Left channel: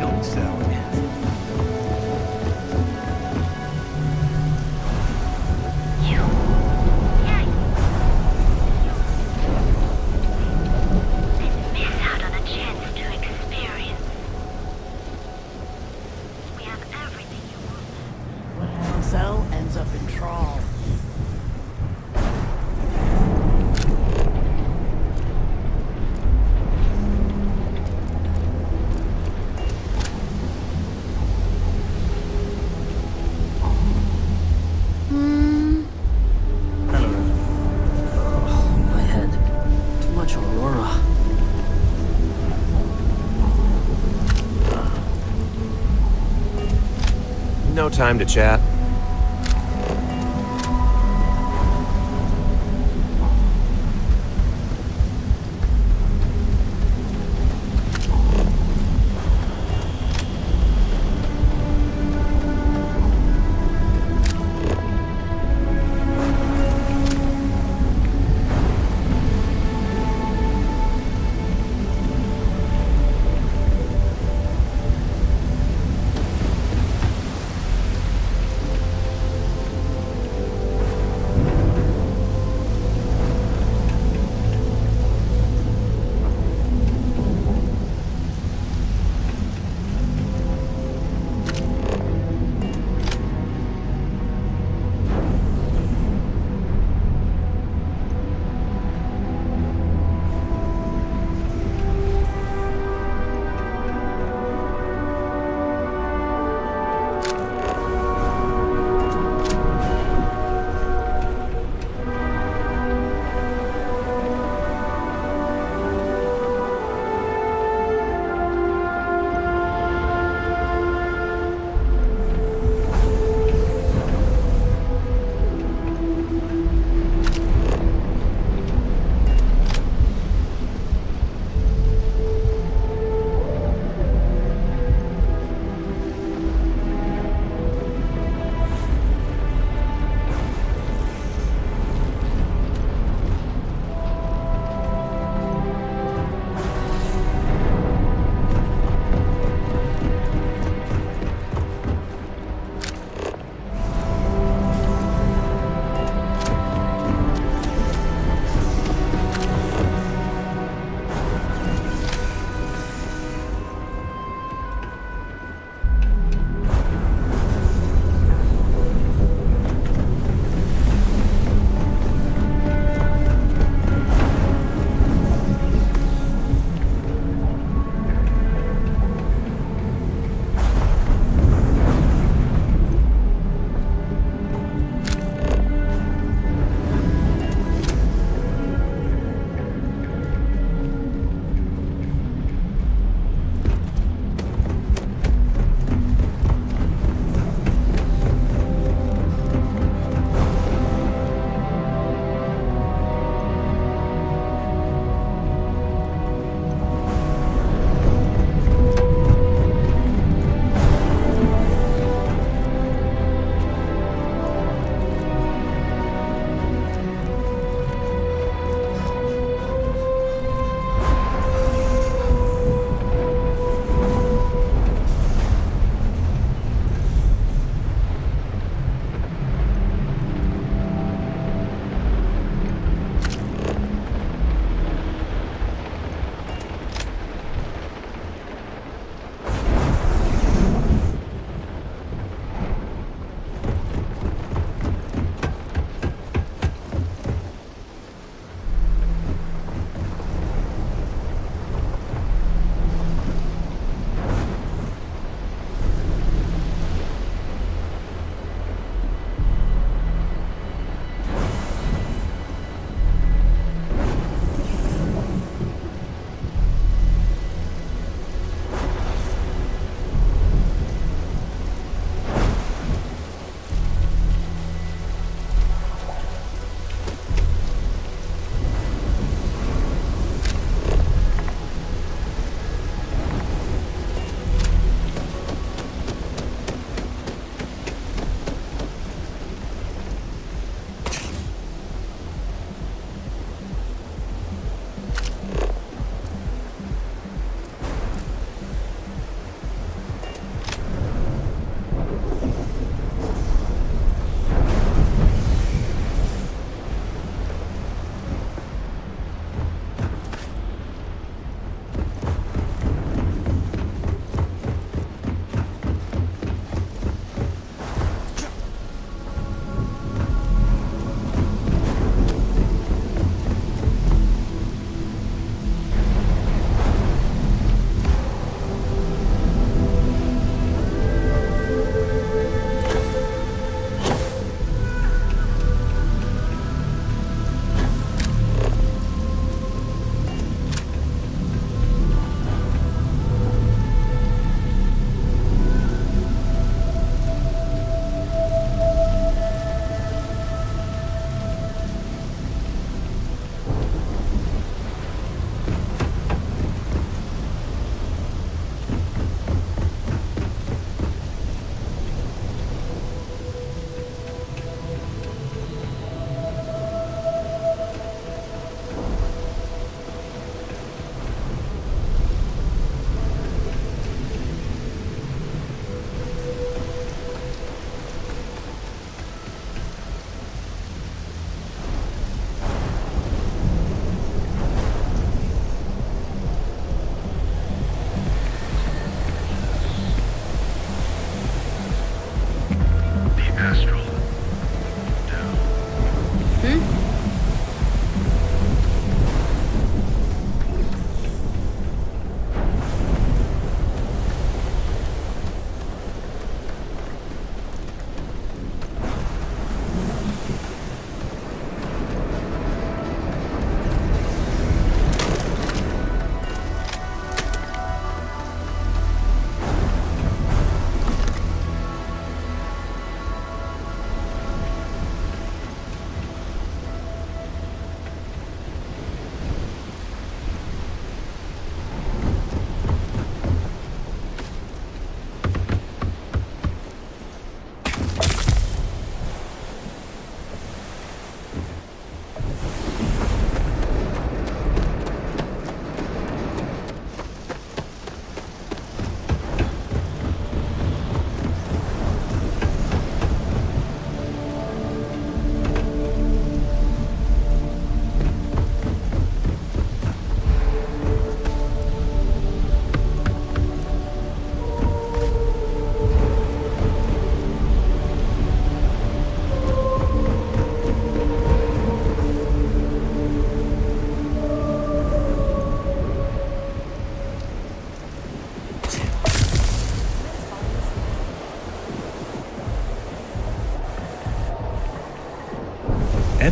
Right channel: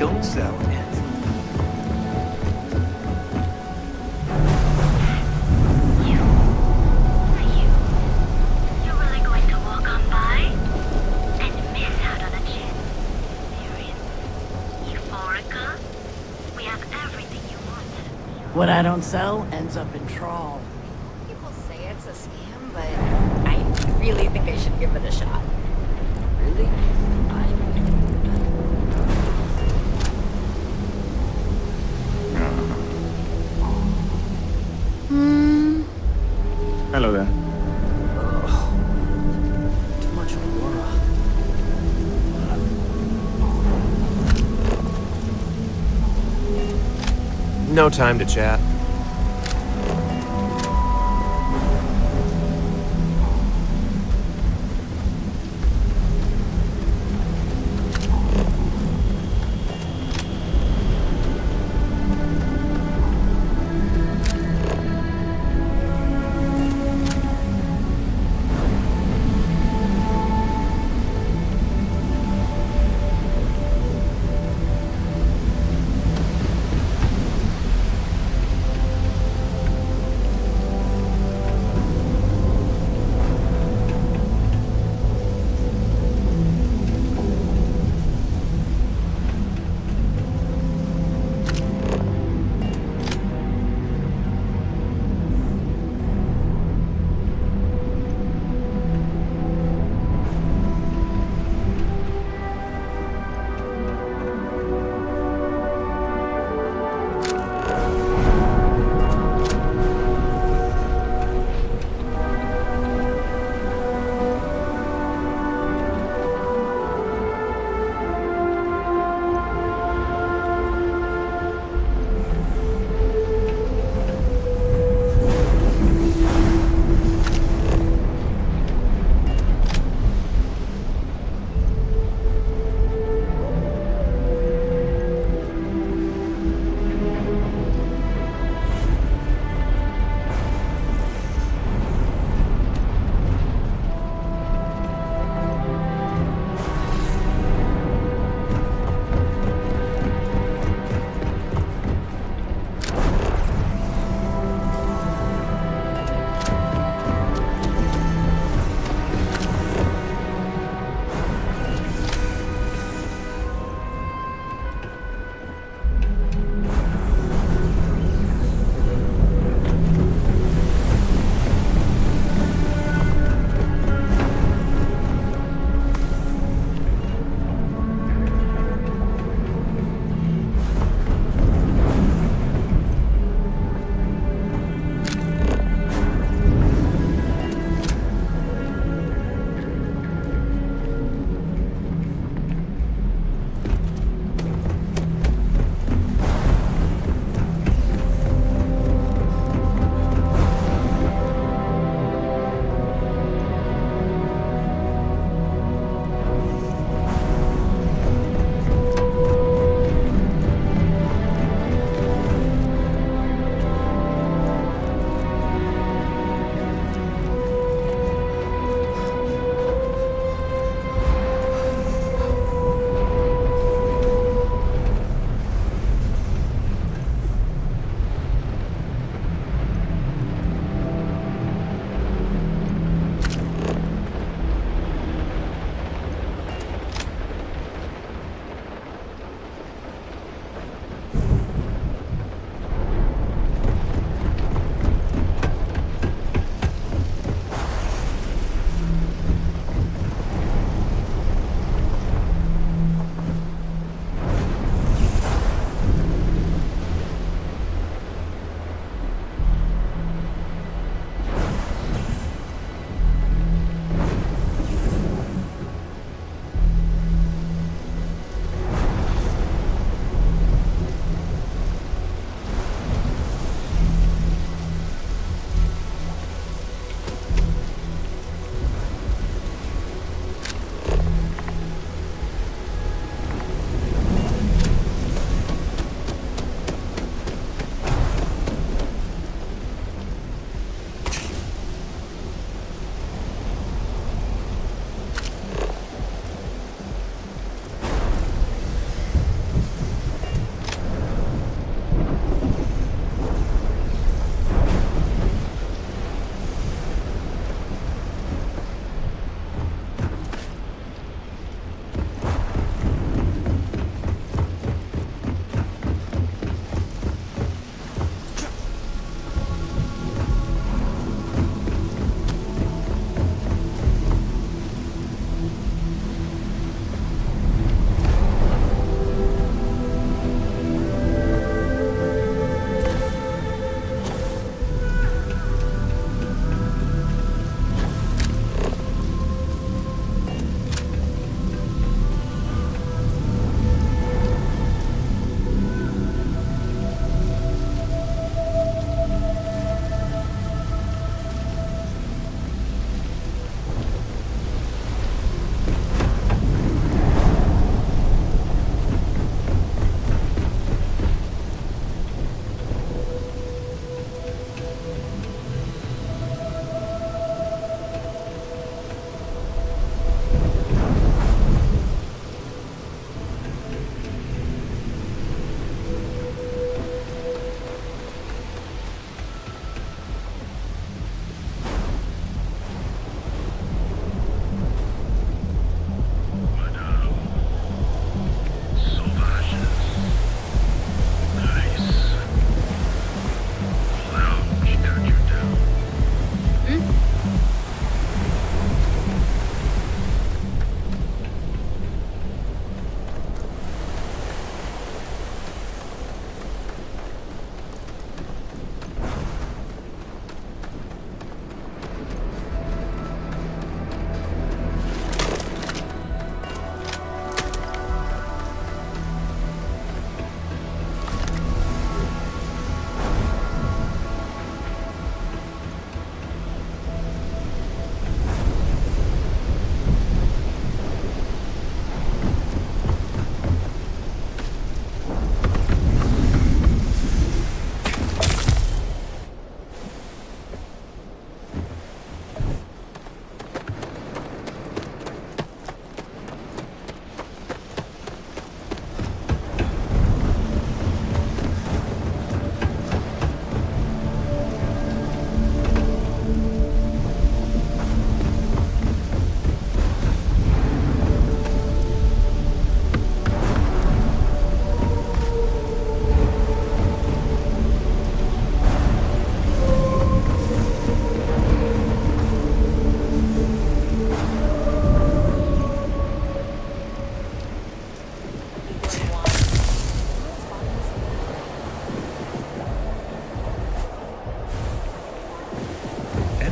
don't sell it. You're really going to walk on by and miss out on a chance to experience Euphorica? We have everything you want. What I don't sell ends up in trawl. People say it's a scam, but I really think I should give it a shot. Hello there. Oh, my head. Too much Aurora. No time to chat.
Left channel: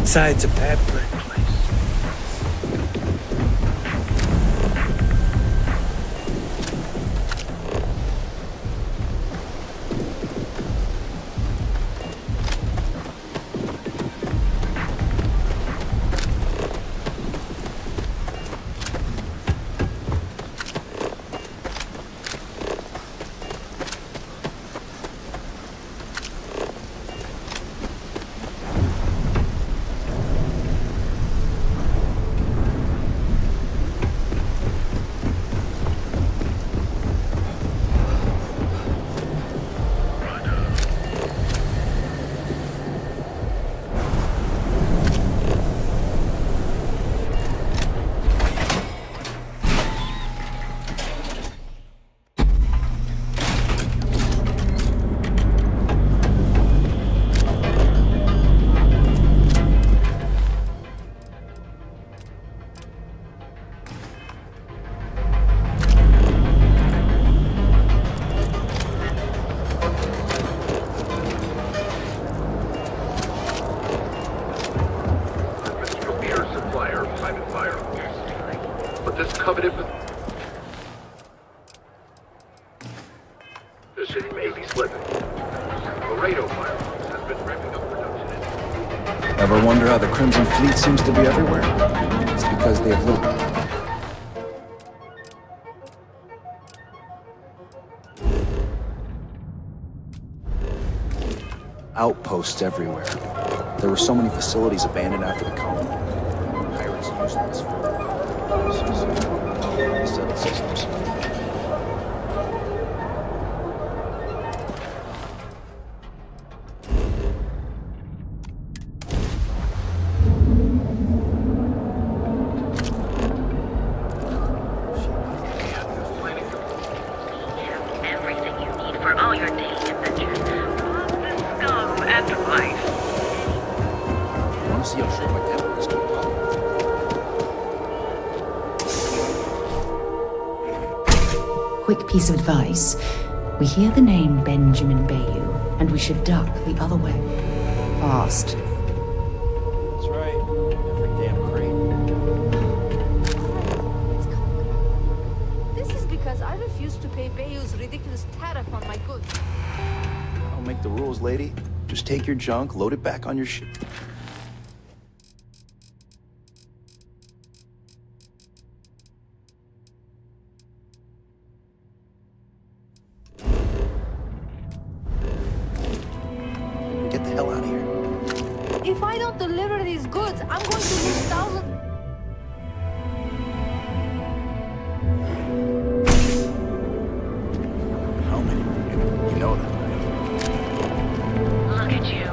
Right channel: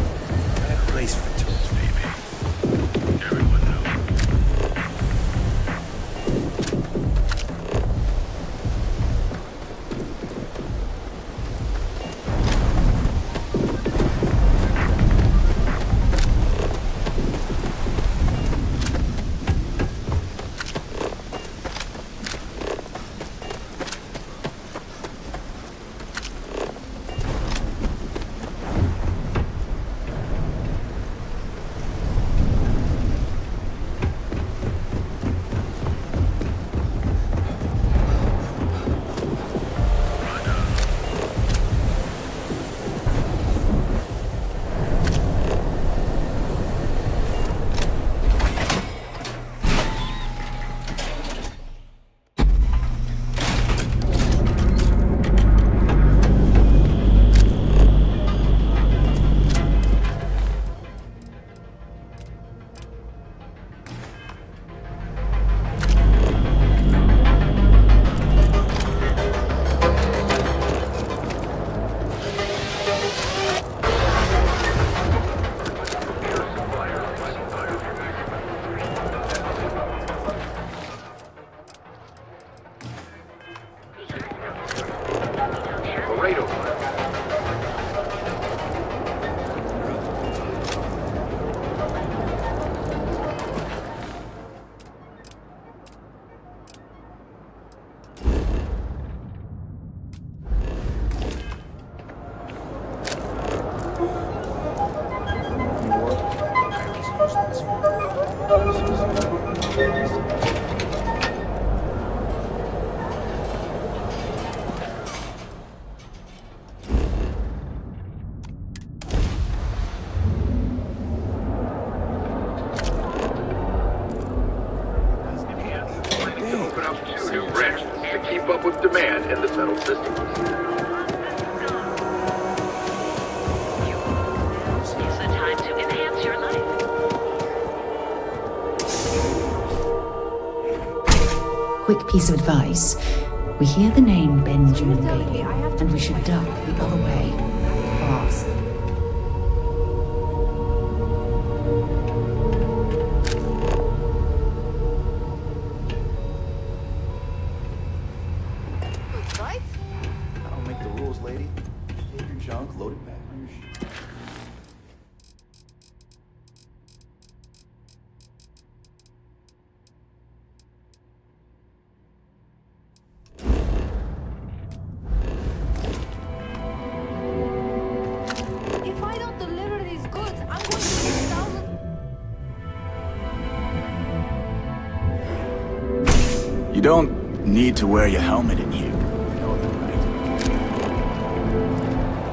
Inside's a bad place for it. Ever wonder how the Crimson Fleet seems to be everywhere? It's because they have loot. Outposts everywhere. There were so many facilities abandoned after the colony. Pirates used them as food. Quick piece of advice. We hear the name Benjamin Bayou, and we should duck the other way. Fast. That's right. Damn crate. This is because I refuse to pay Bayou's ridiculous tariff on my goods, right? I don't make the rules, lady. Just take your junk, load it back on your ship. Get the hell out of here. If I don't deliver these goods, I'm going to lose thousands. You don't need to wear your helmet in here. You know that, right? Look at you.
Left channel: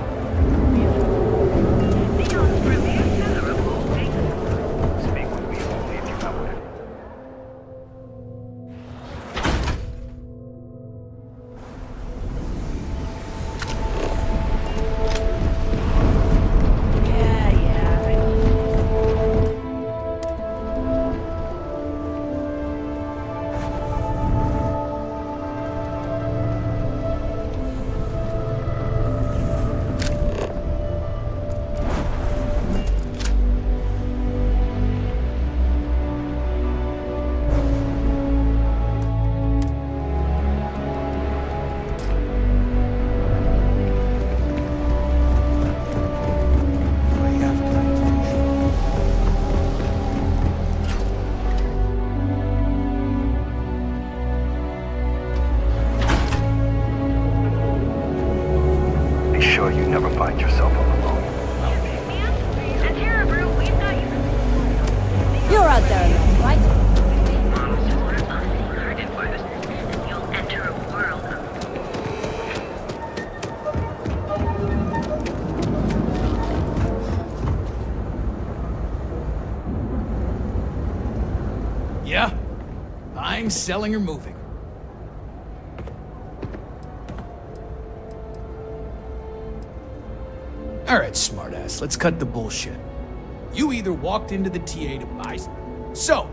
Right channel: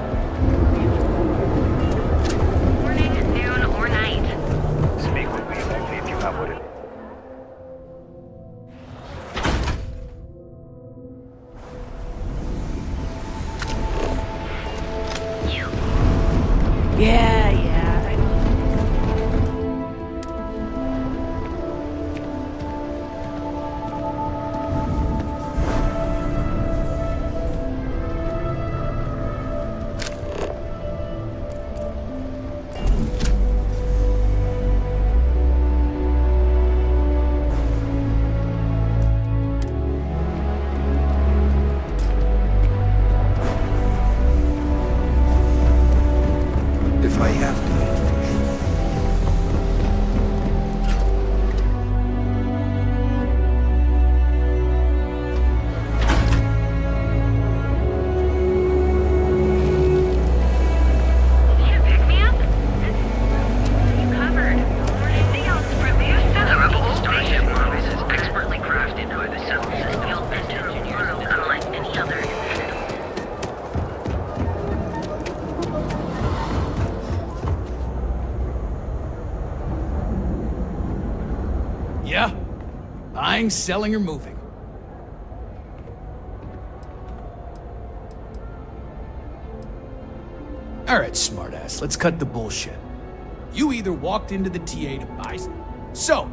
Ready to noon or night. Speak with me only if you have what it. Yeah, I know. If I have to. Be sure you never find yourself on the road. Need a pick-me-up? At Terrabrew, we've got you covered. You're out there. The rebel starship models is expertly crafted by the South, and you'll enter a world unlike any other. Yeah? Buying, selling, or moving? Alright, smartass, let's cut the bullshit. You either walked into the TA to buy... So...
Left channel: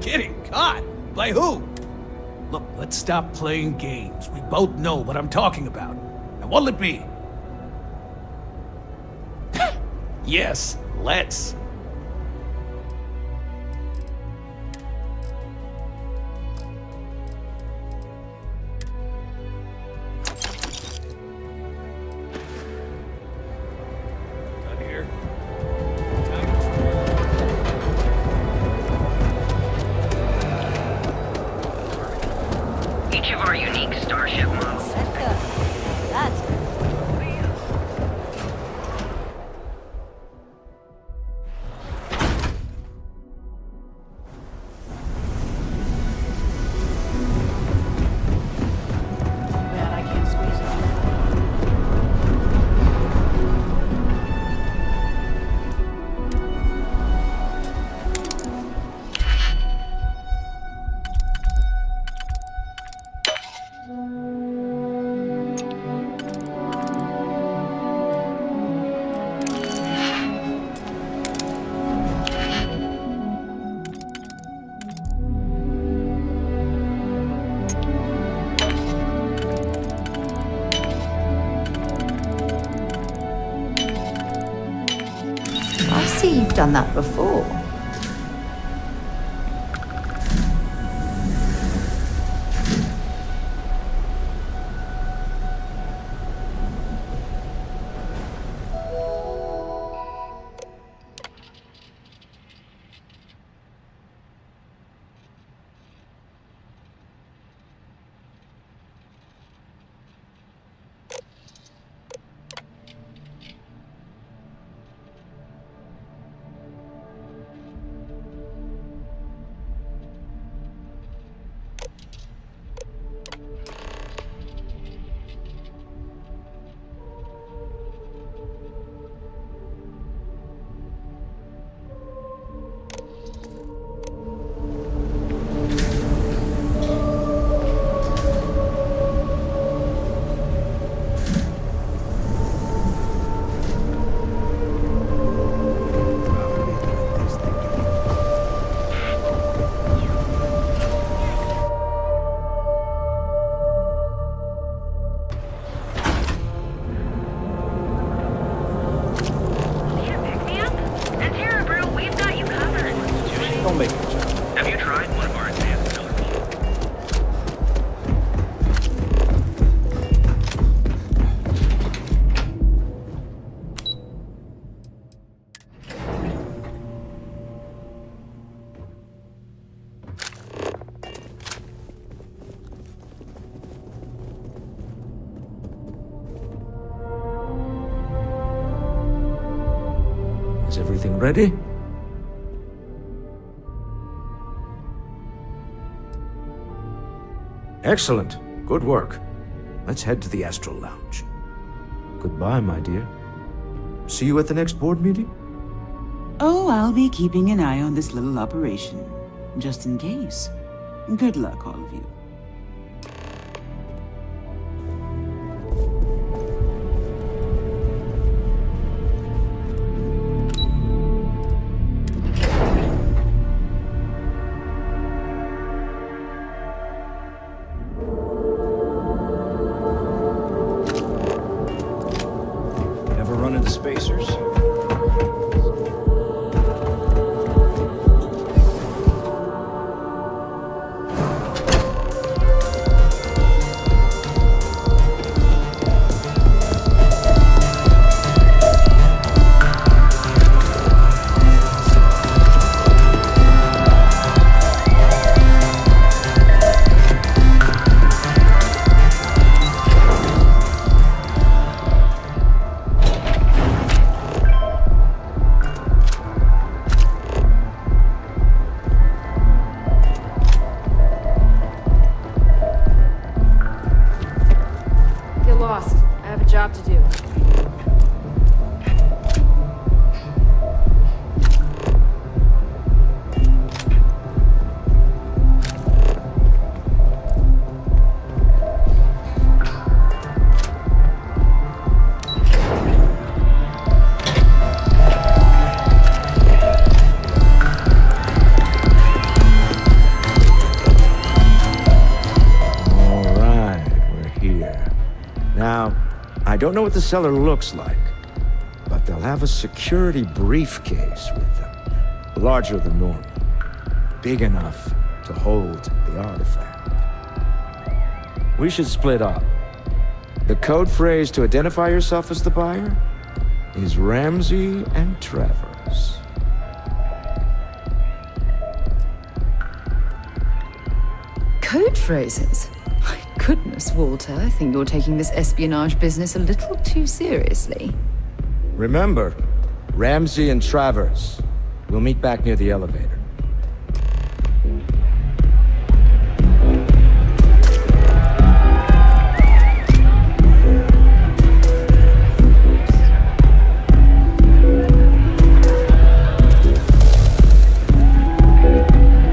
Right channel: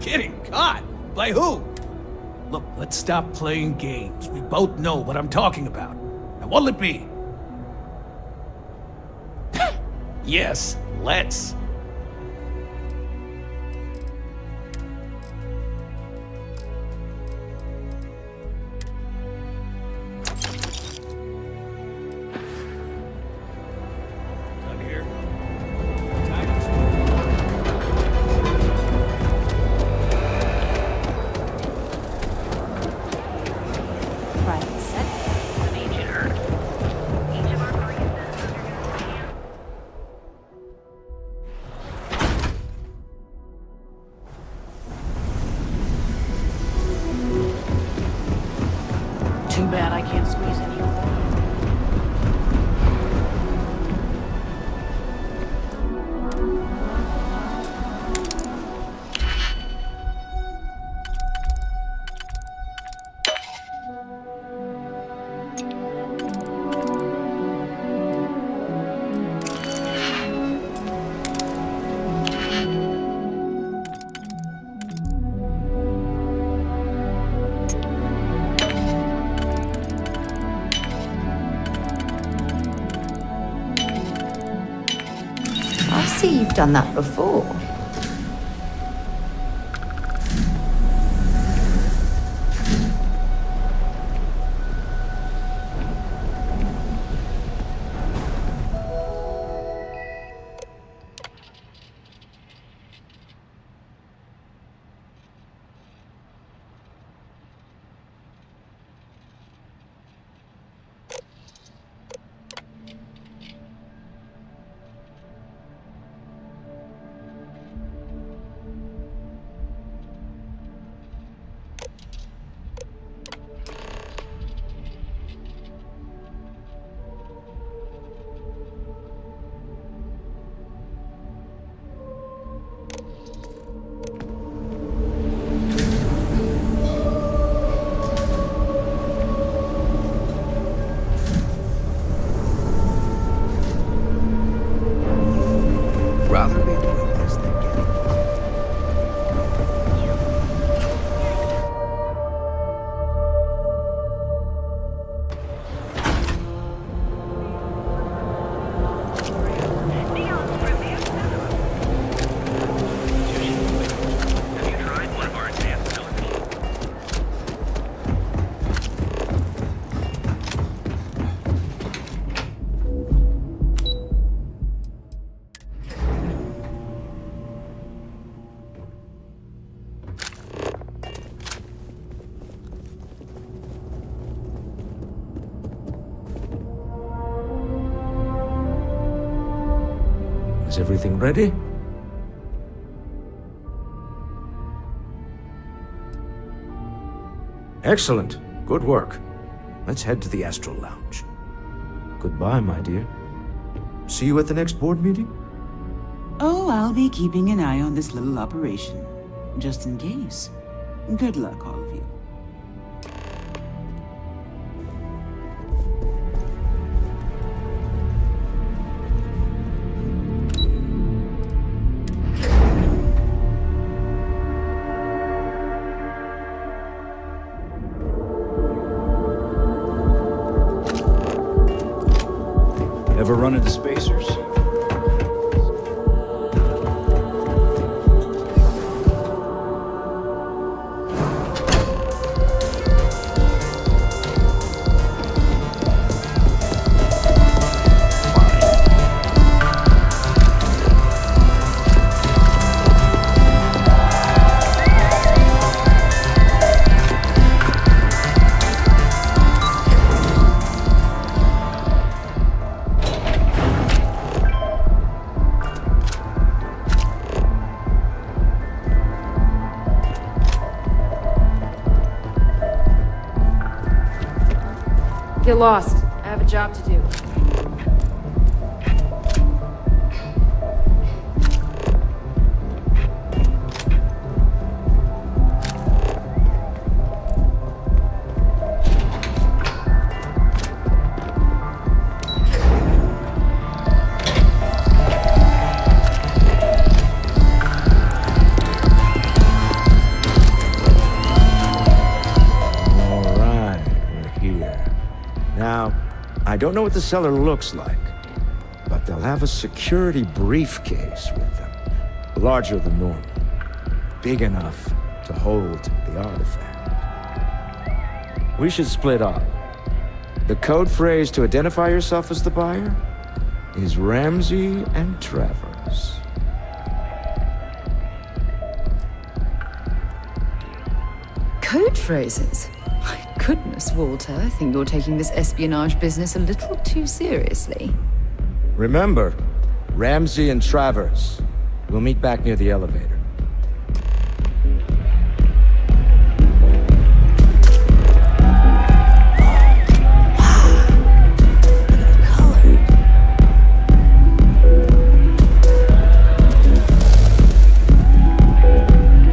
Kidding. Caught? By who? Look, let's stop playing games. We both know what I'm talking about. Now, what'll it be? Yes, let's. Done here. Time to... Each of our unique starship models. Too bad I can't squeeze any more. I see you've done that before. Rather be doing this than getting... Don't make me jump. Have you tried one of our advanced filler machines? Is everything ready? Excellent. Good work. Let's head to the Astral Lounge. Goodbye, my dear. See you at the next board meeting? Oh, I'll be keeping an eye on this little operation, just in case. Good luck, all of you. Ever run into spacers? Get lost. I have a job to do. Now, I don't know what the cellar looks like, but they'll have a security briefcase with them. Larger than normal. Big enough to hold the artifact. We should split up. The code phrase to identify yourself as the buyer is Ramsey and Travers. Code phrases? My goodness, Walter, I think you're taking this espionage business a little too seriously. Remember, Ramsey and Travers. We'll meet back near the elevator.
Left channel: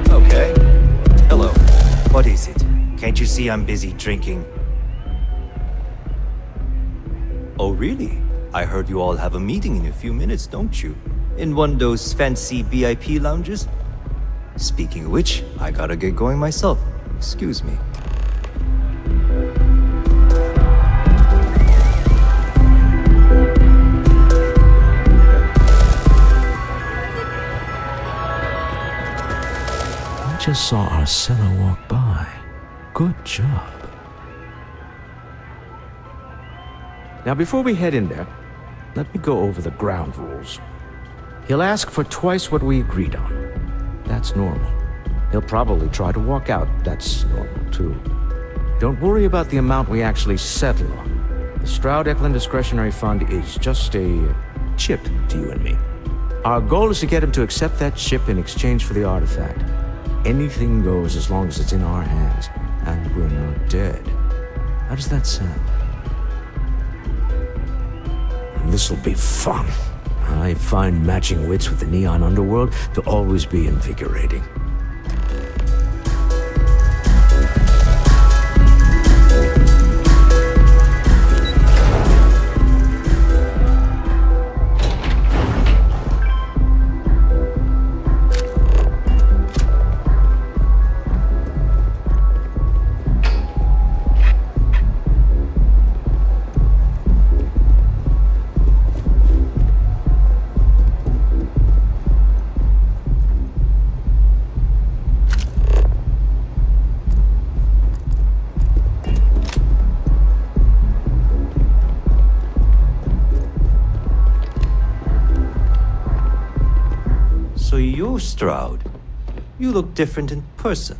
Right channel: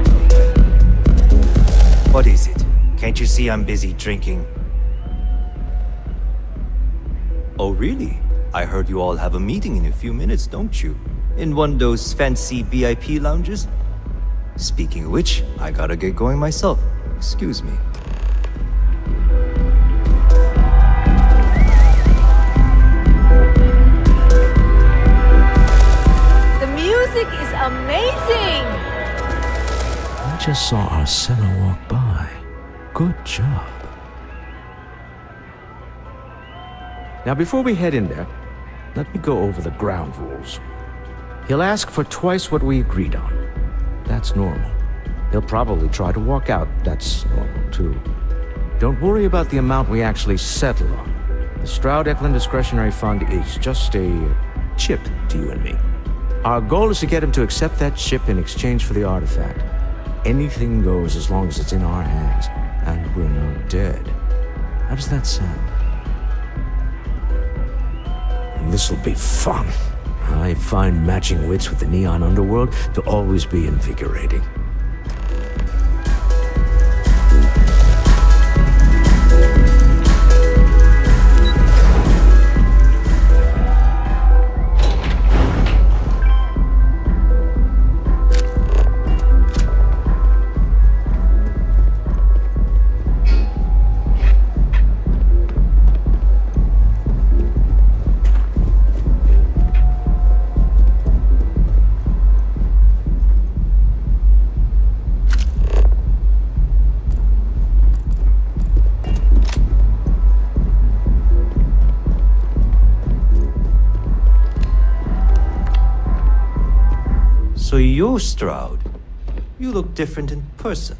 Okay. Hello. What is it? Can't you see I'm busy drinking? Oh, really? I heard you all have a meeting in a few minutes, don't you? In one of those fancy VIP lounges? Speaking of which, I gotta get going myself. Excuse me. The music is amazing! I just saw Arcella walk by. Good job. Now, before we head in there, let me go over the ground rules. He'll ask for twice what we agreed on. That's normal. He'll probably try to walk out. That's normal, too. Don't worry about the amount we actually settle on. The Stroud-Eklund Discretionary Fund is just a chip to you and me. Our goal is to get him to accept that chip in exchange for the artifact. Anything goes as long as it's in our hands, and we're not dead. How does that sound? This'll be fun. I find matching wits with the neon underworld to always be invigorating. So you're Stroud. You look different in person.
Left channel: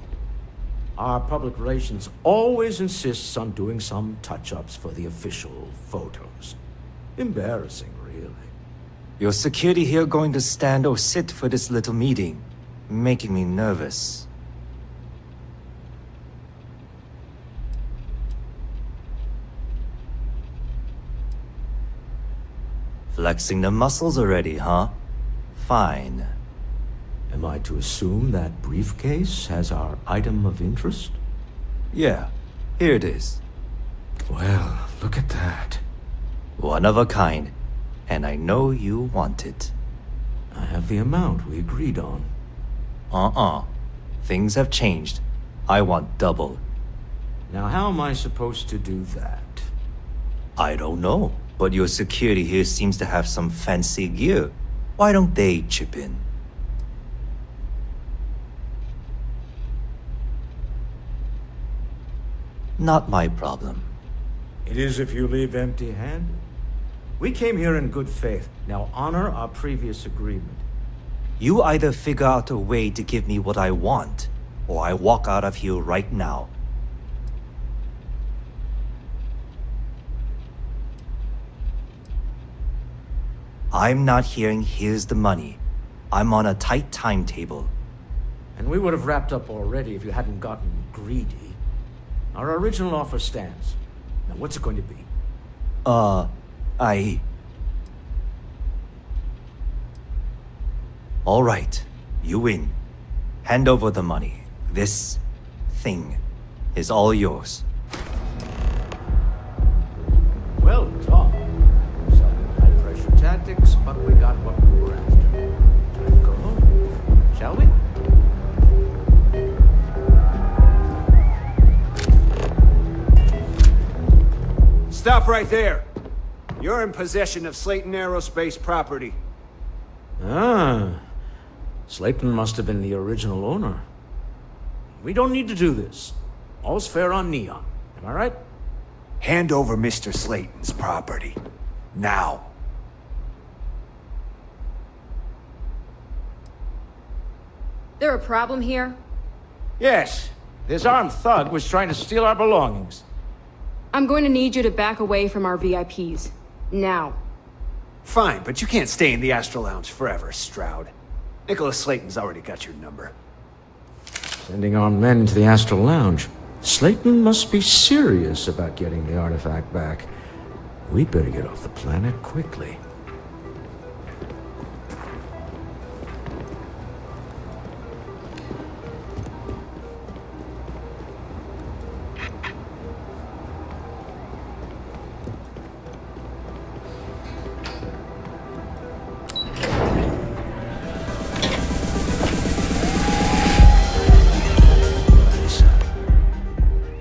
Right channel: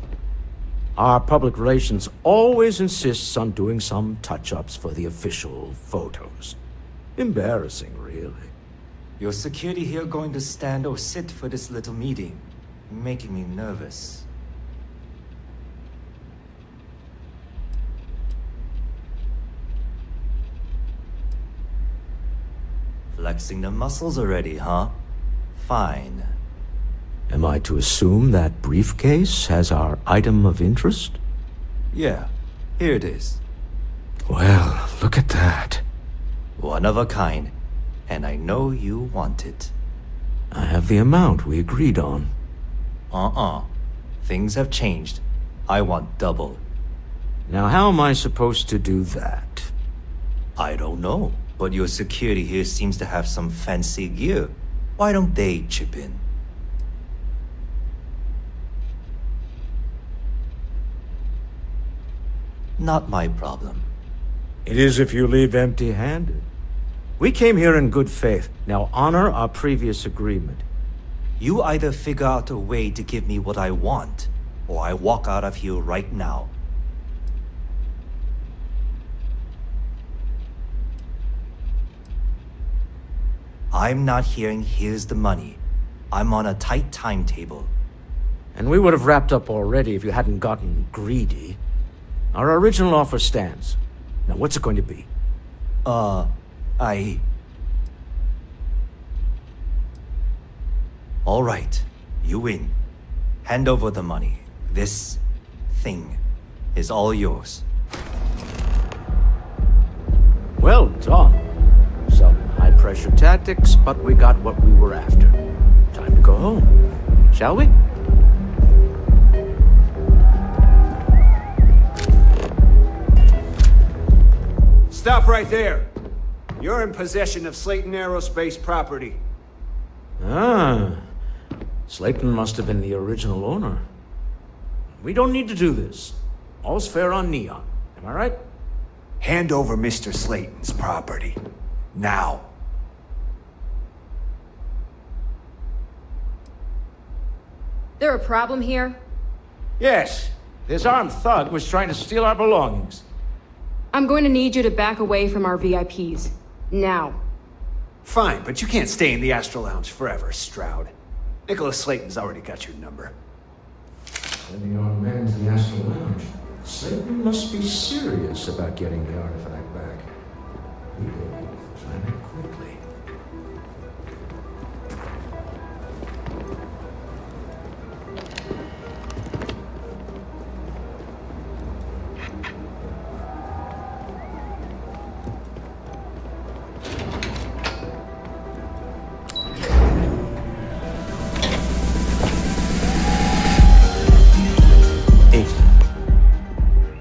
Our public relations always insists on doing some touch-ups for the official photos. Embarrassing, really. Your security here going to stand or sit for this little meeting, making me nervous. Flexing the muscles already, huh? Fine. Am I to assume that briefcase has our item of interest? Yeah, here it is. Well, look at that. One of a kind, and I know you want it. I have the amount we agreed on. Things have changed. I want double. Now, how am I supposed to do that? I don't know, but your security here seems to have some fancy gear. Why don't they chip in? Not my problem. It is if you leave empty-handed. We came here in good faith. Now honor our previous agreement. You either figure out a way to give me what I want, or I walk out of here right now. I'm not hearing here's the money. I'm on a tight timetable. And we would have wrapped up already if you hadn't gotten greedy. Our original offer stands. Now what's it going to be? All right, you win. Hand over the money. This thing is all yours. Well done. Some high-pressure tactics, but we got what we were after. Time to go home. Shall we? Stop right there. You're in possession of Slayton Aerospace property. Ah. Slayton must have been the original owner. We don't need to do this. All's fair on Neon. Am I right? Hand over Mr. Slayton's property. Now. There a problem here? Yes. This armed thug was trying to steal our belongings. I'm going to need you to back away from our VIPs. Now. Fine, but you can't stay in the Astral Lounge forever, Stroud. Nicholas Slayton's already got your number. Sending armed men into the Astral Lounge. Slayton must be serious about getting the artifact back. We'd better get off the planet quickly.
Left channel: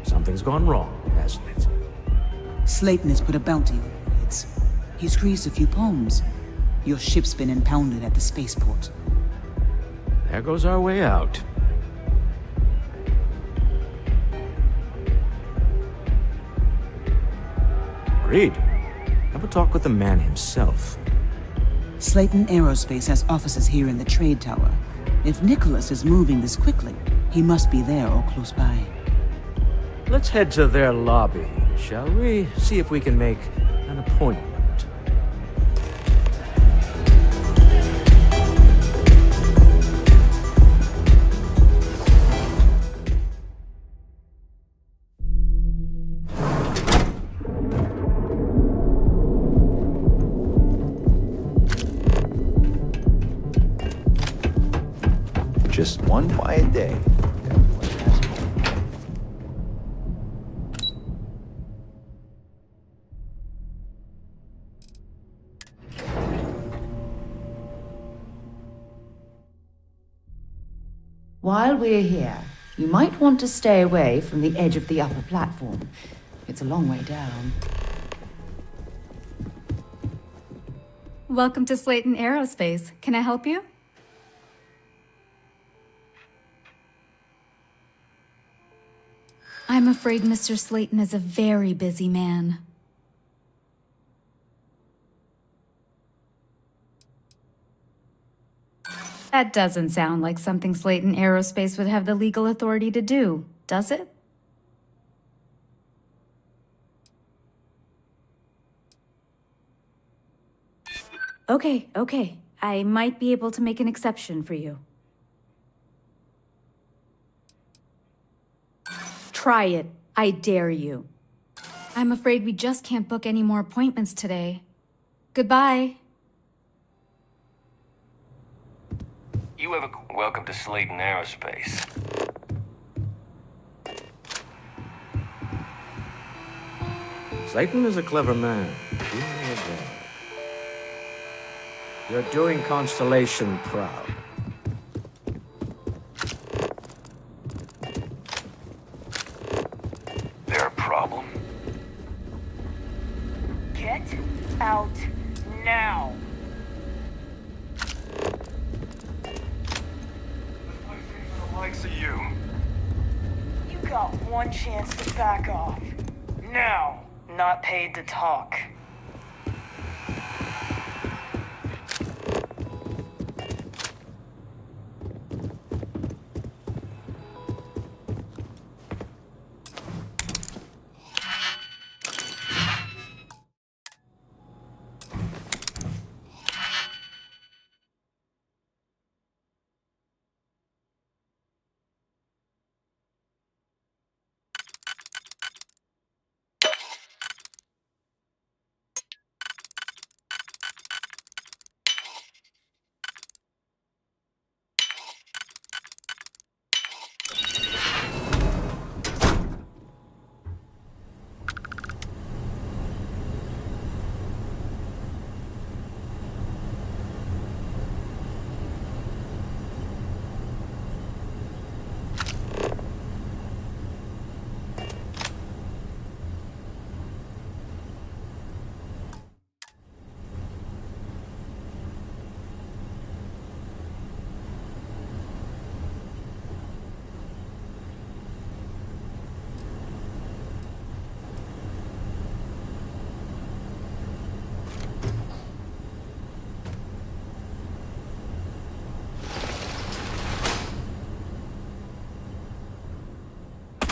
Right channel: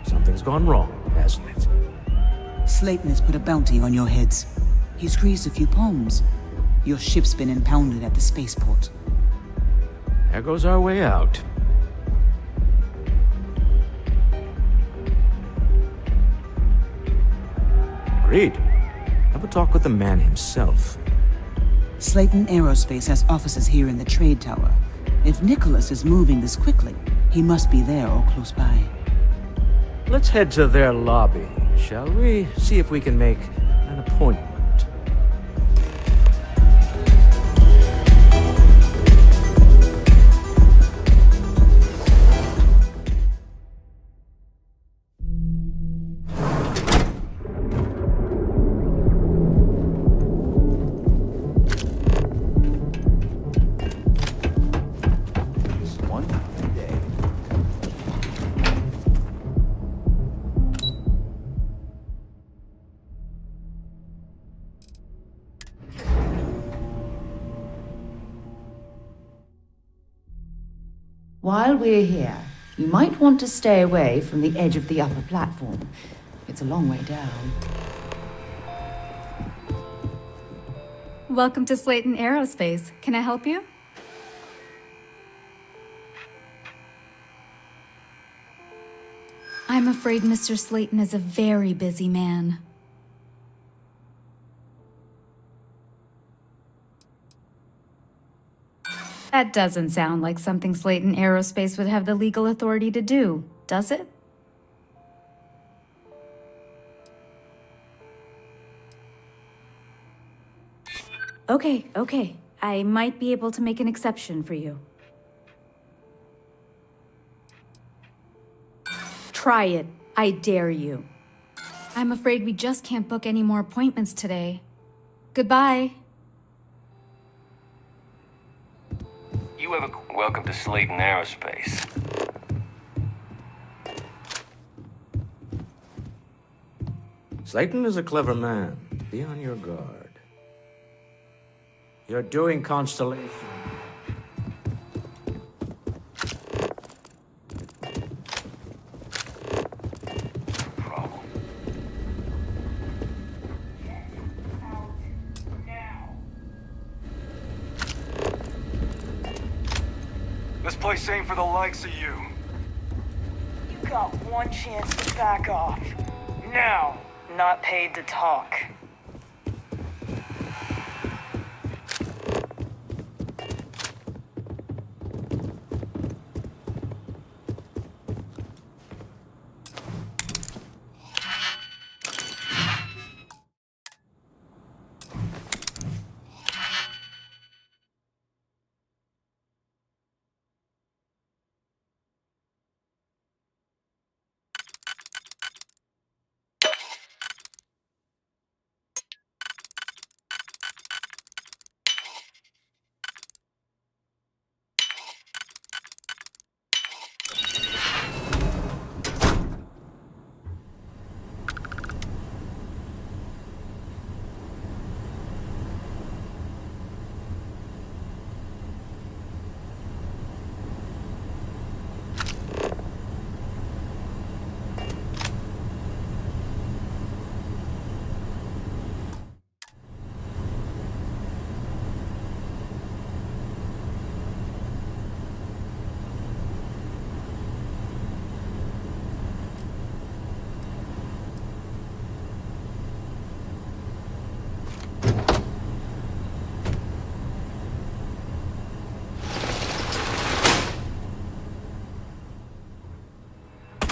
Something's gone wrong, hasn't it? Slayton has put a bounty on your heads. He's greased a few palms. Your ship's been impounded at the spaceport. There goes our way out. Agreed. Have a talk with the man himself. Slayton Aerospace has offices here in the trade tower. If Nicholas is moving this quickly, he must be there or close by. Let's head to their lobby, shall we? See if we can make an appointment. Just one quiet day. While we're here, you might want to stay away from the edge of the upper platform. It's a long way down. Welcome to Slayton Aerospace. Can I help you? I'm afraid Mr. Slayton is a very busy man. That doesn't sound like something Slayton Aerospace would have the legal authority to do, does it? Okay. I might be able to make an exception for you. Try it. I dare you. I'm afraid we just can't book any more appointments today. Goodbye. Welcome to Slayton Aerospace. Slayton is a clever man. Be on your guard. You're doing Constellation proud. There a problem? Get out now. This place ain't for the likes of you. You got one chance to back off. Now, not paid to talk.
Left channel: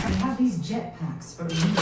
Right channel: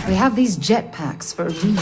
We have these jetpacks for a reason.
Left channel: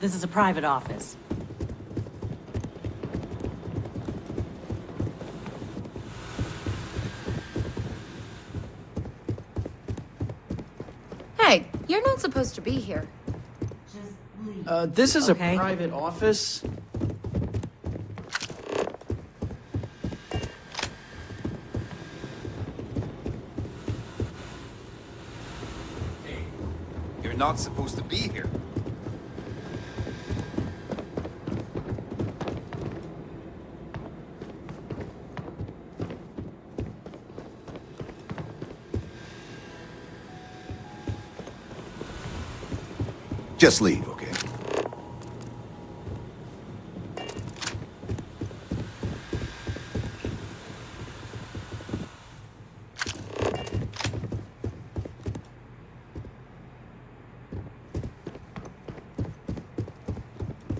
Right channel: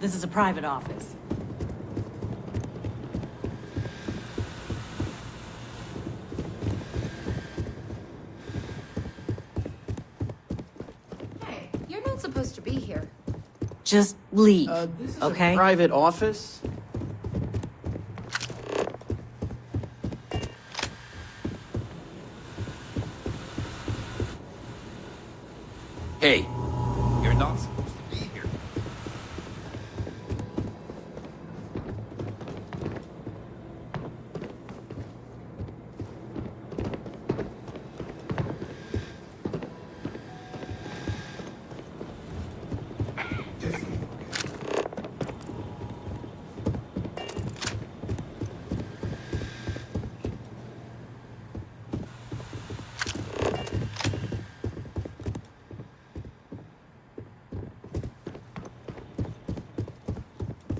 This is a private office. Hey, you're not supposed to be here. Just leave. This is okay? a private office. Hey, you're not supposed to be here. Just leave, okay?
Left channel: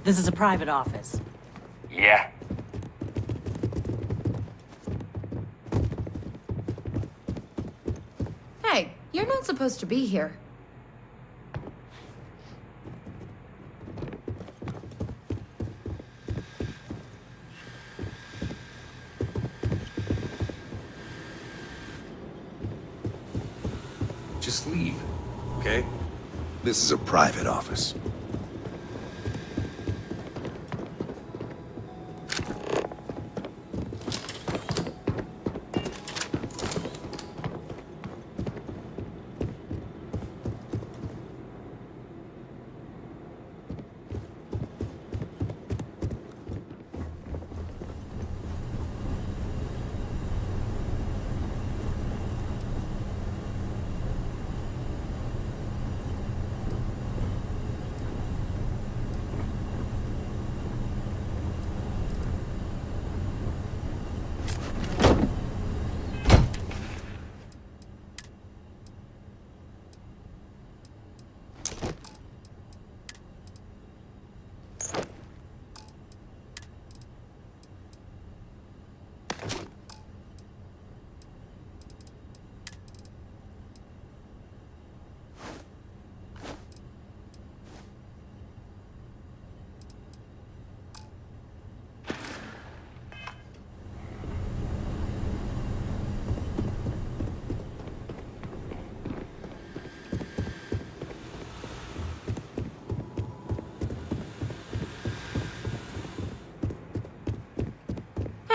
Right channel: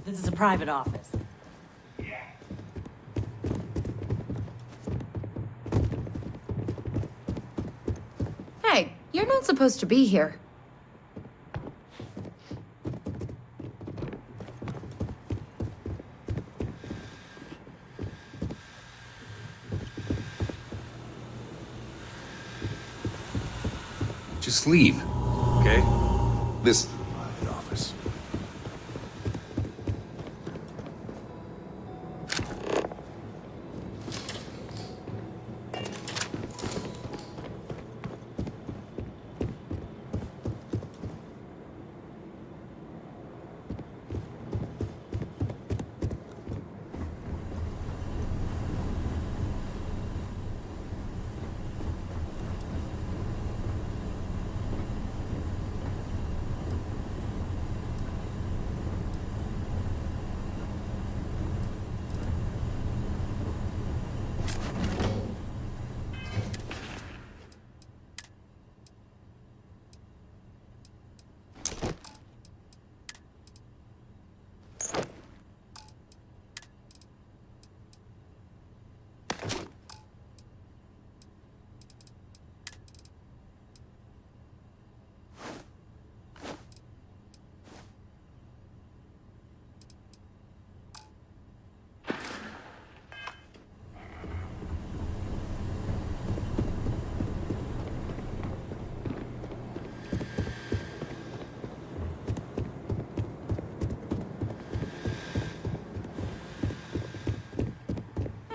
This is a private office. Yeah. Hey, you're not supposed to be here. Just leave, okay? This is a private office.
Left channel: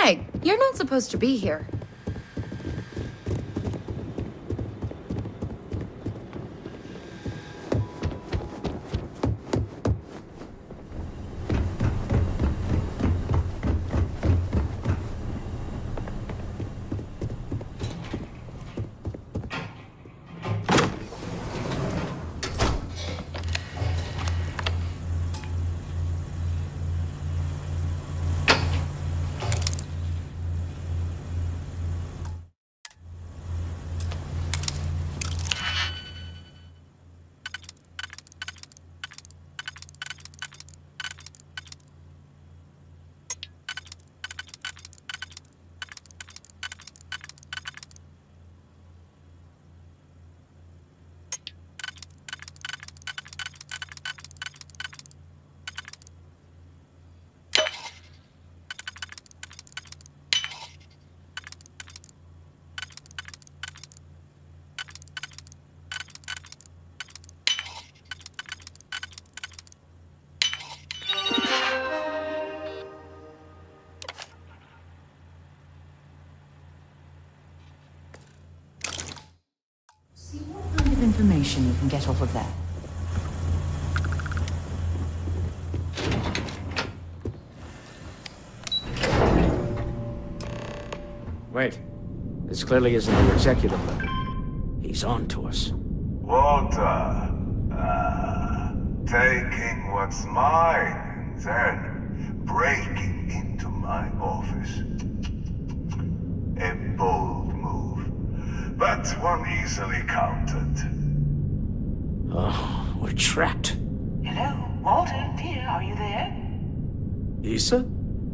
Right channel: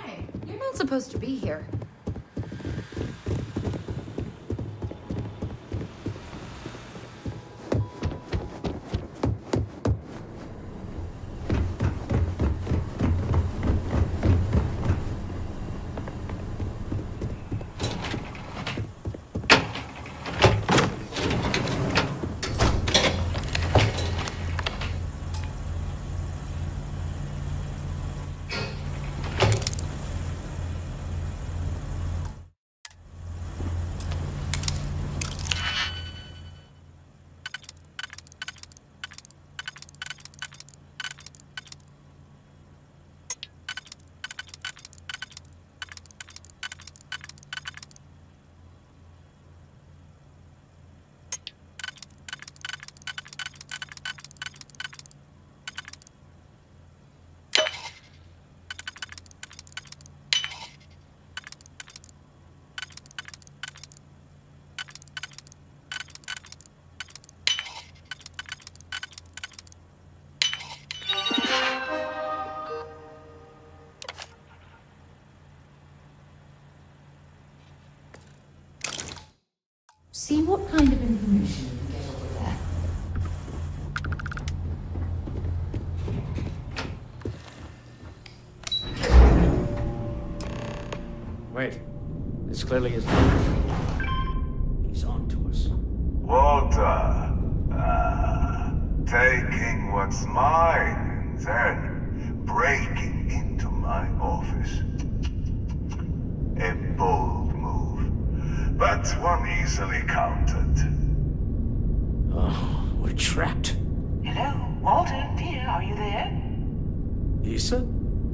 Hey, you're not supposed to be here. See what kind of information you can get off of there. Wait. This clearly isn't an executive. He's on to us. Walter. Taking what's mine and then breaking into my office. A bold move, but one easily countered. Oh, we're trapped. Hello, Walter, dear, are you there? Issa?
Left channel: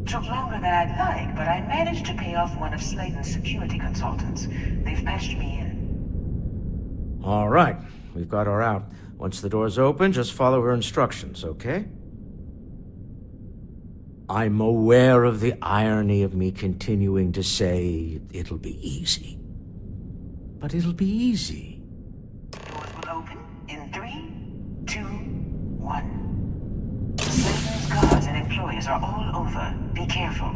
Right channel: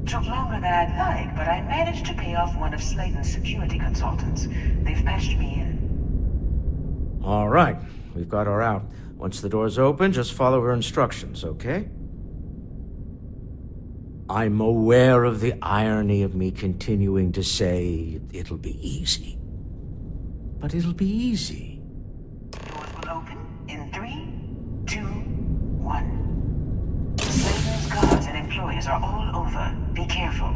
Took longer than I'd like, but I managed to pay off one of Slayton's security consultants. They've patched me in. All right, we've got her out. Once the door's open, just follow her instructions, okay? I'm aware of the irony of me continuing to say it'll be easy. But it'll be easy. Doors will open in 3, 2, 1. Slayton's guards and employees are all over. Be careful.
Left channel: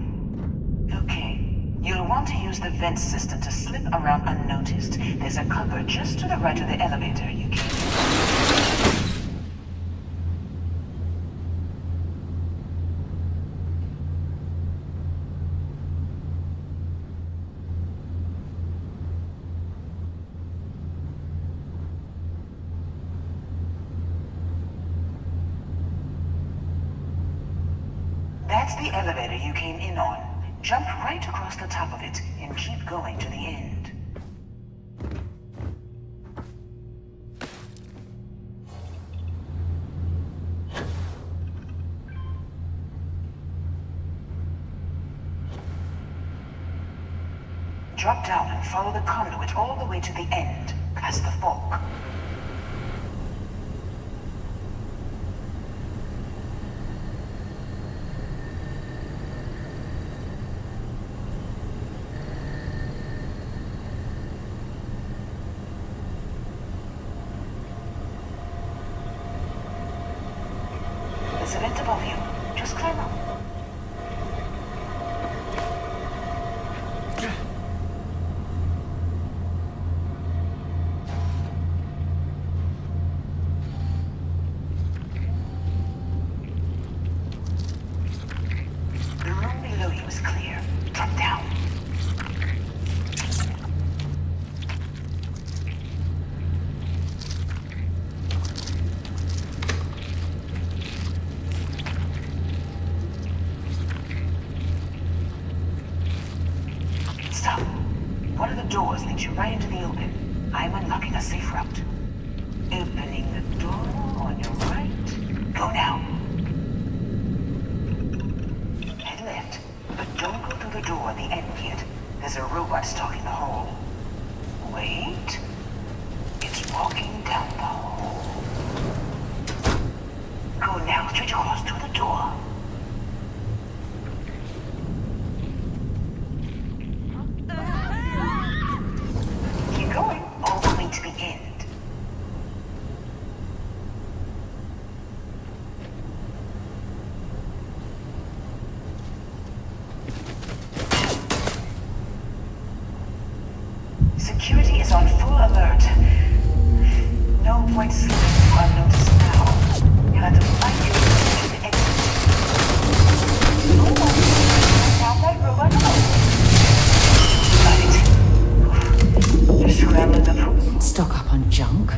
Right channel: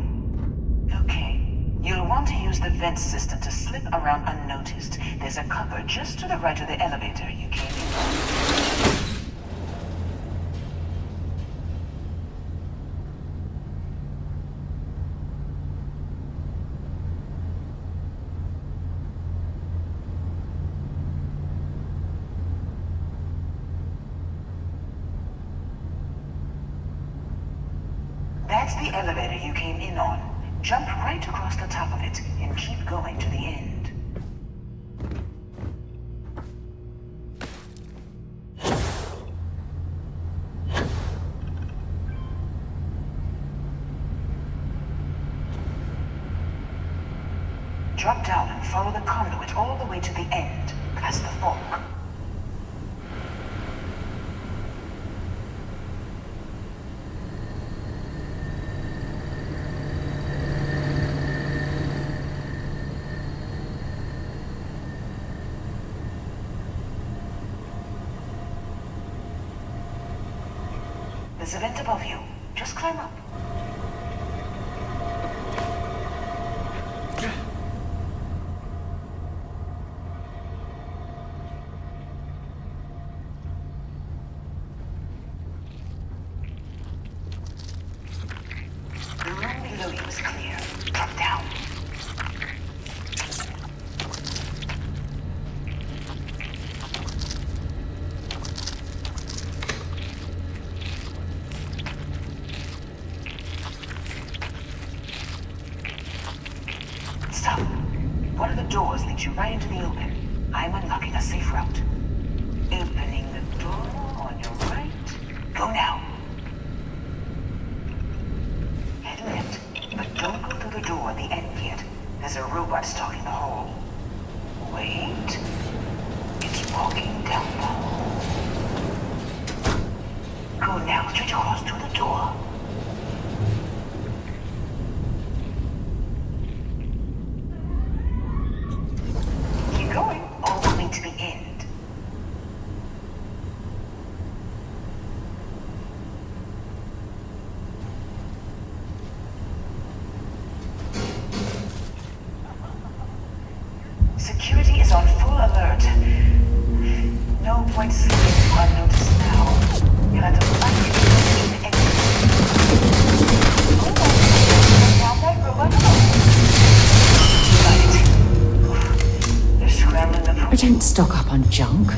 Okay. You'll want to use the vent system to slip around unnoticed. There's a cupboard just to the right of the elevator you came in. That's the elevator you came in on. Jump right across the top of it and keep going to the end. Drop down and follow the conduit all the way to the end, past the fork. There's a vent above you. Just climb up. The room below you is clear. Drop down. Stop. One of the doors leads you right into the open. I'm unlocking a safe route. Opening the door on your right. Go now. Head left, but don't go through the door at the end yet. There's a robot stalking the hall. Wait. It's walking down the hall. Go now, straight across to the door. Keep going, all the way to the end. Security is on full alert. No point slipping through unnoticed now. You'll have to fight your way to the exit. Oh, down that robot hole. Got it. You're scrambling the We don't stock up on junk.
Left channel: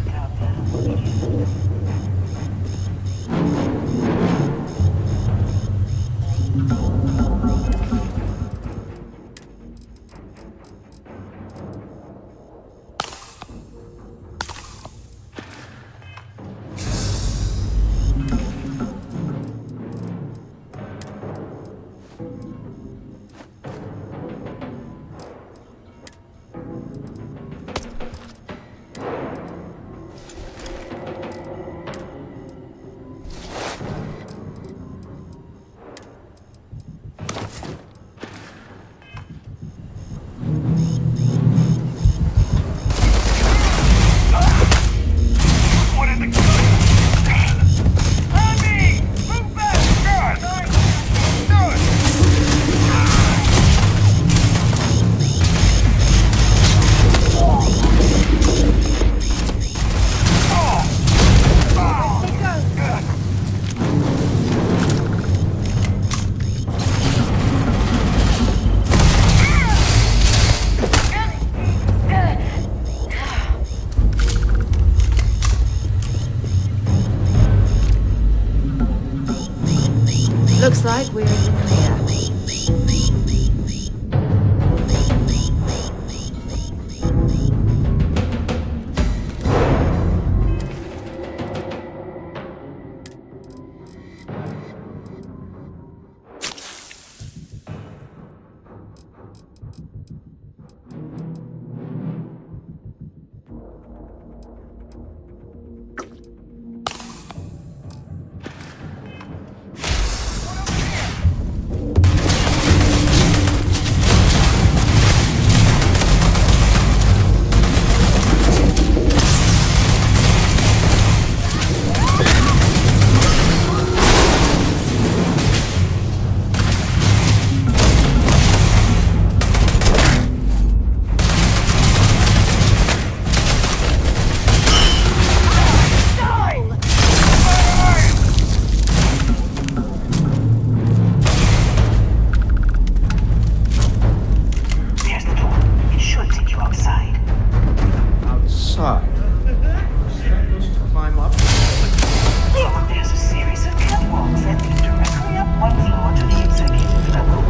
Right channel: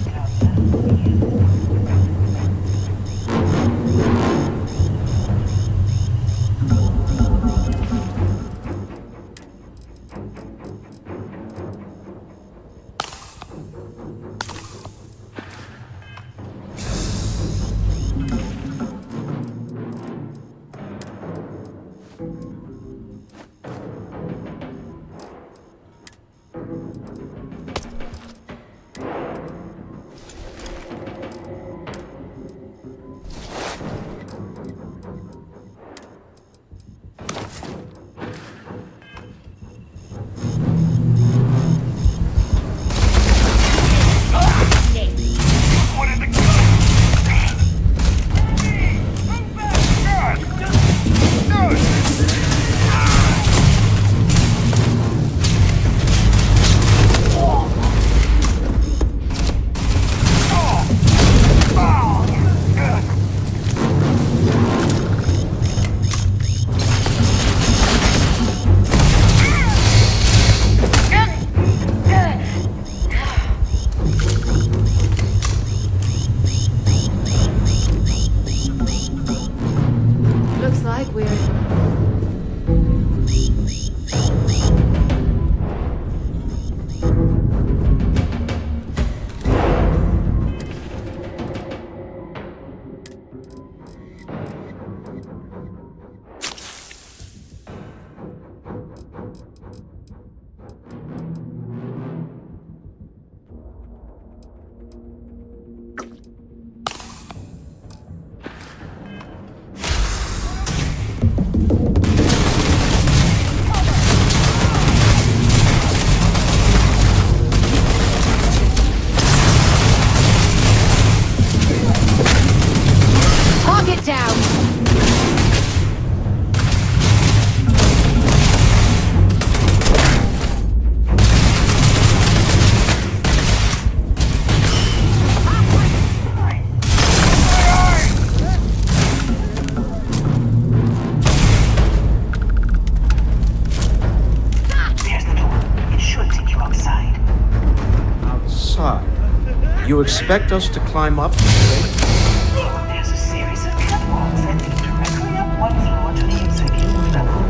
You expect us to climb up the stage? There's a series of catwalks that lead directly up one floor to the executive level.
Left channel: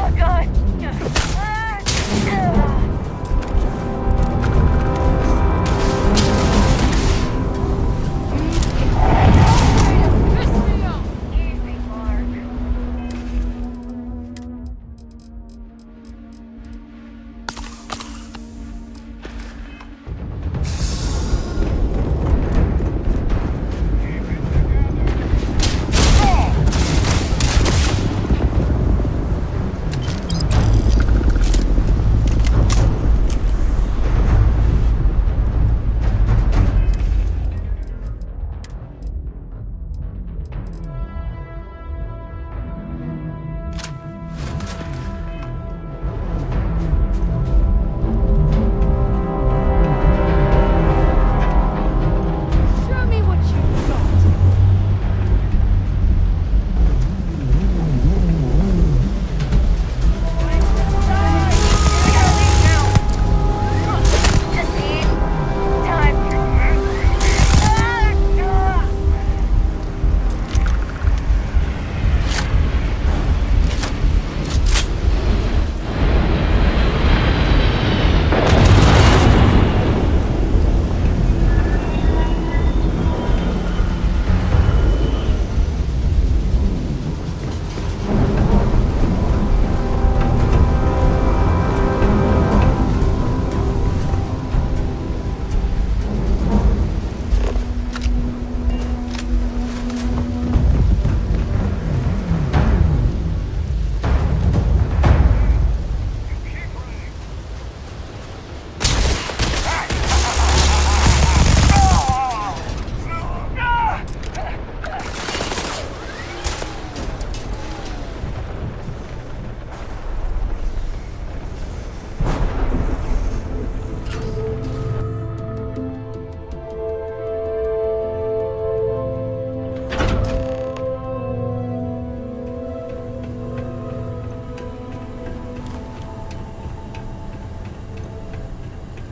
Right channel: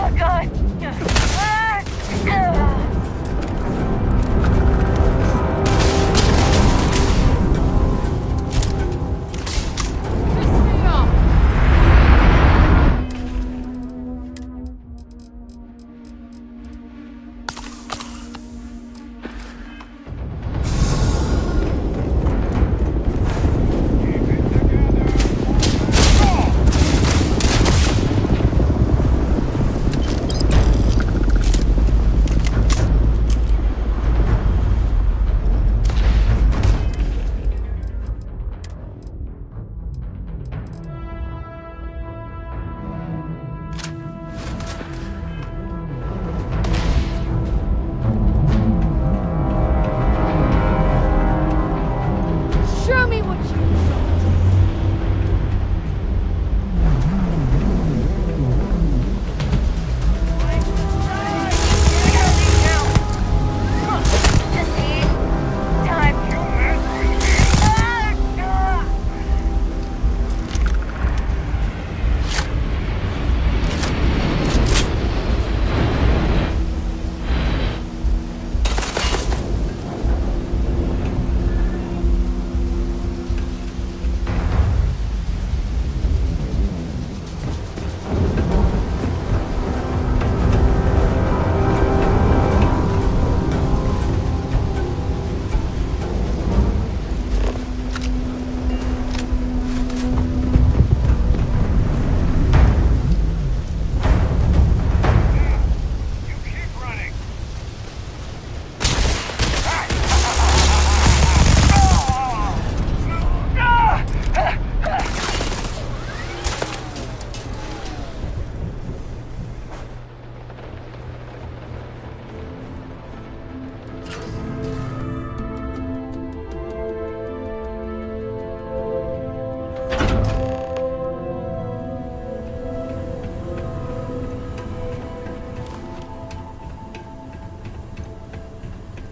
Oh god! Show me what you got.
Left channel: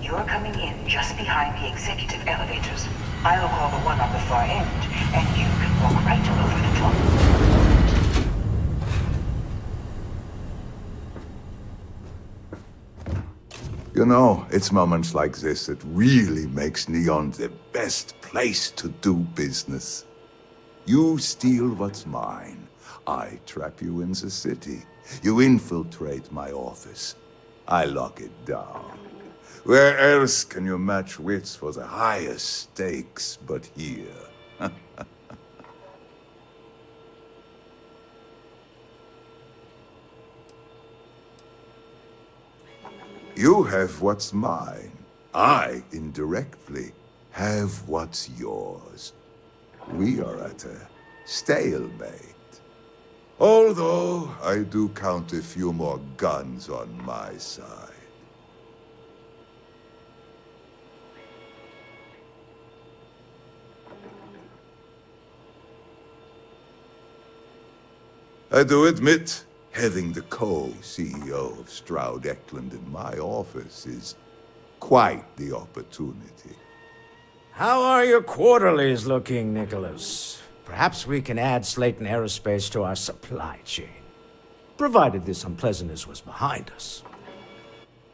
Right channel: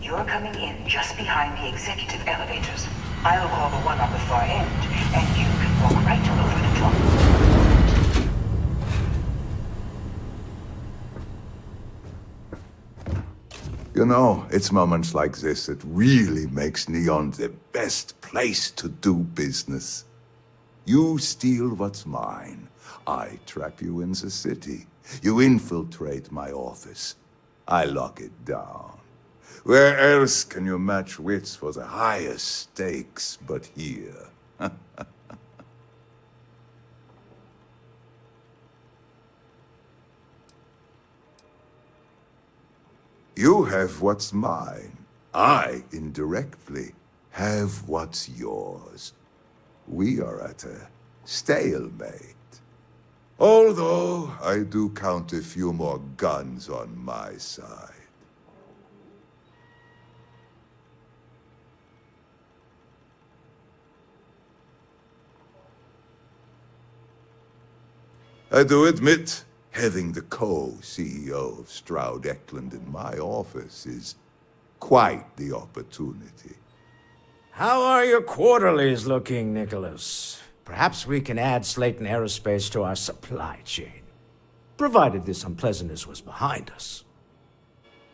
You're coming in just behind the executive elevators. I'll call the one on the far end, and you can walk right over the top. You know, it's moments like this that really makes Neon the best place to do business. You steal what's mine. I trap you in the city. You infiltrate my office. I lock it down. Where else can you match wits for the highest stakes but here? You have what's mine. I, indirectly, have what's yours. We are at a stalemate. Although, I do count a few more guns on my side. I do admit, having the co-CEO of Stroud Eklund in my office is quite the opportunity. How are your quarterlies looking, Nicholas? Perhaps we can add Slayton Aerospace to our supply chain, provided this unpleasantness was behind us.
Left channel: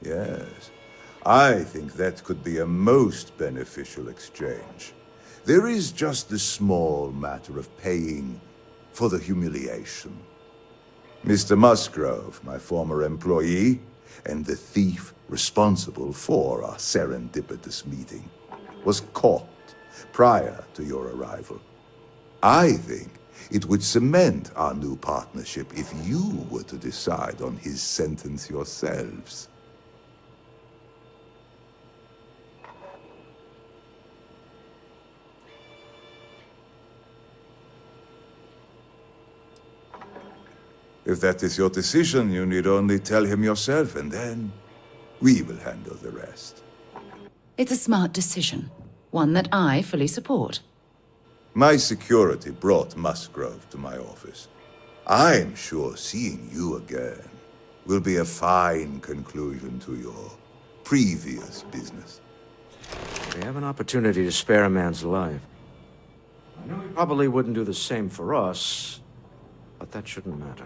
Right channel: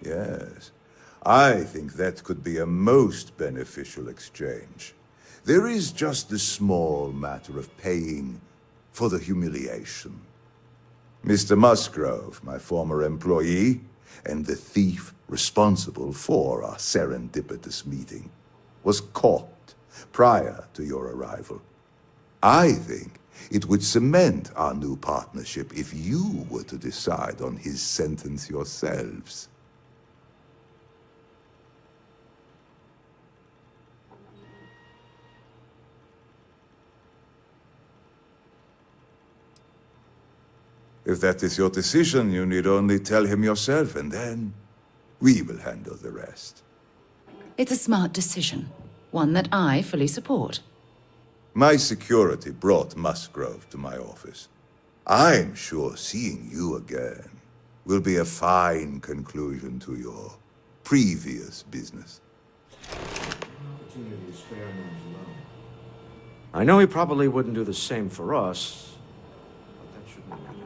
Yes, I think that could be a most beneficial exchange. There is just the small matter of paying for the humiliation. Mr. Musgrove, my former employee, and the thief responsible for our serendipitous meeting, was caught prior to your arrival. I think It would cement our new partnership if you were to decide on his sentence yourselves. If that is your decision, you need only tell him yourself, and then we will handle the rest. It's a smart decision, one that I fully support. My security brought Musgrove to my office. I'm sure seeing you again will be a fine conclusion to your previous business. We have an opportunity to spare a man's life. I know he probably wouldn't do the same for us, but that shouldn't matter.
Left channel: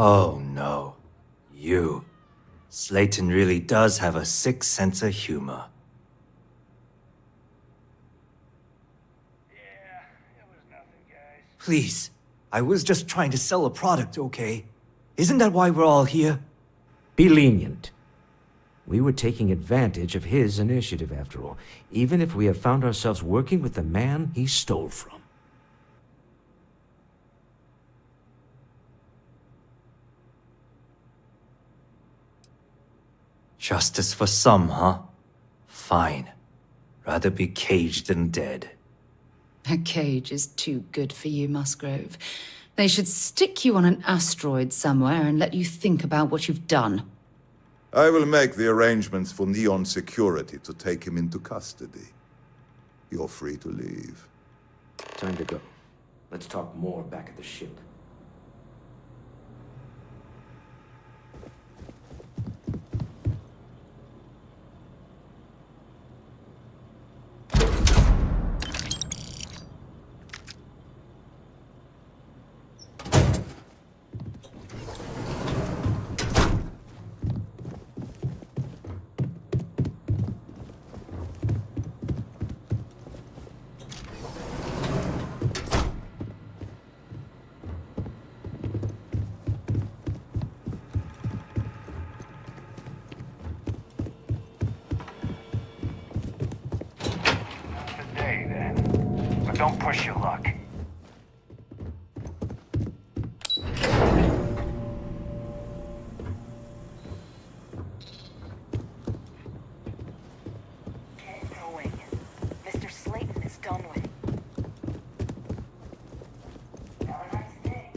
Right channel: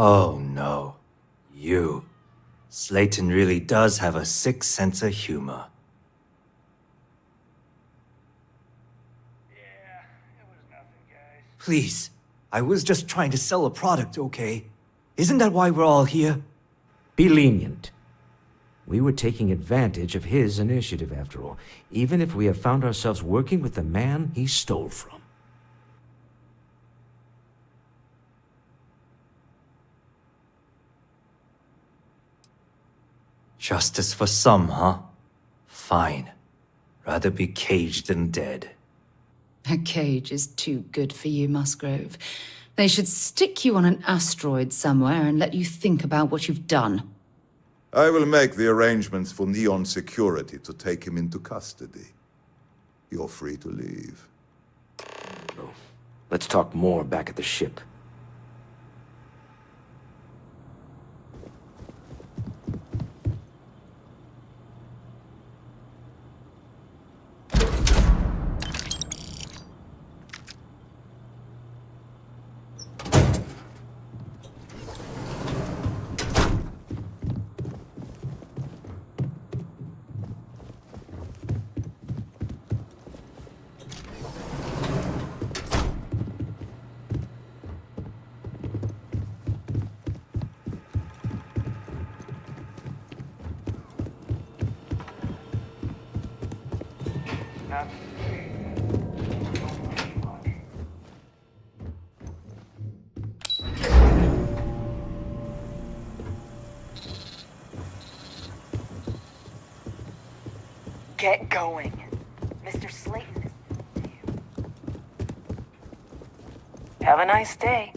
Oh no. You. Slayton really does have a sick sense of humor. Please. I was just trying to sell a product, okay? Isn't that why we're all here? Be lenient. We were taking advantage of his initiative, after all, even if we have found ourselves working with the man he stole from. Justice for some, huh? Fine. Rather be caged than dead. A cage is too good for you, Musgrove. They should stick you on an asteroid somewhere and let you think about what you've done. I will make the arrangements for Neon Security to take him into custody. You're free to leave. Time to go. Let's talk more back at the ship. Not today, then. But don't push your luck. Get going. Mr. Slayton is done with you. Have a nice day.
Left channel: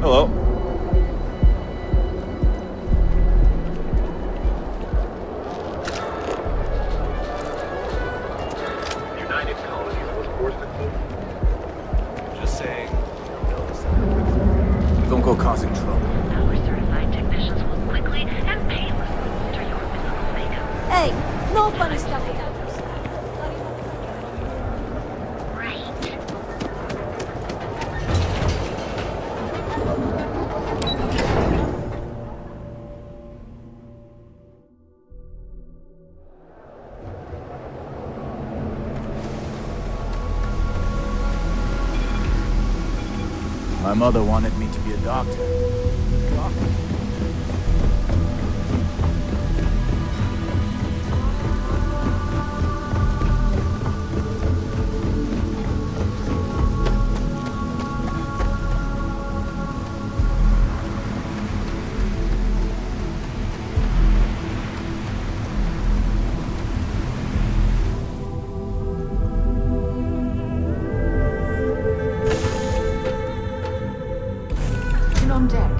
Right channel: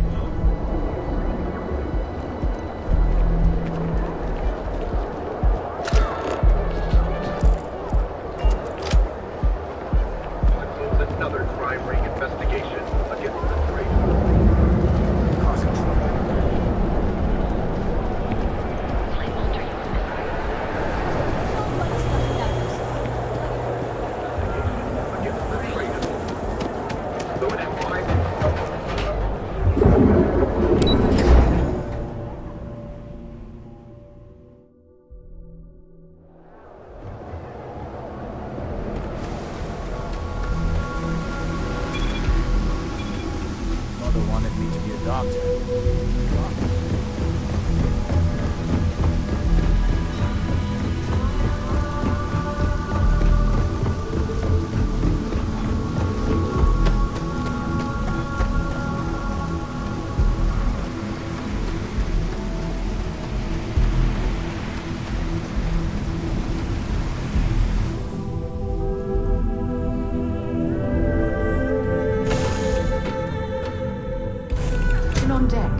Hello. Don't go causing trouble. Hey, no funny stuff in that house. My mother wanted me to be a doctor. On deck.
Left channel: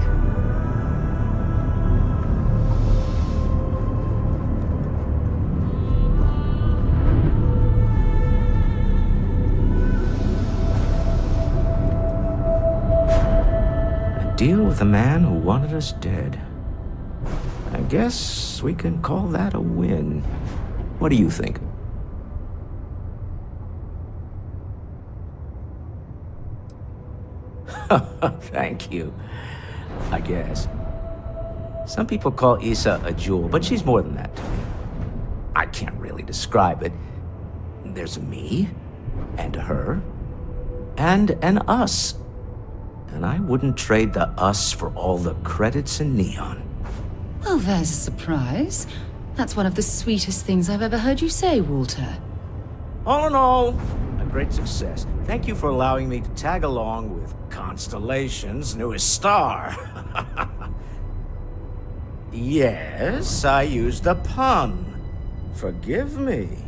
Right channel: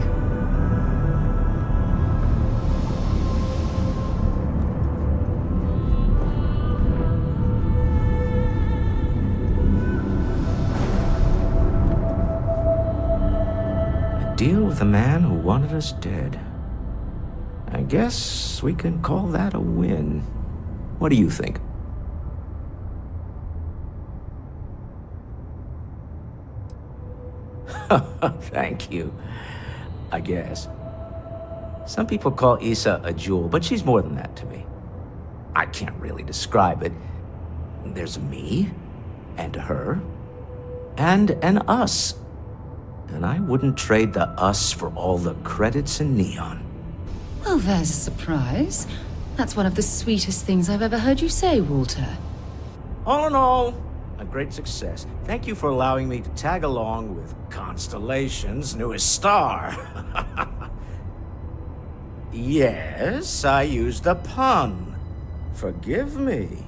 deal with a man who wanted us dead. I guess we can call that a win. What do you think? Thank you. I guess. Some people call Issa a jewel, but she's more than that to me. I can't really describe it. There's a me, and a her, and an us. And I wouldn't trade the us for all the credits in Neon. Well, there's a surprise. That's one of the sweetest things I've ever heard you say, Walter. All in all, a great success. Thank you for allowing me to tag along with Constellation's newest star. Yes, I used a pun. Forgive me.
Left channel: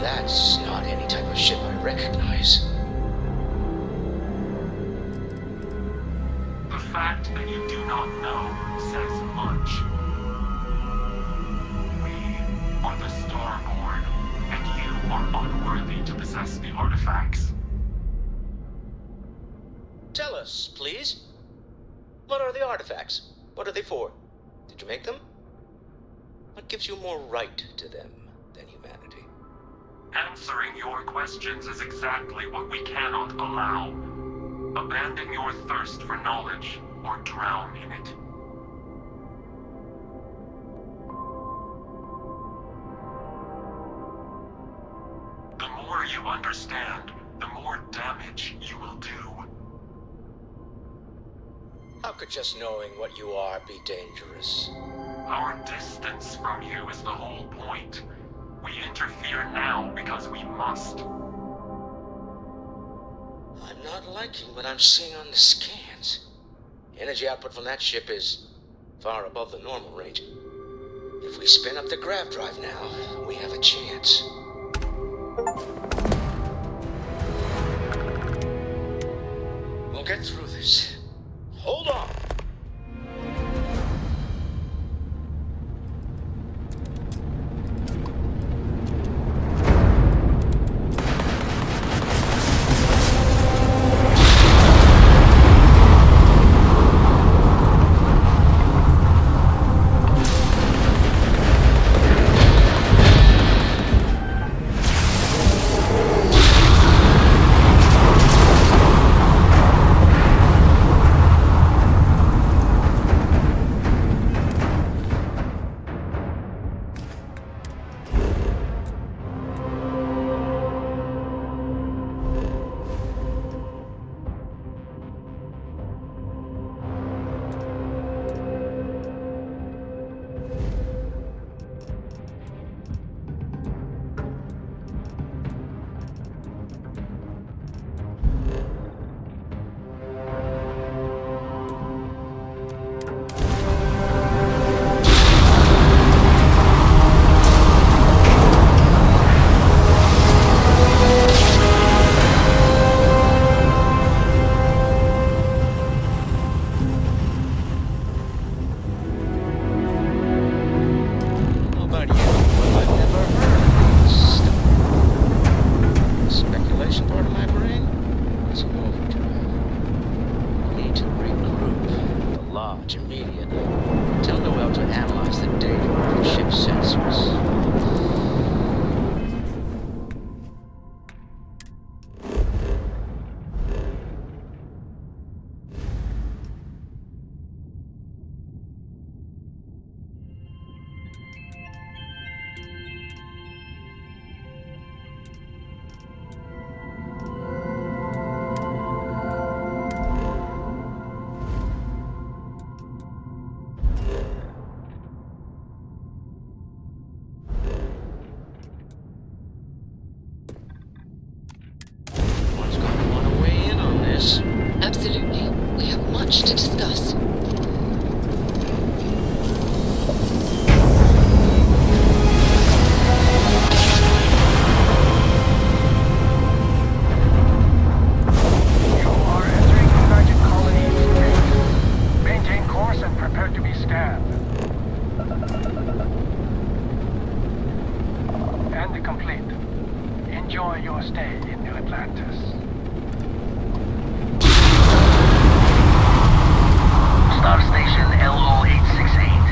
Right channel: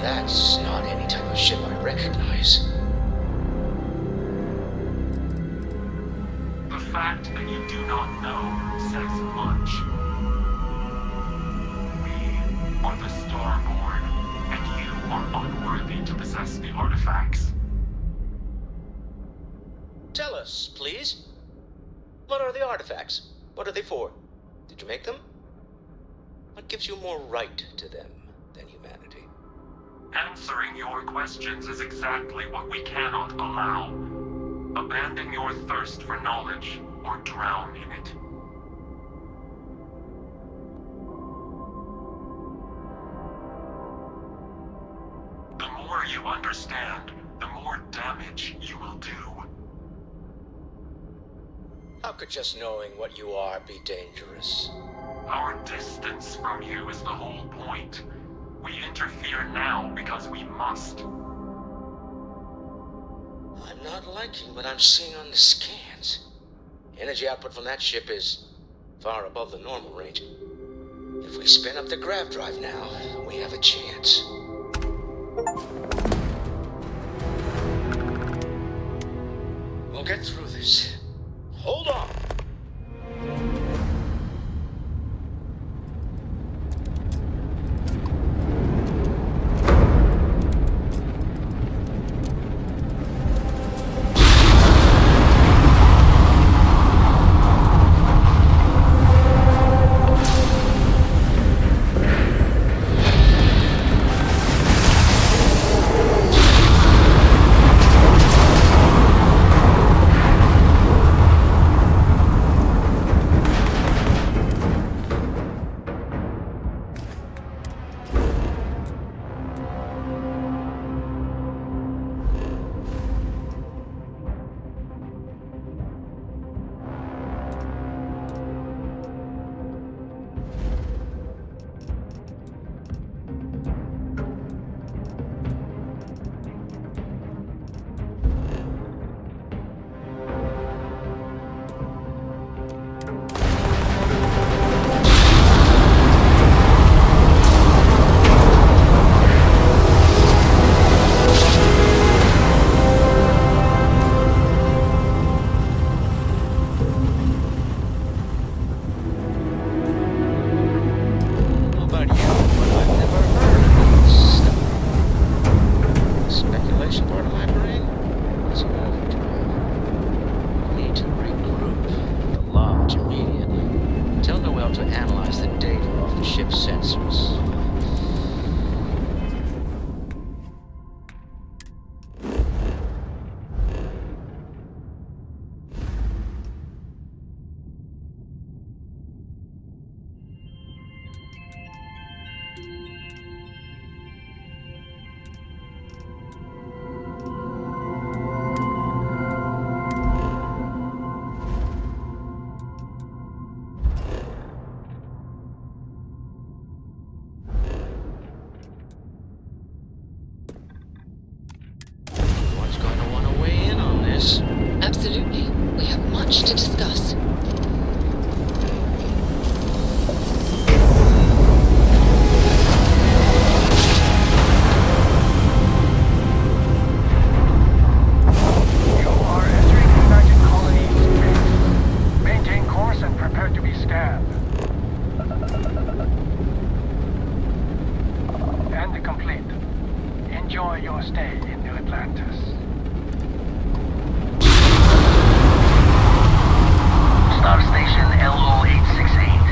That's not any type of ship I recognize. The fact that you do not know says much. We are the Starborn, and you are unworthy to possess the artifacts. Tell us, please. What are the artifacts? What are they for? Did you make them? What gives you more right to them than humanity? Answering your questions is exactly what we cannot allow. Abandon your thirst for knowledge, or drown in it. The more you understand, the more damage you will do. How could just knowing what you are be dangerous? Our distance from you is the whole point. We interfere now because we must. I'm not liking what I'm seeing on the scans. Energy output from that ship is far above the normal range. If we spin up the grav drive now, we have a chance. We'll get through this. Hold on! business? Absolutely. We have much to discuss. You are entering United Colony space. Maintain course and prepare to be scanned. And complete. Enjoy your stay in New Atlantis. Star Station LO-868.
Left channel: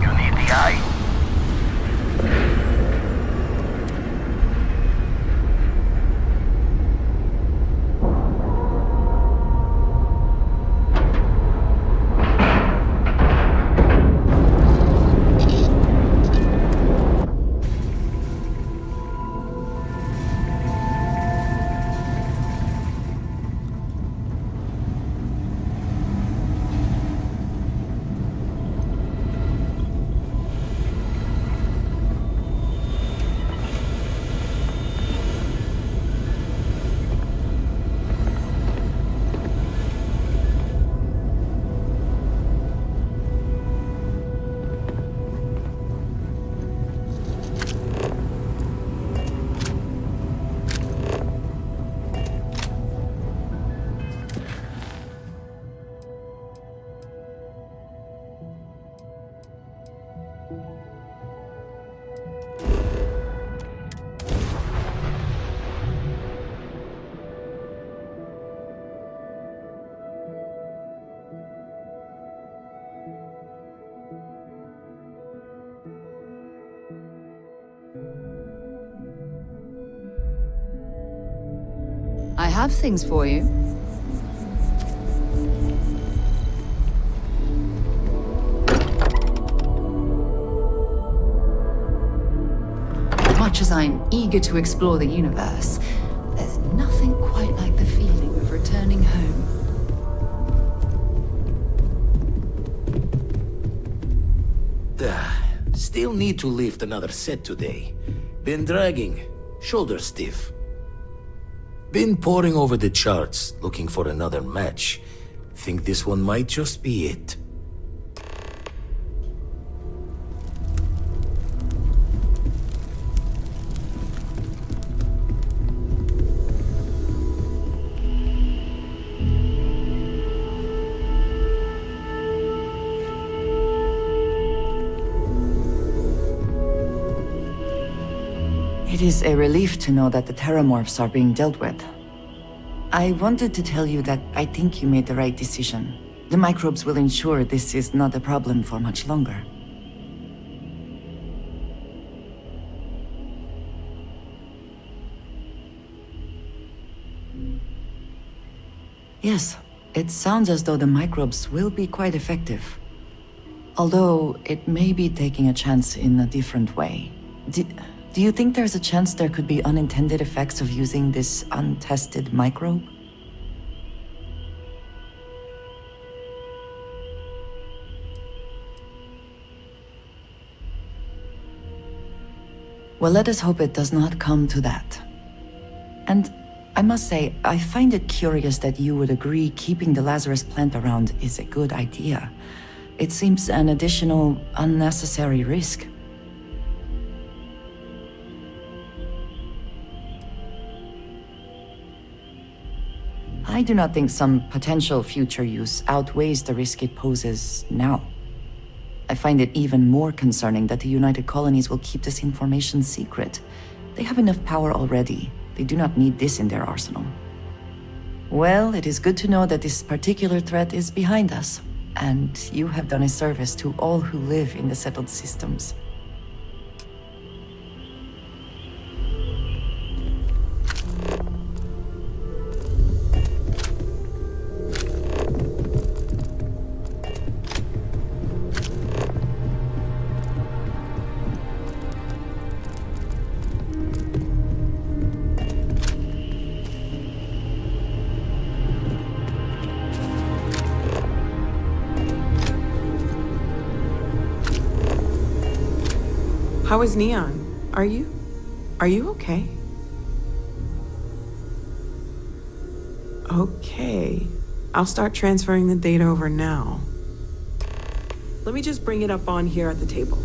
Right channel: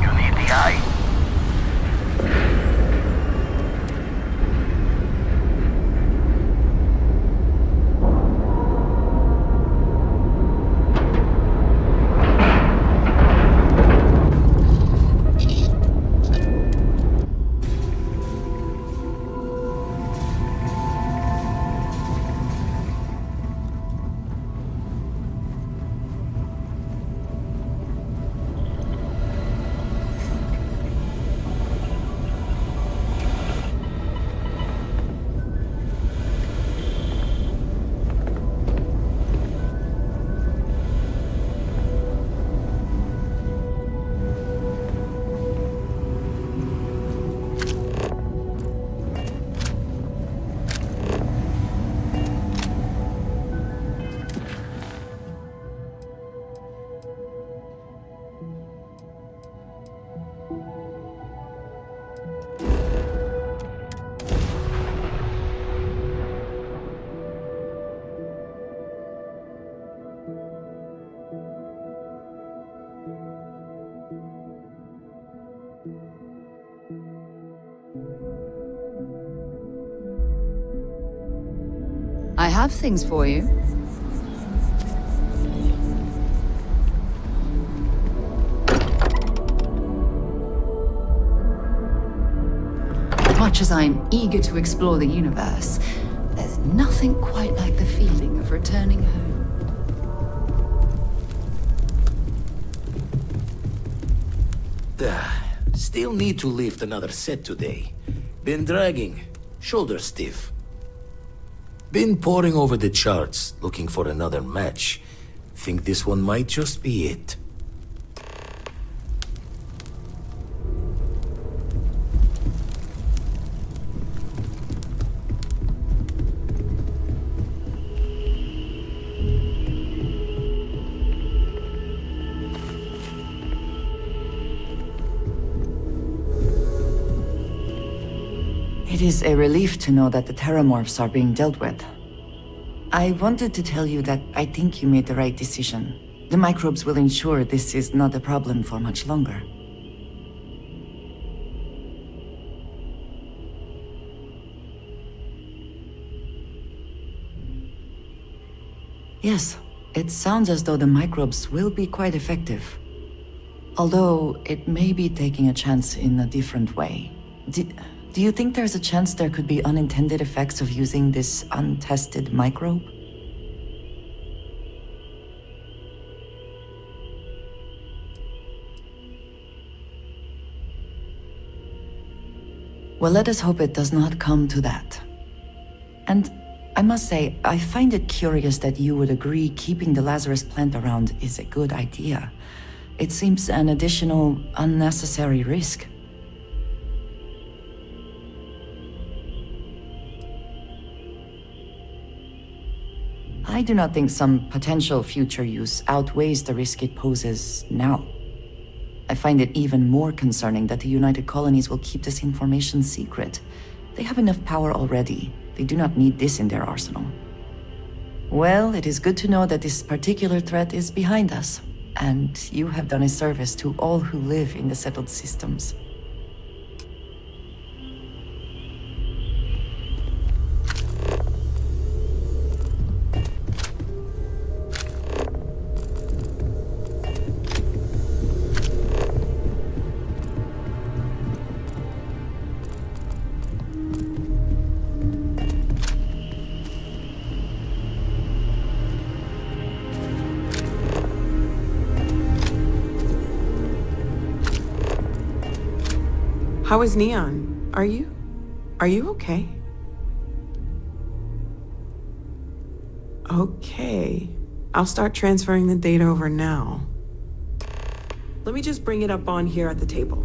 You need the eye? I have things for you. Much as I'm eager to explore the universe, there's nothing quite like the feeling of returning home. Still need to lift another set today. Been dragging, shoulder stiff. Been poring over the charts, looking for another match. Think this one might just be it. It is a relief to know that the Terramorphs are being dealt with. I wanted to tell you that I think you made the right decision. The microbes will ensure this is not a problem for much longer. Yes, it sounds as though the microbes will be quite effective. Although, it may be taking a chance in a different way. Do you think there's a chance there could be unintended effects of using this untested microbe? Well, let us hope it does not come to that. And I must say, I find it curious that you would agree keeping the Lazarus plant around is a good idea. It seems an additional, unnecessary risk. I do not think some potential future use outweighs the risk it poses now. I find it even more concerning that the United Colonies will keep this information secret. They have enough power already. They do not need this in their arsenal. Well, it is good to know that this particular threat is behind us, and you have done a service to all who live in the settled systems. How is Neon? Are you okay? Okay. I'll start transferring the data over now. Let me just bring it up on here at the table.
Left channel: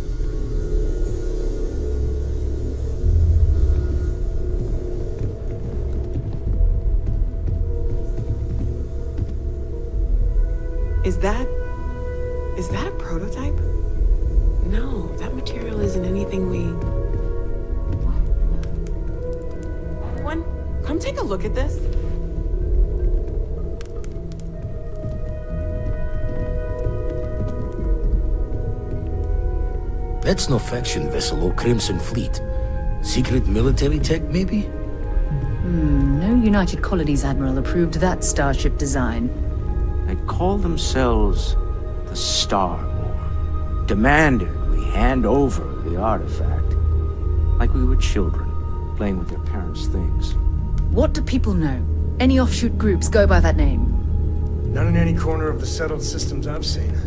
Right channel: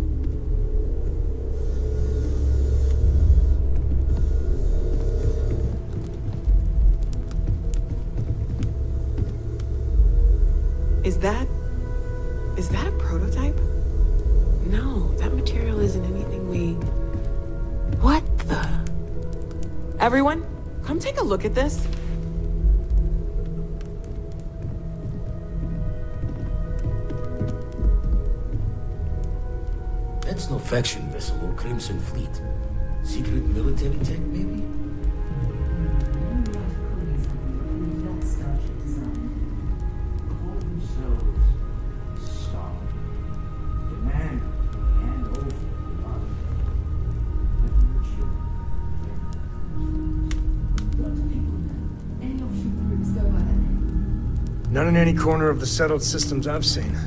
Is that a prototype? No, that material isn't anything we... What the... Everyone, come take a look at this. That's no faction vessel or Crimson Fleet. Secret military tech, maybe? No United Colonies Admiral approved that starship design. They call themselves the Star Board. Demanded we hand over the artifact. Like we were children, playing with their parents' things. What do people know? Any offshoot groups go by that name? None in any corner of the settled systems I've seen.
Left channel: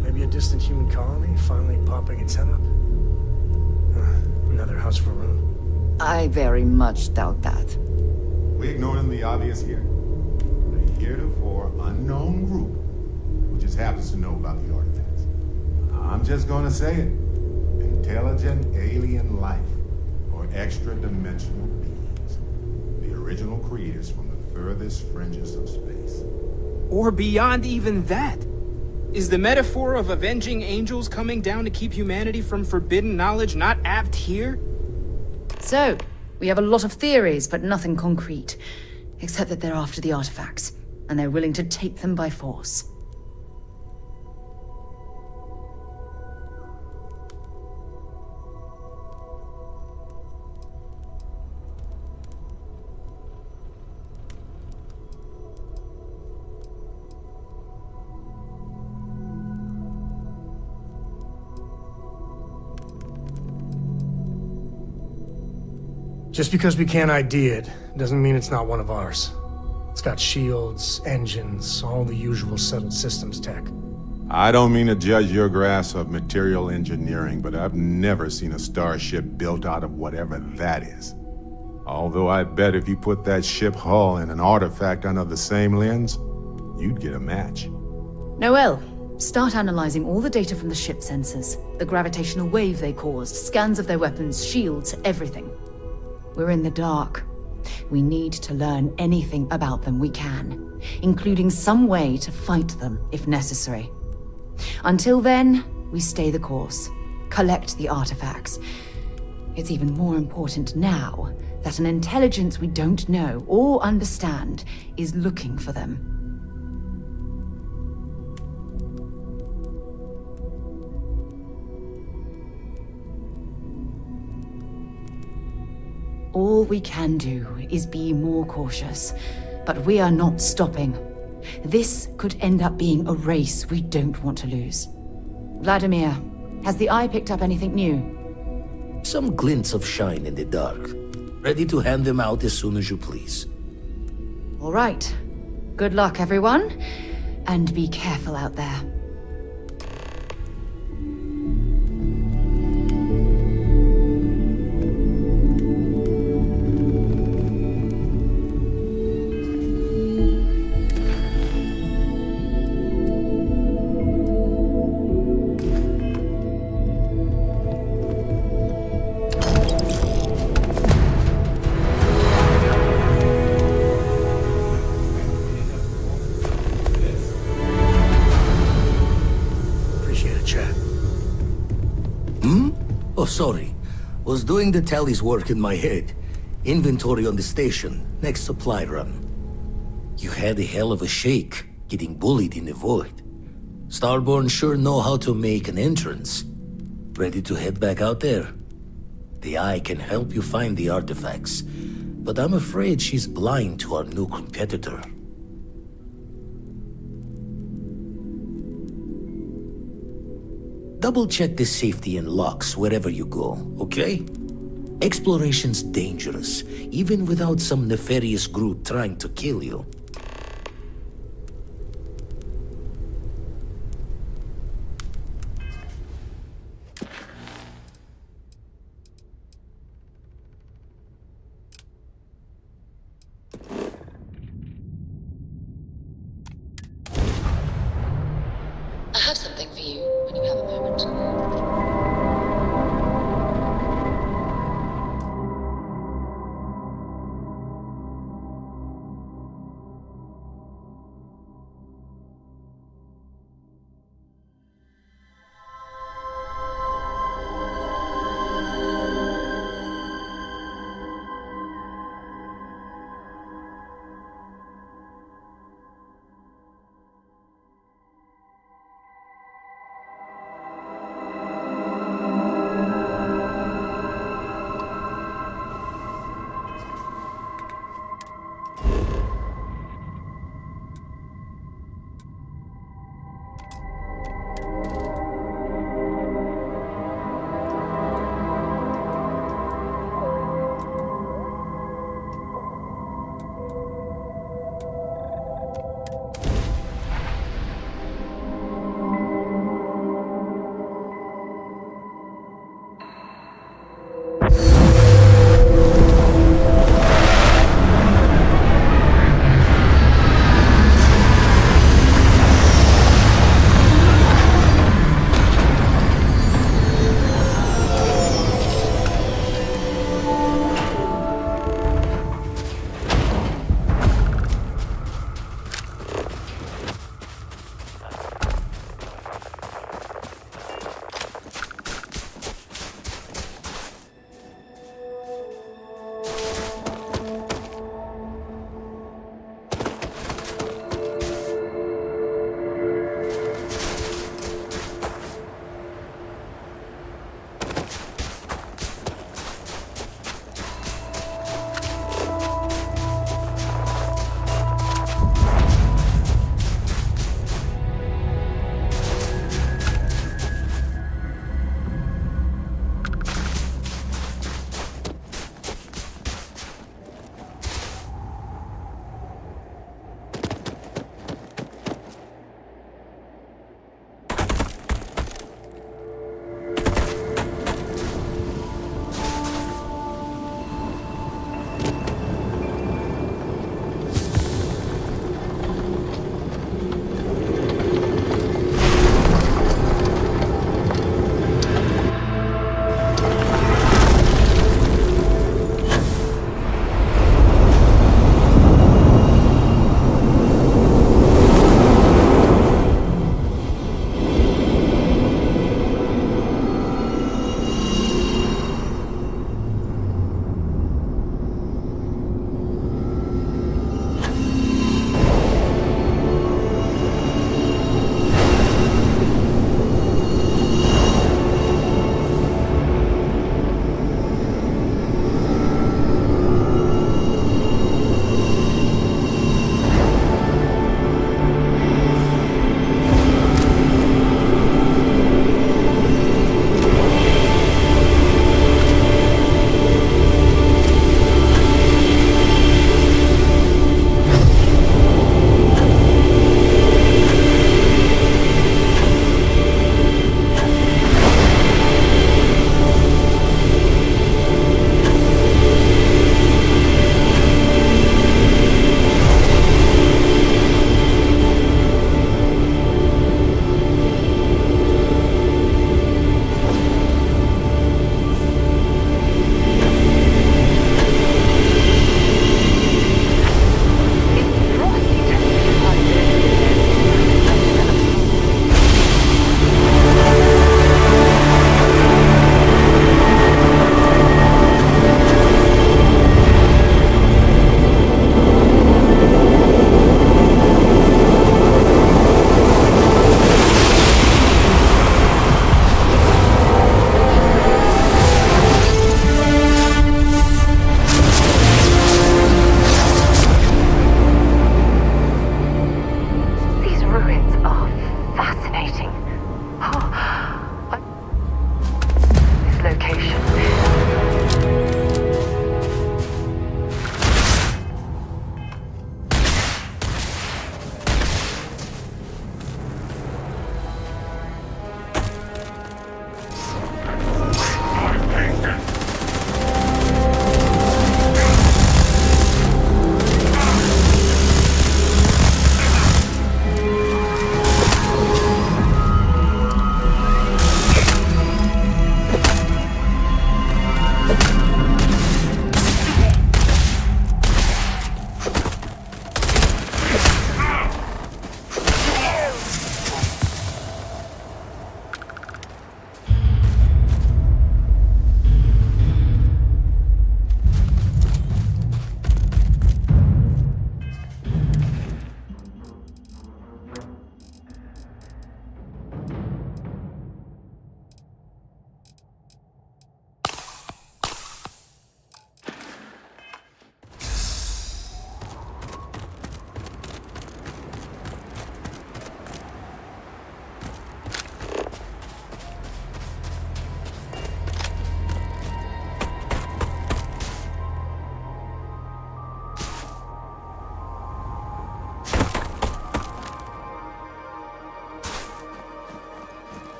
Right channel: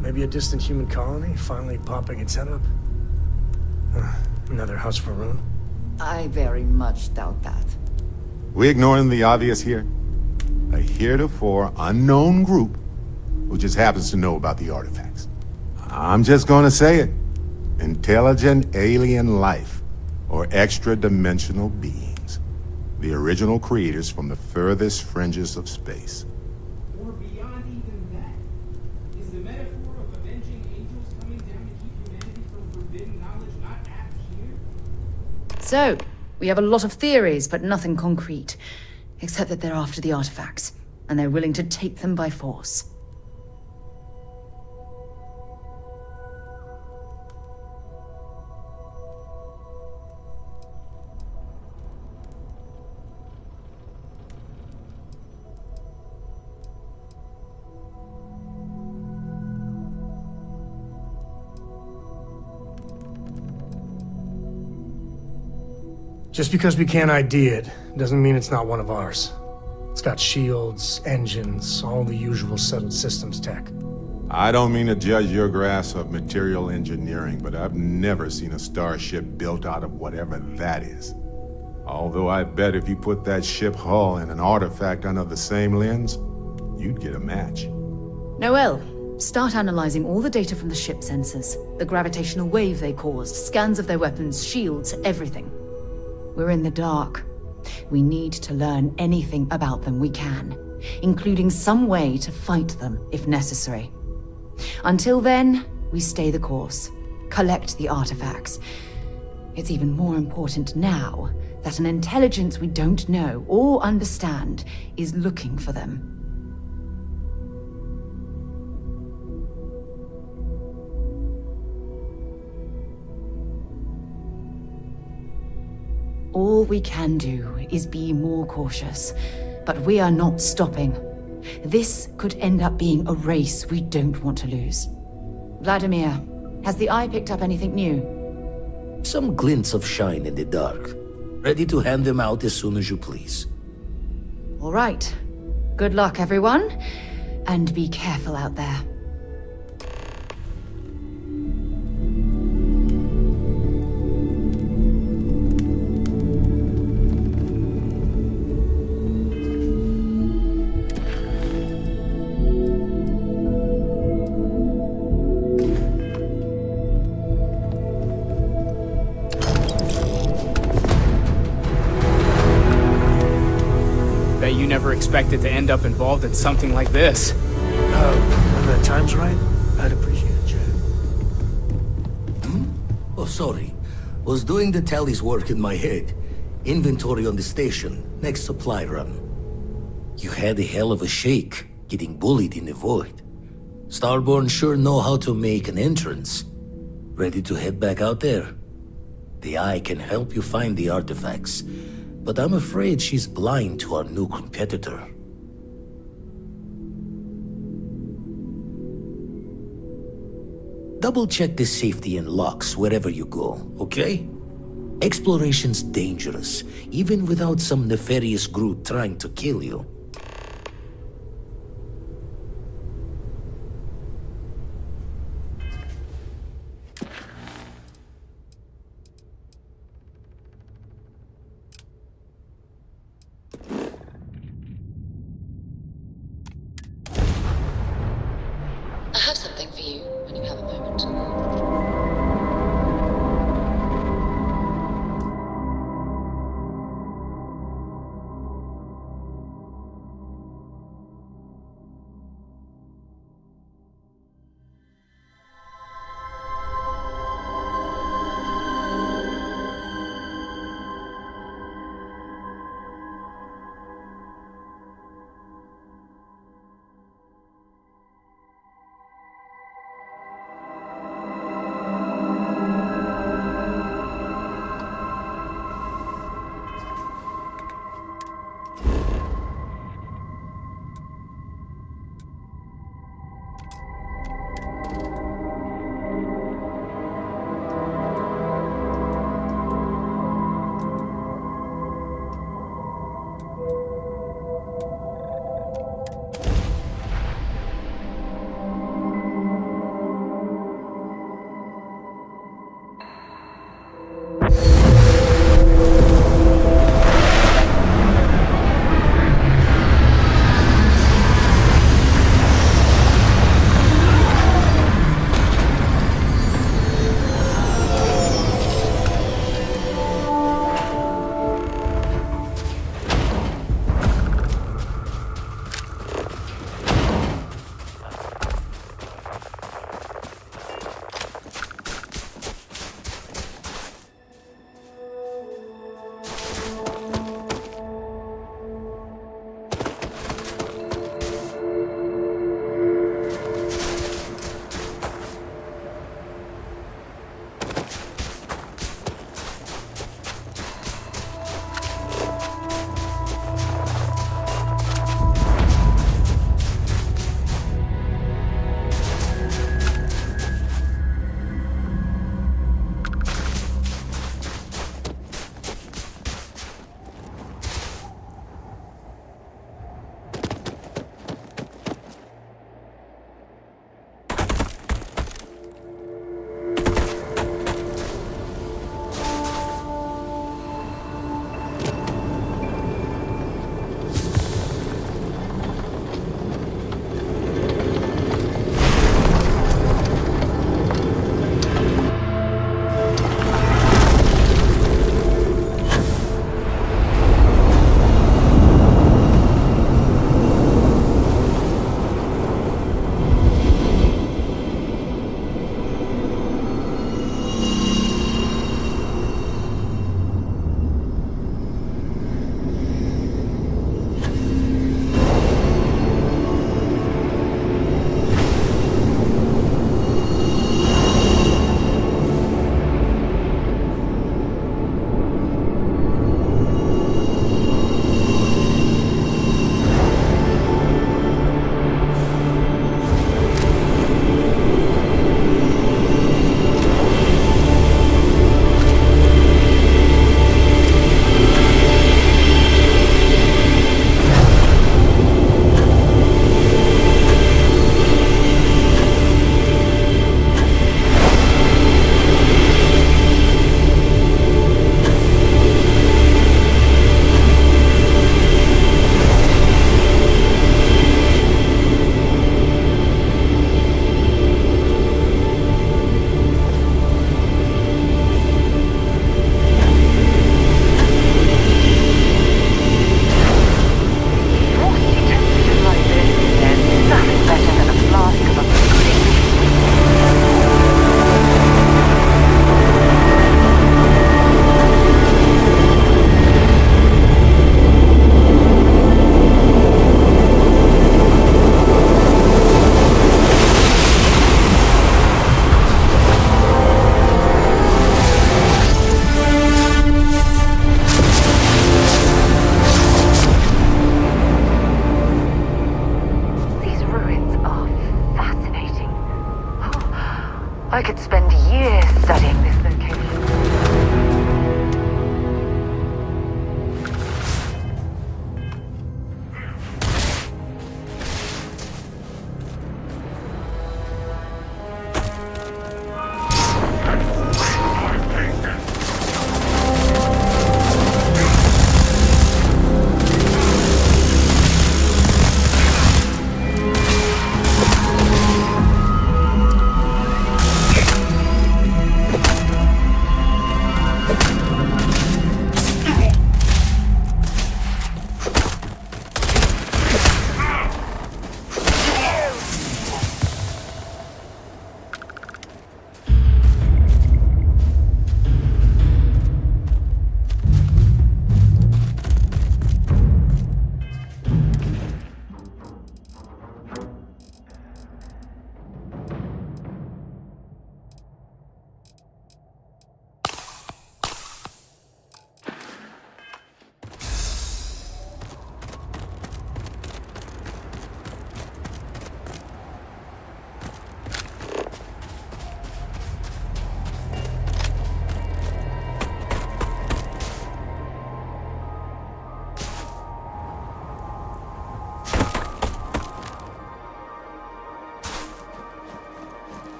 Maybe a distant human colony finally popping its head up? Another house for Rune? I very much doubt that. We ignoring the obvious here? A heretofore unknown group who just happens to know about the artifacts. I'm just gonna say it. Intelligent alien life, or extra-dimensional beings. The original creators from the furthest fringes of space. Or beyond even that. Is the metaphor of avenging angels coming down to keep humanity from forbidden knowledge not apt here? So, we have a lot of theories, but nothing concrete. Except that they're after the artifacts, and they're willing to take them by force. Just because we can't ID it, doesn't mean it's not one of ours. It's got shields, engines, all the usual settled systems tech. I don't mean to judge your grasp of material engineering, but I've never seen a starship built out of whatever that is. Although I bet if you put that ship hull and an artifact under the same lens, you'd get a match. Noel, start analyzing all the data from the ship sensors. The gravitational wave they caused, scans of their weapons, shields, everything. We're in the dark. We need to learn anything about them we can, including some way to fight them if necessary. Until then, we stay the course, collect the artifacts. It's even more important now that an intelligence we don't know or understand is looking for them. All we can do is be more cautious, but we are not stopping. This could end up being a race we don't want to lose. Vladimir, has the Eye picked up anything new? Some glints of shine in the dark. Ready to hand them out as soon as you please. All right. Good luck, everyone. And be careful out there. Expected to end up involved in something like this. When the time's right, I'd appreciate a chat. Oh, sorry. Was doing the tally's work in my head. Inventory on the station, next supply run. You had a hell of a shake, getting bullied in the void. Starborn sure know how to make an entrance. Ready to head back out there? The Eye can help you find the artifacts. But I'm afraid she's blind to our new competitor. Double-check the safety and locks wherever you go, okay? Exploration's dangerous, even without some nefarious group trying to kill you. moment.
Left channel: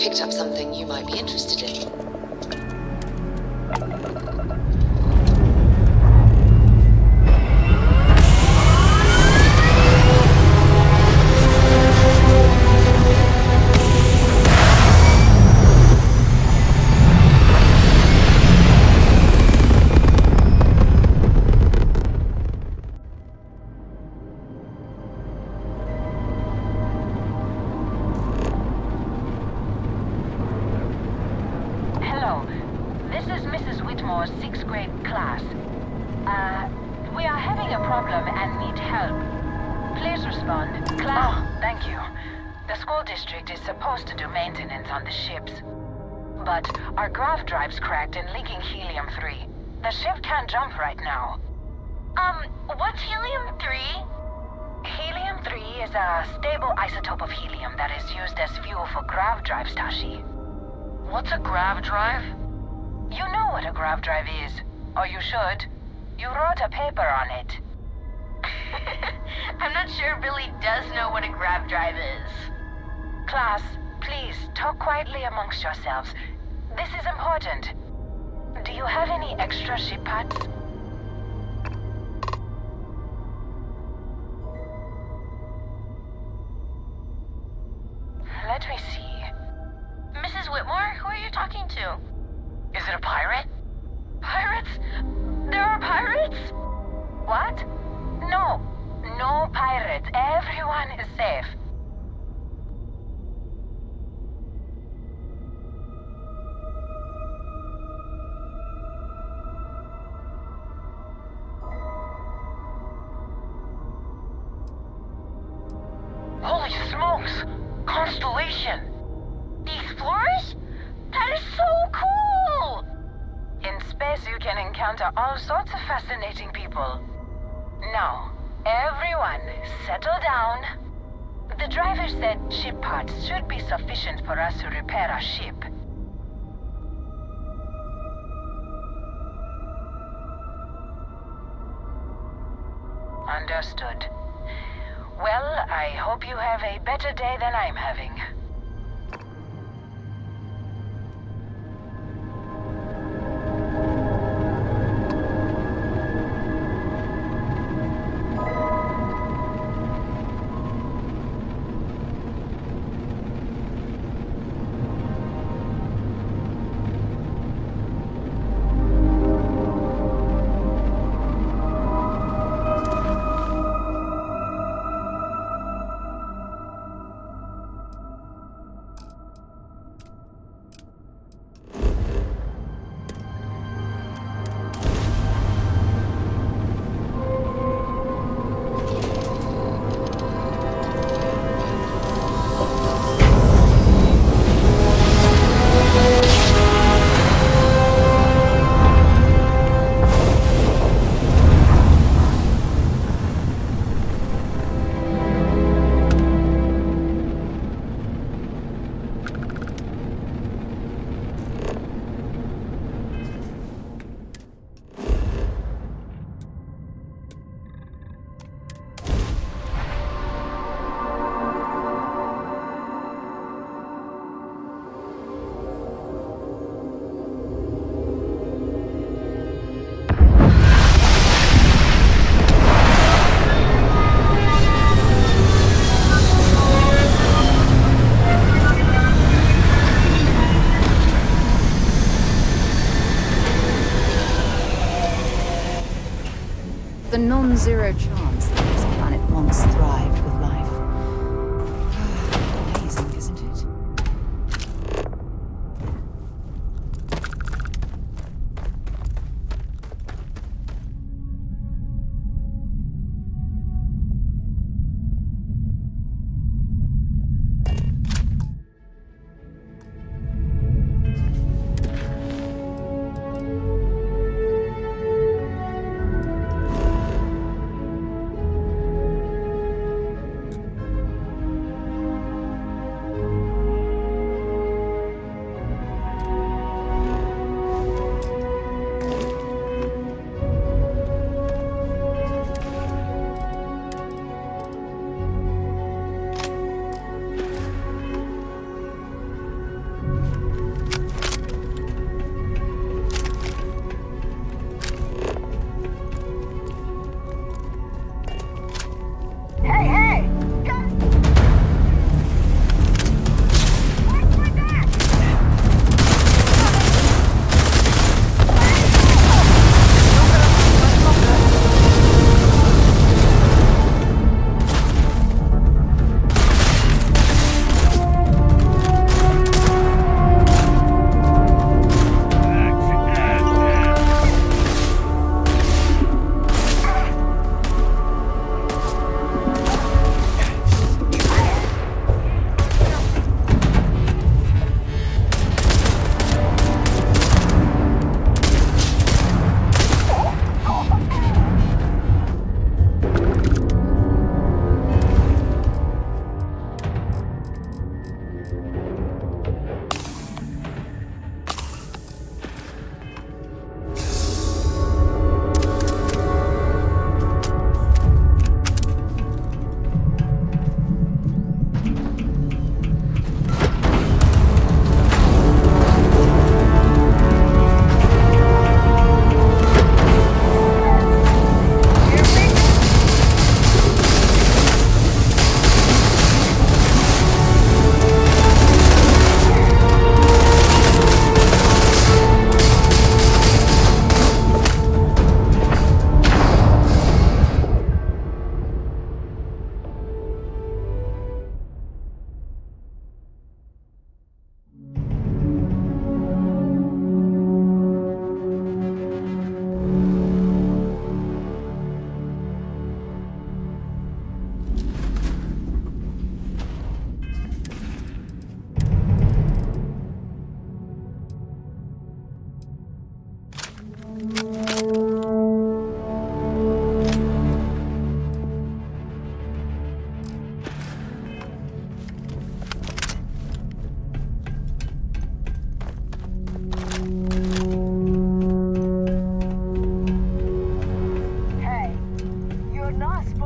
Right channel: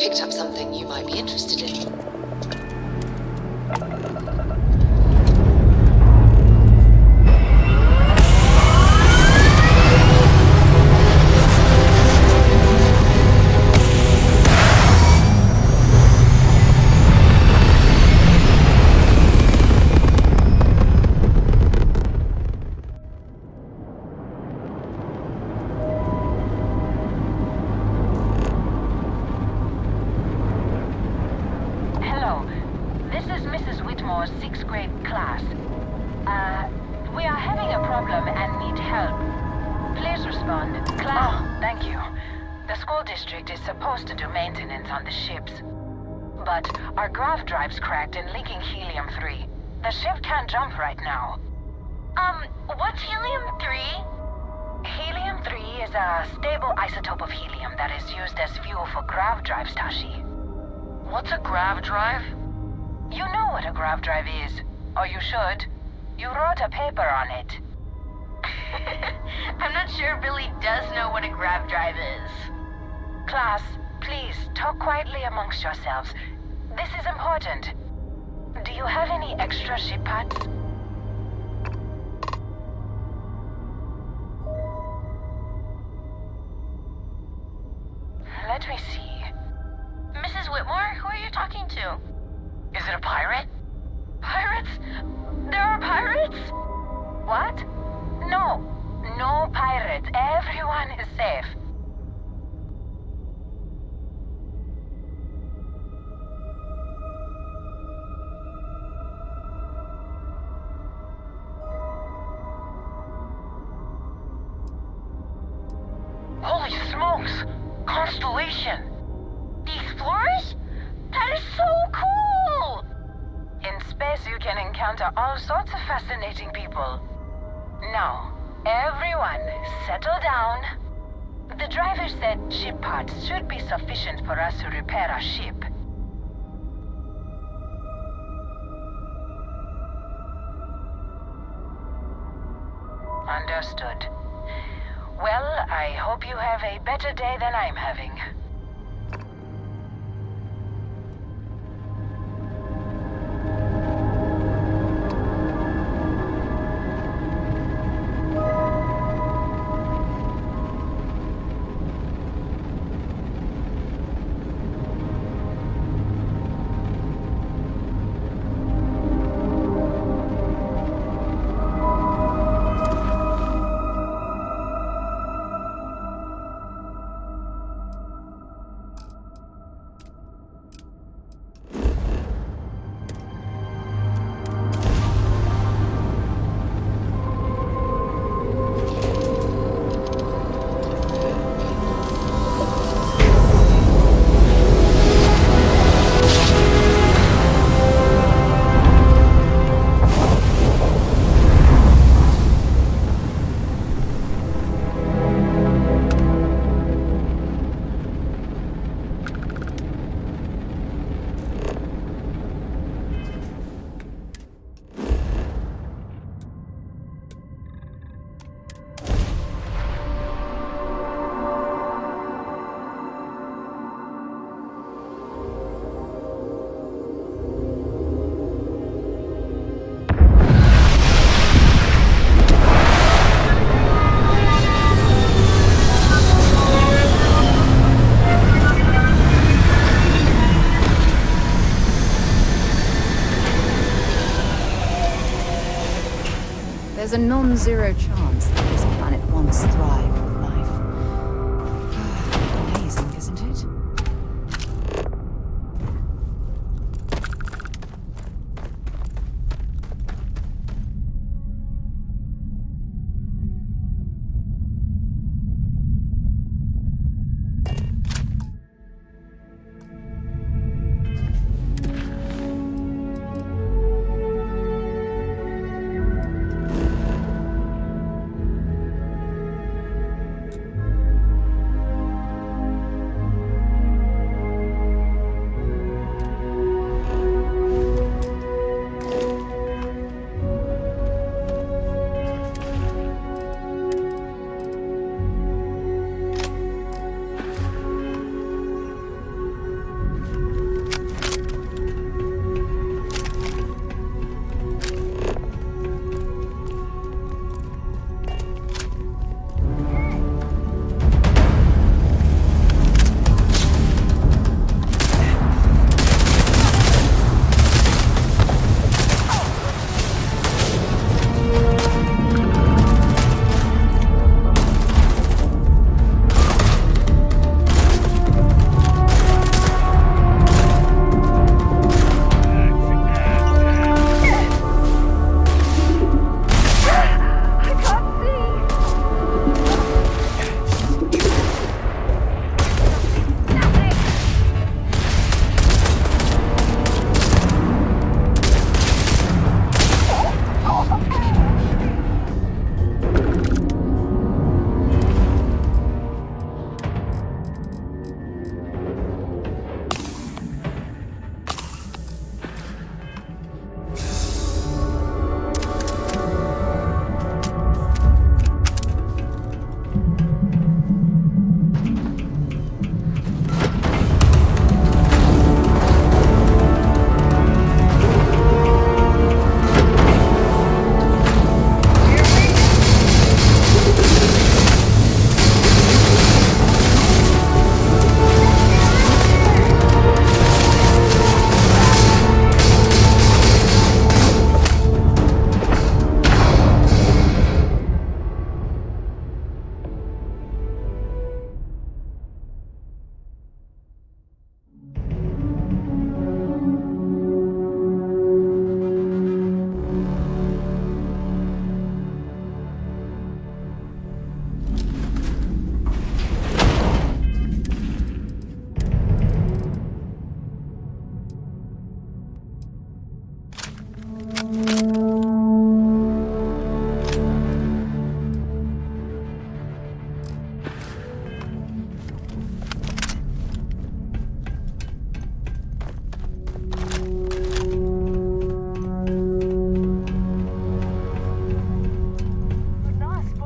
picked up something you might be interested in. Hello, this is Mrs. Whitmore's 6th grade class. We are having a problem and need help. Please respond. Class. Oh, thank you. The school district is supposed to do maintenance on the ships. But our grav drive's cracked and leaking helium-3. The ship can't jump right now. What's helium-3? Helium-3 is a stable isotope of helium that is used as fuel for grav drives, Tashi. What's a grav drive? You know what a grav drive is, or you should. You wrote a paper on it. I'm not sure Billy does know what a grav drive is. Class, please, talk quietly amongst yourselves. This is important. Do you have any extra ship parts? Let me see. Mrs. Whitmore, who are you talking to? Is it a pirate? Pirates? There are pirates? What? No. No pirates. Everyone is safe. Holy smokes! Constellation! Explorers? That is so cool! In space you can encounter all sorts of fascinating people. Now, everyone, settle down. The driver said ship parts should be sufficient for us to repair our ship. Understood. Well, I hope you have a better day than I'm having. There's a non-zero chance that this planet once thrived with life. Amazing, isn't it?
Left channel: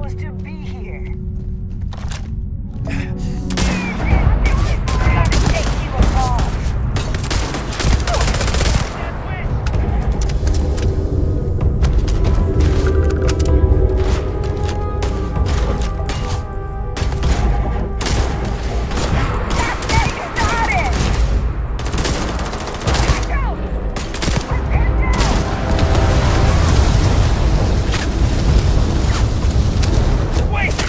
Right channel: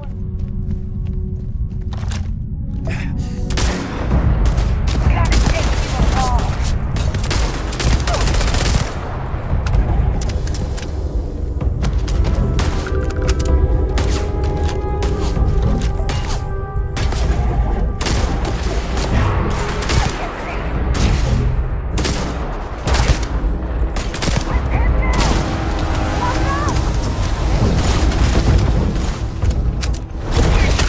supposed to be here? Gotta take you apart. Wait!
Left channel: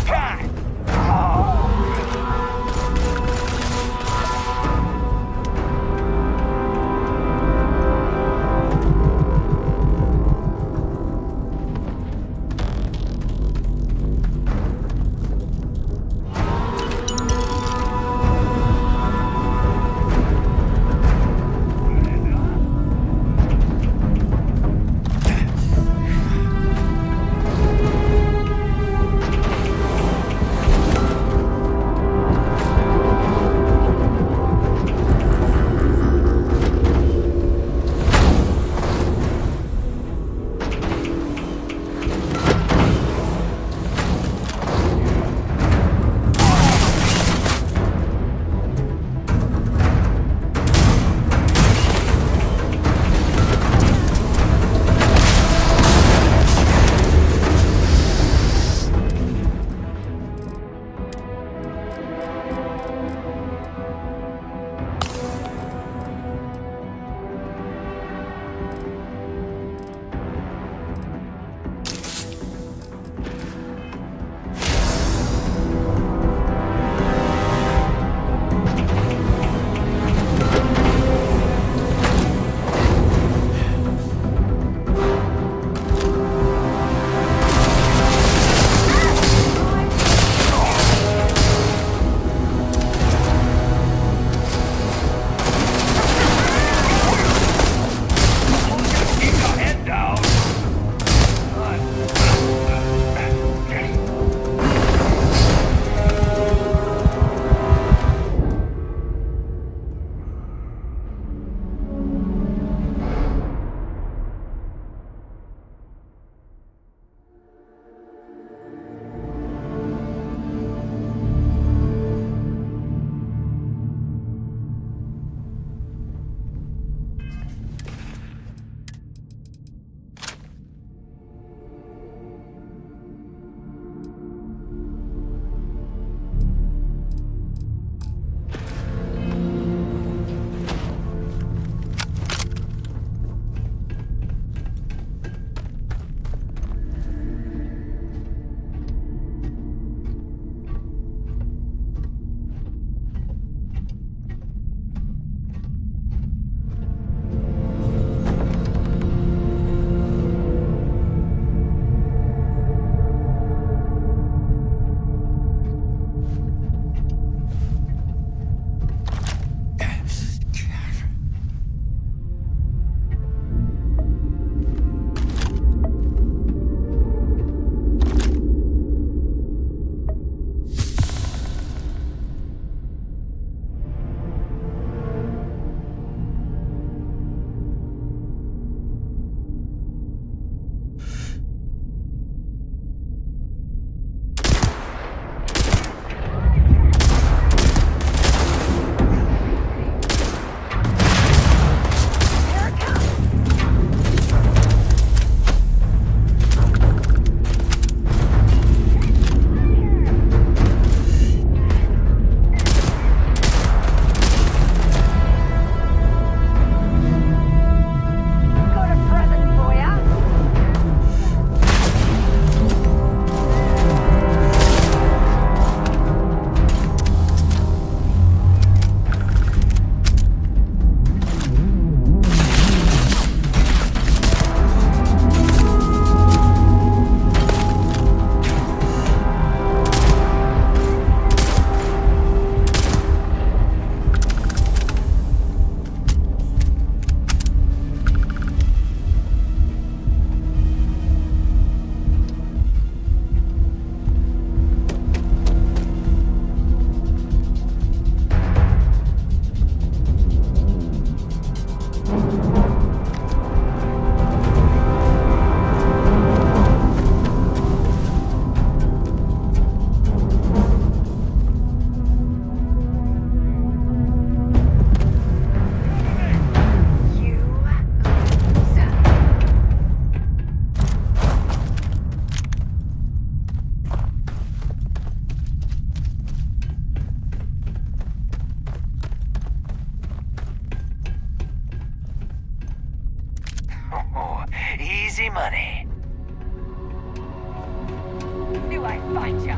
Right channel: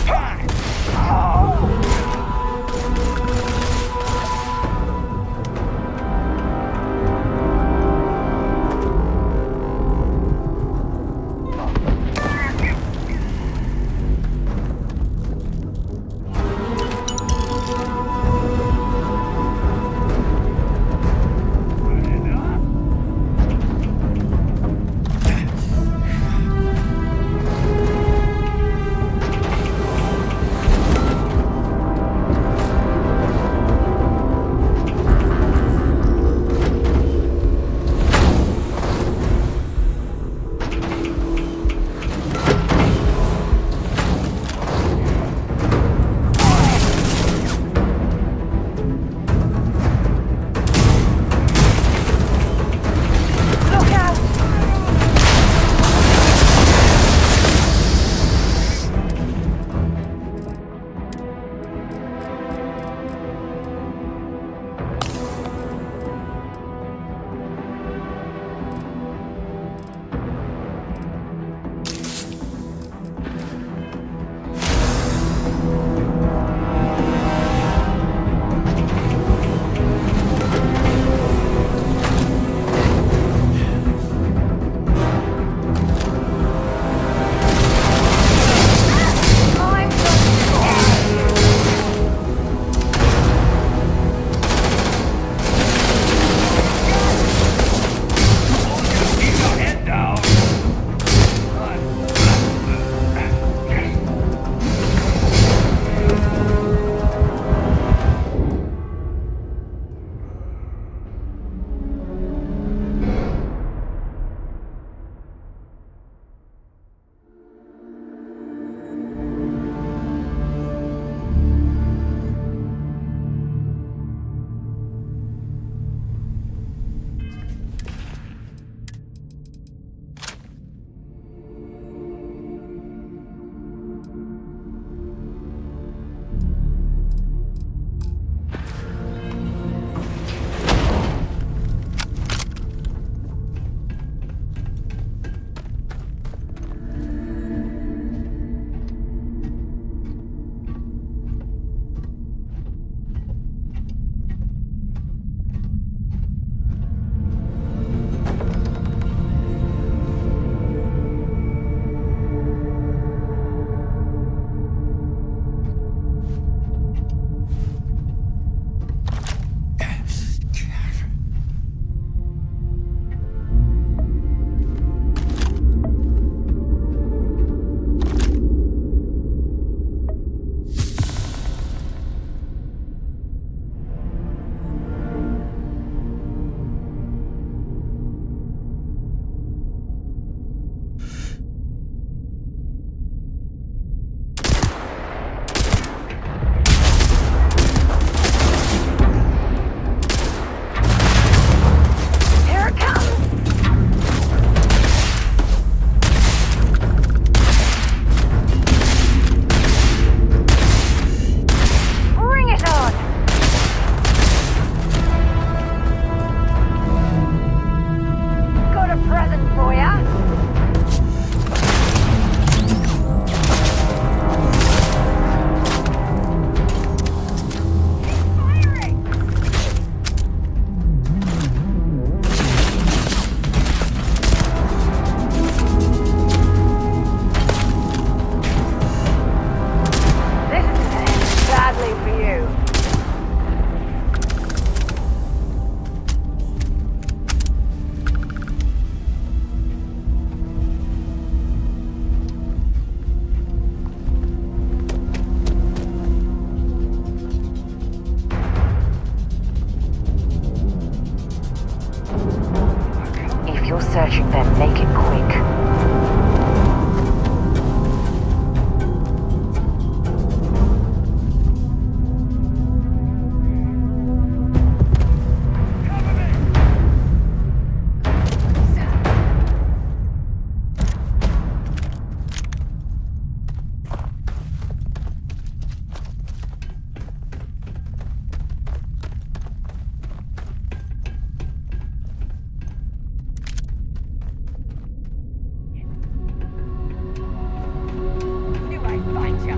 money. Knew I'd find ya.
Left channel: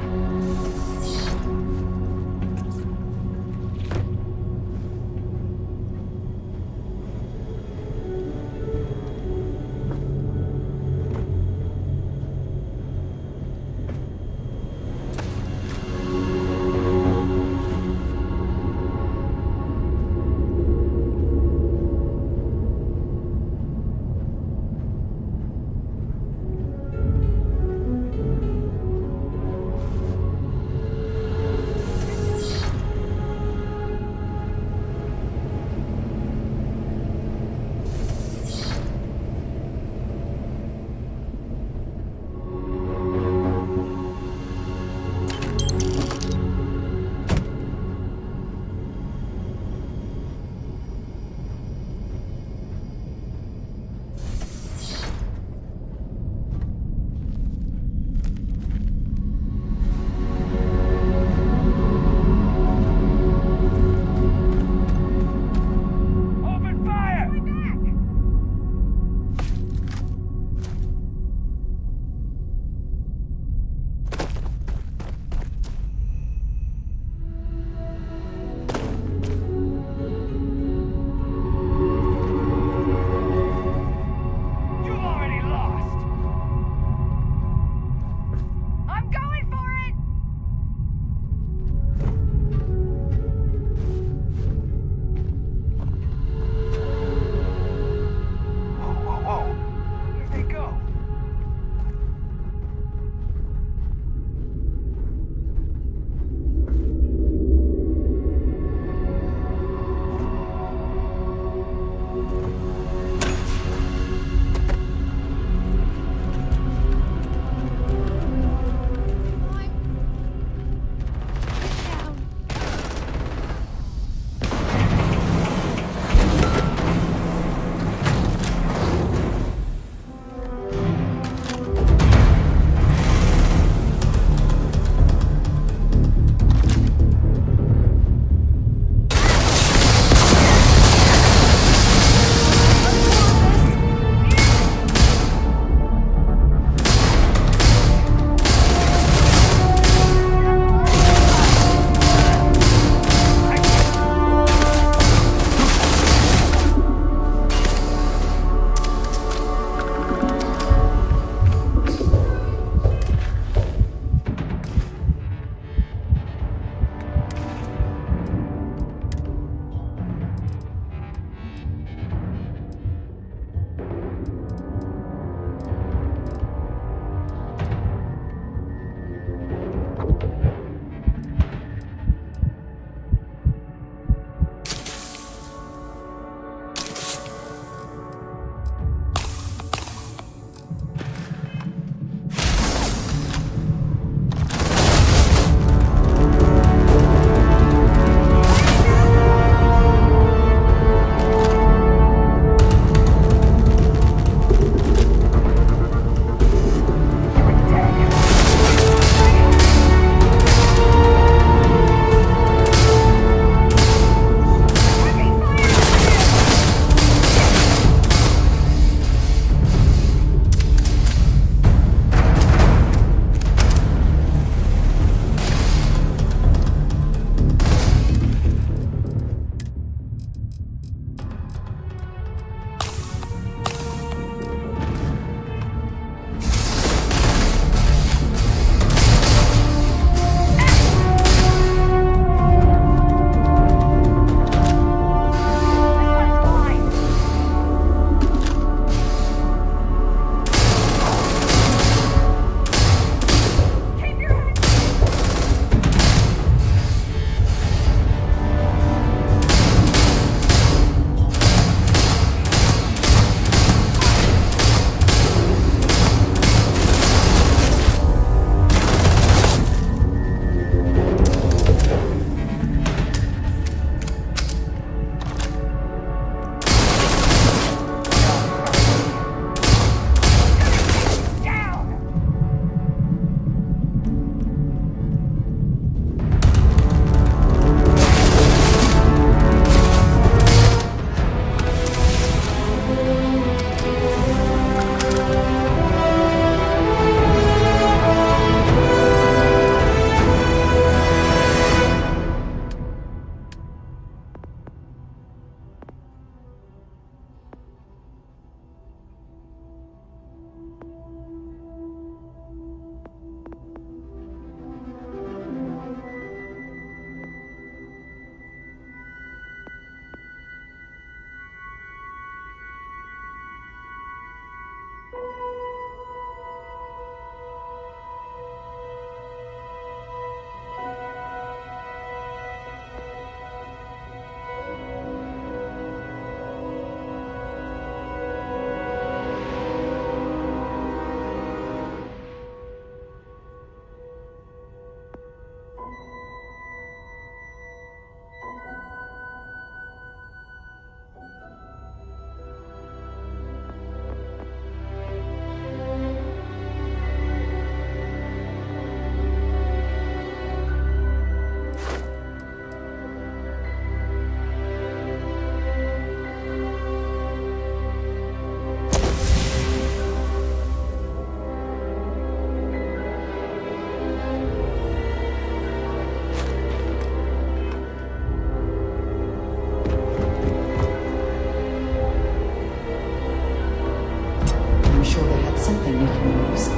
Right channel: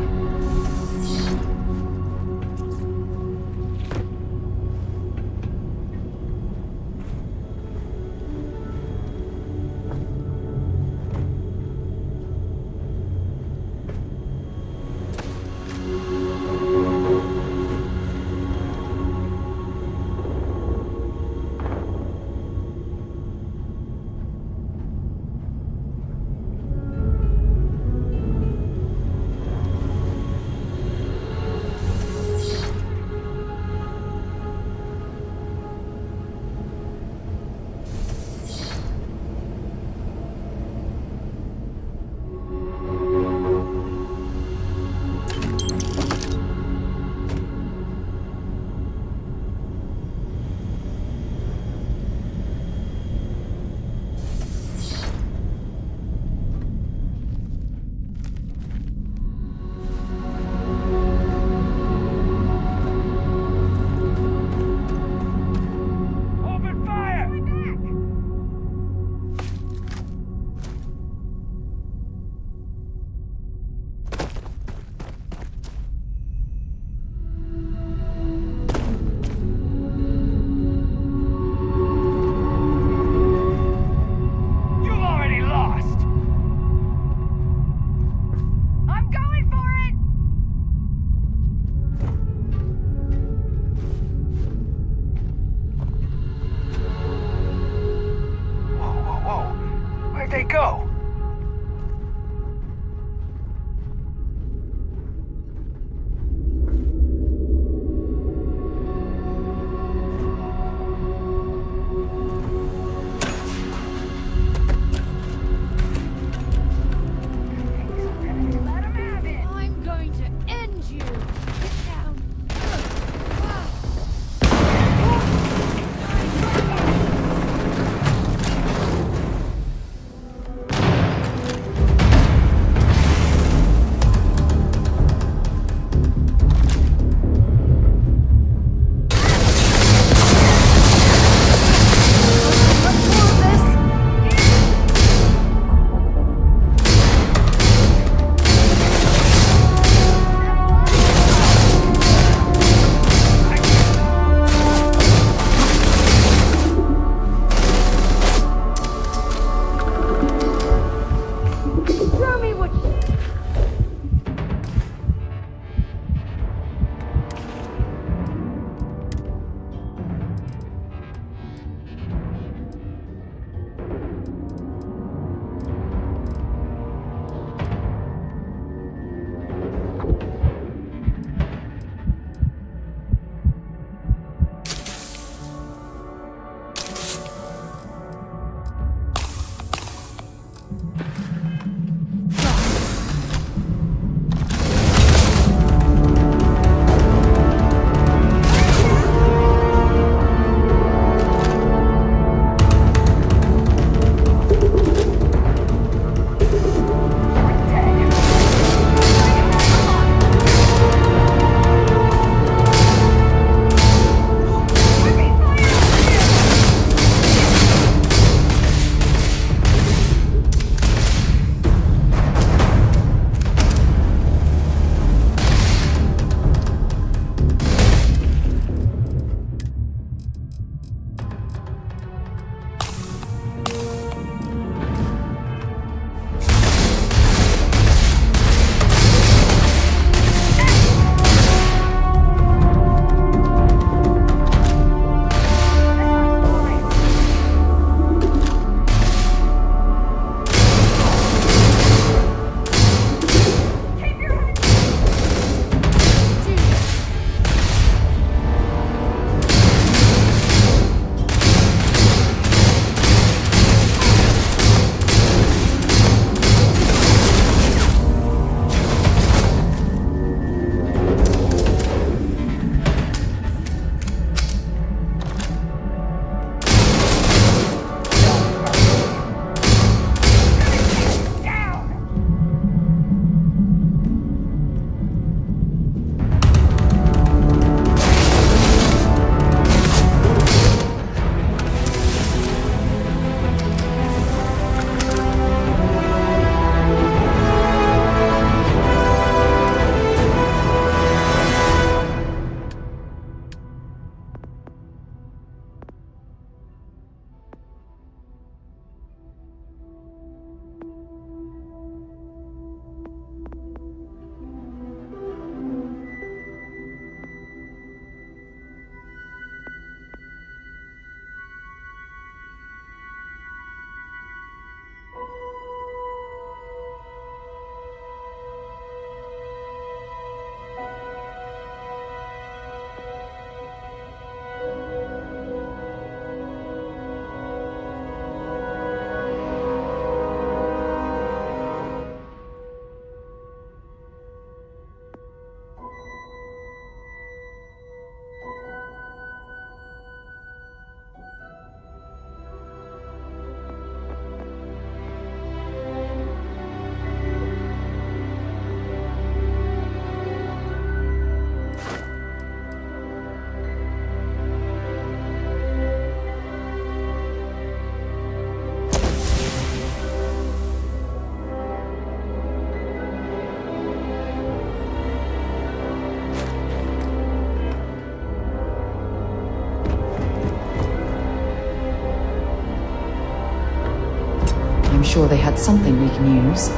sure they had something we can use.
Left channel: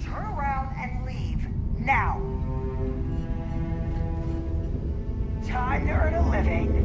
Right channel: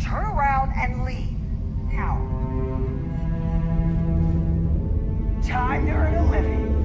Turn around and leave. Now. Time to earn a living.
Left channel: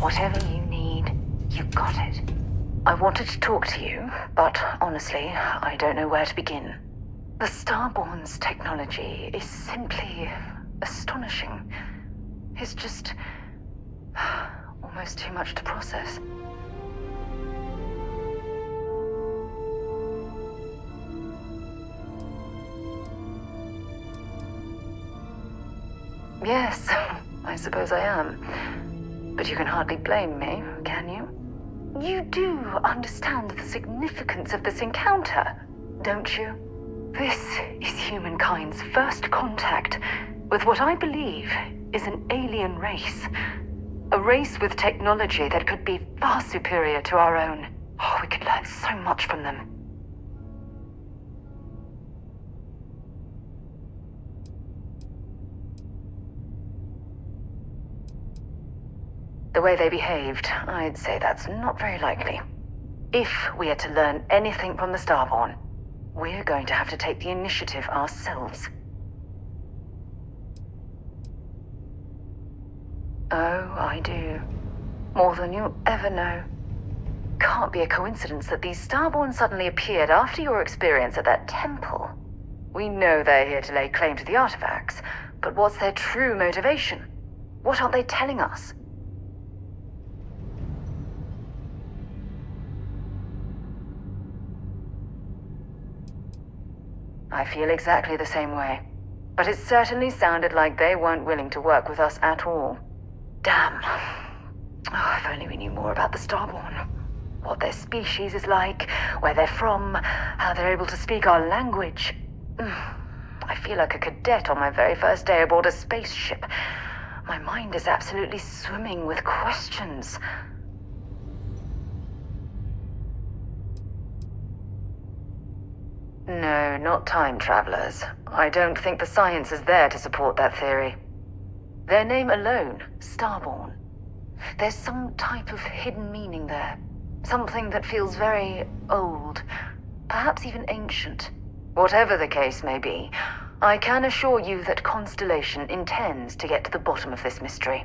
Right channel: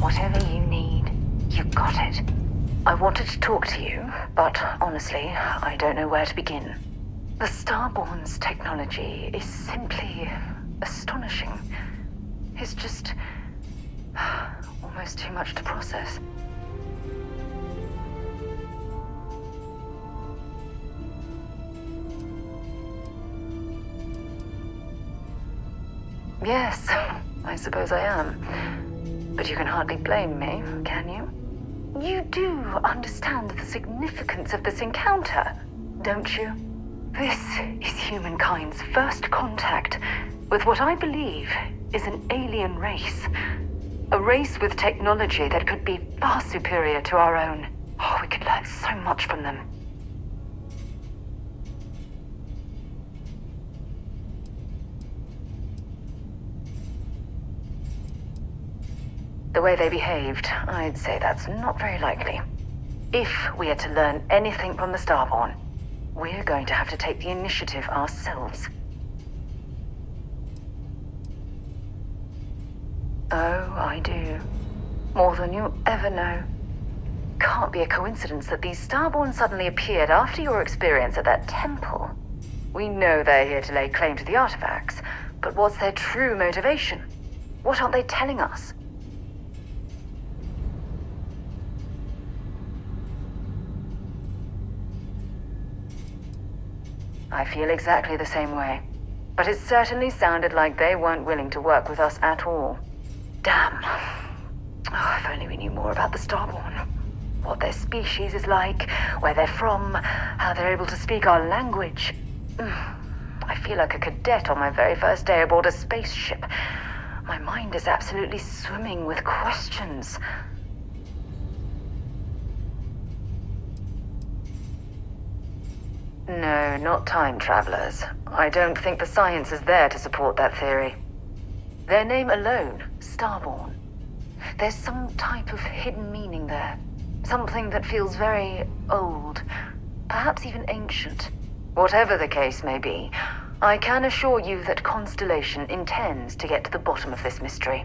Whatever you need, you got it. I wanted to talk to you, but honestly, I don't know where to begin. The Starborn's technology is simply astonishing. It's just almost too much to process. Yes, I suppose I am. But you can hardly blame me, can you? You do understand the significance of this encounter, don't you? This is humankind's first contact with what I believe is an alien race. A race with technology that could be far superior to our own. Oh, we could learn so much from them. The way they behaved, I'd say that's not very likely. If we are to learn anything from the Starborn, we're going to have to take the initiative ourselves. Oh, I do. More than you'll ever know. Can't be a coincidence that these Starborn suddenly appeared after your experience at that temple. We know they're here to lay claim to the artifacts, but what's their true motivation? What aren't they telling us? I feel exactly the same way. But it certainly sounded like they weren't willing to work with us at all. Damn. Oh, if only we knew more about the Starborn. What their species is like, where they're from, how they're able to speak our language. I feel like a cadet on my very first day aboard a spaceship. My mind is absolutely swimming with questions. No, not time travelers. I don't think the science is there to support that theory. Their name alone, Starborn. There's some type of hidden meaning there. Something that feels very old, perhaps even ancient. Whatever the case may be, I can assure you that Constellation intends to get to the bottom of this mystery.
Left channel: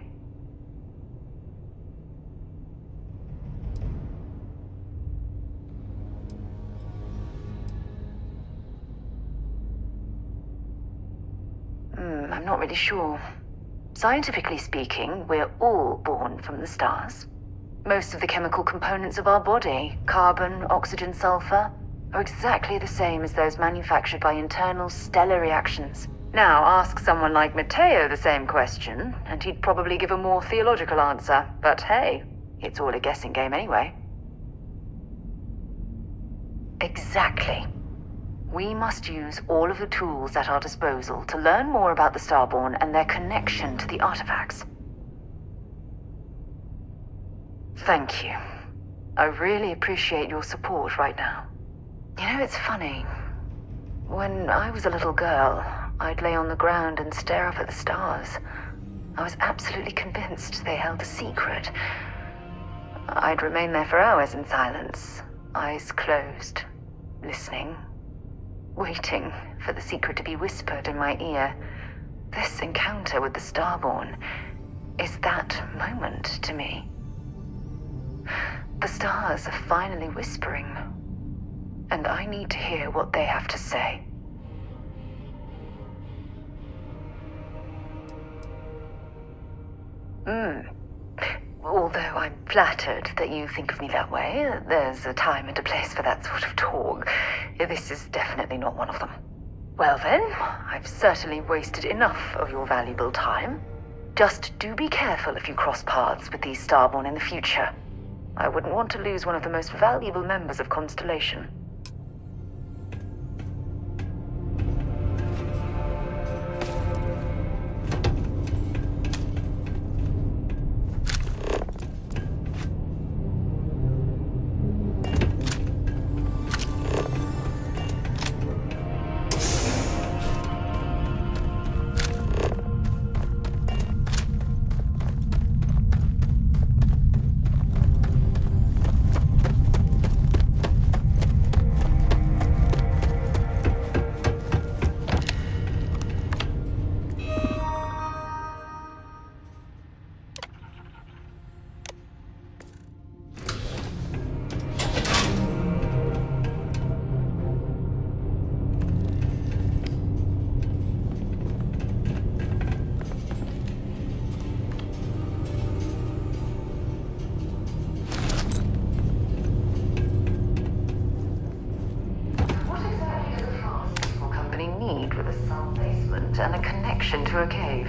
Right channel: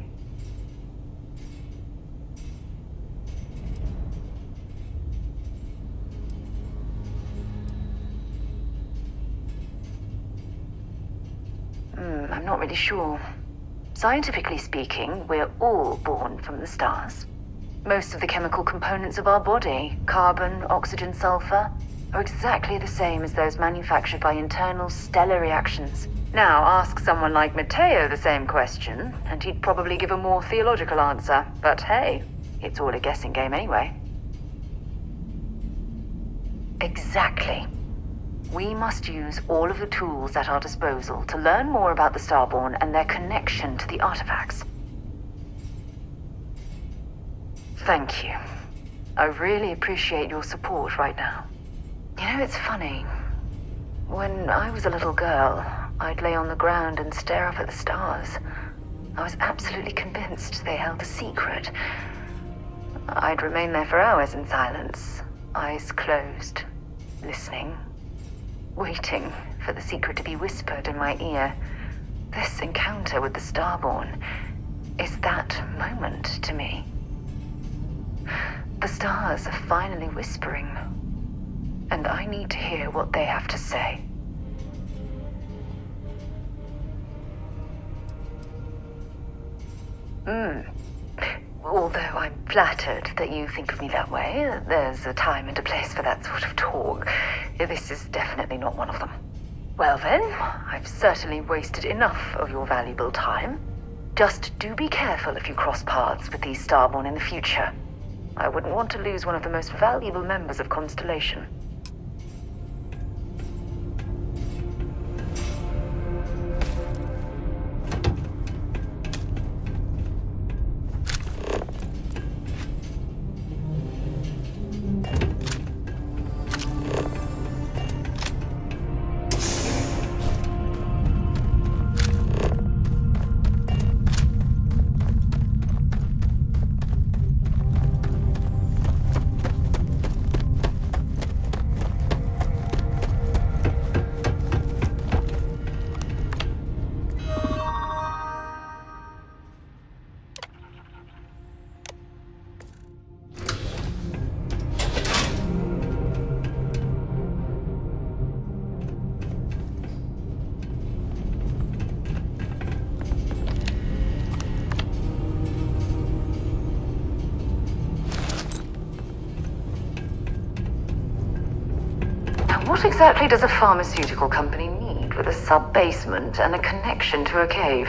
I'm not really sure. Scientifically speaking, we're all born from the stars. Most of the chemical components of our body, carbon, oxygen, sulfur, are exactly the same as those manufactured by internal stellar reactions. Now, ask someone like Matteo the same question, and he'd probably give a more theological answer. But hey, it's all a guessing game anyway. Exactly. We must use all of the tools at our disposal to learn more about the Starborn and their connection to the artifacts. Thank you. I really appreciate your support right now. You know, it's funny. When I was a little girl, I'd lay on the ground and stare up at the stars. I was absolutely convinced they held a secret. I'd remain there for hours in silence, eyes closed, listening. Waiting for the secret to be whispered in my ear. This encounter with the Starborn is that moment to me. The stars are finally whispering, and I need to hear what they have to say. Although I'm flattered that you think of me that way, there's a time and a place for that sort of talk. This is definitely not one of them. Well then, I've certainly wasted enough of your valuable time. Just do be careful if you cross paths with these Starborn in the future. I wouldn't want to lose one of the most valuable members of Constellation. what exactly does a pharmaceutical company need with a sub-basement and a connection to a cave?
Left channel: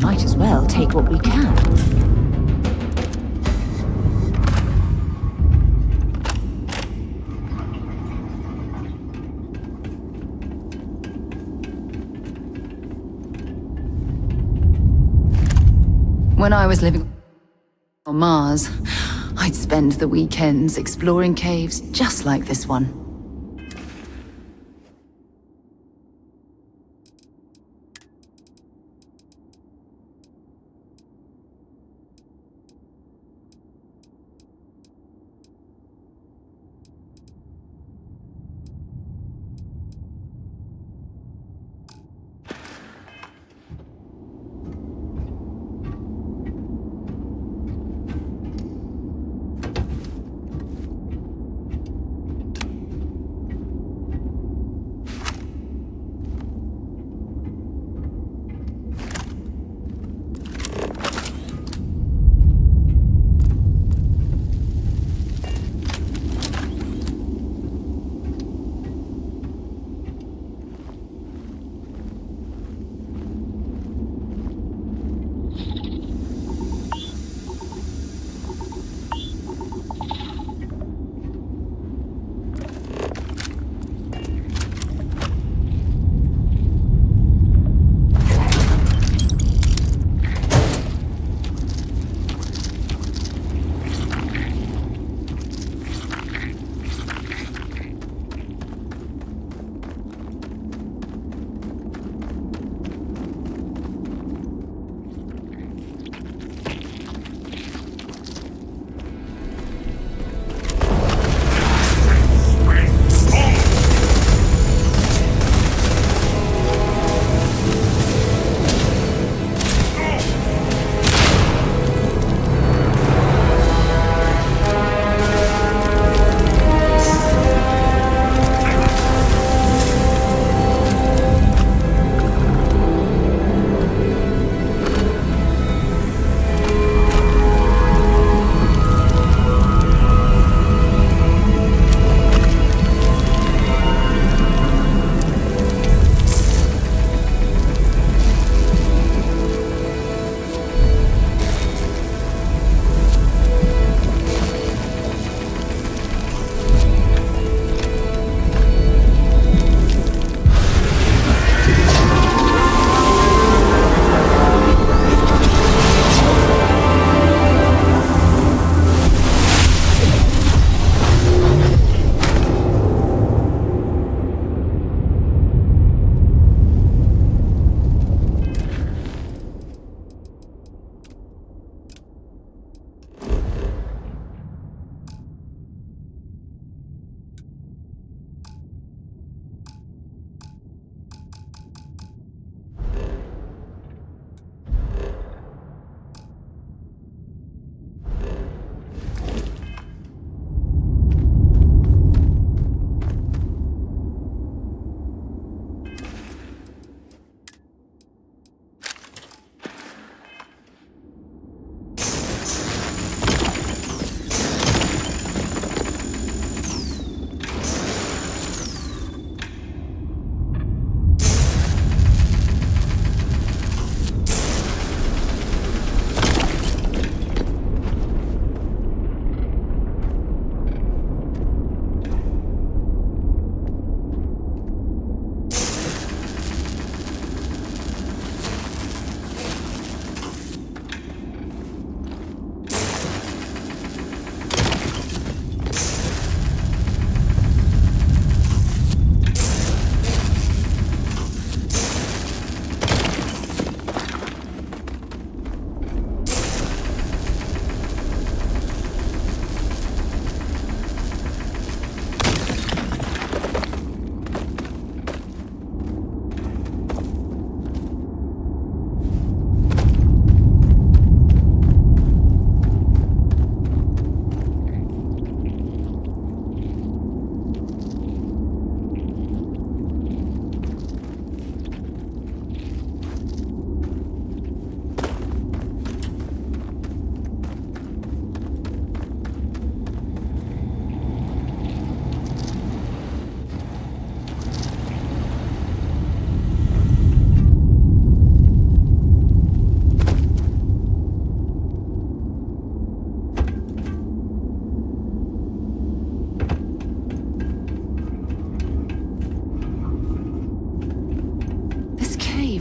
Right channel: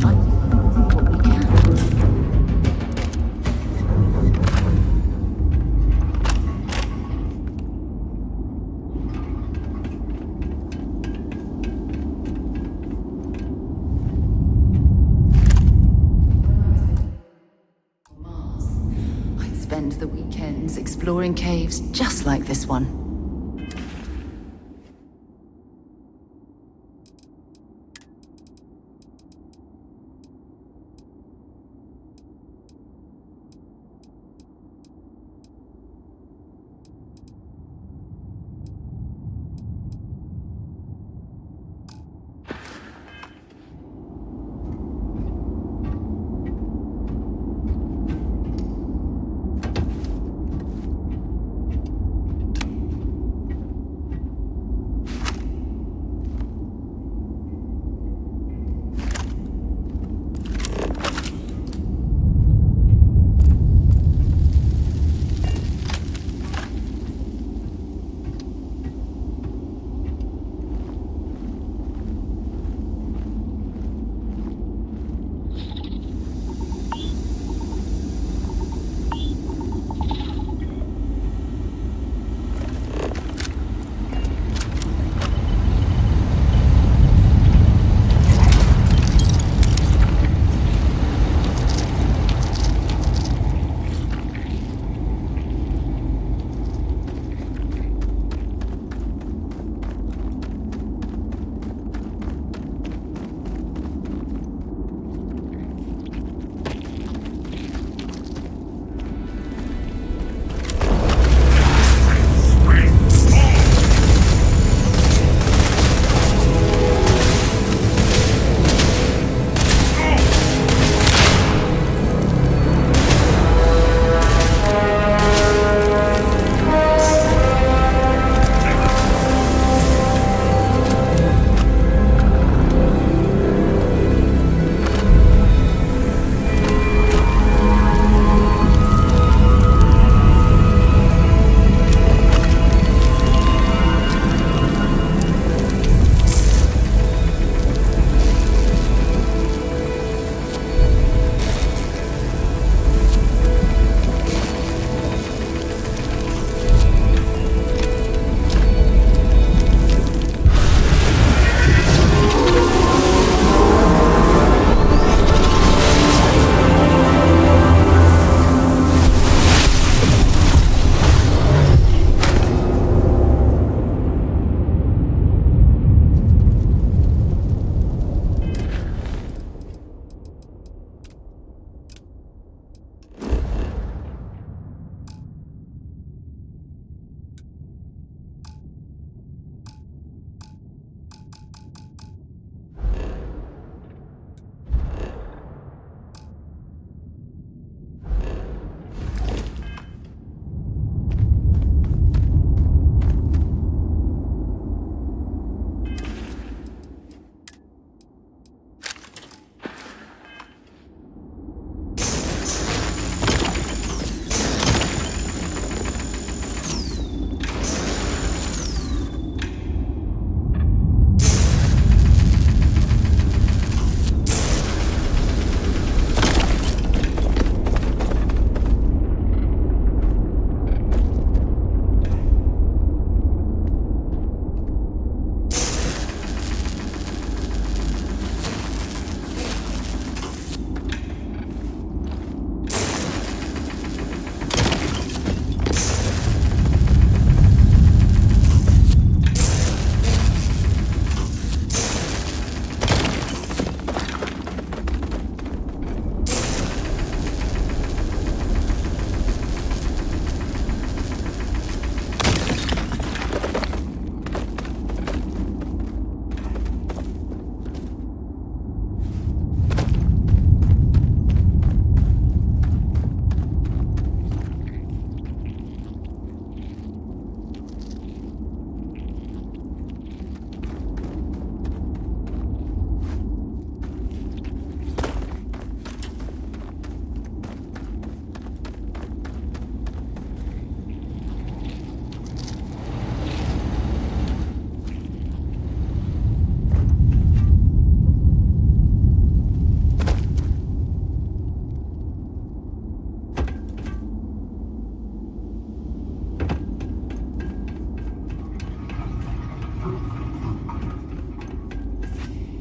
Might as well take what we can. When I was living on Mars, I'd spend the weekends exploring caves just like this one.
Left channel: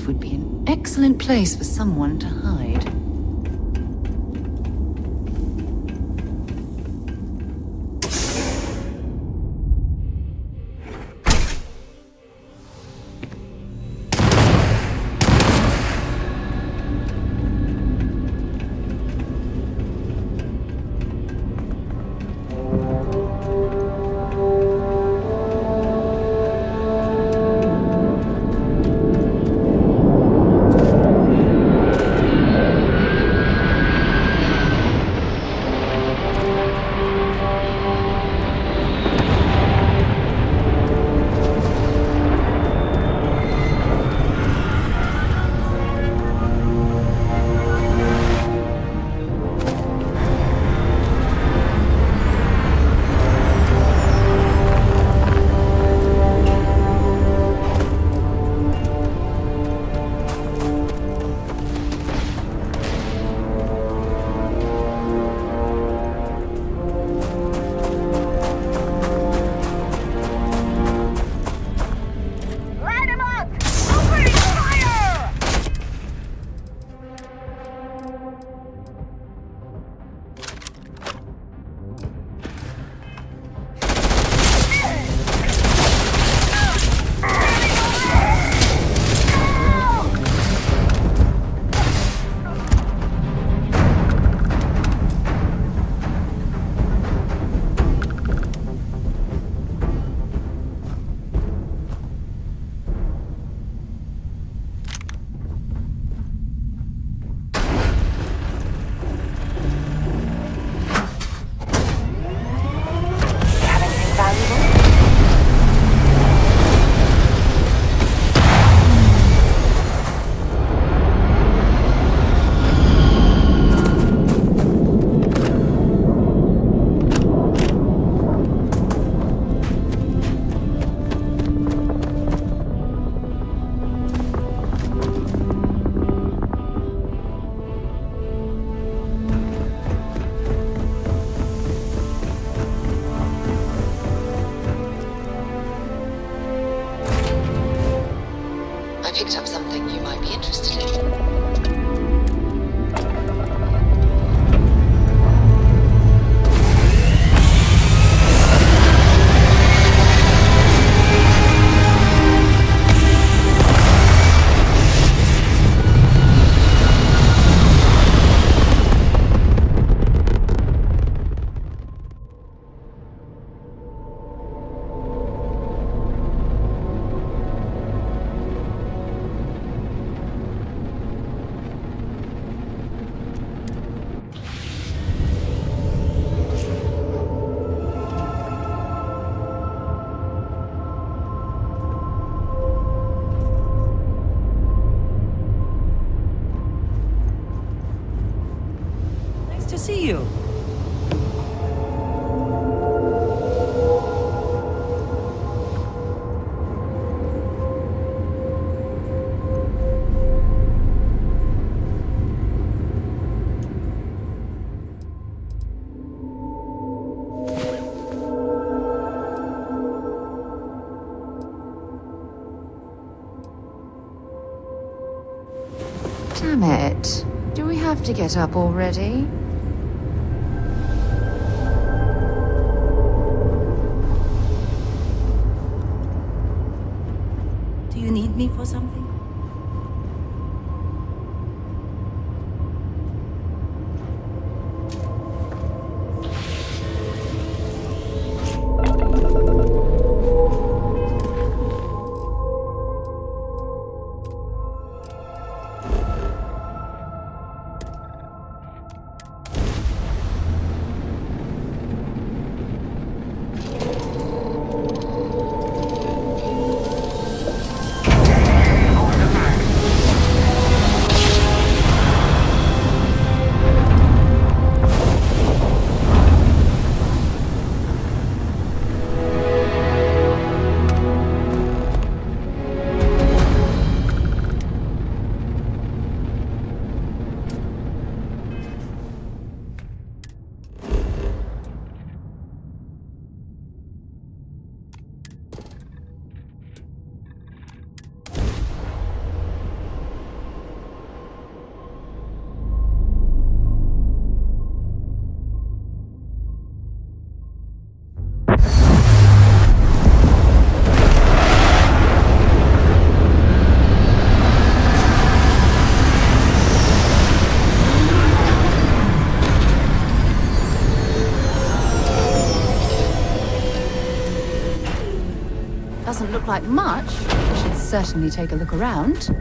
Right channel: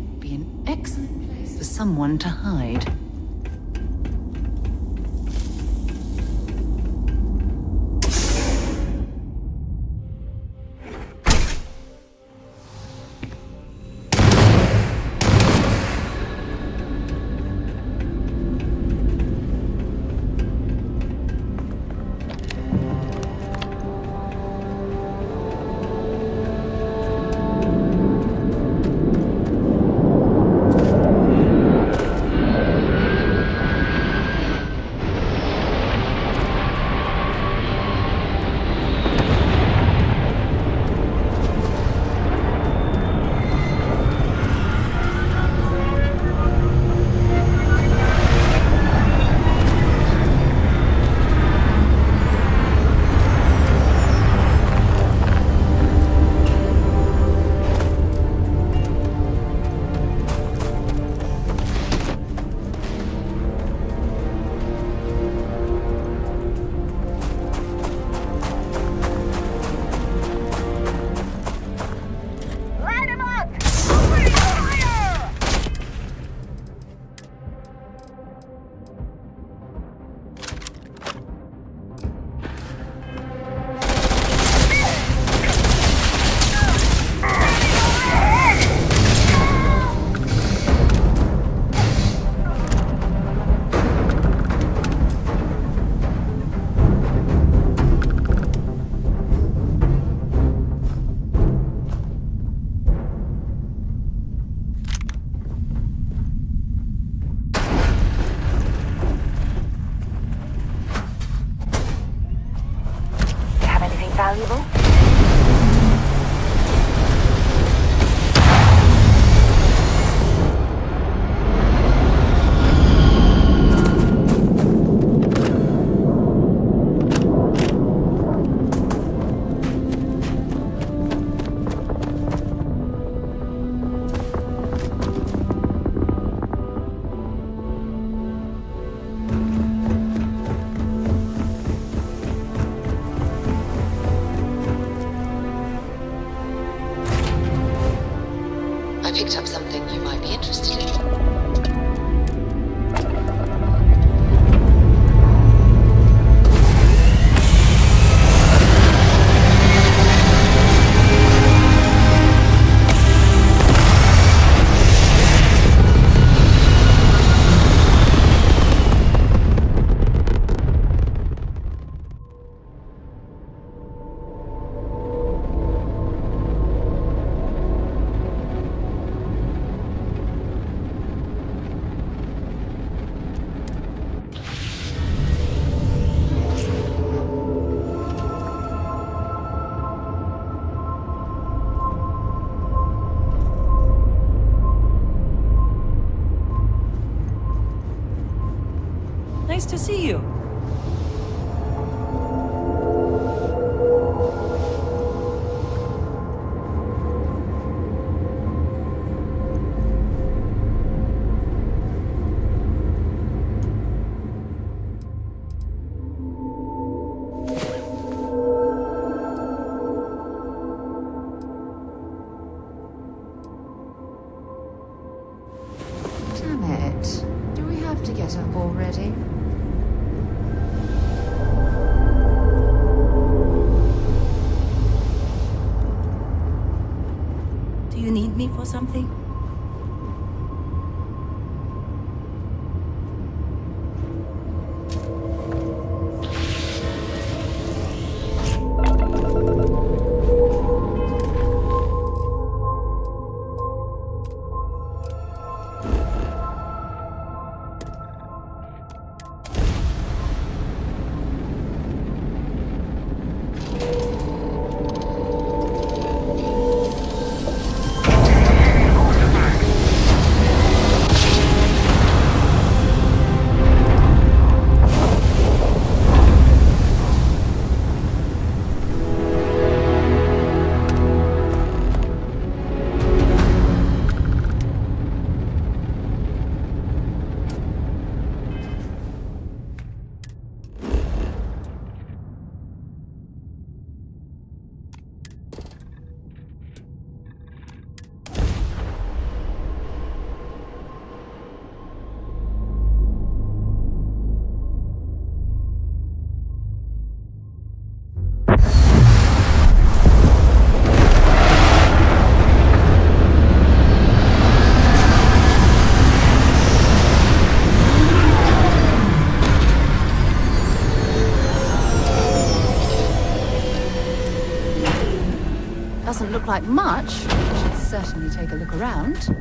cave would be an excellent place for someone to hide. Picked up something you might be interested in. Nice to see you. Damn it. Do we have to get up already? Do you need me for something? Doesn't look like much. We should certainly take a look around.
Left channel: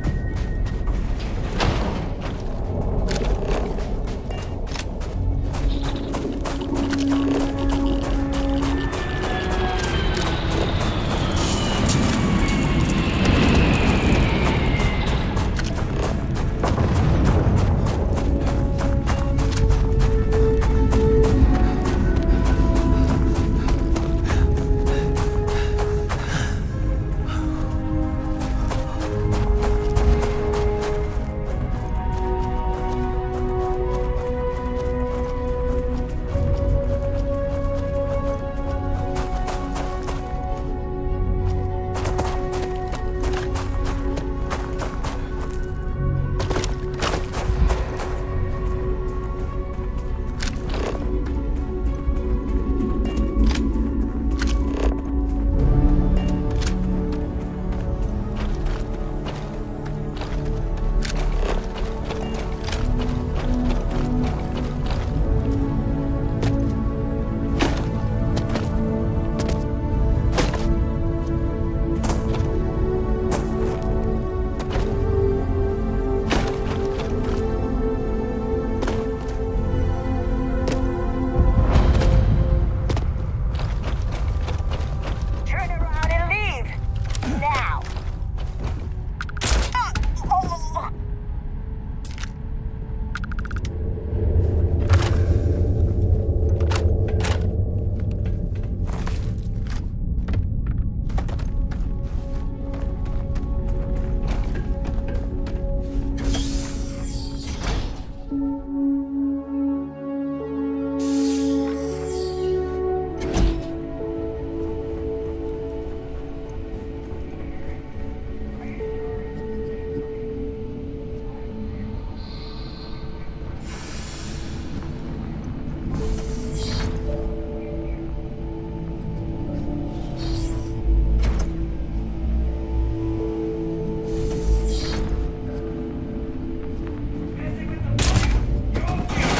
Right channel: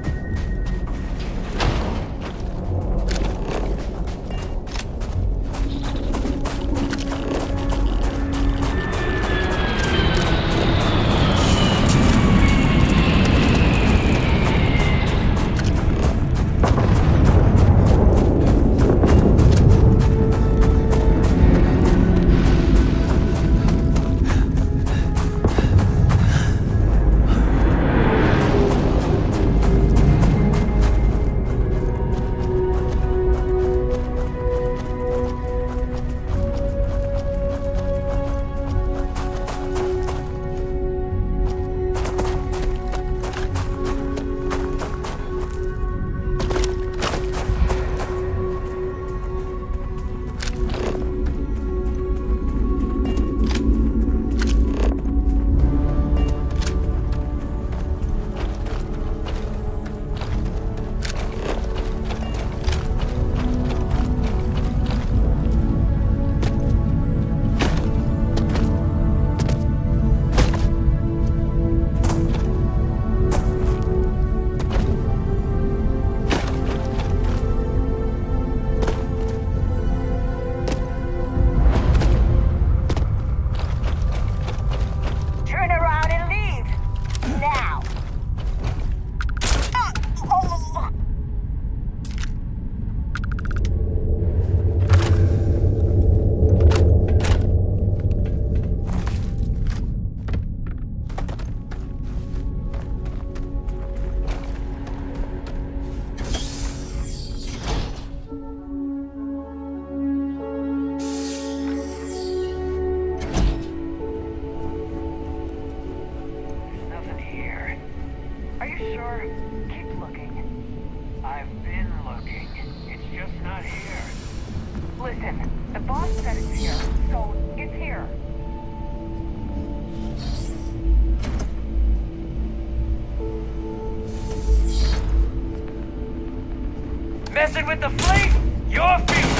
Messing with the fleet? Your feet!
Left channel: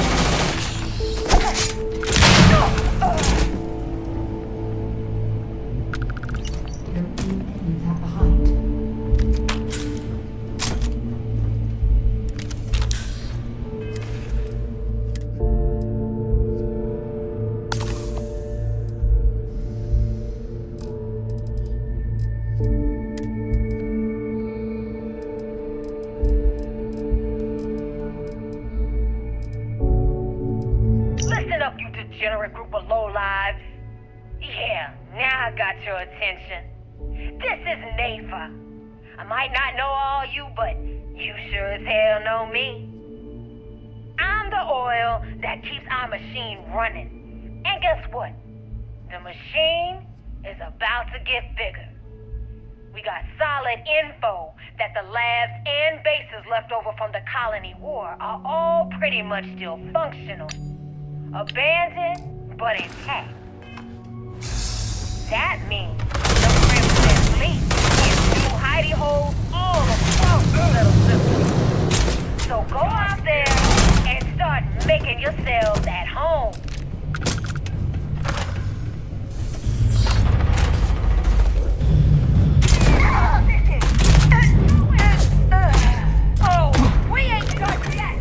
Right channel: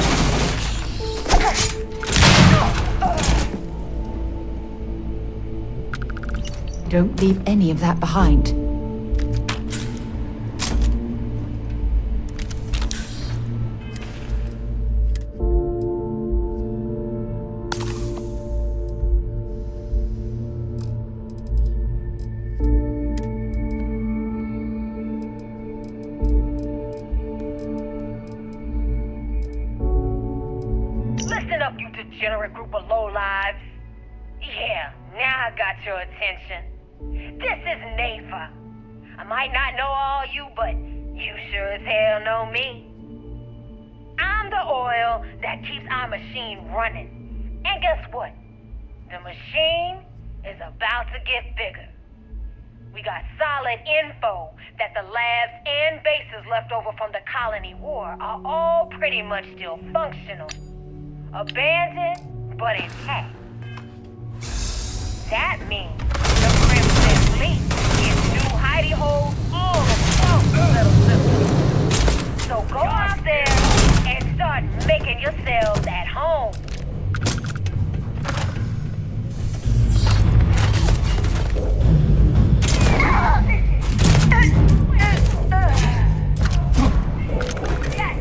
Don't leave any of that behind. Listen up, you degenerate group of lowlives. Yeah, now I got your attention. This is Nafa. I might not know all you, but you sure as hell know me. I'm the oil that keeps our machine running. And guess what? The machine is about to get bigger. We got solid info that the labs and bases left over from the colony war are all pretty much still functional. Abandoned, but intact. That means the Crimson Fleet is new hidey holes all across the little system. So go out there and start making yourselves at home. Oh, we ain't done yet.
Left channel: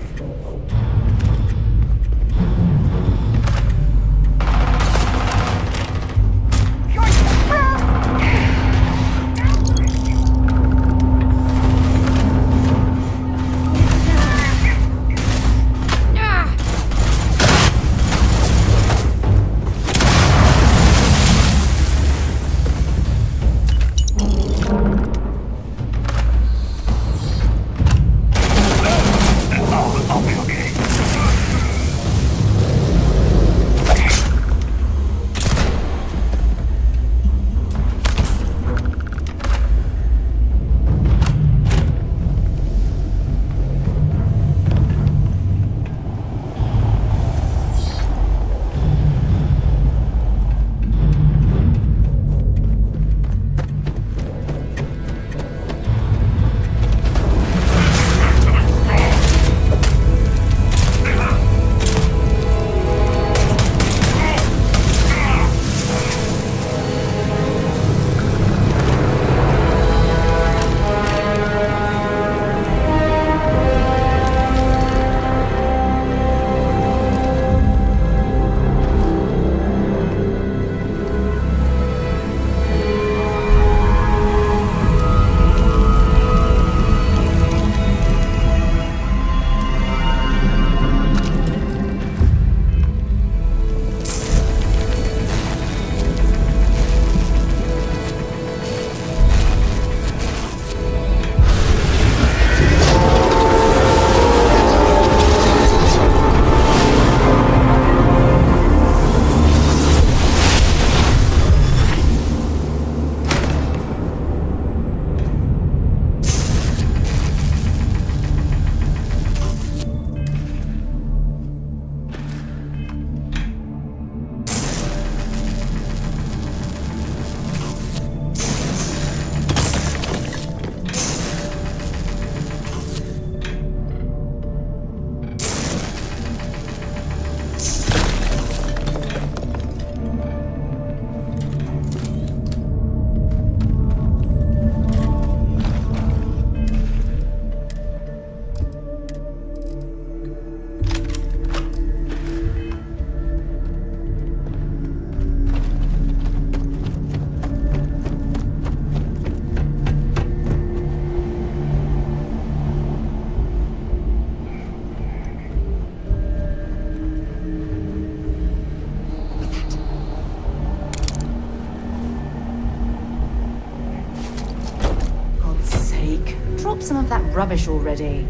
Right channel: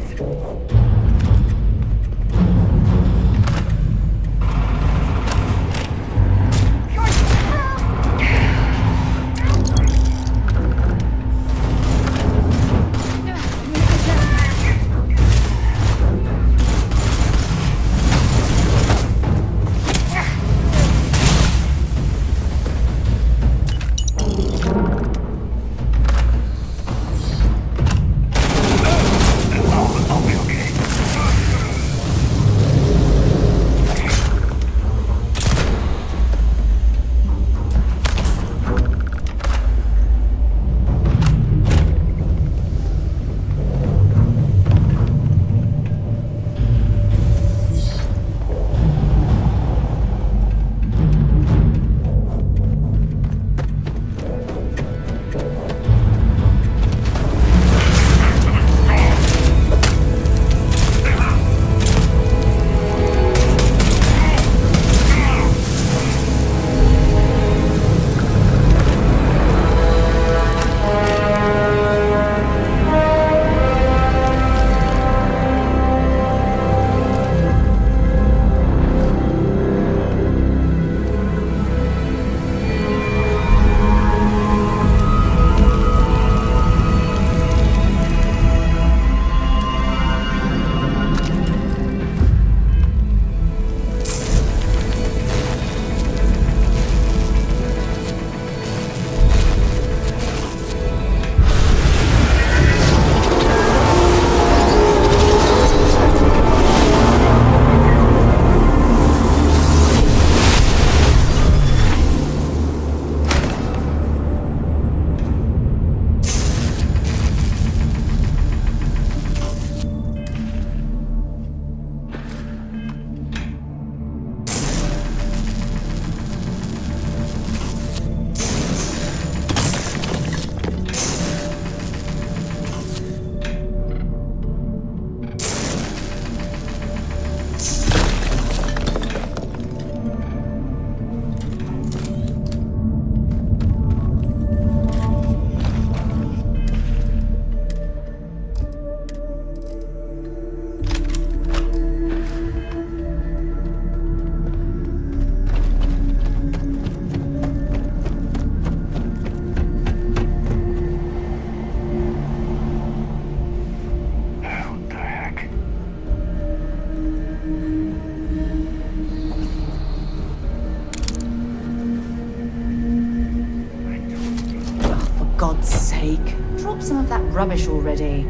some of that rubbish already.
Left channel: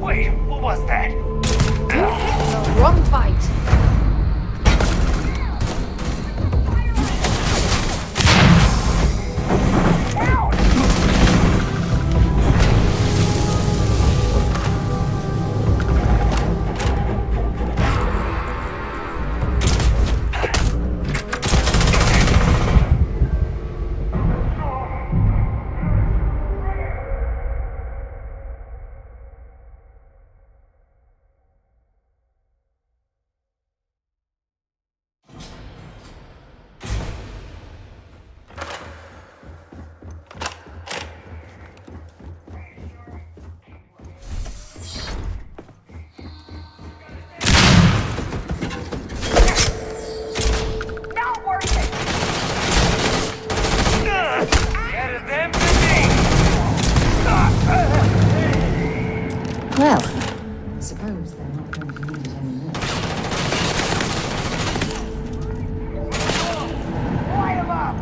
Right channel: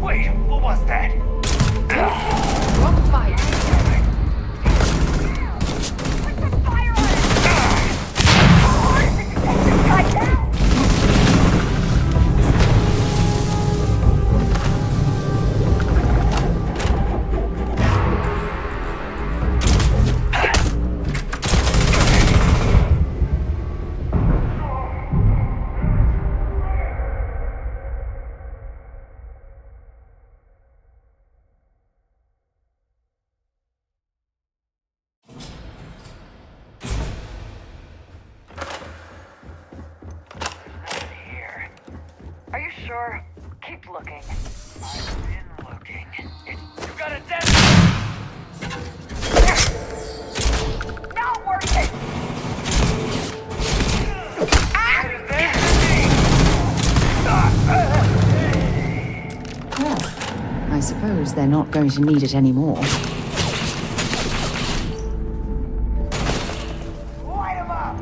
Wait, what was that? Wrong fight. Are you sure? Keep looking. Looking. You got a dead. Not worth it. That is it. Well, I suppose they're not going to need it anymore. Light him up.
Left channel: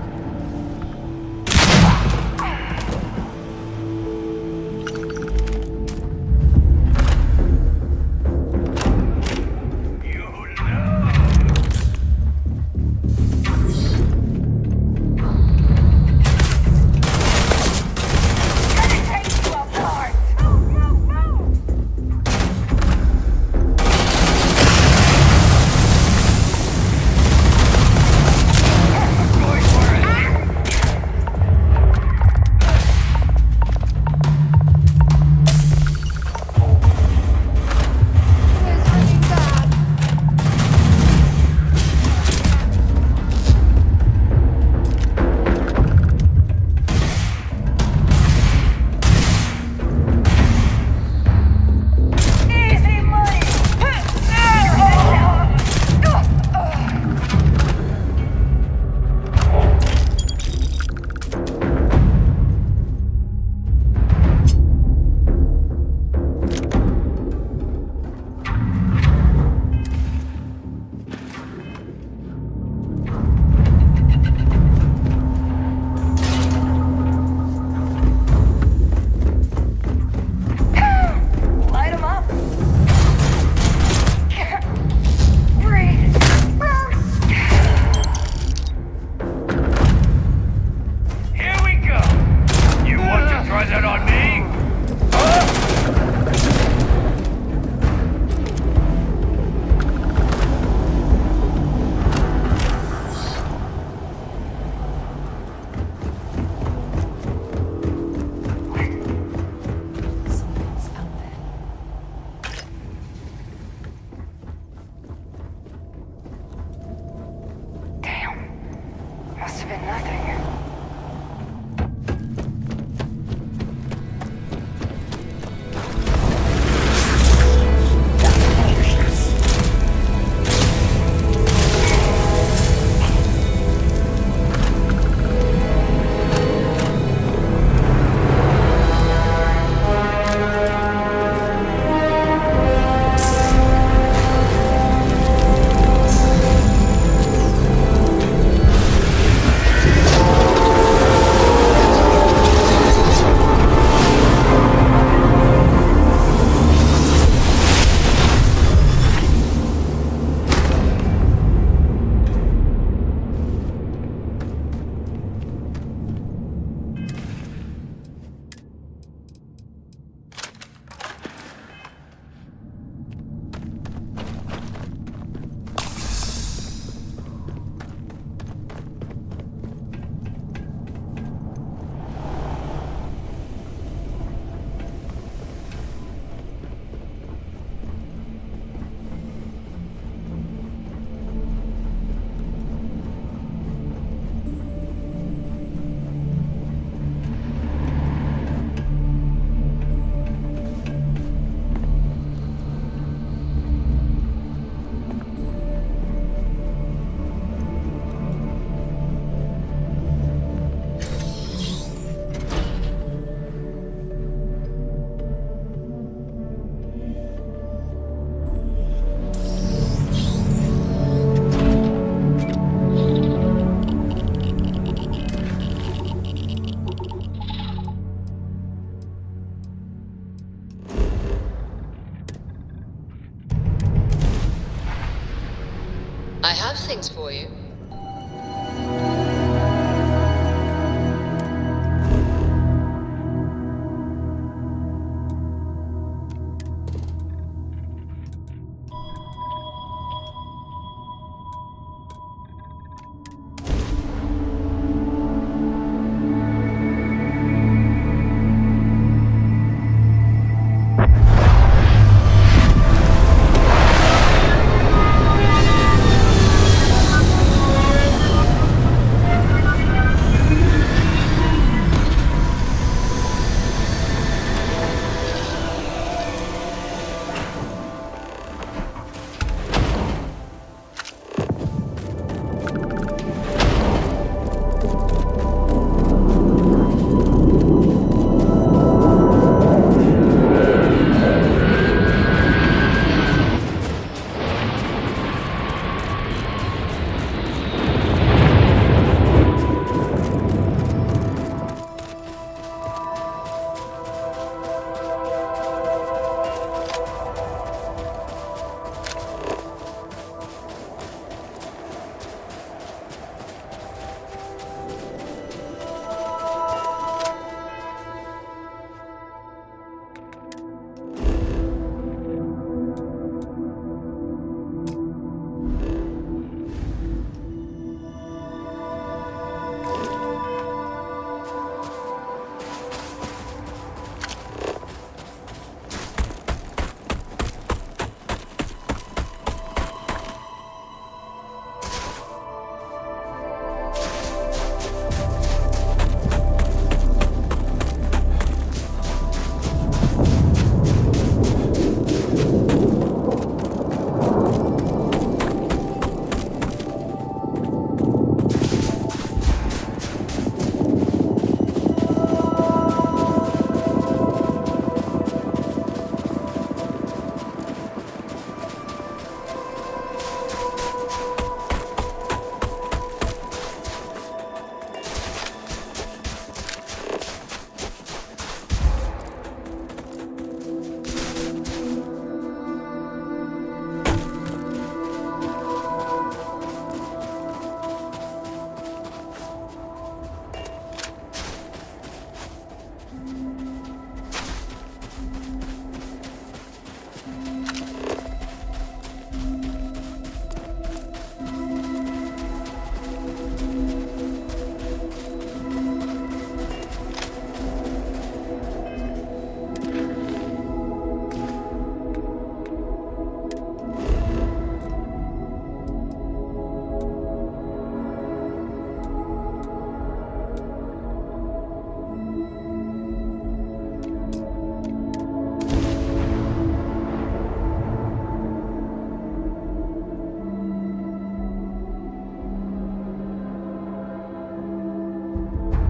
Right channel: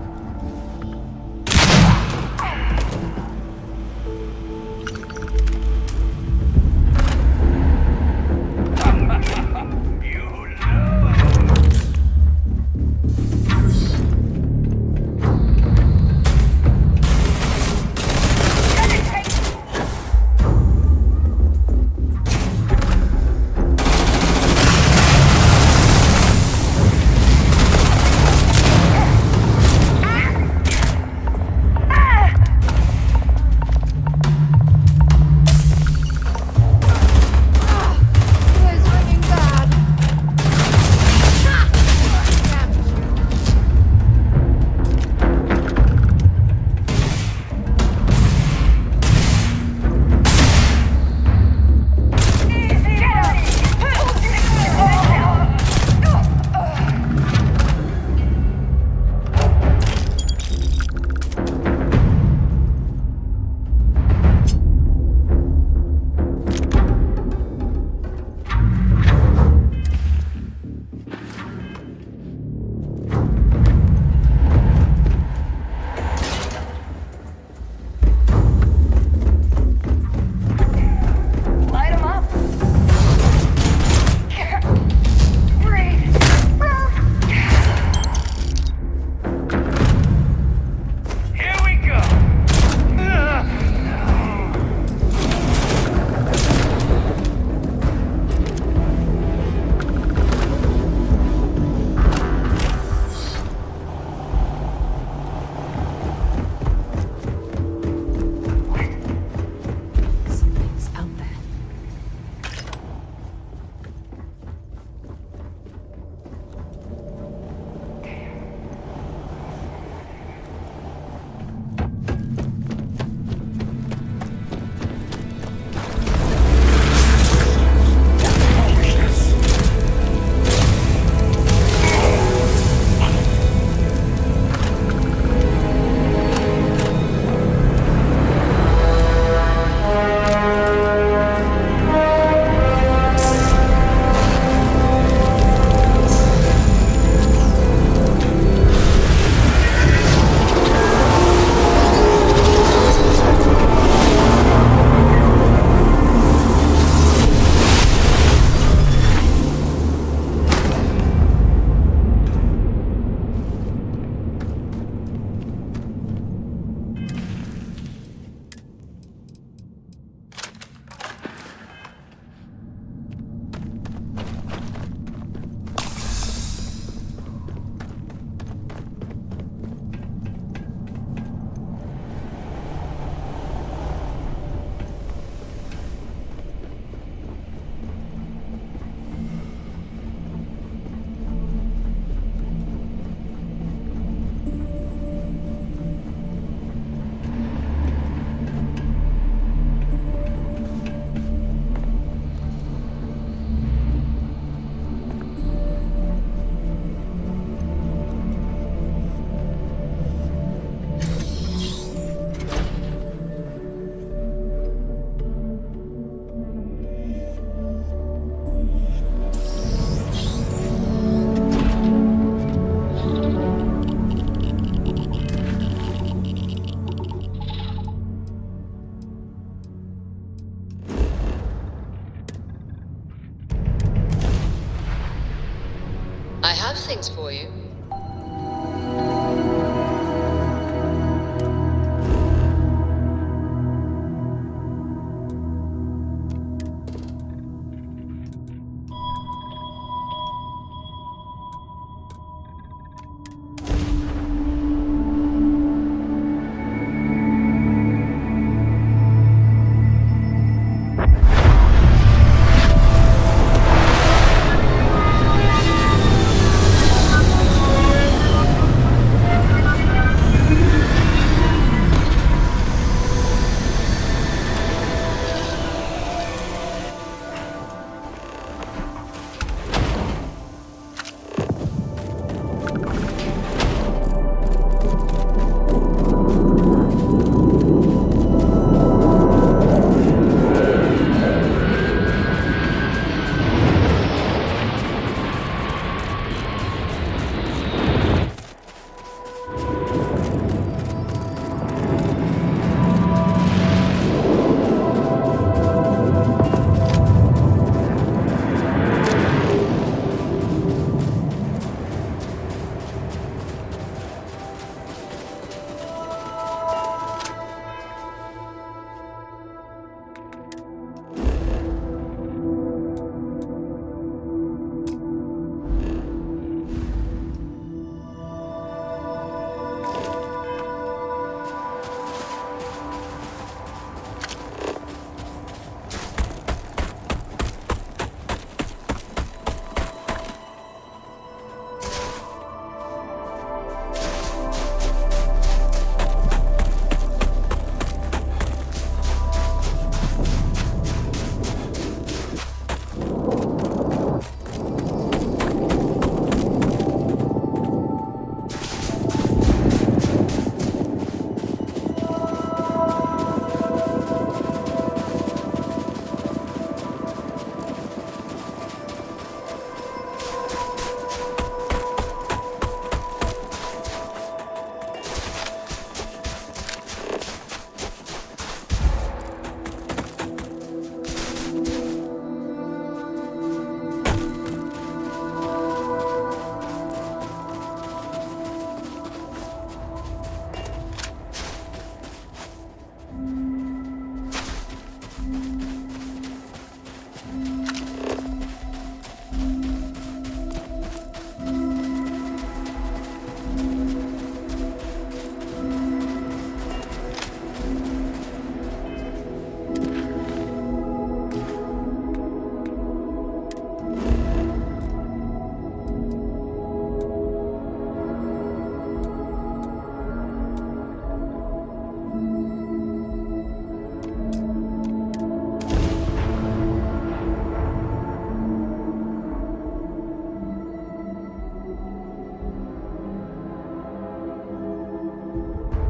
have things for you.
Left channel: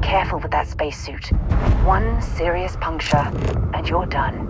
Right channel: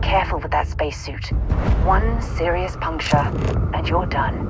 Careful with that spacesuit. One serious puncture, and you're done.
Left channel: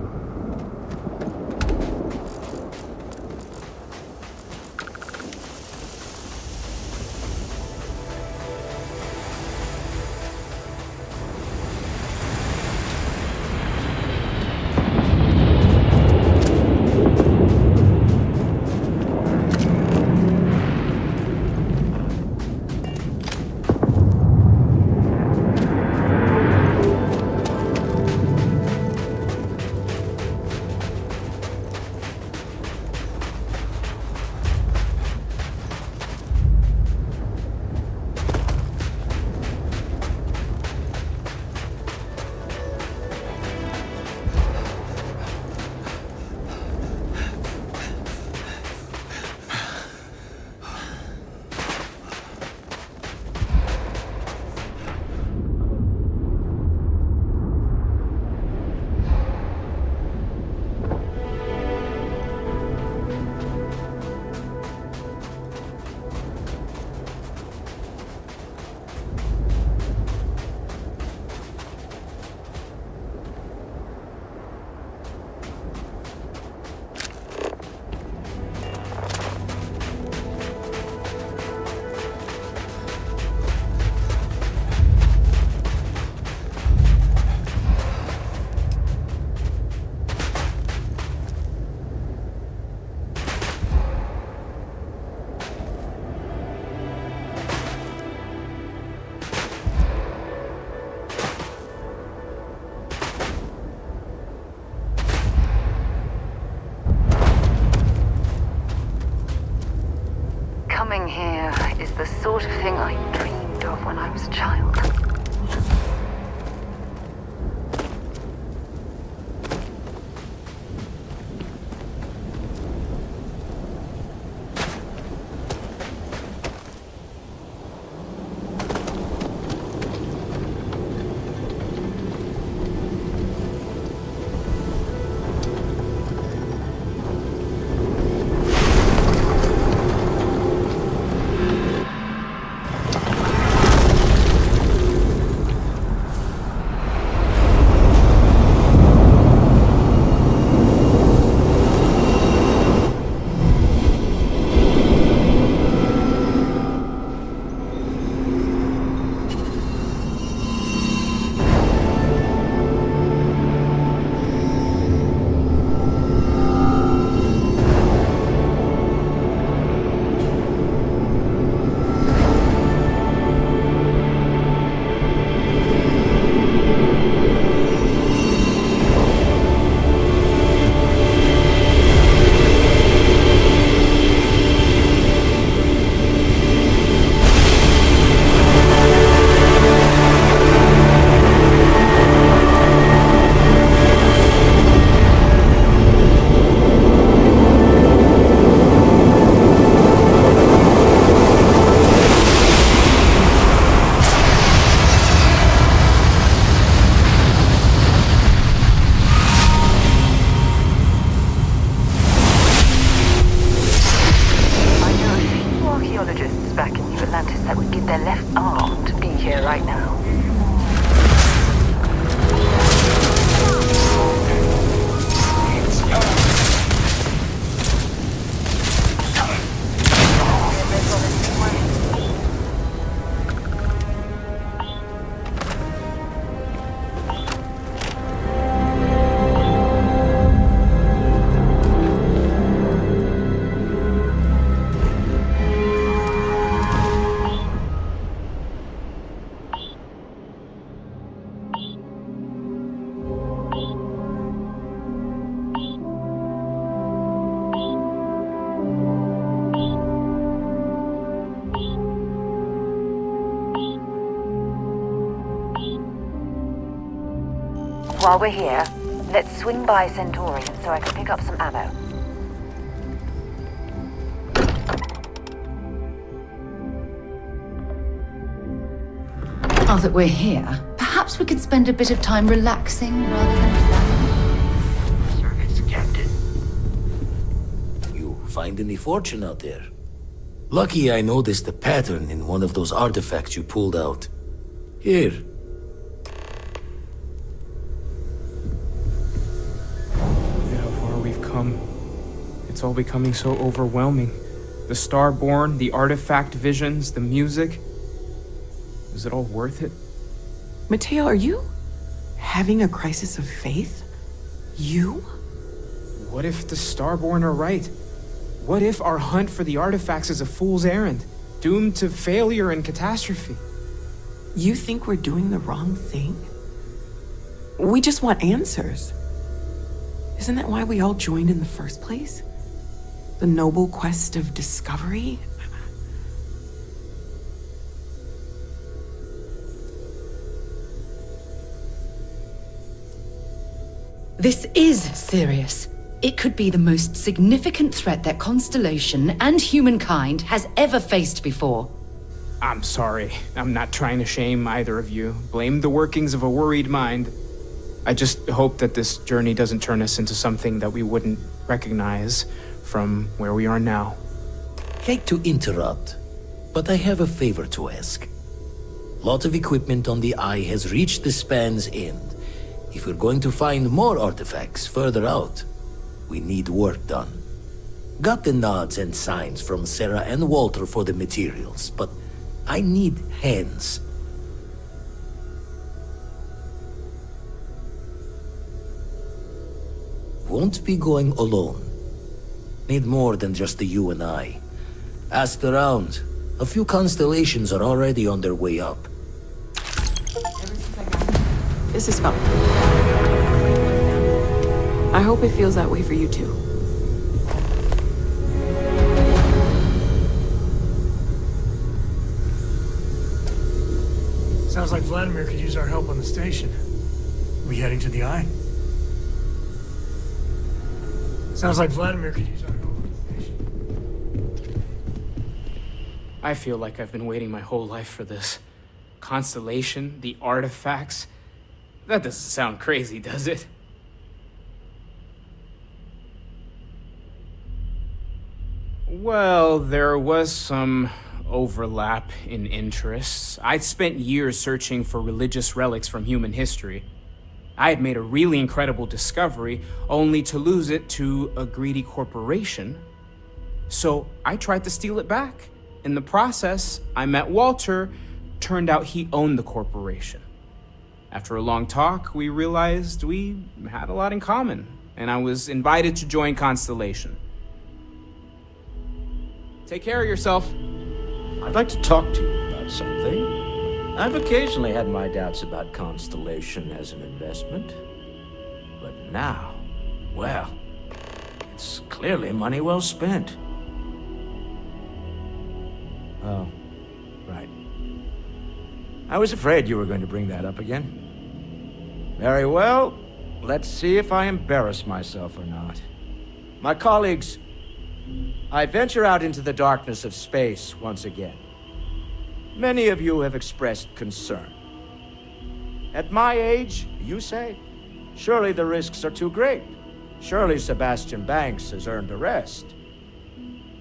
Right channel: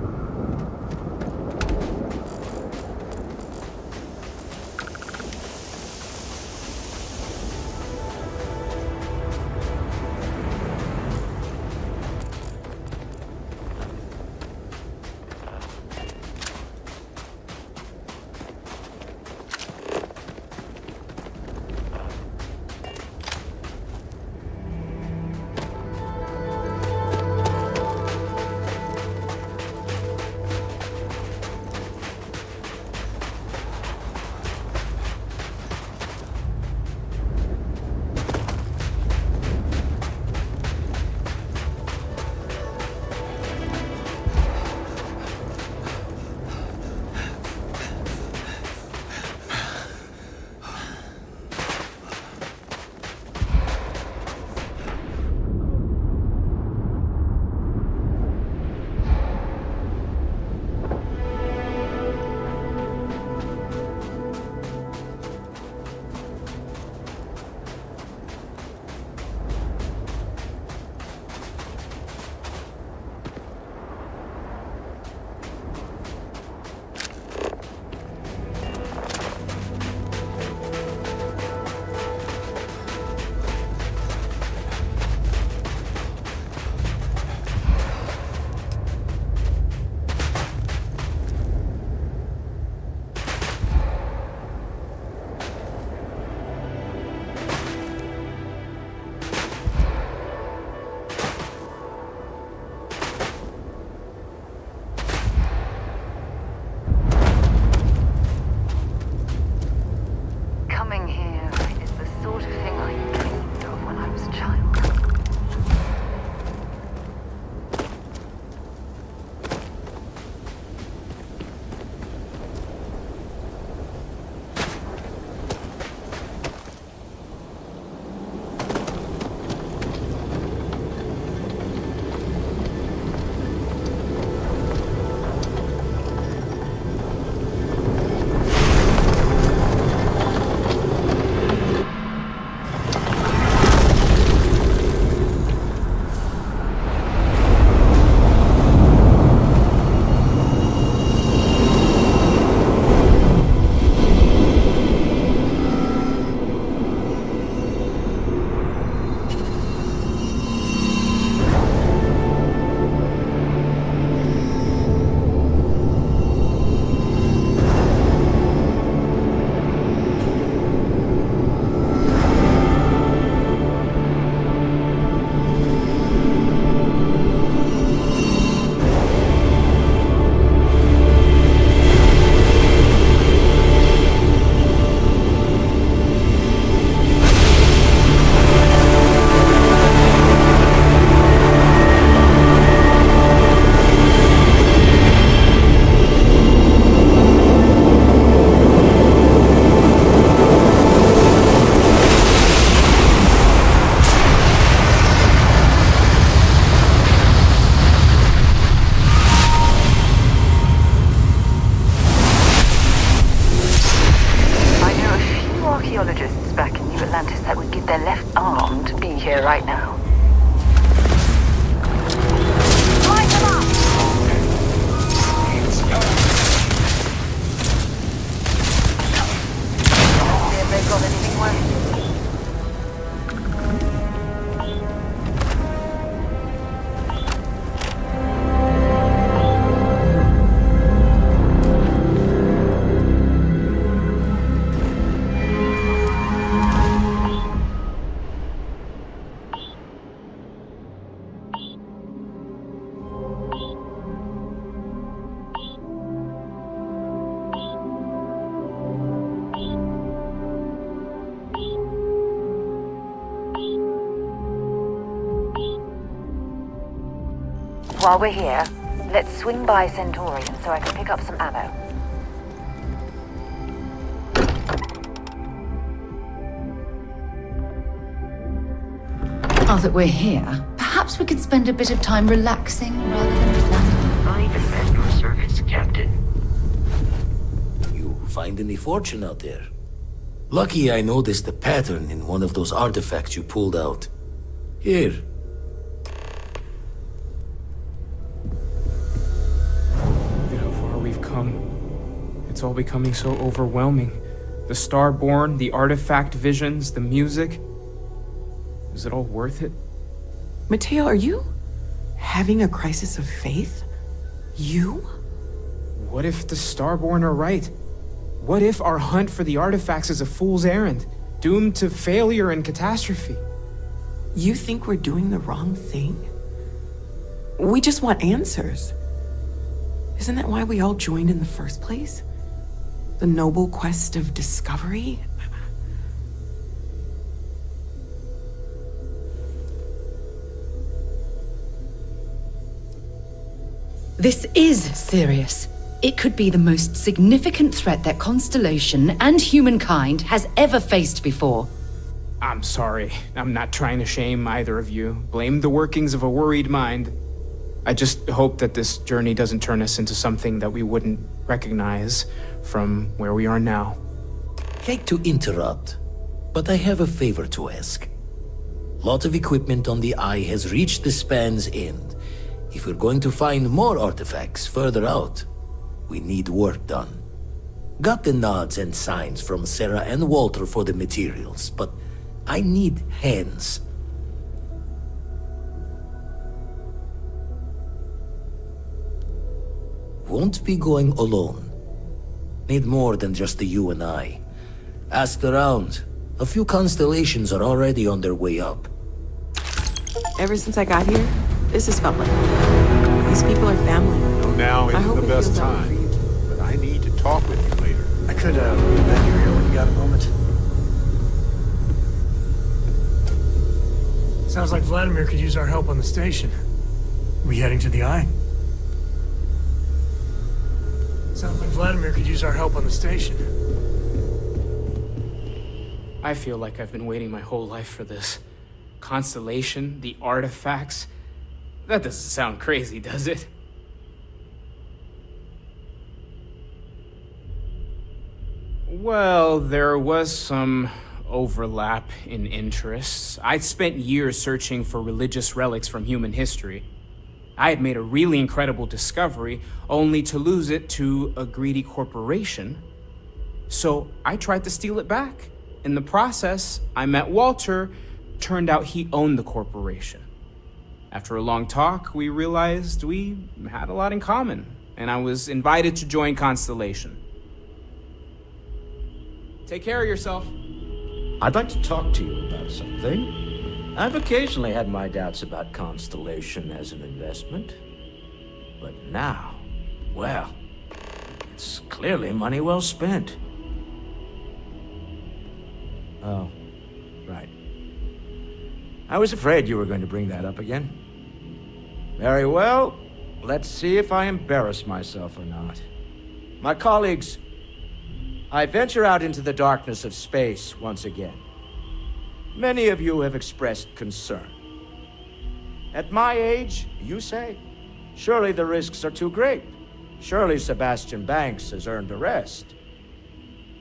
While we're here, let's swing by Centaurian so I can pick up some ammo. Now that we're here, perhaps we could spend a bit of time relaxing rather than planning. Not even meant for service, Captain. You find any fortune out there? Lucky I noticed a pattern in one of those artifacts you pulled out. Here. Look at how far we've come. It's all becoming so overwhelming. The Starborn, the artifact visions, the music. Is it all worth it? Mateo, are you having a crisis of faith? You? What if the Starborn are right? What if our hunt for the artifacts is a fool's errand, doomed to failure and catastrophe? You think we're doing the wrong thing? We just want answers. Isn't that why we all joined in the first place? The noble quest of discovery? This is serious. It could be the most significant threat that Constellation and humankind has ever faced before. I'm sorry. I'm not trying to shame either of you. Blame the workings of a worried mind. I just hope that this journey doesn't turn us into something that we wouldn't recognize from where we are now. Hate to interrupt, but I have a favor to ask. Lot of equipment on the Eye has reached the span's end. If we're going to find more artifacts further out, we need work done. Got the nods and signs from Sarah and Walter for the materials, but I need hands. Won't be going alone. Need more than just the you and I. Asked around. A few constellations are already on their way up. Ever since I got here, this has felt like home. These people are family. I hope it feels that way for you too. I need to talk with you later. I could, you got a moment? Sounds like Vladimir could use our help on the station. We heading to the Eye? Sounds like Vladimir could use our help on the station. I feel like I've been waiting my whole life for this. Constellation, the artifacts. That doesn't sound crazy, does it? Well, there was some overlap in interests. I'd spent years searching for religious relics from human history. I had made a really incredible discovery, only to lose it to a greedy corporation. So I tried to steal it back. In the process, I met Walter. Turned out he owned the corporation. After a long talk, we realized we had a lot in common, and I was invited to join Constellation. Take care of yourself. I'd like to talk to you about something. I've occasionally had my doubts about Constellation as an investment. But now, well, it's clearly money well spent. Oh, right. I was afraid you were going to bring that up again. Very well. Let's see if I embarrass myself or not. My colleagues, I venture out into the darkness of space once again. Many of you have expressed concern. At my age, you say, surely the risks are too great. Surely Sebastian Banks has earned a rest.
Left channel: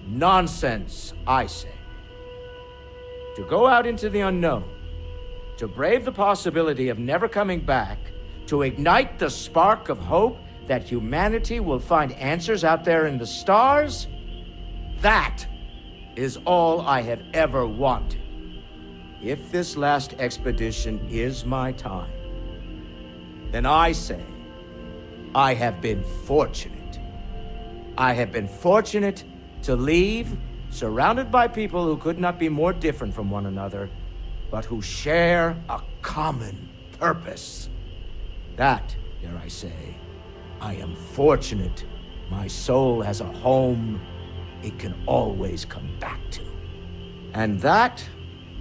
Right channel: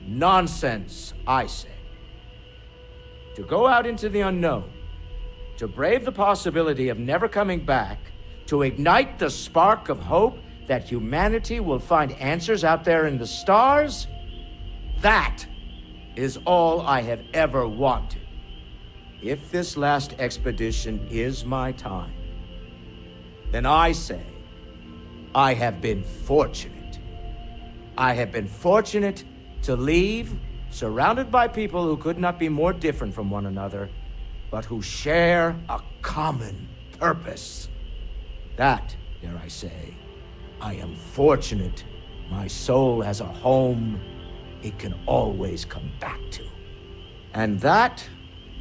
Nonsense, I say. To go out into the unknown, to brave the possibility of never coming back, to ignite the spark of hope that humanity will find answers out there in the stars, that is all I have ever wanted. If this last expedition is my time, then I say, I have been fortunate. I have been fortunate to leave, surrounded by people who could not be more different from one another, but who share a common purpose. That, dare I say, I am fortunate. My soul has a home it can always come back to. And that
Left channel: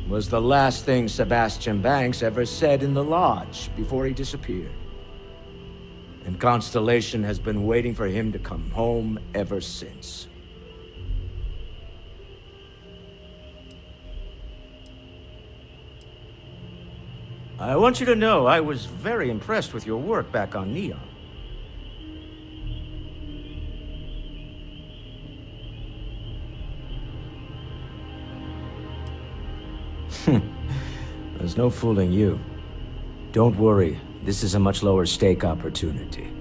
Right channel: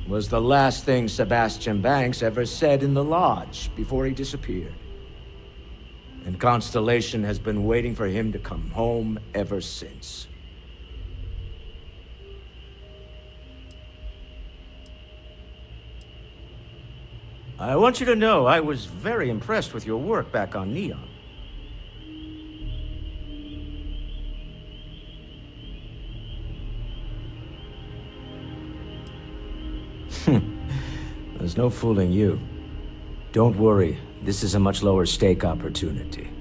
was the last thing Sebastian Banks ever said in the lodge before he disappeared. And Constellation has been waiting for him to come home ever since. I want you to know I was very impressed with your work back on Neon. There's no fooling you. Don't worry, this is a much lower stake opportunity.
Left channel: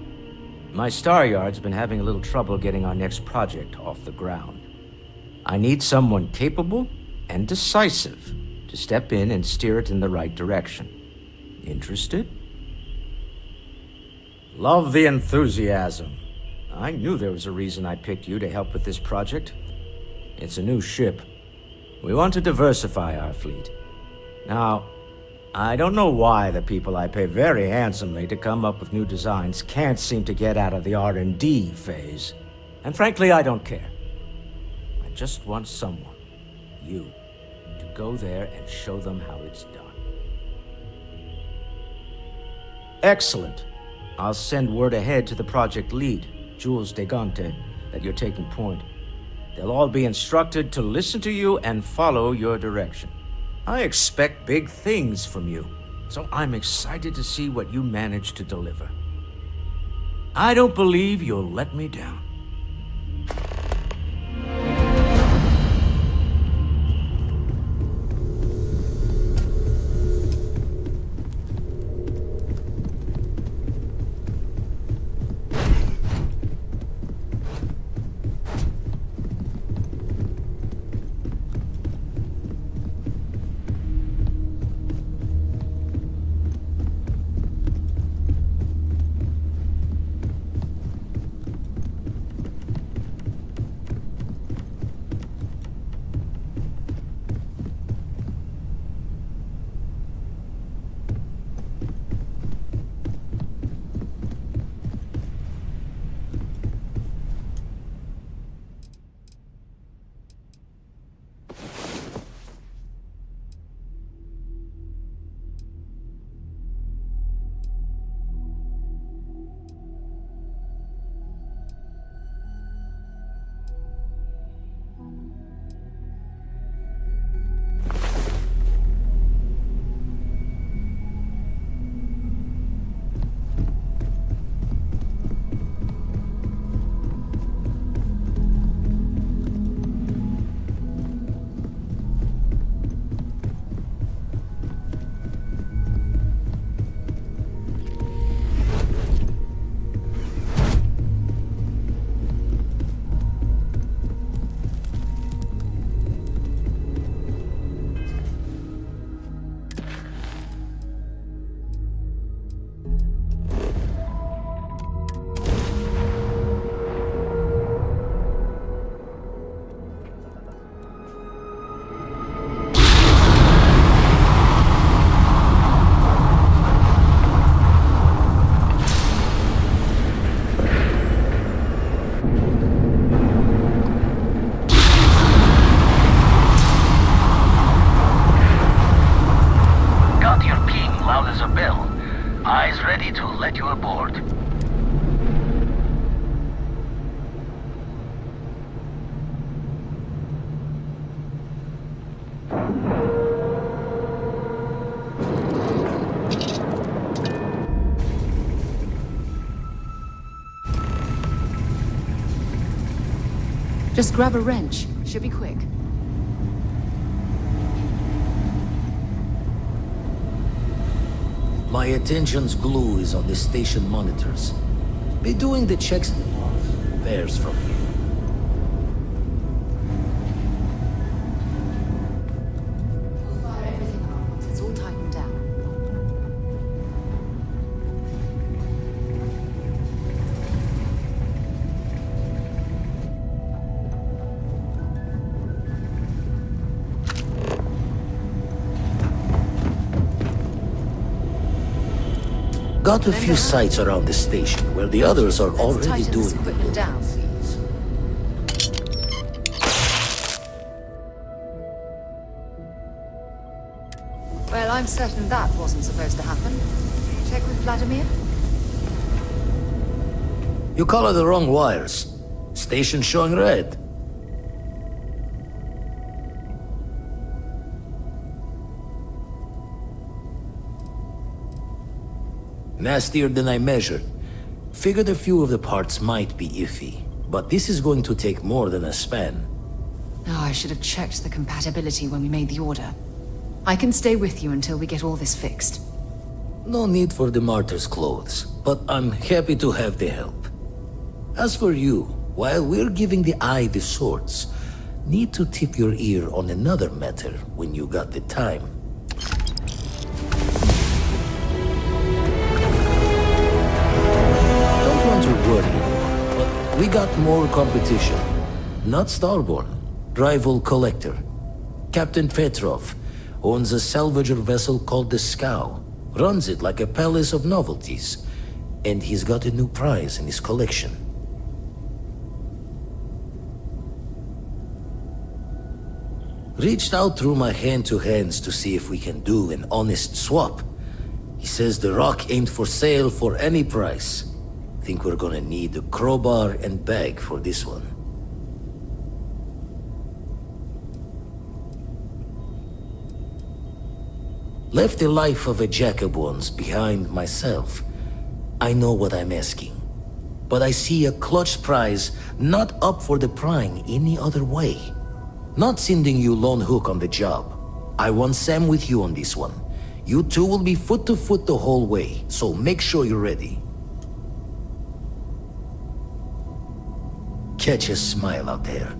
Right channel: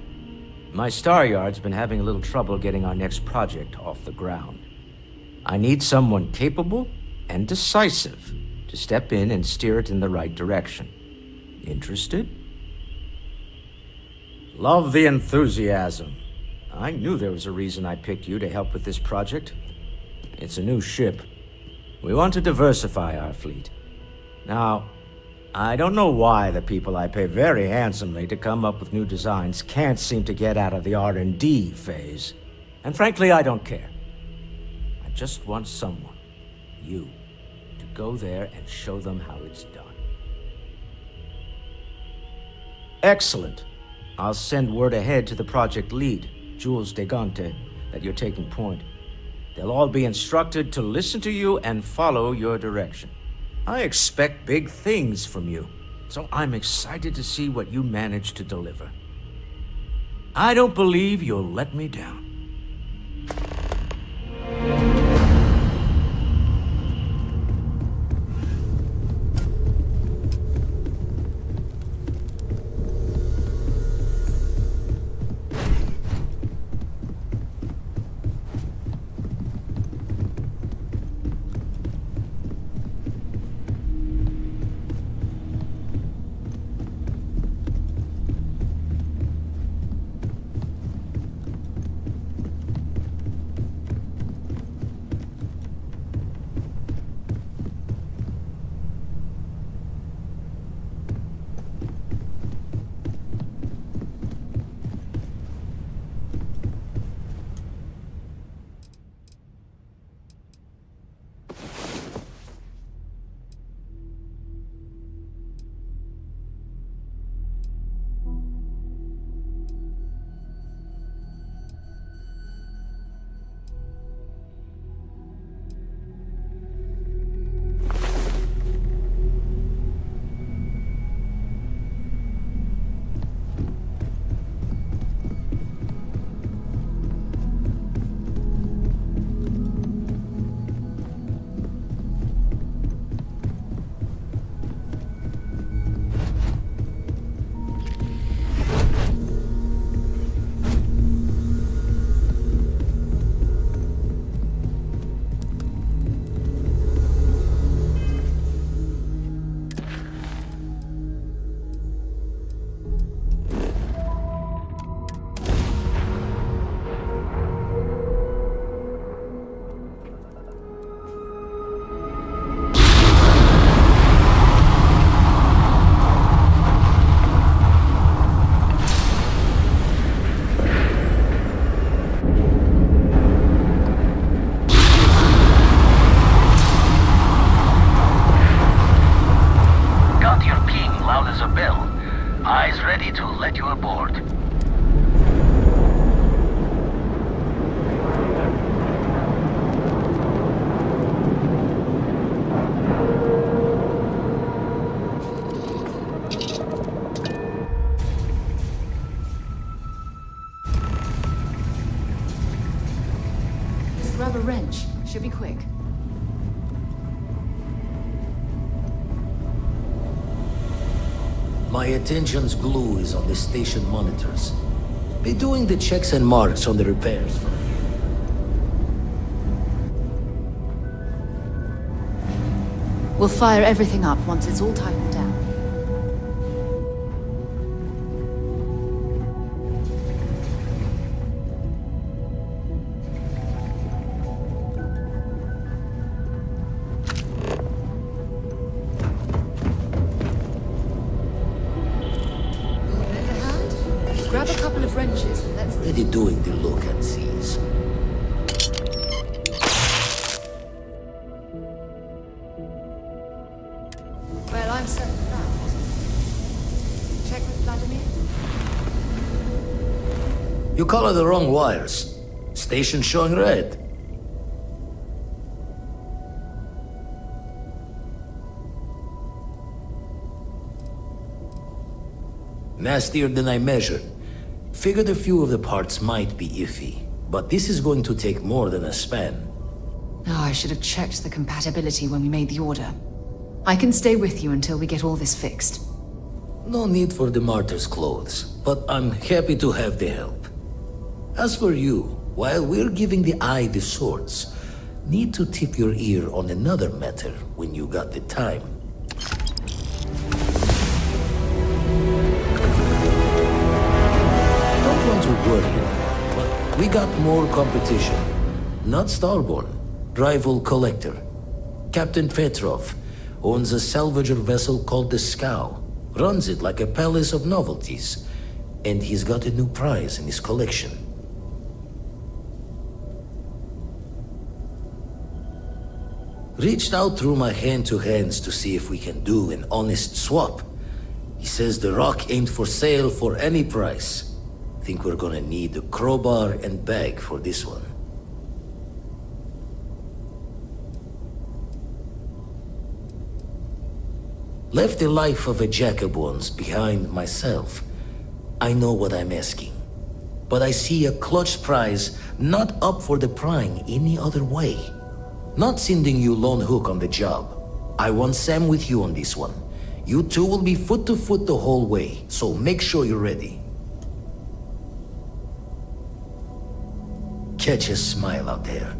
My Star Yard's been having a little trouble getting our next project off the ground. I need someone capable and decisive to step in and steer it in the right direction. Interested? Love the enthusiasm. I knew there was a reason I picked you to help with this project. It's a new ship. We want to diversify our fleet. Now, I don't know why the people I pay very handsomely to come up with new designs can't seem to get out of the R&D phase. And frankly, I don't care. I just want someone, you, to go there and show them how it's done. Excellent. I'll send word ahead to the project lead, Jules Degante, that you're taking point. They'll all be instructed to listen to you and follow your direction. I expect big things from you, so I'm excited to see what you manage to deliver. I don't believe you'll let me down. Just grab a wrench. Should be quick. My attention's glue is on the station monitors. Be doing the checks and marks on the repairs from here. We'll fire everything up once it's all tightened down. Got a few sites around the station where the others are already doing the look and sees. Well, I'm certain that wasn't supposed to happen. Check with Vladimir? You color the wrong wires. Station showing red. Nastier than I measured. Figured a few of the parts might be iffy, but this is going to take more than a span. Oh, I should have checked the compatibility when we made the order. I can stay with you until we get all this fixed. No need for the martyr's clothes, but I'm happy to have the help. As for you, while we're giving the eye the swords, need to tip your ear on another matter when you got the time. Don't want to worry anymore, but we got more competition. Not Starborn, rival collector. Captain Petrov owns a salvager vessel called the Scow. Runs it like a palace of novelties. And he's got a new prize in his collection. Reached out through my hand-to-hands to see if we can do an honest swap. He says the rock ain't for sale for any price. Think we're gonna need a crowbar and bag for this one. Left the life of a jacob once behind myself. I know what I'm asking. But I see a clutch prize not up for the prying any other way. Not sending you lone hook on the job. I want Sam with you on this one. You two will be foot to foot the whole way, so make sure you're ready. Catch a smile out there.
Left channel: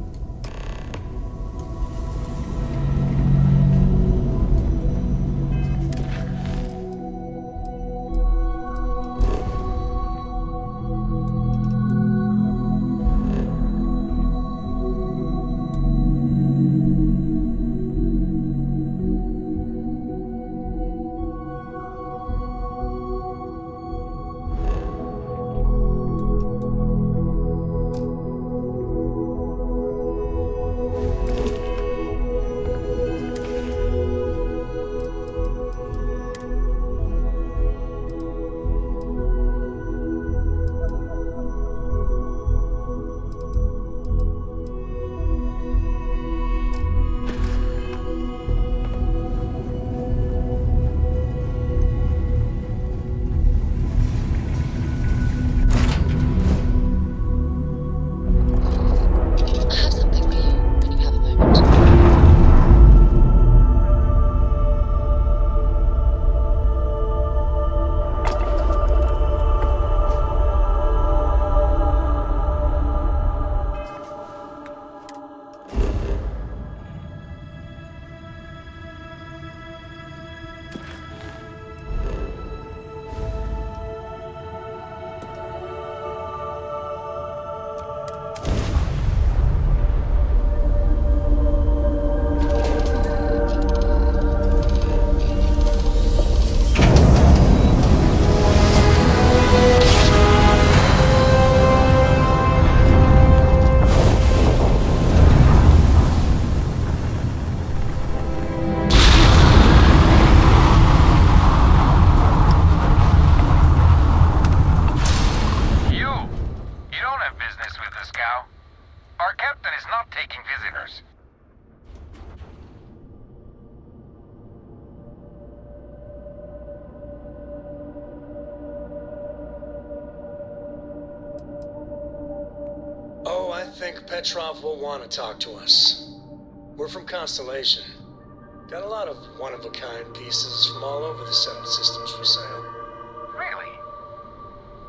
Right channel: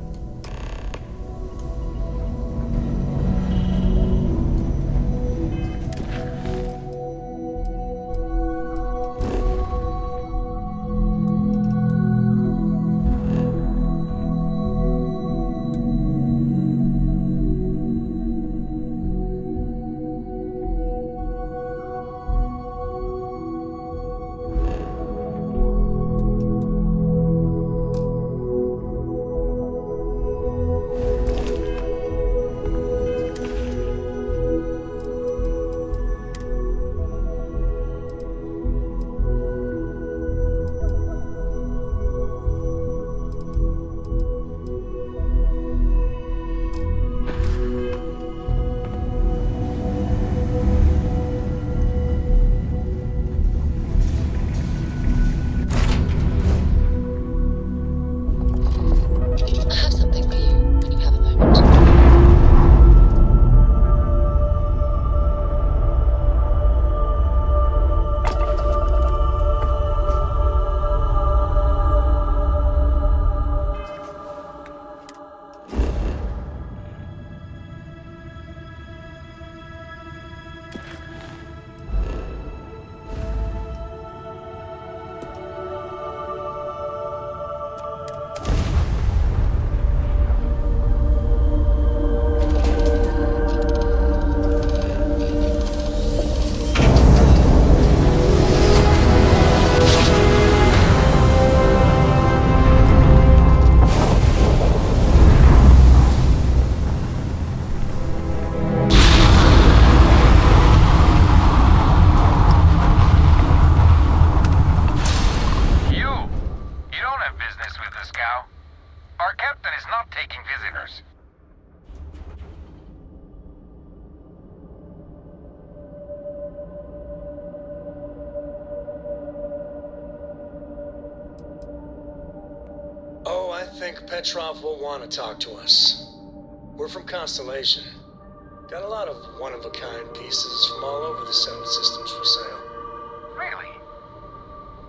Oh, I think Petrov will want to talk to us. We're from Constellation. Got a lot of one-of-a-kind pieces from all over the settled systems for sale. Really?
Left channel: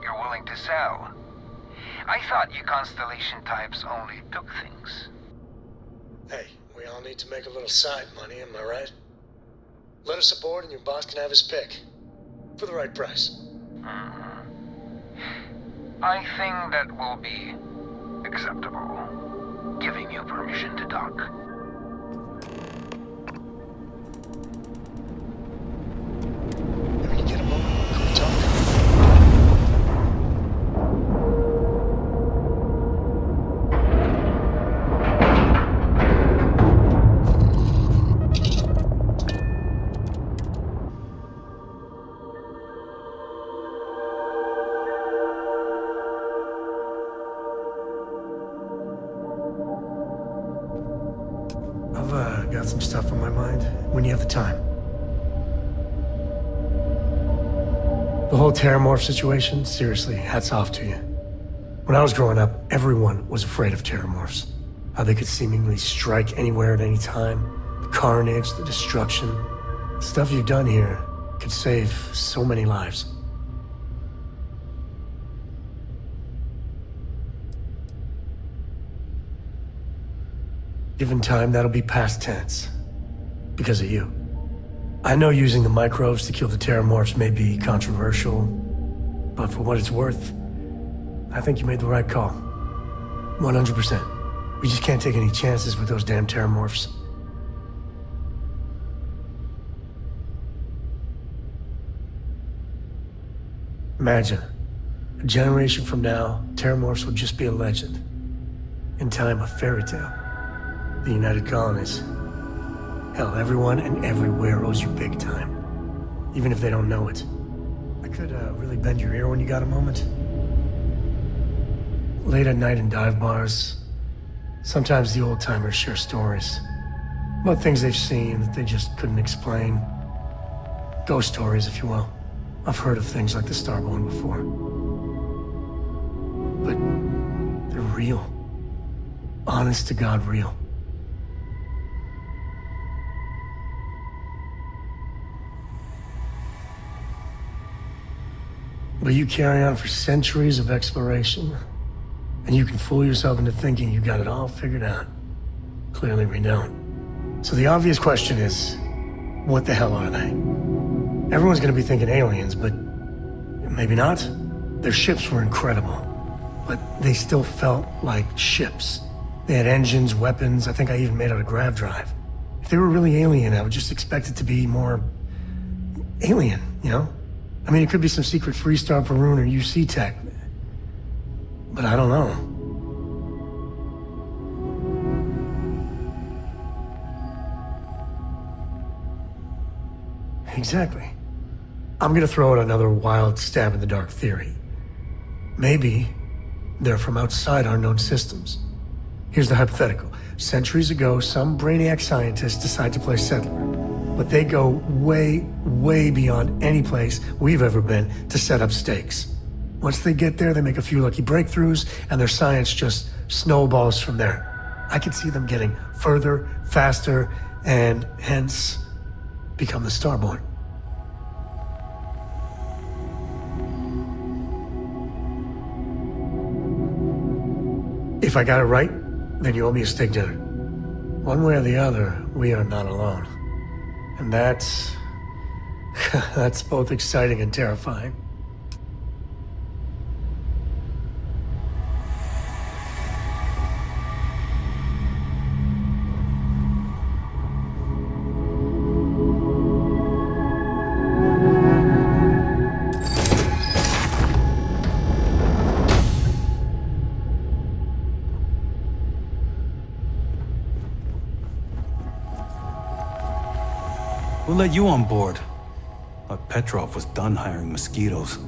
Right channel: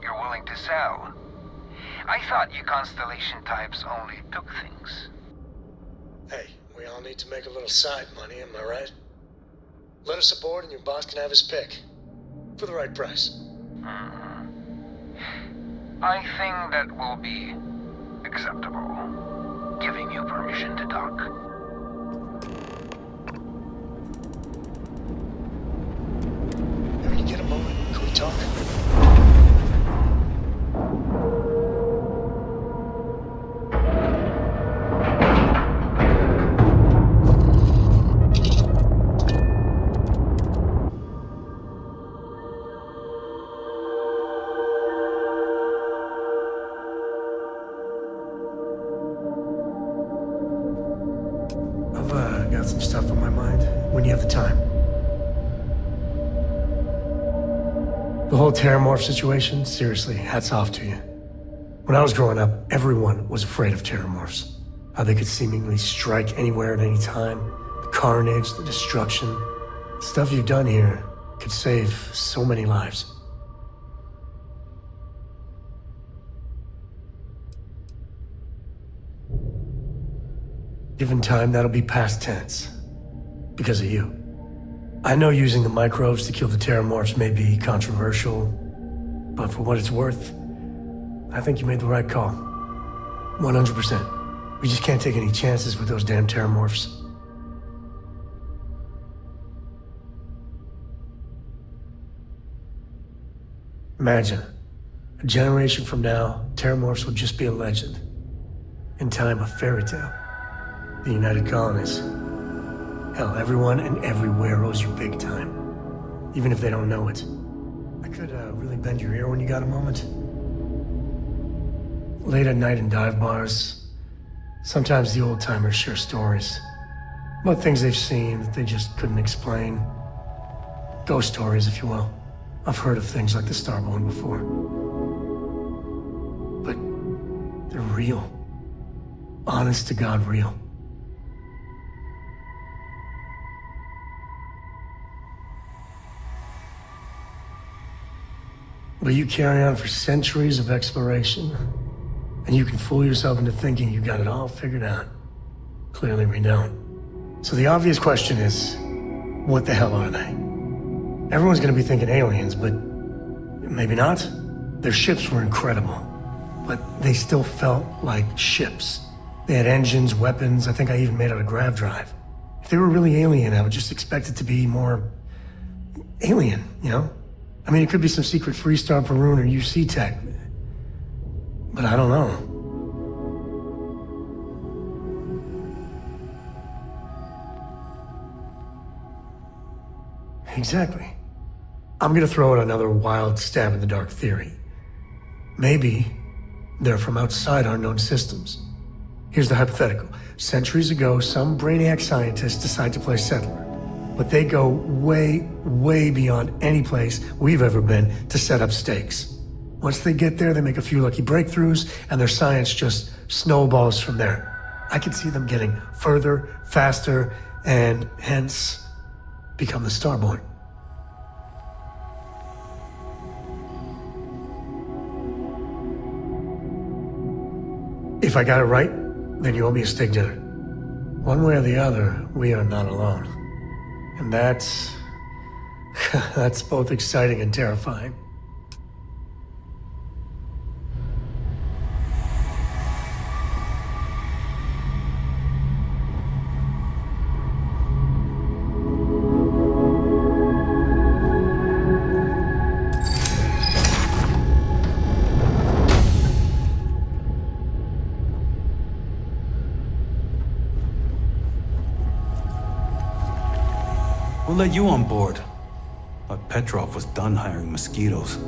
You're willing to sell? I thought you Constellation types only took things. Hey, we all need to make a little side money, am I right? Let us aboard and your boss can have his pick. For the right price. I think that will be acceptable. Giving you permission to talk. When you get a moment, can we talk? I've got some stuff on my mind when you have the time. The whole Terramorph situation, seriously, hats off to you. When I was growing up, everyone was afraid of Terramorphs. How they could seemingly strike anywhere at any time. The carnage, the destruction. The stuff you've done here could save so many lives. Given time, that'll be past tense. Because of you. I know using the microbes to kill the Terramorphs may be controversial, but for what it's worth, I think you made the right call. 100%. We just can't take any chances with those damn Terramorphs. Imagine, a generation from now, Terramorphs will just be a legend. In time, a fairy tale. The United Colonies. Hell, everyone and everywhere owes you big time. Even if they don't know it. I could really bend your ear when you got a moment. Late at night in dive bars, sometimes the old-timers share stories. About things they've seen that they just couldn't explain. Ghost stories, if you will. I've heard of things like the Starborn before. But they're real. Honest to God real. But you carry on for centuries of exploration, and you can fool yourself into thinking you got it all figured out. Clearly we don't. So the obvious question is, what the hell are they? Everyone's gonna be thinking aliens, but maybe not. Their ships were incredible, but they still felt like ships. They had engines, weapons, I think I even made out a grav drive. If they were really alien, I would just expect it to be more alien, you know? I mean, it could be some secret Freestar Varun or UC tech, but I don't know. Exactly. I'm gonna throw out another wild stab in the dark theory. Maybe they're from outside our known systems. Here's the hypothetical. Centuries ago, some brainiac scientists decide to play settler. But they go way, way beyond any place we've ever been to set up stakes. Once they get there, they make a few lucky breakthroughs, and their science just snowballs from there. I could see them getting further, faster, and hence become the Starborn. If I got it right, then you owe me a steak dinner. One way or the other, we are not alone. And that's both exciting and terrifying. Who let you on board? Thought Petrov was done hiring mosquitoes.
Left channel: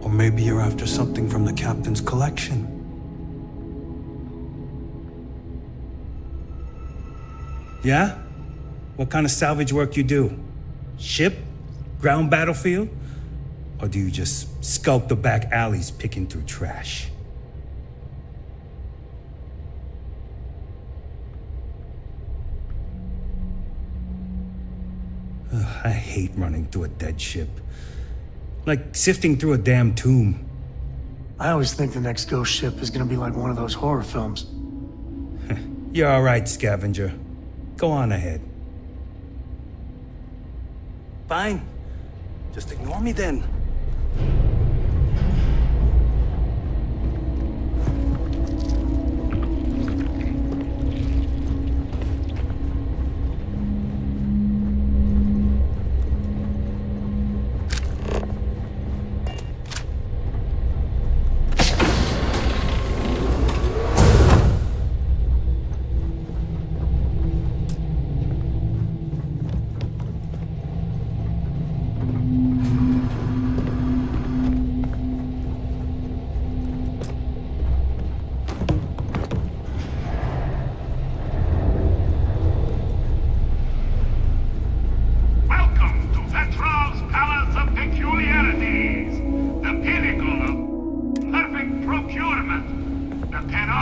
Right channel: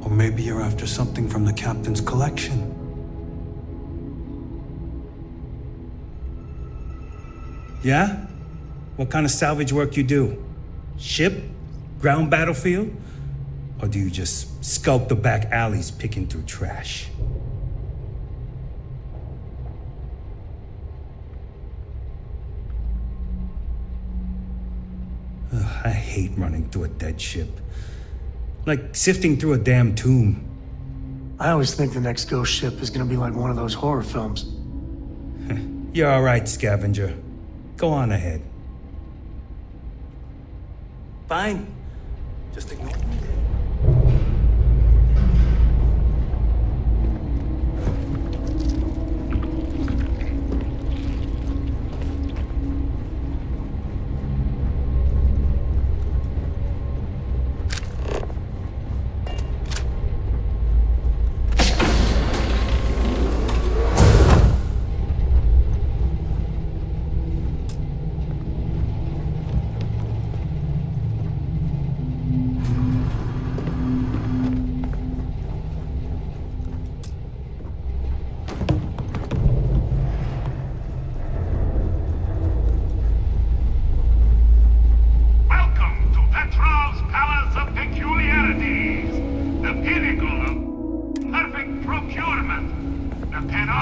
Or maybe you're after something from the captain's collection. Yeah? What kind of salvage work you do? Ship? Ground battlefield? Or do you just skulk the back alleys picking through trash? Ugh, I hate running through a dead ship. Like sifting through a damn tomb. I always think the next ghost ship is gonna be like one of those horror films. You're all right, scavenger. Go on ahead. Fine. Just ignore me then.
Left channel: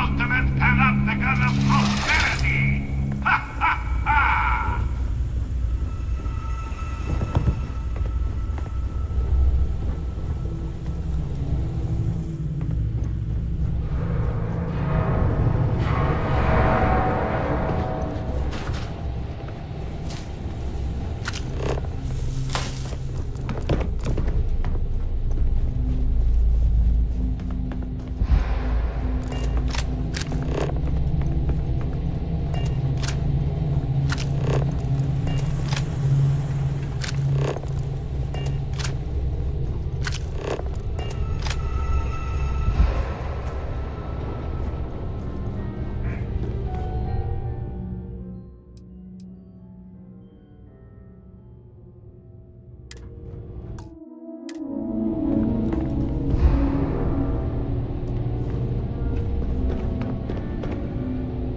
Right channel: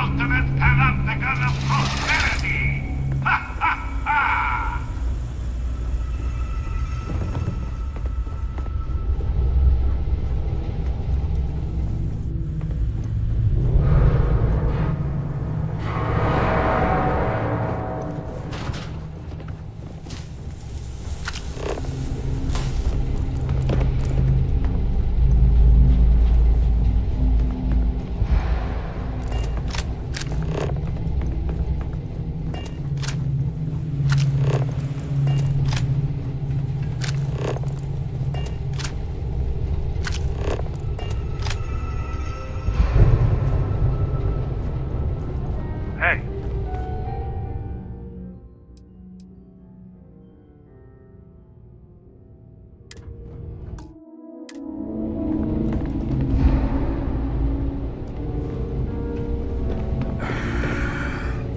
ultimate panopticon of prosperity! Ha ha ha!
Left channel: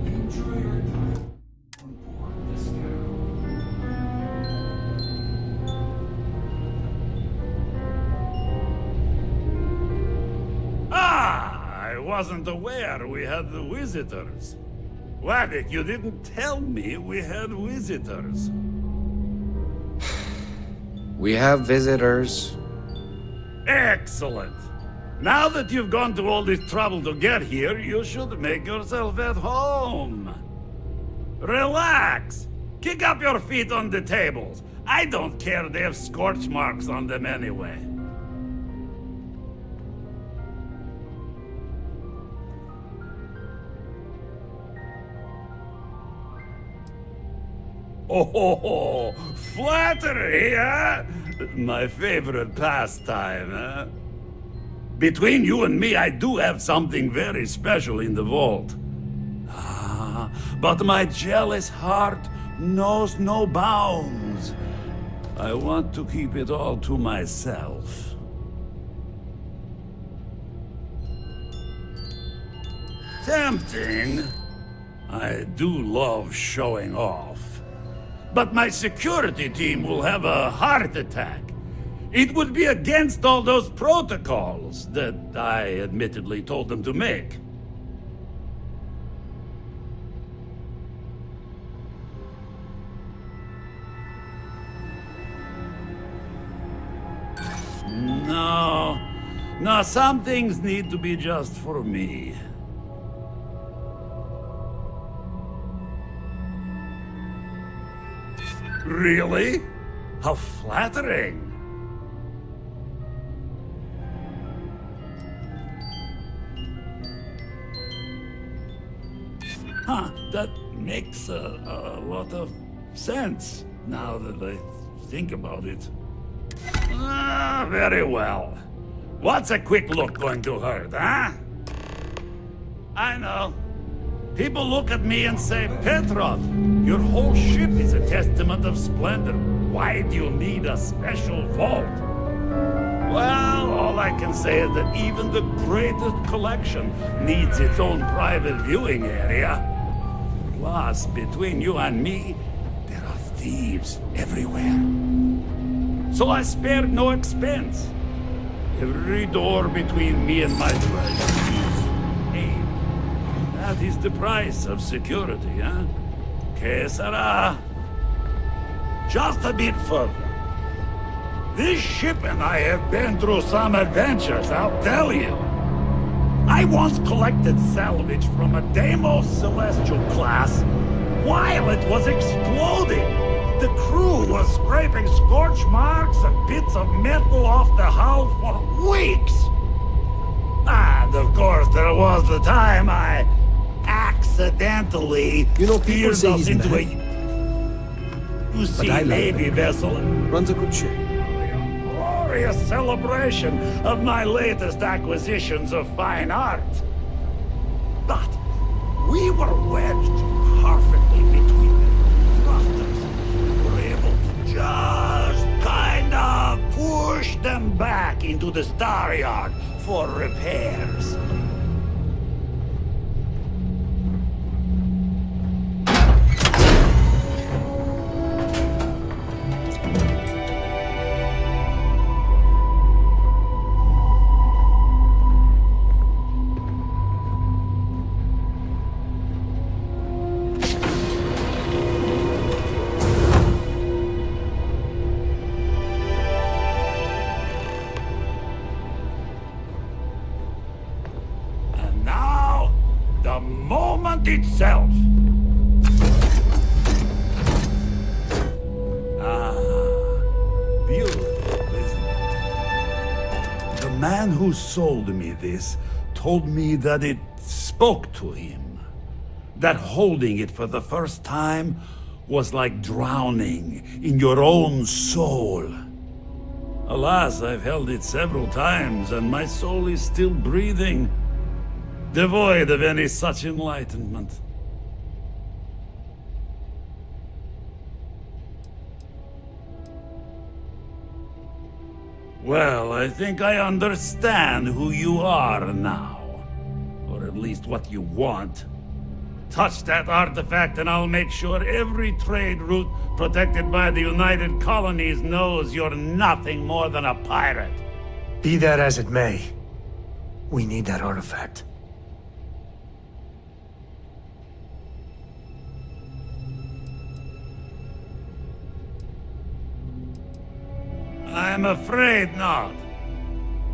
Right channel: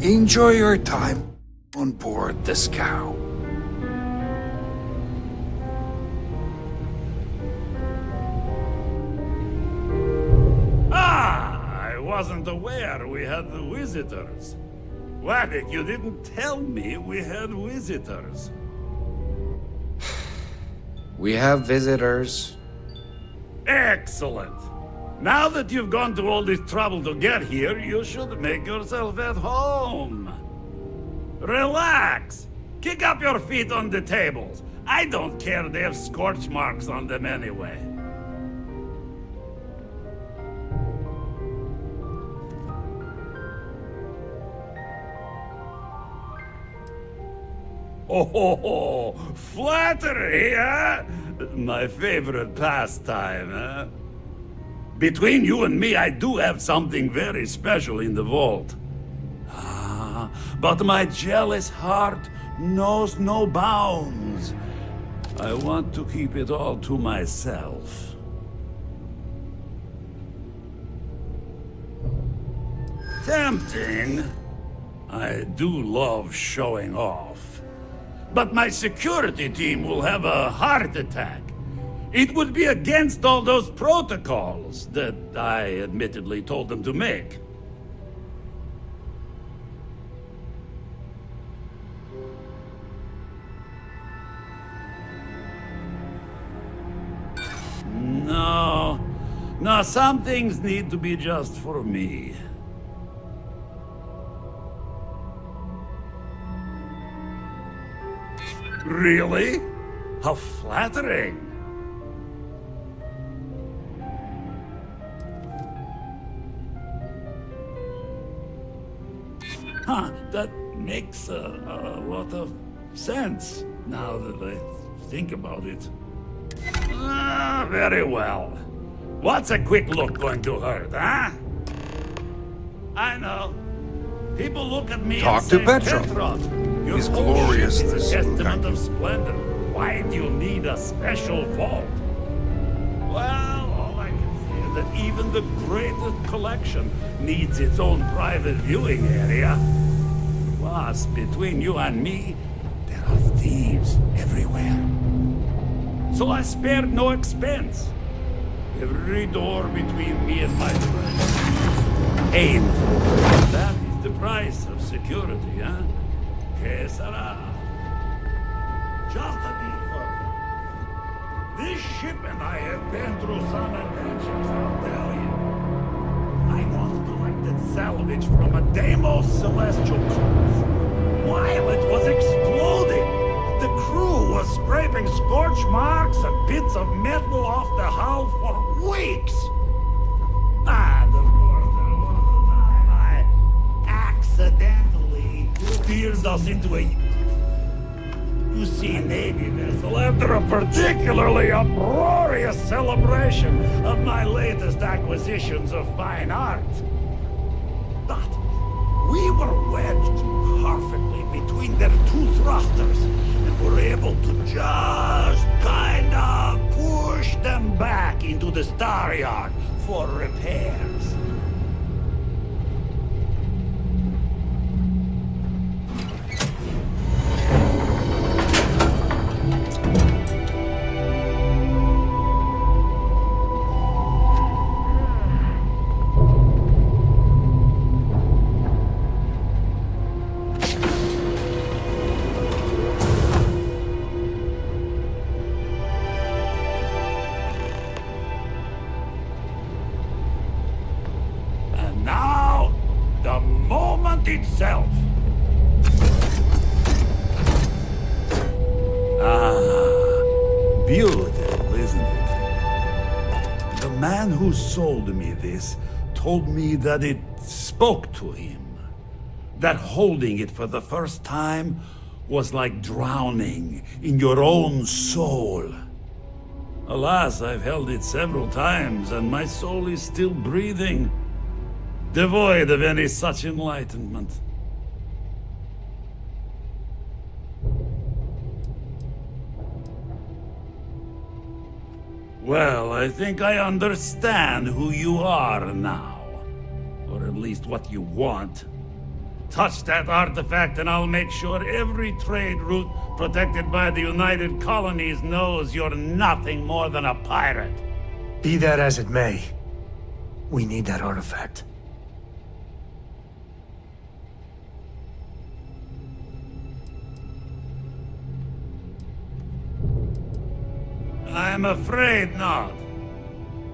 Enjoy your time on board the scow. I wasn't aware we had the visitors. Waddick, you didn't tell me we had visitors. We have visitors. Excellent. Now that you've gone to all this trouble to get here, you should make yourself at home. Relax. Kick up your feet on the tables. I don't care they have scorch marks on them anyway. Oh, flattery, huh? My favorite pastime, huh? Between you and me, I do have something very special in the vault. But my jealous heart knows no bounds. I want to keep it all to myself. Tempting. I do love showing off. But my security team will have a heart attack. It would be against all those protocols that I admittedly told them to make. No, some things need to be just for me. Really? How flattering. That makes a lot of sense, now that I think about it. Very well. What's a quick look going to hurt, huh? I know. People look at me and say, Petrov, your whole ship is a testament of splendor. Why do you need a special vault? Well, all I can say is that even the greatest collection needs its own private viewing area. Plus, between you and me, there are thieves everywhere. So I spared no expense. Every door between me and my treasure is painful. That is the price of security, huh? Que sera? Just a bit further. This ship and I have been through some adventures, I'll tell you. I once collected salvage from a Deimos Celestial class while it was exploding. The crew was scraping scorch marks and bits of metal off the hull for weeks. And of course, there was the time I accidentally steered us into a UC Navy vessel after a particularly uproarious celebration of my latest acquisitions of fine art. But we were wedged perfectly between their two thrusters and were able to just kind of push them back into the star yard for repairs. And now, the moment itself. Beautiful, isn't it? The man who sold me this told me that it spoke to him. That holding it for the first time was like drowning in your own soul. Alas, I've held it several times, and my soul is still breathing, devoid of any such enlightenment. Well, I think I understand who you are now. Or at least what you want. Touch that artifact and I'll make sure every trade route protected by the United Colonies knows you're nothing more than a pirate. Be that as it may, we need that artifact. I'm afraid not.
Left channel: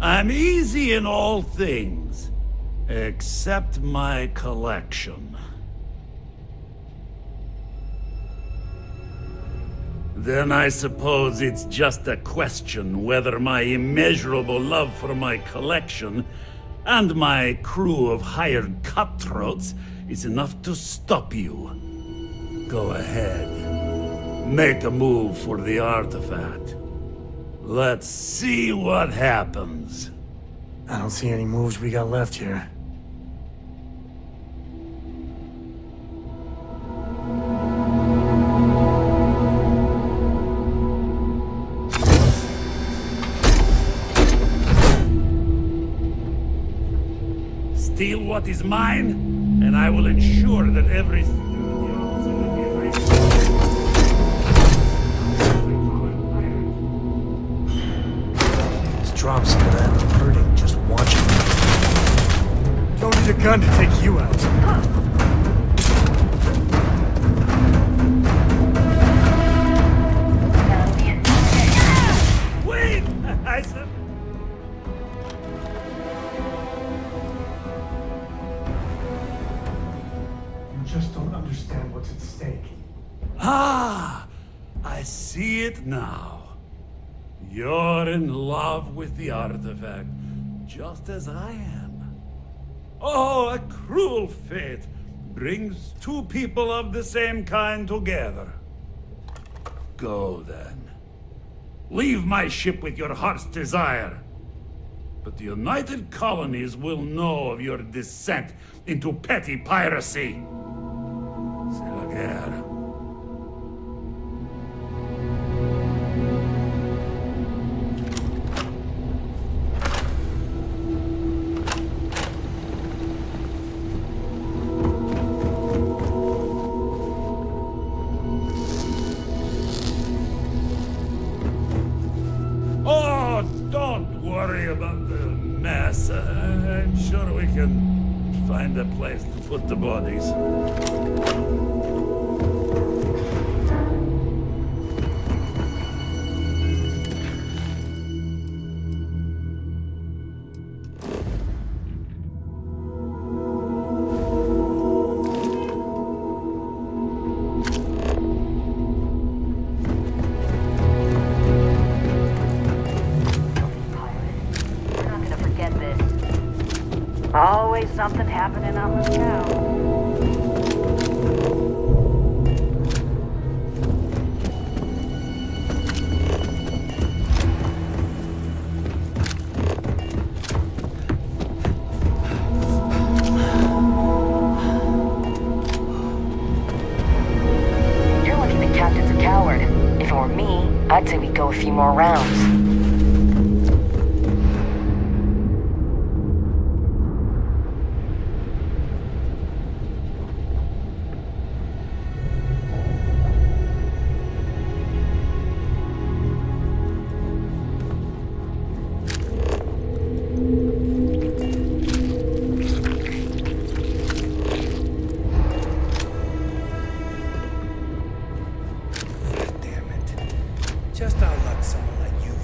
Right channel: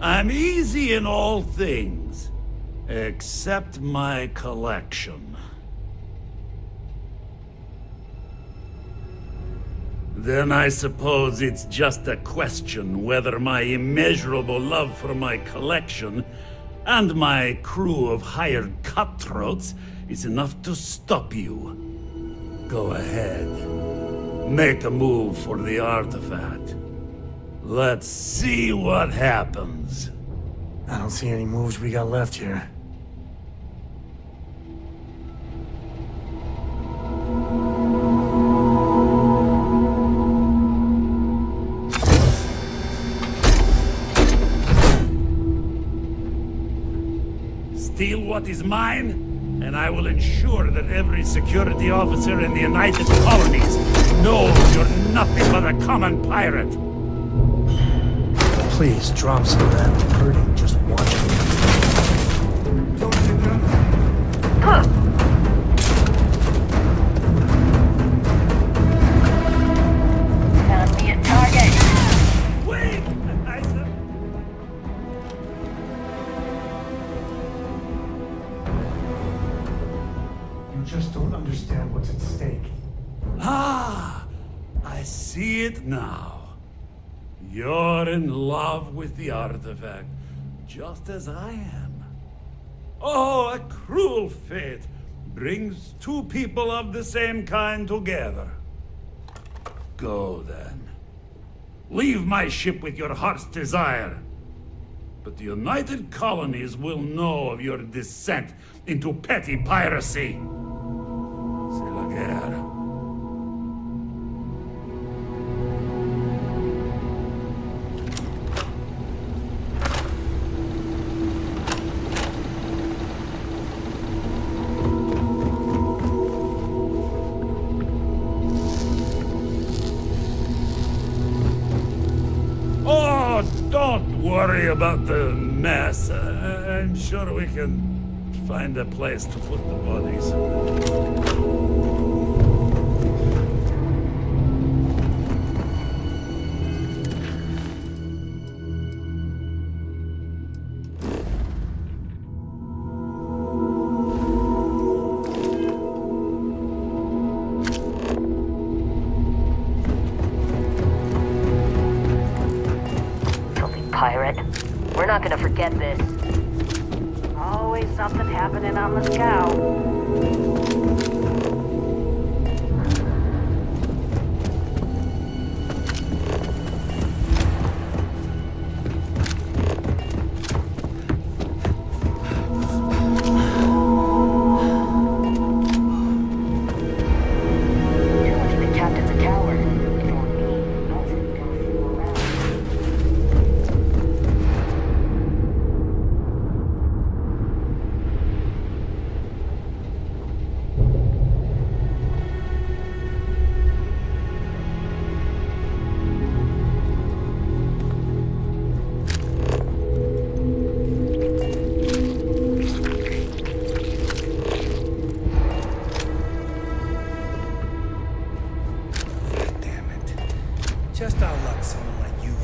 I'm easy in all things, except my collection. Then I suppose it's just a question whether my immeasurable love for my collection and my crew of hired cutthroats is enough to stop you. Go ahead. Make a move for the artifact. Let's see what happens. I don't see any moves we got left here. Steal what is mine, and I will ensure that every security officer in the United Colonies knows you're nothing but a common pirate. Please, drop some of that. I'm hurting just watching. Don't need a gun to take you out. Found me a target. Wait! I said... You just don't understand what's at stake. Ah! I see it now. You're in love with the artifact, just as I am. Oh, a cruel fate brings two people of the same kind together. Go then. Leave my ship with your heart's desire. But the United Colonies will know of your descent into petty piracy. C'est la guerre. Oh, don't worry about the mess. I'm sure we can find a place to put the bodies. Pirate. We're not gonna forget this. Always something happening on the scout. You're lucky the captain's a coward. If it were me, I'd say we'd go a few more rounds. Just our luck someone like you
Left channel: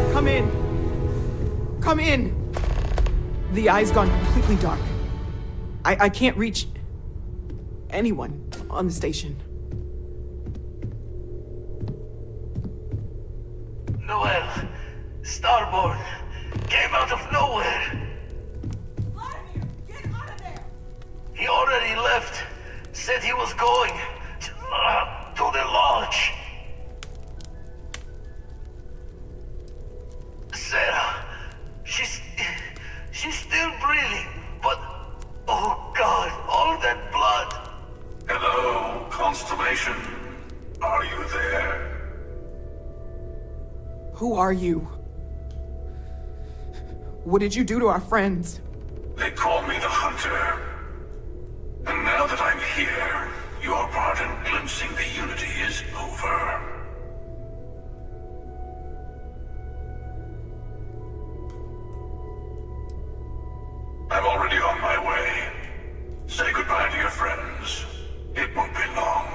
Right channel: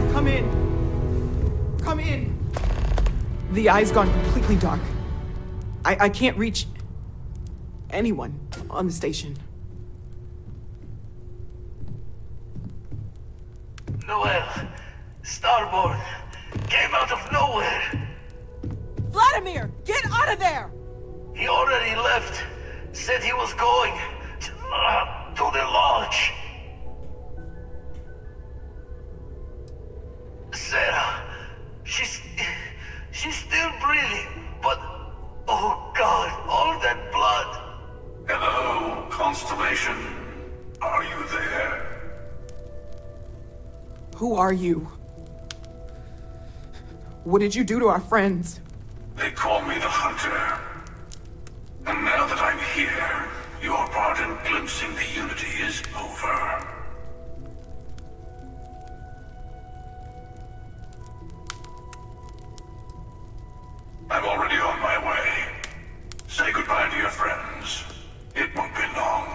God, come in. Come in. The eye's gone completely dark. I can't reach anyone on the station. Noel, Starborn, came out of nowhere. Vladimir, get out of there! He already left. Said he was going to the lodge. Sarah, she's still breathing, but oh God, all that blood. Hello, Constellation. Are you there? Who are you? What did you do to our friends? They call me the Hunter. And now that I'm here, your part in glimpsing the Unity is over. I'm already on my way. Say goodbye to your friends. It won't be long.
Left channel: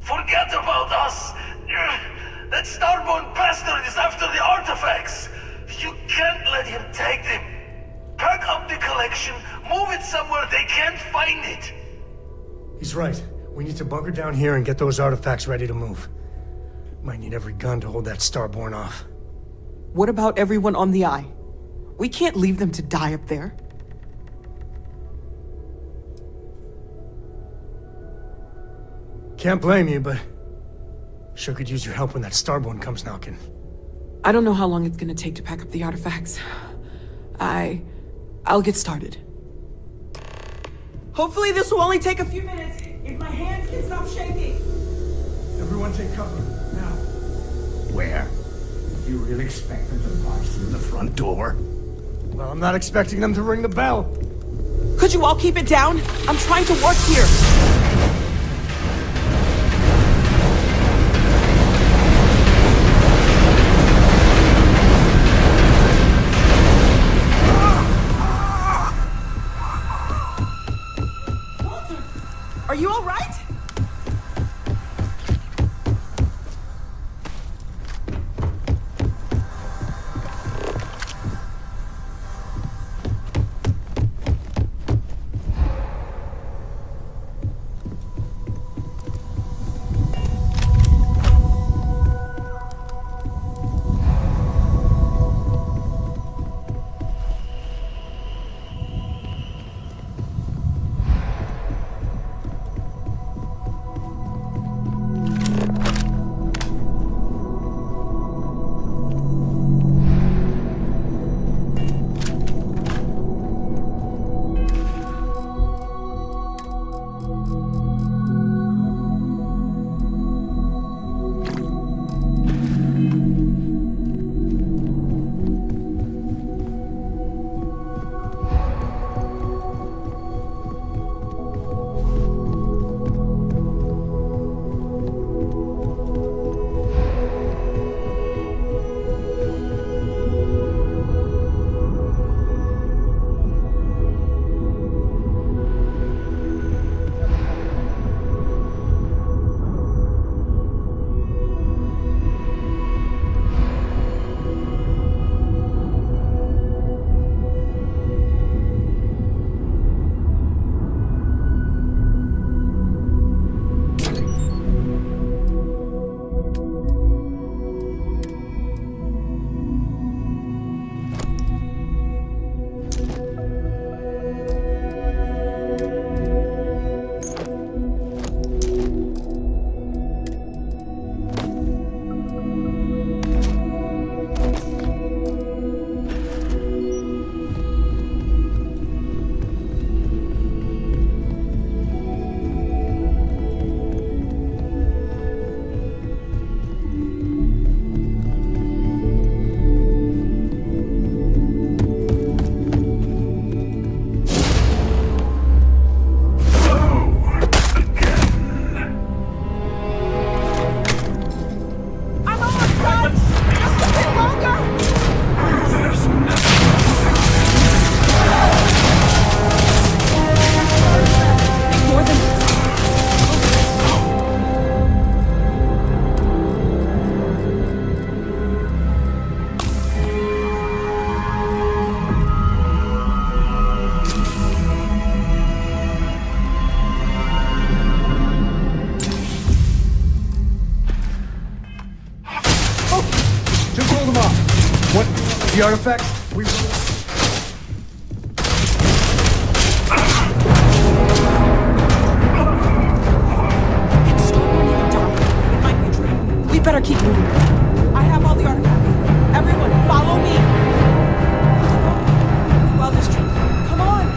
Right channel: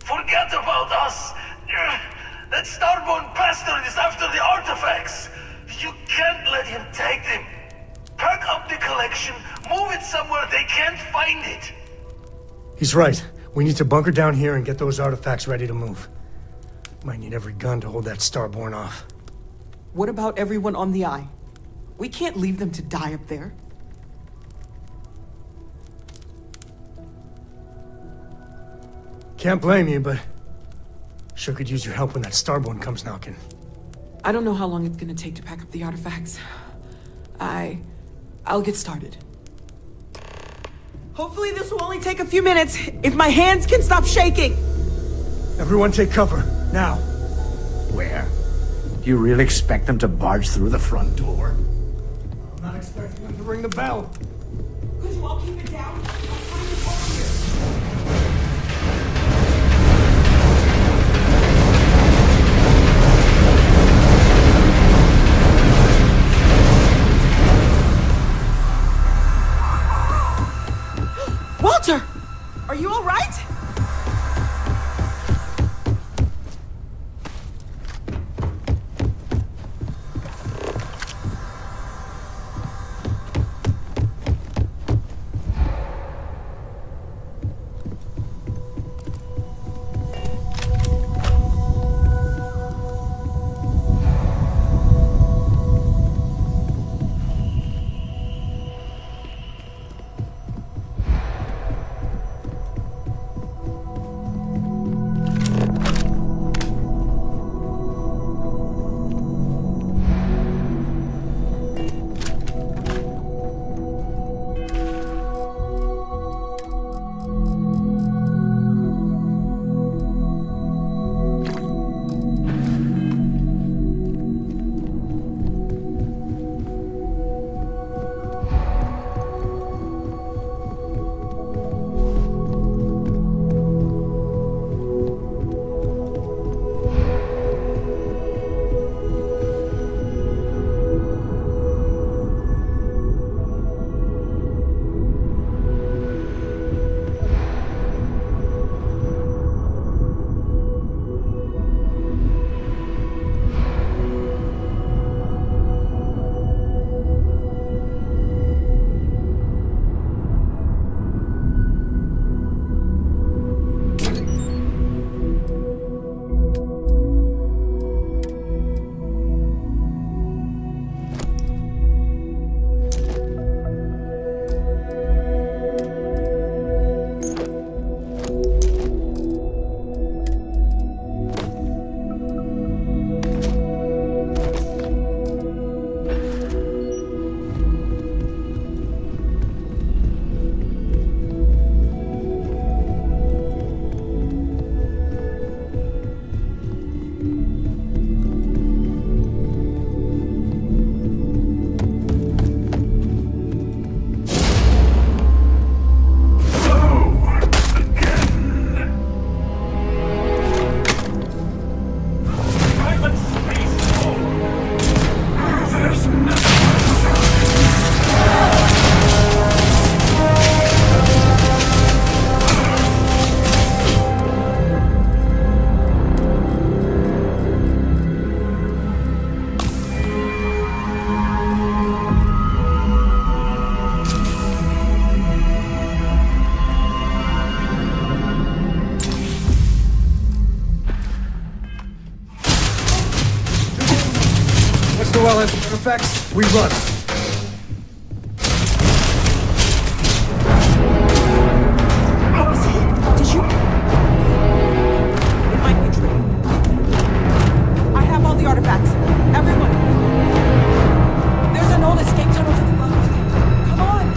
Forget about us! That Starborn bastard is after the artifacts! You can't let him take them! Pack up the collection, move it somewhere they can't find it! He's right. We need to bunker down here and get those artifacts ready to move. Might need every gun to hold that Starborn off. What about everyone on the Eye? We can't leave them to die up there. Can't blame you, but sure could use your help when that Starborn comes knocking. I don't know how long it's gonna take to pack up the artifacts. I'll get started. Hopefully this will only take a few minutes, if my hands can stop shaking! Everyone take cover, now. Where? Do you really expect them to barge through the front door? Well, I'm not expecting them to ring the bell. Could you all keep it down? I'm trying to work here. Walter! Are you all right? Once Noel has the artifacts, we run. It might be a trick. We better keep moving. I have all the artifacts. Everyone, follow me. There's an old escape tunnel to the well district. Come on.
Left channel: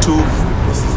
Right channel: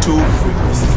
Two frequencies.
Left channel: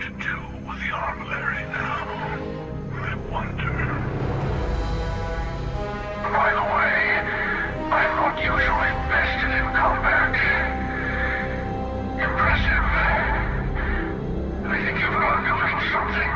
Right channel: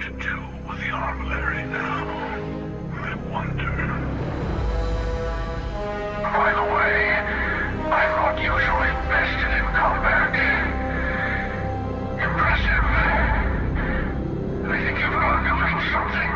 to do with the armillary now? I wonder. By the way, I'm not usually vested in combat. Impressive. I think you've learned a little something.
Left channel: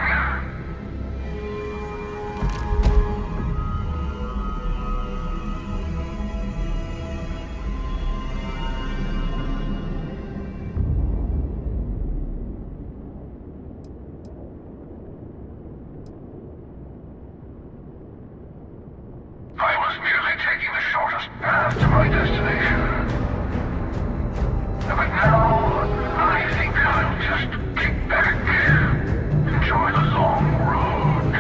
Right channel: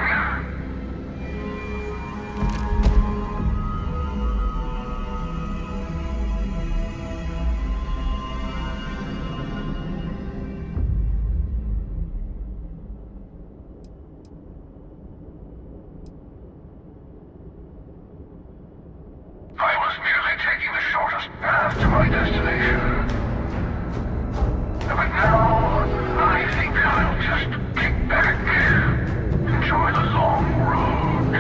I was merely taking the shortest path to my destination. But now, I think I'll just kick back, enjoy the long road.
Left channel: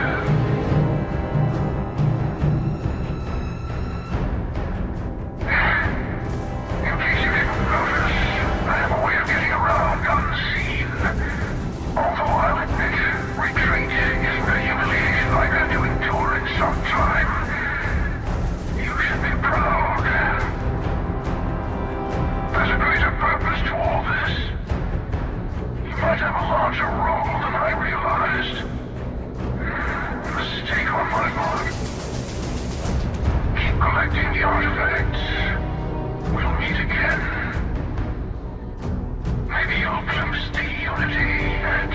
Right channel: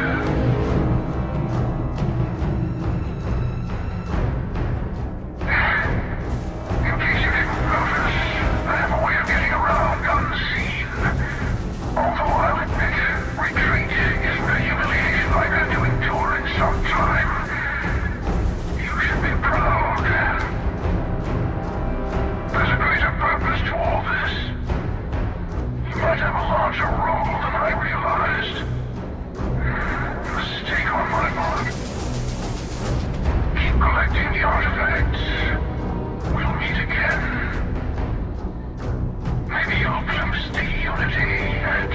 In case you didn't notice, I have a way of getting around unseen. Although I'll admit, retreat isn't a humiliation I've had to endure in some time. You should be proud. There's a greater purpose to all this. You might have a larger role than I realized. Mistake on my part. Keep collecting the artifacts. We'll meet again. Maybe you'll glimpse the unity and...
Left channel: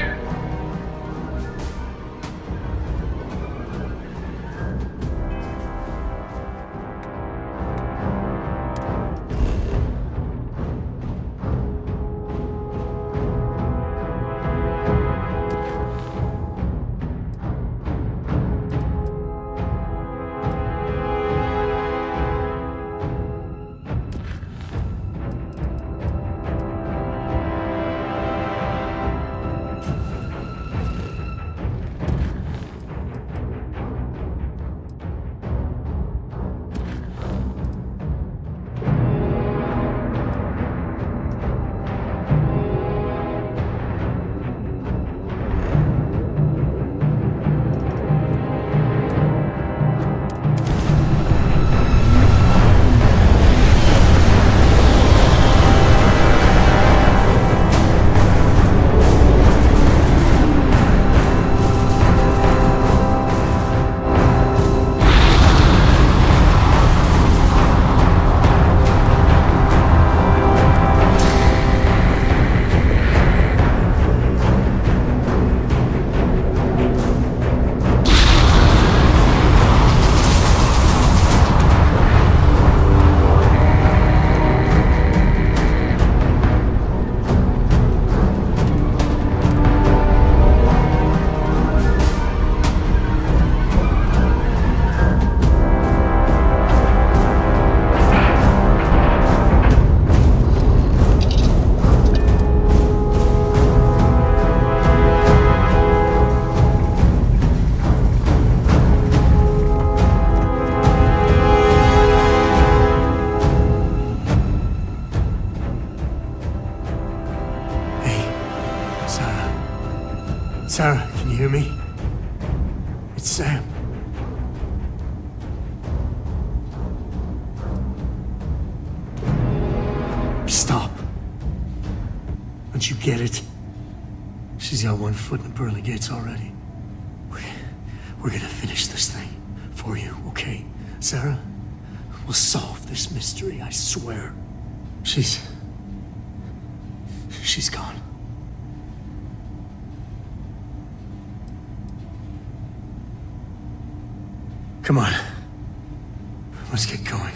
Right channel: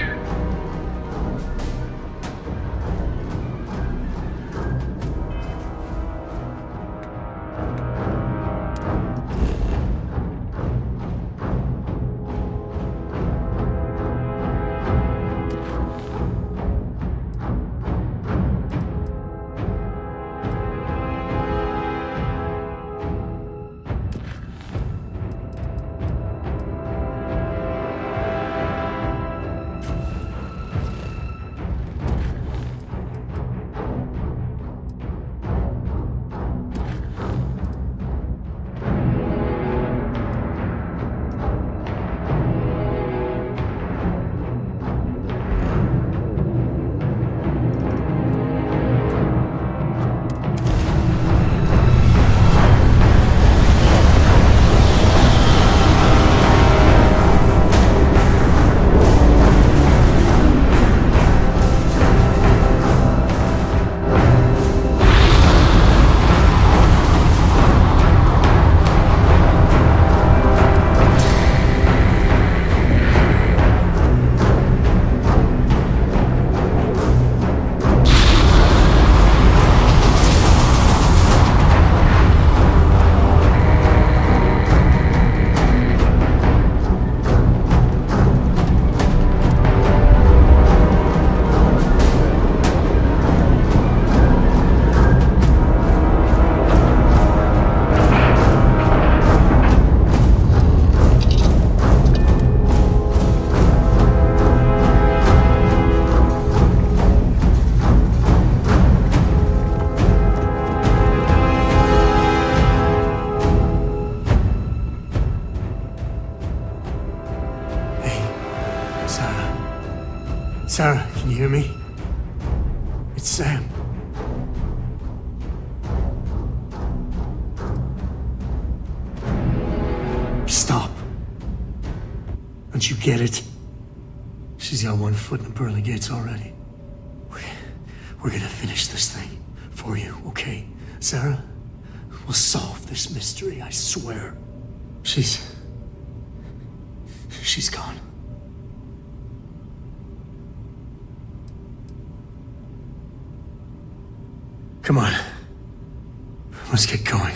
Sarah, can you hear me? It's Sam. Stop. Don't you get it? She's got one foot in the pearly gates already. We're gonna finish this thing for you, okay? Sarah? We'll solve this mystery, I swear. She's gone. Come on. Let's get going.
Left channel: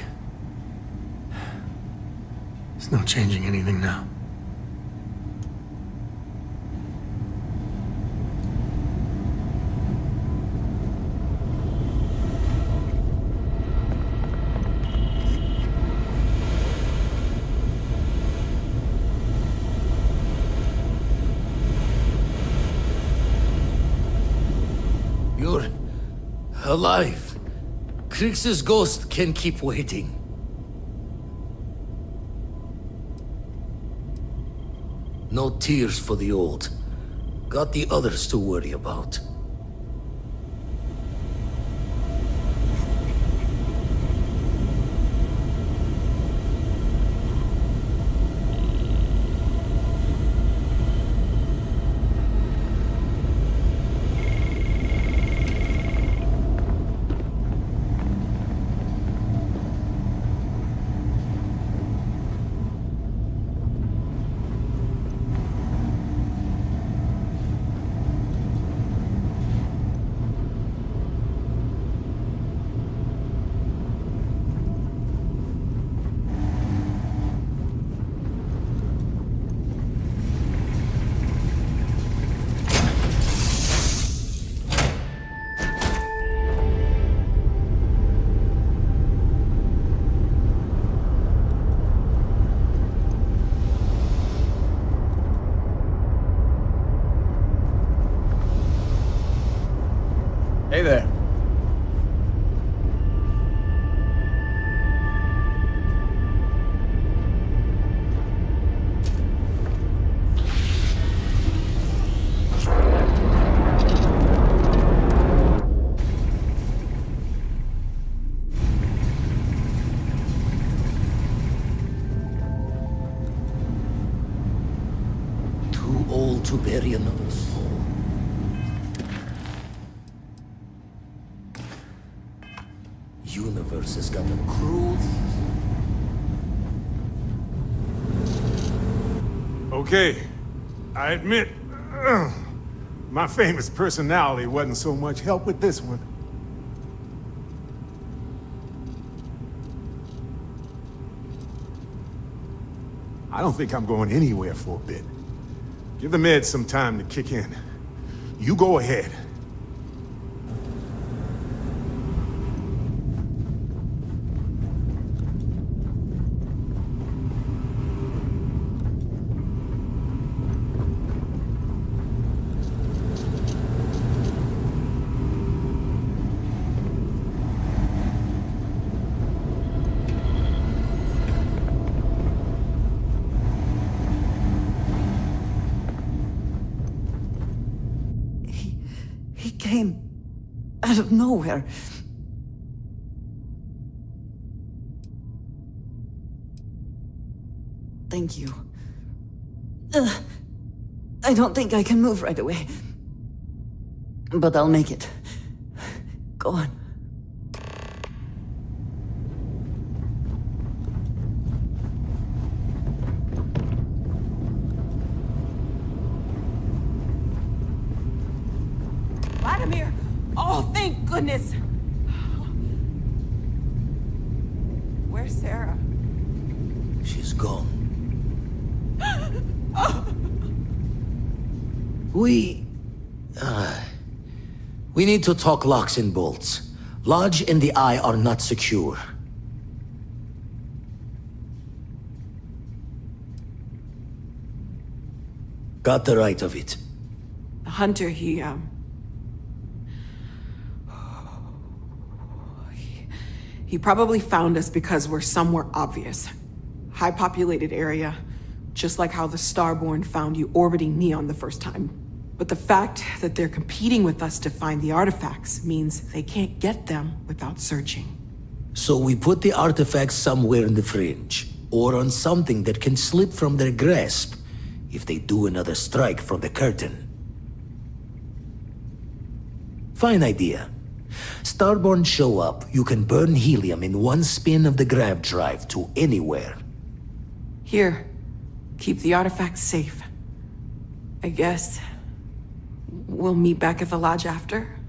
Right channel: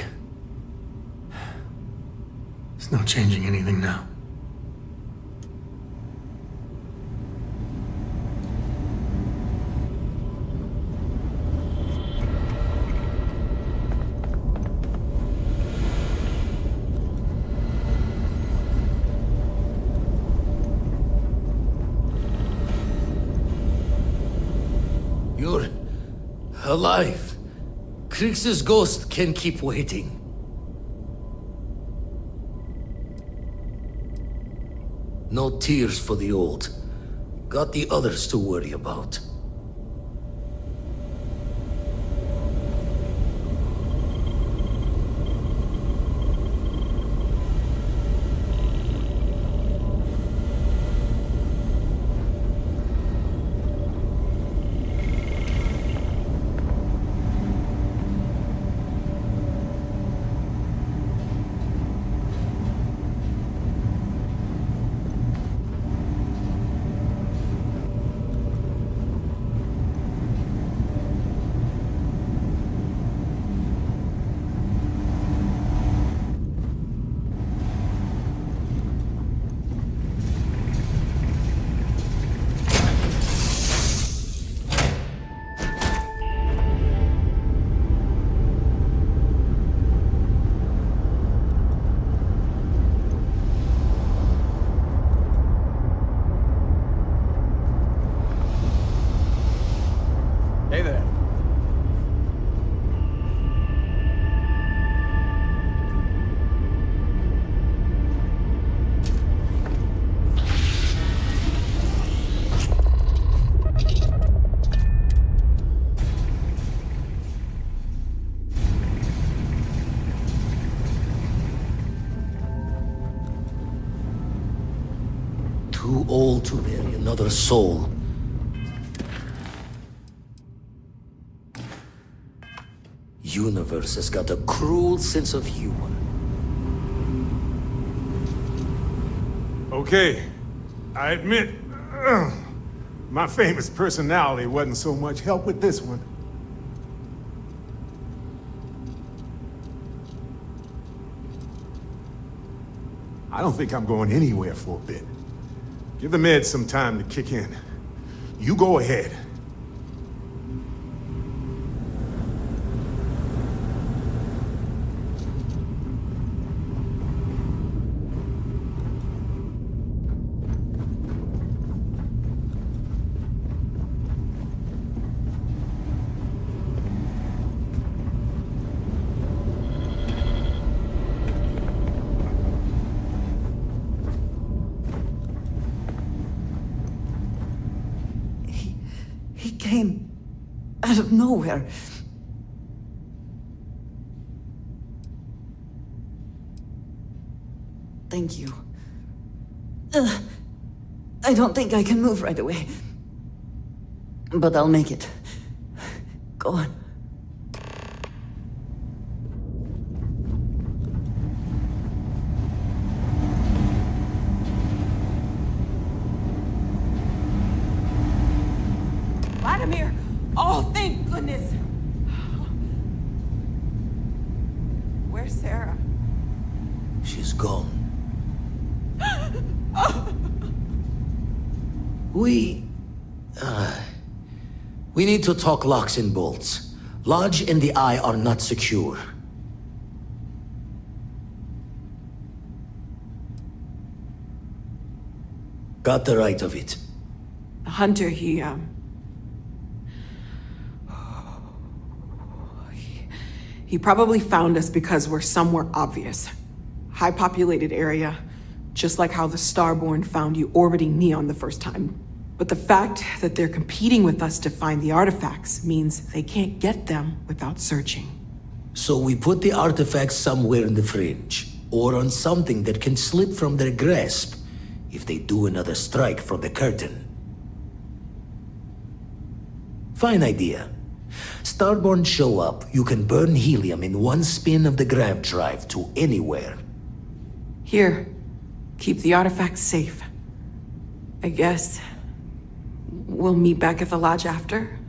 There's no changing anything now. You're alive. Krix's ghost can keep waiting. No tears for the old. Got the others to worry about. Hey there. Too old to bury another soul. Universe has got a cruel sense of humor. Okay, I admit, my famous personality wasn't so much help with this one. I don't think I'm going anywhere for a bit. Give the meds some time to kick in. You go ahead. He came out of nowhere. Thank you. I don't think I can move right away. But I'll make it. Go on. Vladimir! Oh, thank goodness! Where's Sarah? She's gone. We need to talk locks and bolts. Lodge and the Eye are not secure. Got the right of it. The hunter, he probably found us because we're somewhere obvious. High-populated area, just like how the Starborn found you orbiting Neon the first time. But the fact that they're competing with us to find the artifacts means they can't get them without searching. So we put the artifacts somewhere in the fringe, or on something that can slip from their grasp if they do another strike from the curtain. Fine idea. Starborn show up, you can burn helium in one spin of the grav drive to anywhere. Here, keep the artifacts safe. I guess we'll meet back at the lodge after?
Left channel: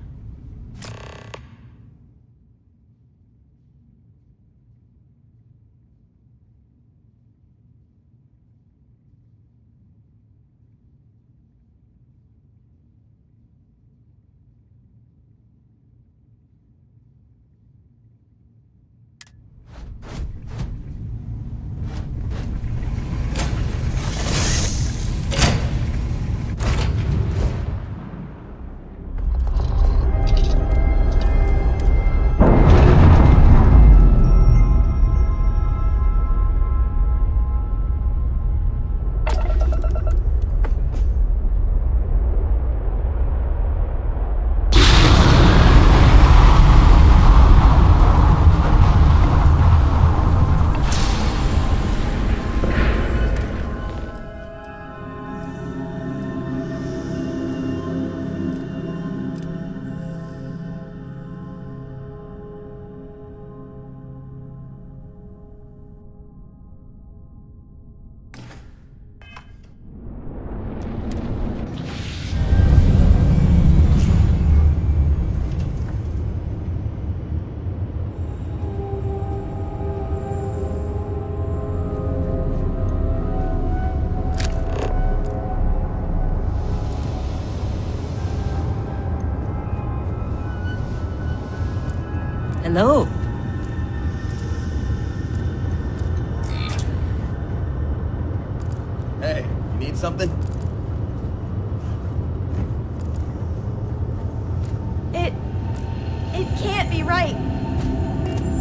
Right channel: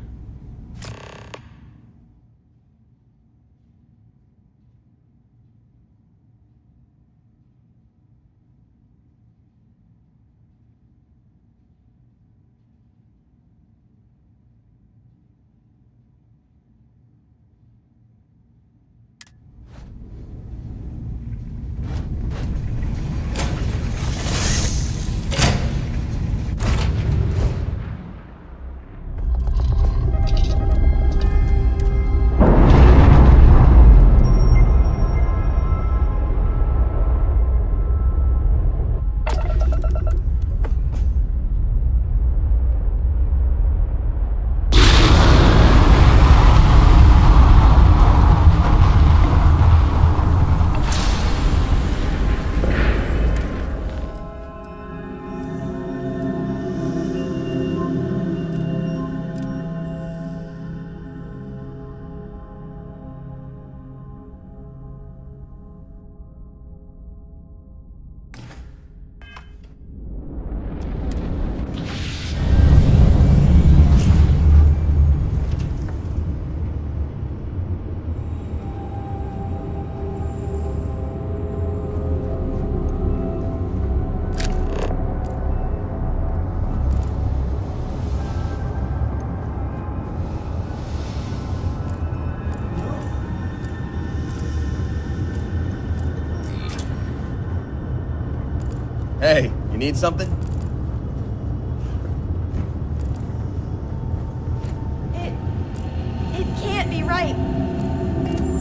Hello. Hey, you need something? right.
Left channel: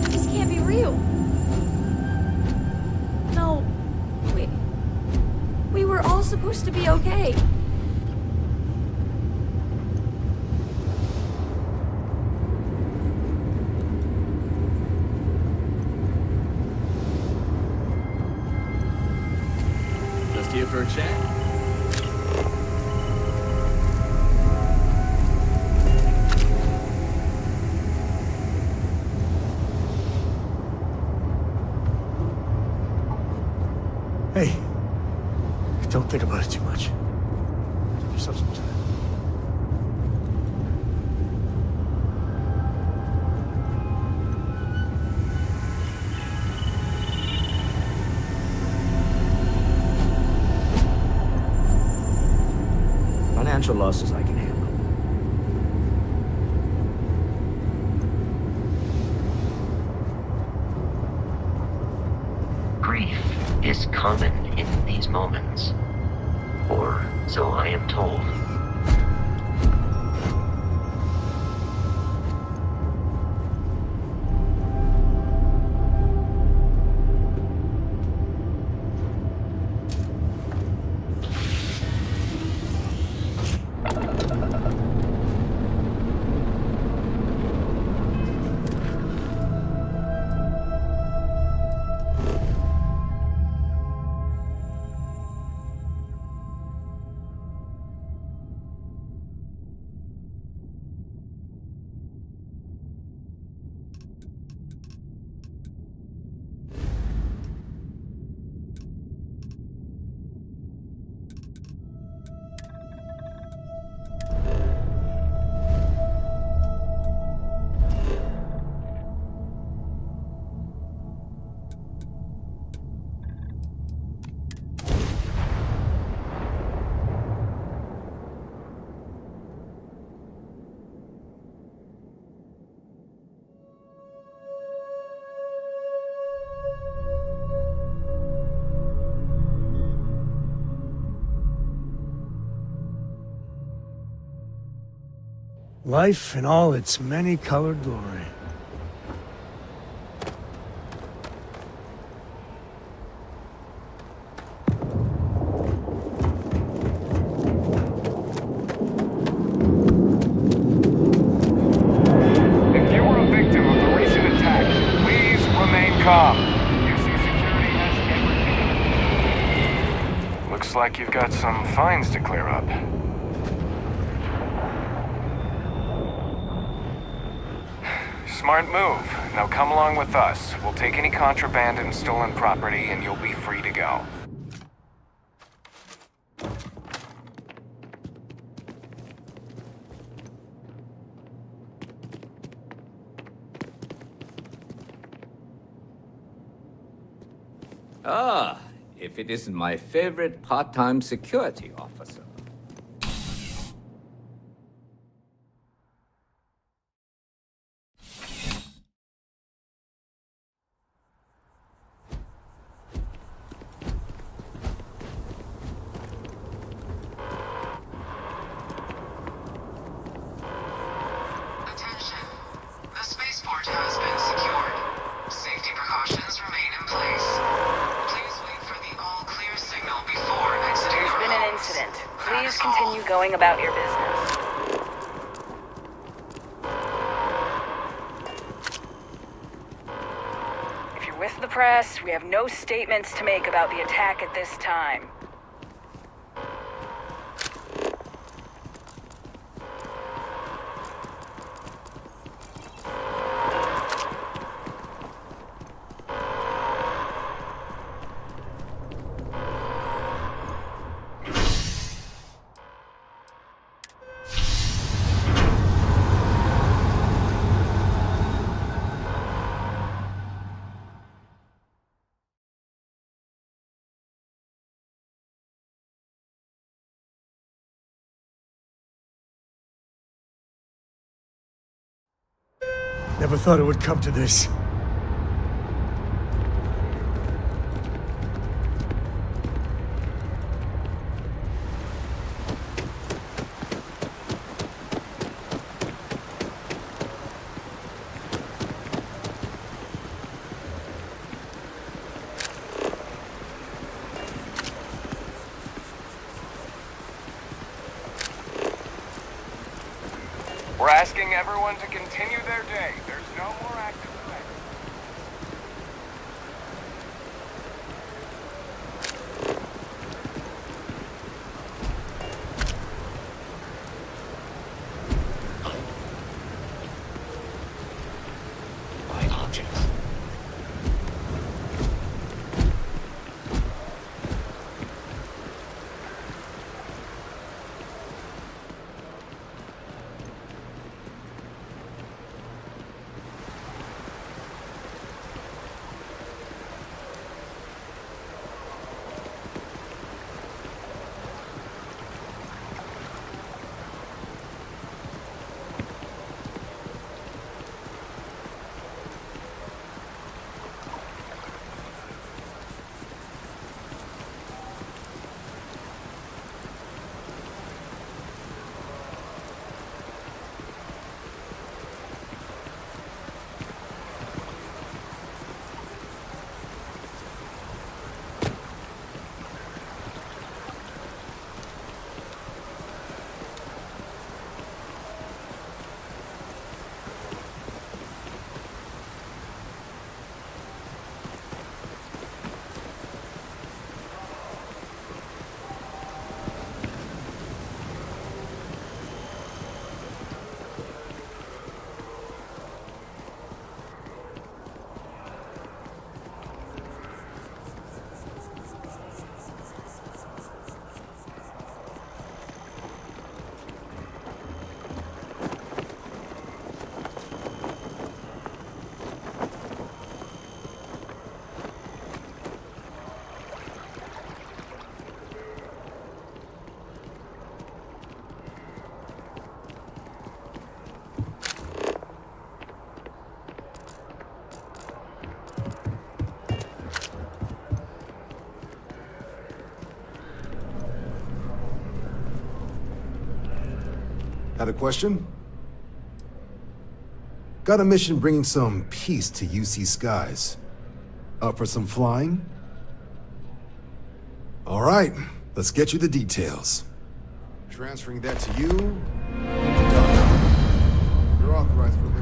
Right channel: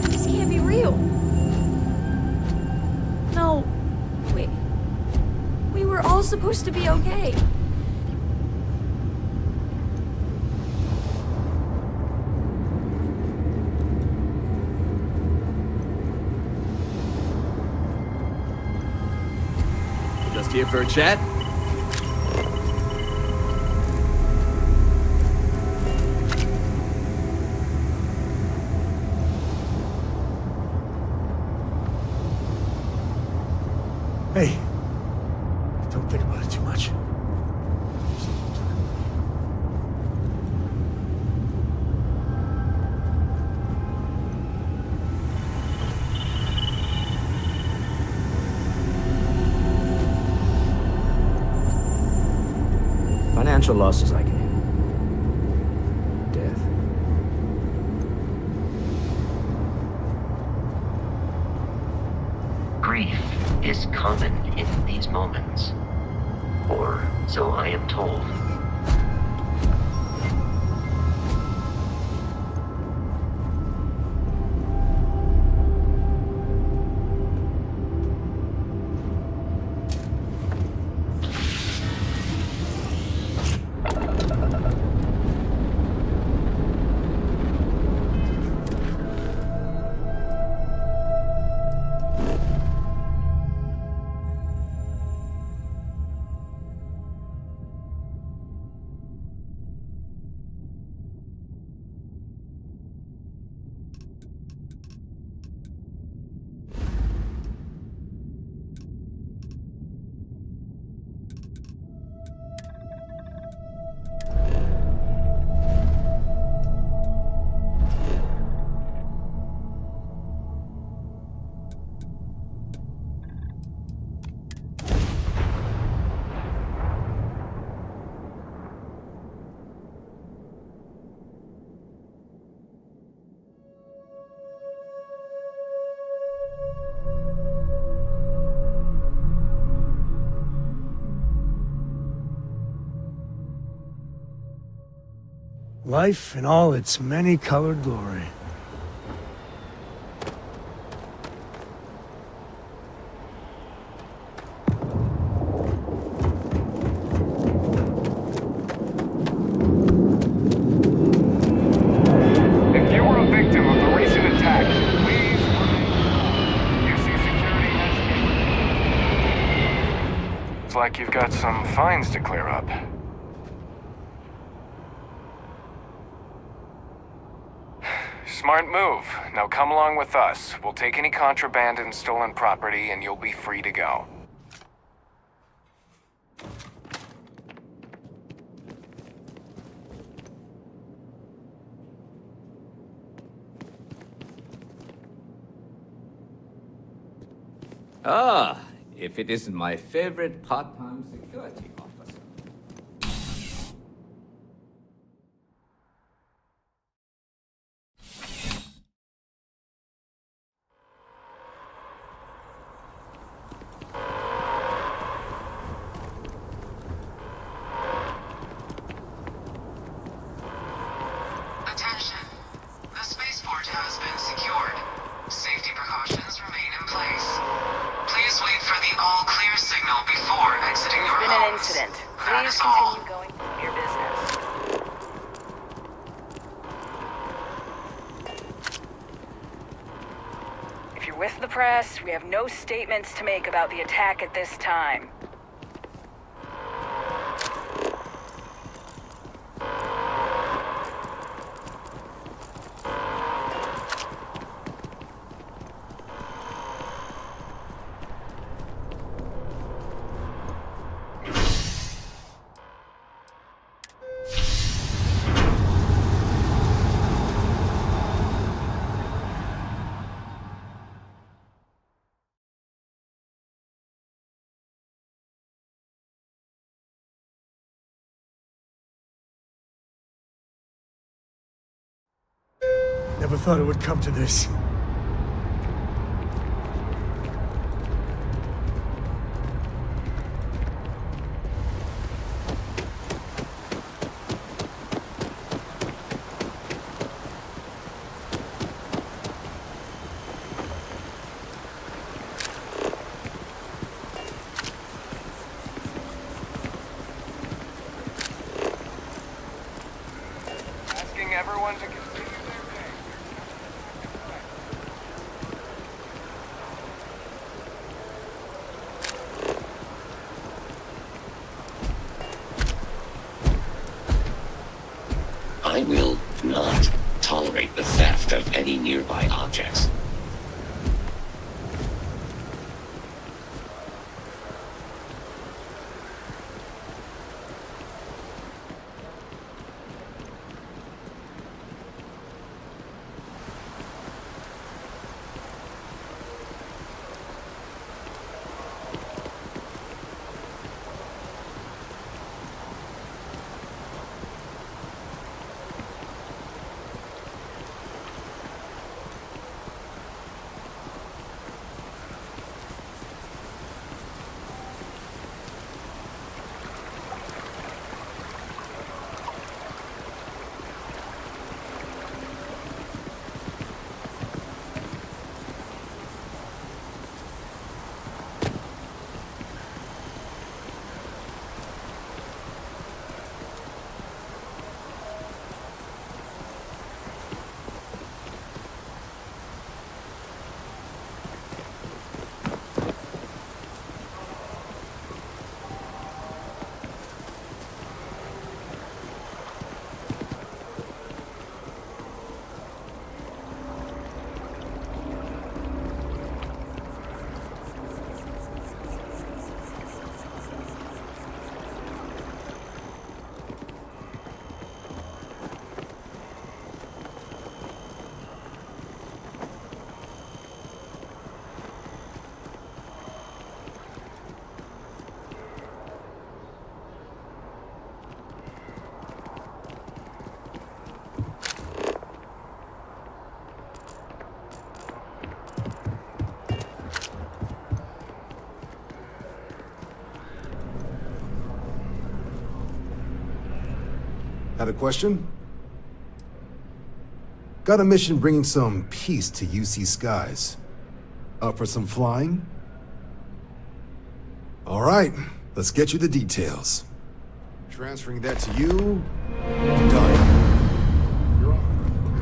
This can't be real. No. We were all supposed to be okay. Just here for a chat? Hey, don't think about it too much. Give yourself some time. Financial losses I can handle. Grief is common in these moments. Or so I am told. Life in all its many-colored glory. If you were a victim of the recent attack, please remain calm. UC Security has... Looks like you've got some fines to clear up. Smart move. Now come along with us. We'll take any contraband and stolen property, and you'll be free to go. Ah, if it isn't my favorite part-time security officer. Attention. The spaceport has been secured. Safety precautions remain in place. Please wait for the all-clear signal before exiting your There's been an homes. incident. That Please is all. continue going about your business. If you're with the press, we have no statements to make about the attack at this time. Never thought it would come to this. We're asking everyone to continue their day. There's no more active threat. I will not tolerate the theft of any nearby objects. Had a question? Got a mission bringing some peace to UC skies. Up for some flying? All right, let's get you the details. Transferring that to you. Done. You're authorized for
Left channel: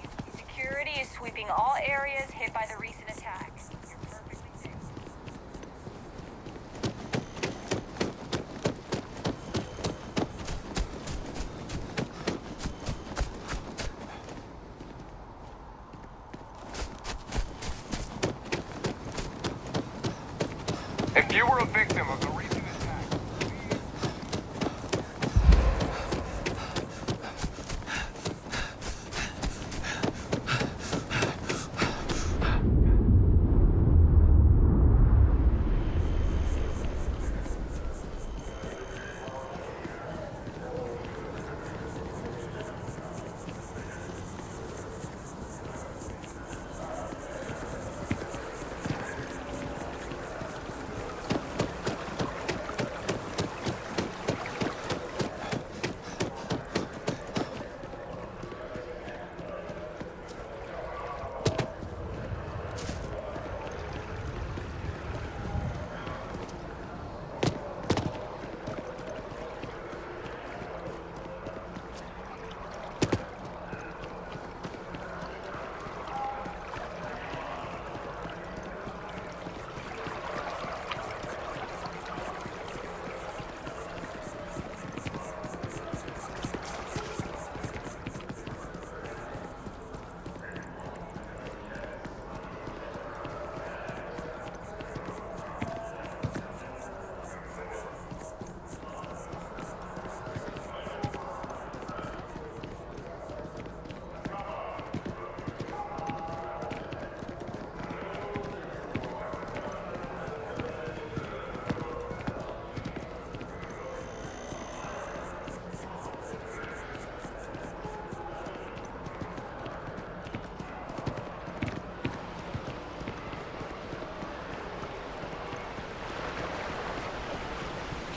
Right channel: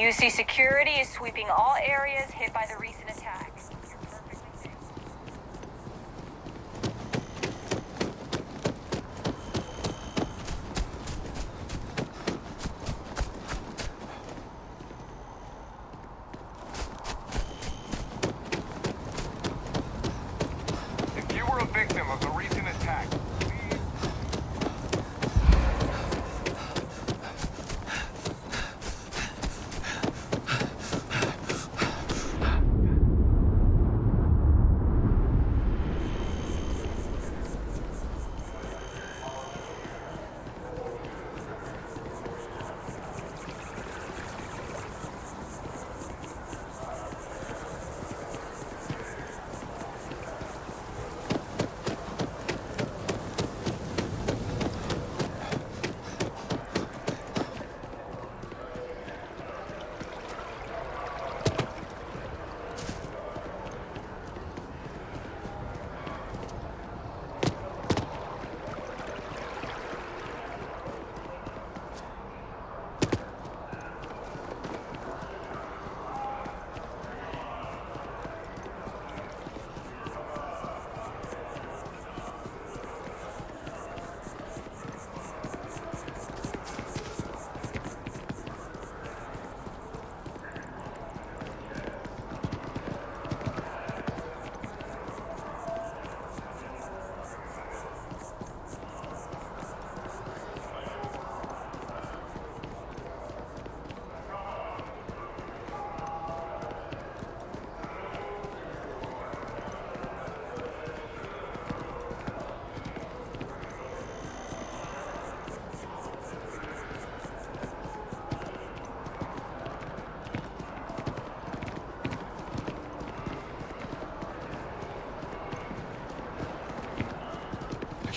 UC security is sweeping all areas hit by the recent attack. You're perfectly safe. If you were a victim of the recent attack,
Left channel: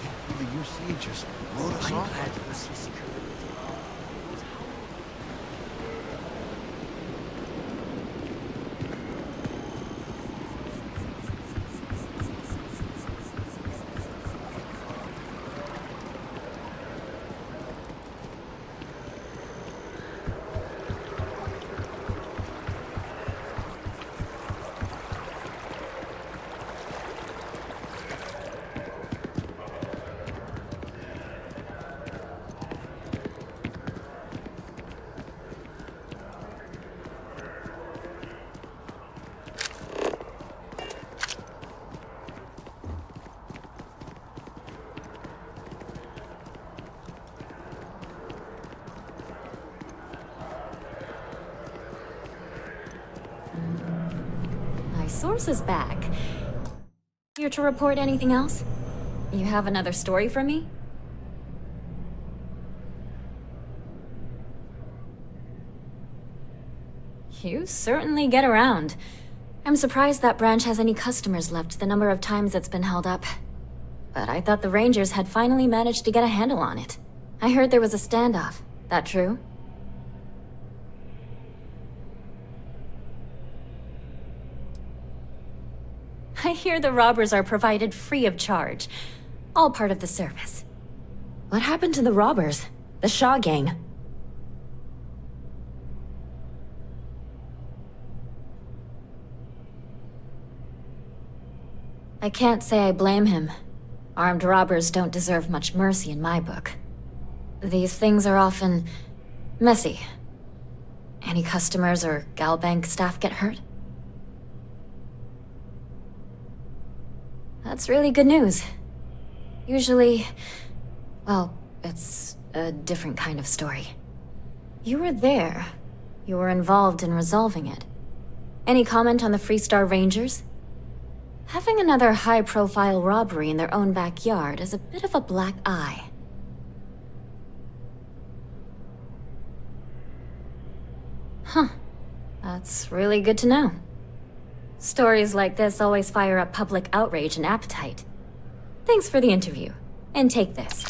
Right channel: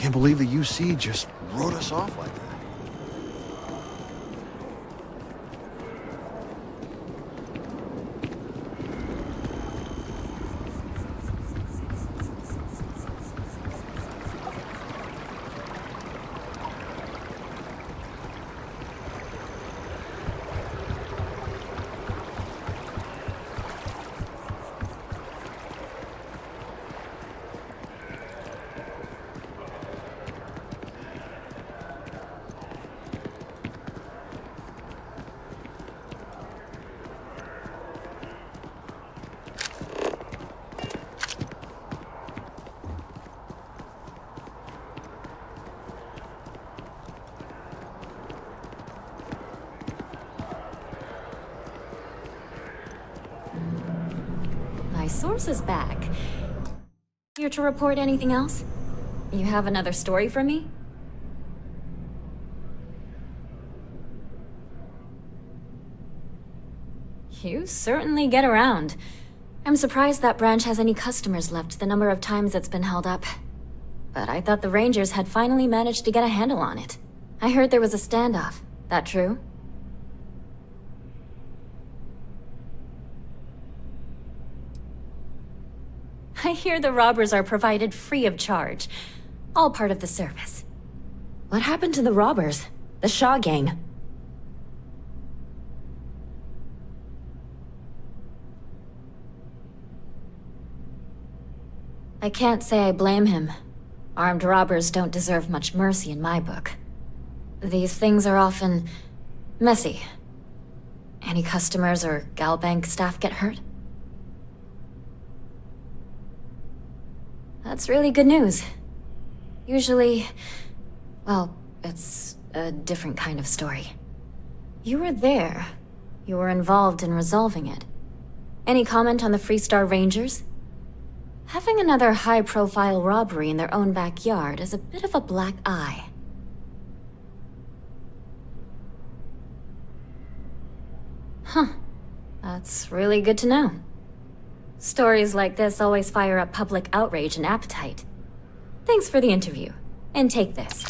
Can't believe the UC just wrote us off like this. My source is back. Here to report anything else? You have another story for me? You certainly get around. I'm surprised that branch has any customers left the number of times it's been held up. But I thought the Rangers had finally managed to get a handle on it. I heard there was a standoff. That true? I hear the robbers are provided free of charge. All part of the service. What happened to the robbers? The Shaw gang? I can't say I blame him. Armed robbers don't deserve much mercy in my book. These things are often messy. Any customers or Galbank staff get hurt? That's really good news. Usually, well, it's a different kind of story. You were there. You were involved in resolving it. Any comment on the Freestar Rangers? Having another high-profile robbery in their own backyard is a bit of a black eye. Huh. That's really good to know. Stories like this always fire up public outrage and appetite. Thanks for the interview. And take this.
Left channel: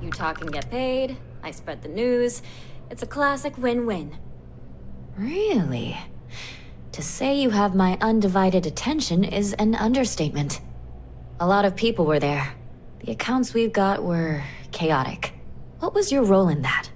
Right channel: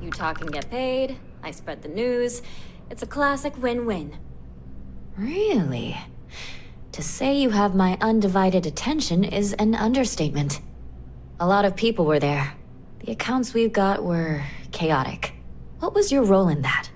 You talk and get paid, I spread the news. It's a classic win-win. Really? To say you have my undivided attention is an understatement. A lot of people were there. The accounts we've got were chaotic. What was your role in that?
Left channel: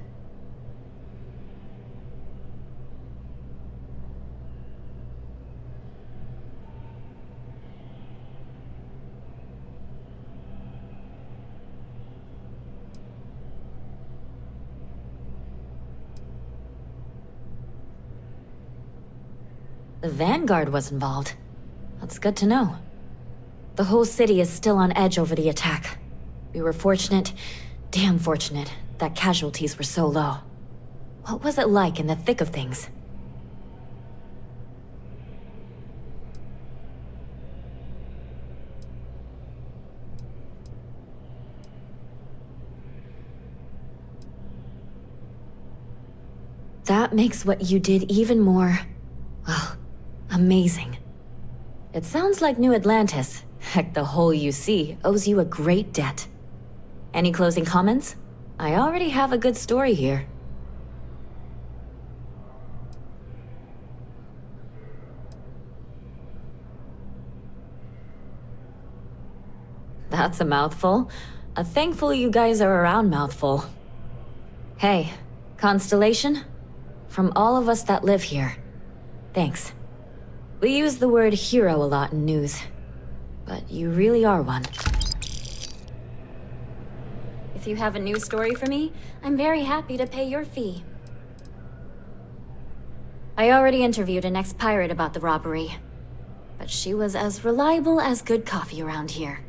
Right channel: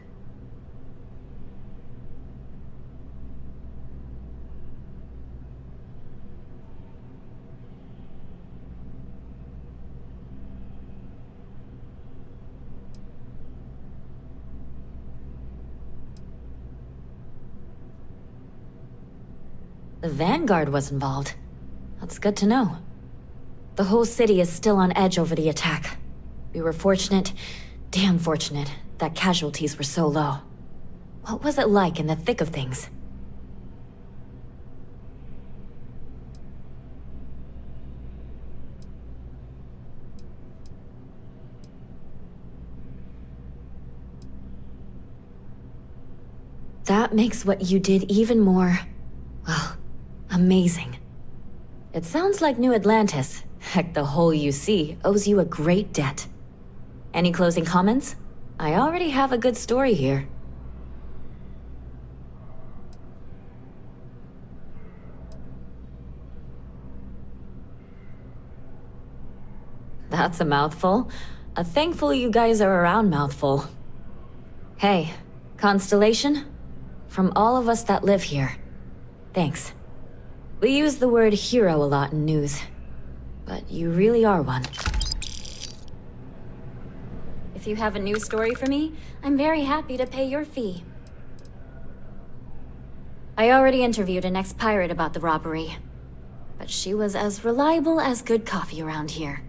The Vanguard was involved. That's good to know. The whole city is still on edge over the attack. We were fortunate, damn fortunate, that casualties were so low. What was it like in the thick of things? That makes what you did even more, well, amazing. It sounds like New Atlantis, heck, the whole UC, owes you a great debt. Any closing comments? I already have a good story here. That's a mouthful. A thankful you guys are around mouthful. Hey, Constellation? From all of us that live here, thanks. We use the word hero a lot in news, but you really are one. If you have a new story for me, I'm very happy to pay your fee. I already interviewed an ex-pirate about the robbery, but she was as reliable as good coffee around here.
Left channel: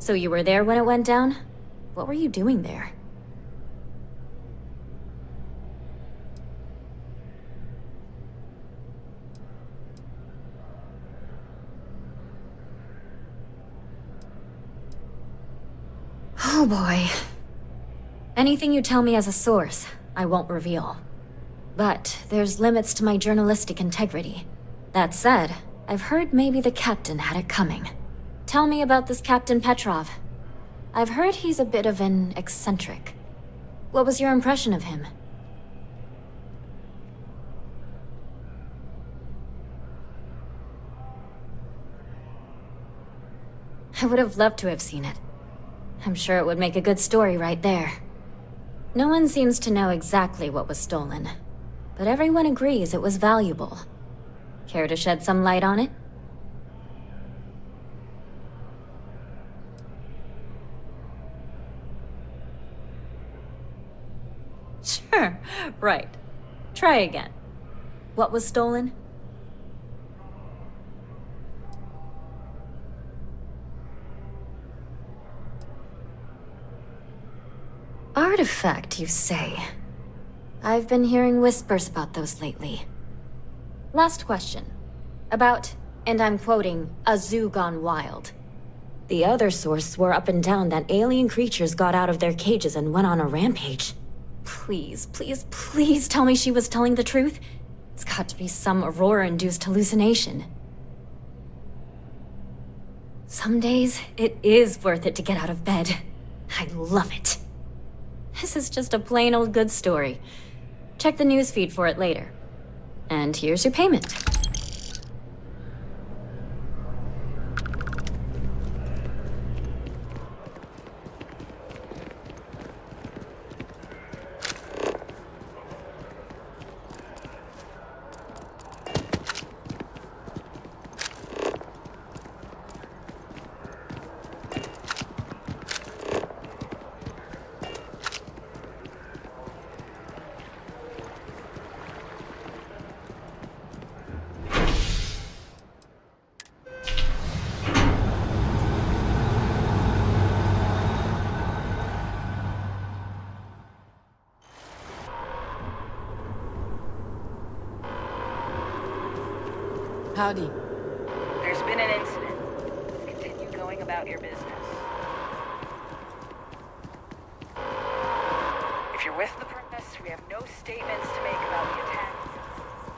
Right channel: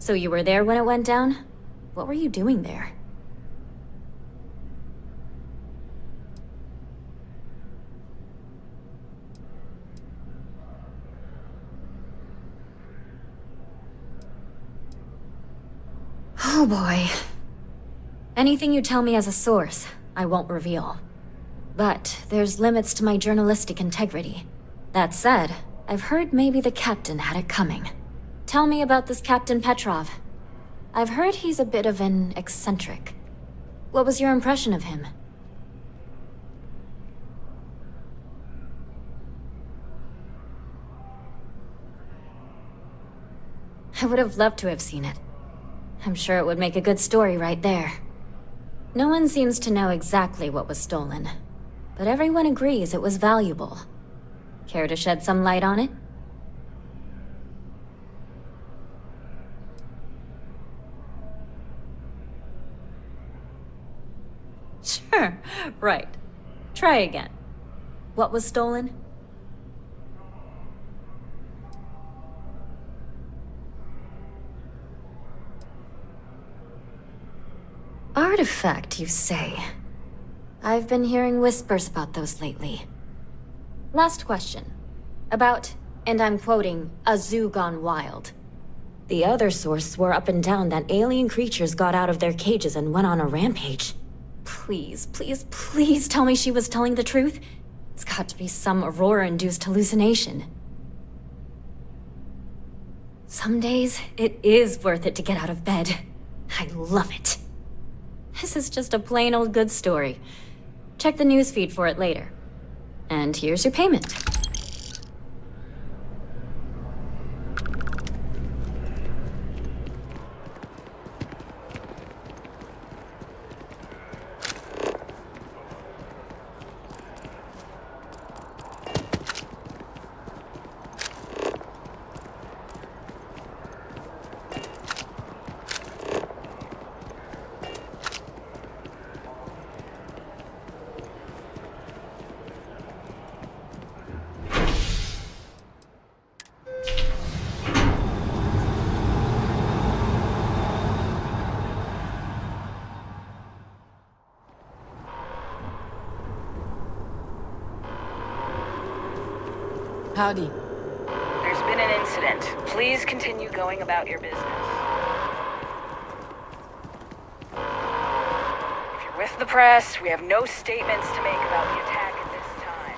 So you were there when it went down? What were you doing there? Oh boy. Anything you tell me as a source, I won't reveal. But there's limits to my journalistic integrity. That said, I've heard maybe the captain had it coming. Tell me about this Captain Petrov. I've heard he's a bit of an eccentric. What was your impression of him? I would have loved to have seen it. I'm sure it would make a good story right there. No one seems to know exactly what was stolen, but everyone agrees it was valuable. Care to shed some light on it? Sure, right. Try again. What was stolen? Artifact, you say? I've been hearing whispers about those lately. Last question. About, and I'm quoting, a zoo gone wild. The other source swore up and down that alien creatures got out of their cages and went on a rampage. Please, please, please tell me she was telling the truth. It's got to be some Aurora-induced hallucination. Some days, it is worth it to get out of bed. I love it. This is just a plain old good story. Check the newsfeed for it later. And here's your payment. Howdy. There's been an incident. Please continue going about your business. If you're with the press, we have no statements to make about the attack at this time.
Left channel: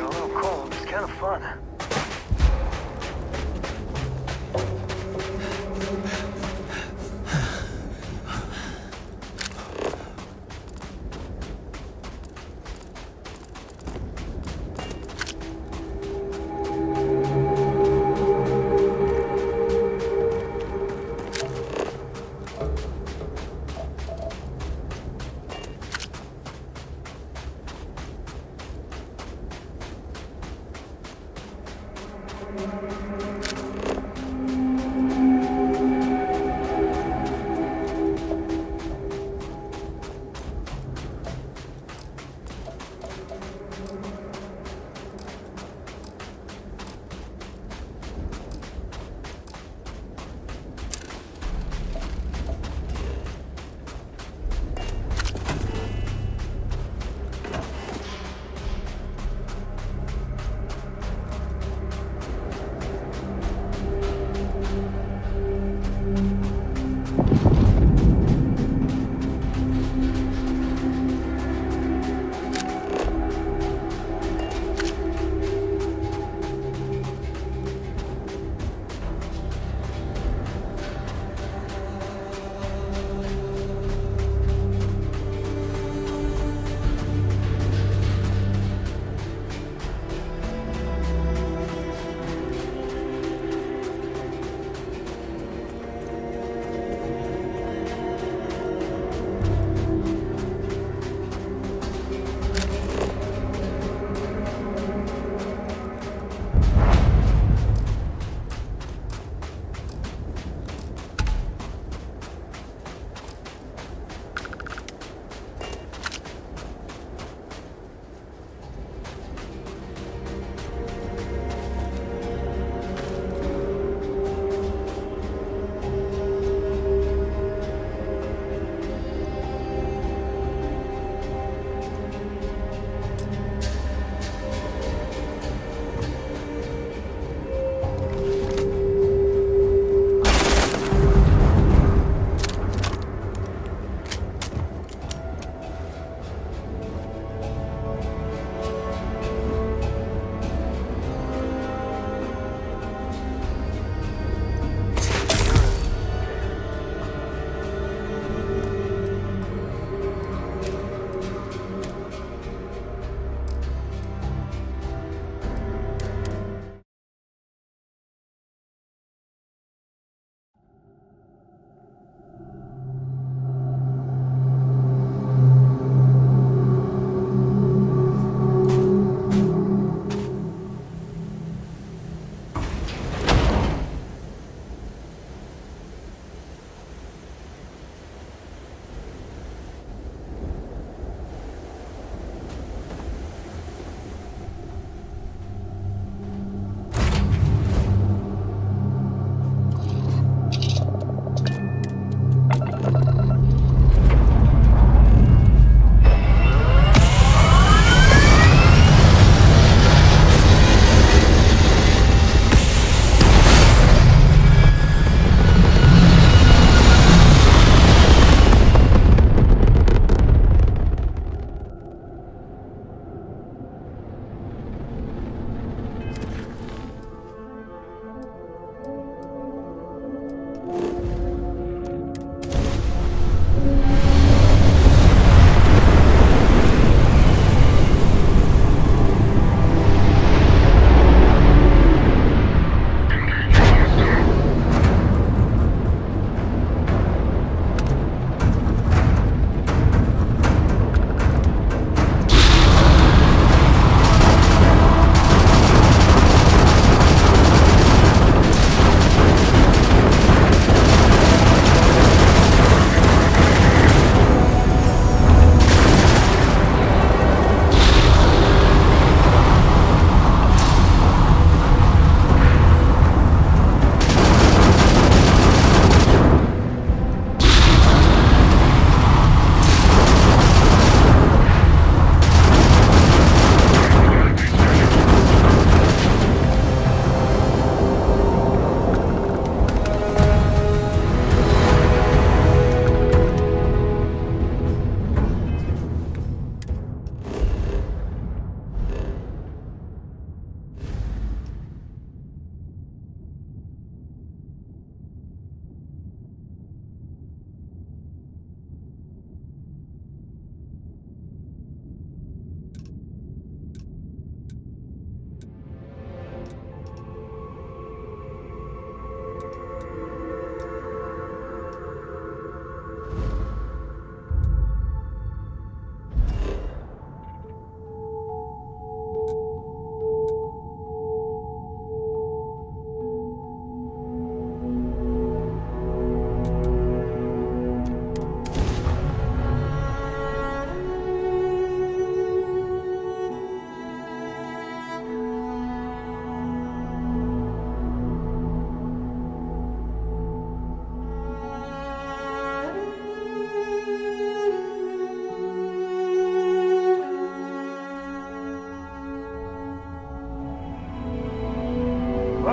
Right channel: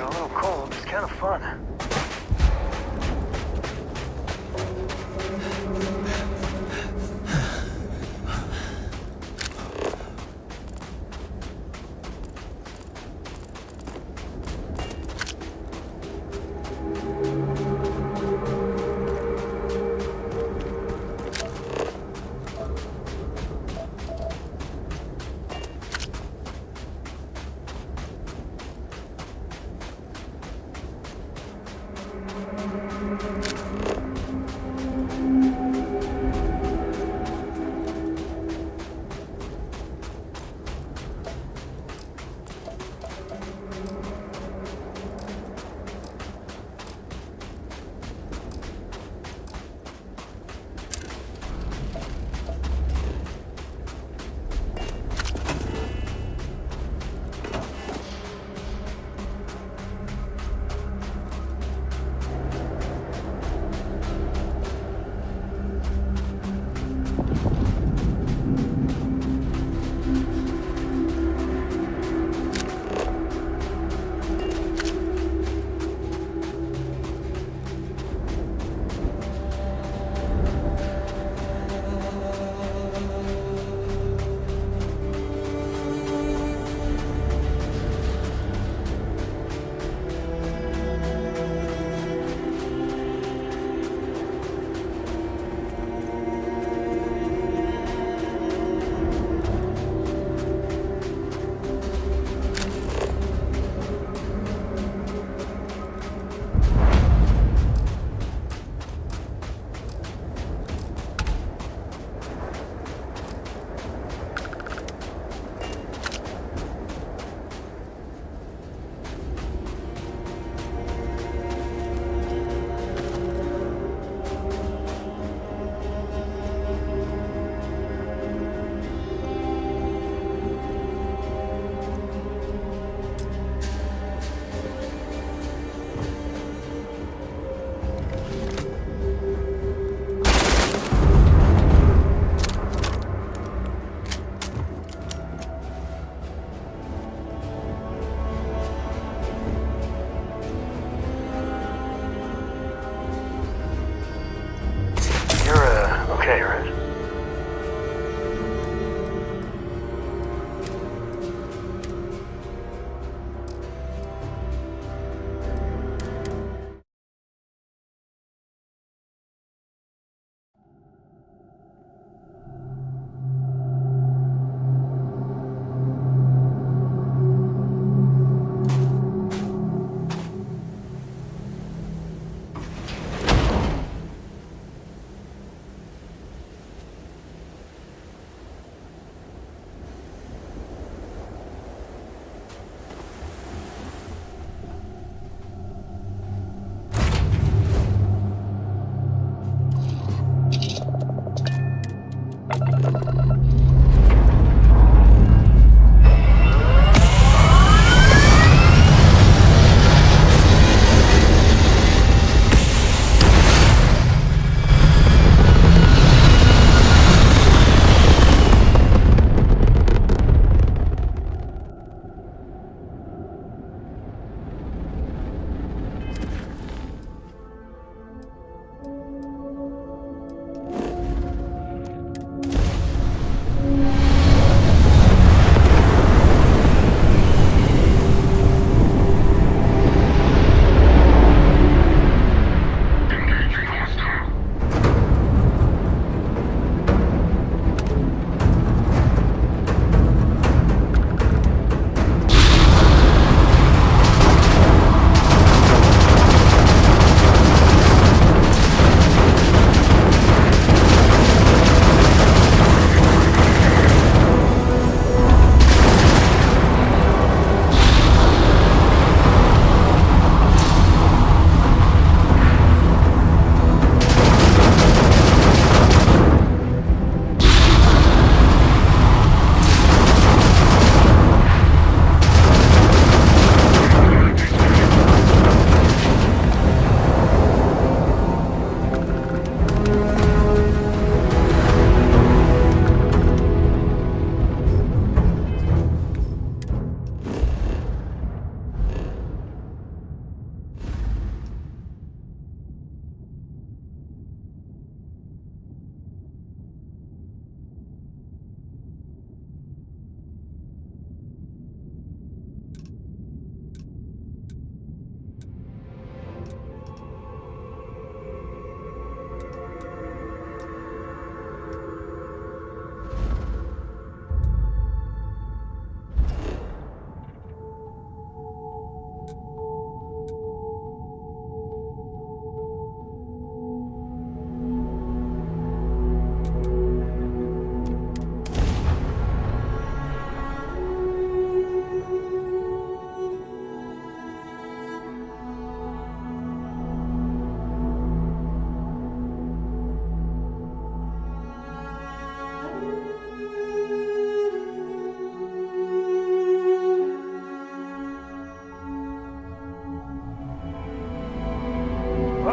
but a little cold. It's kind of fun.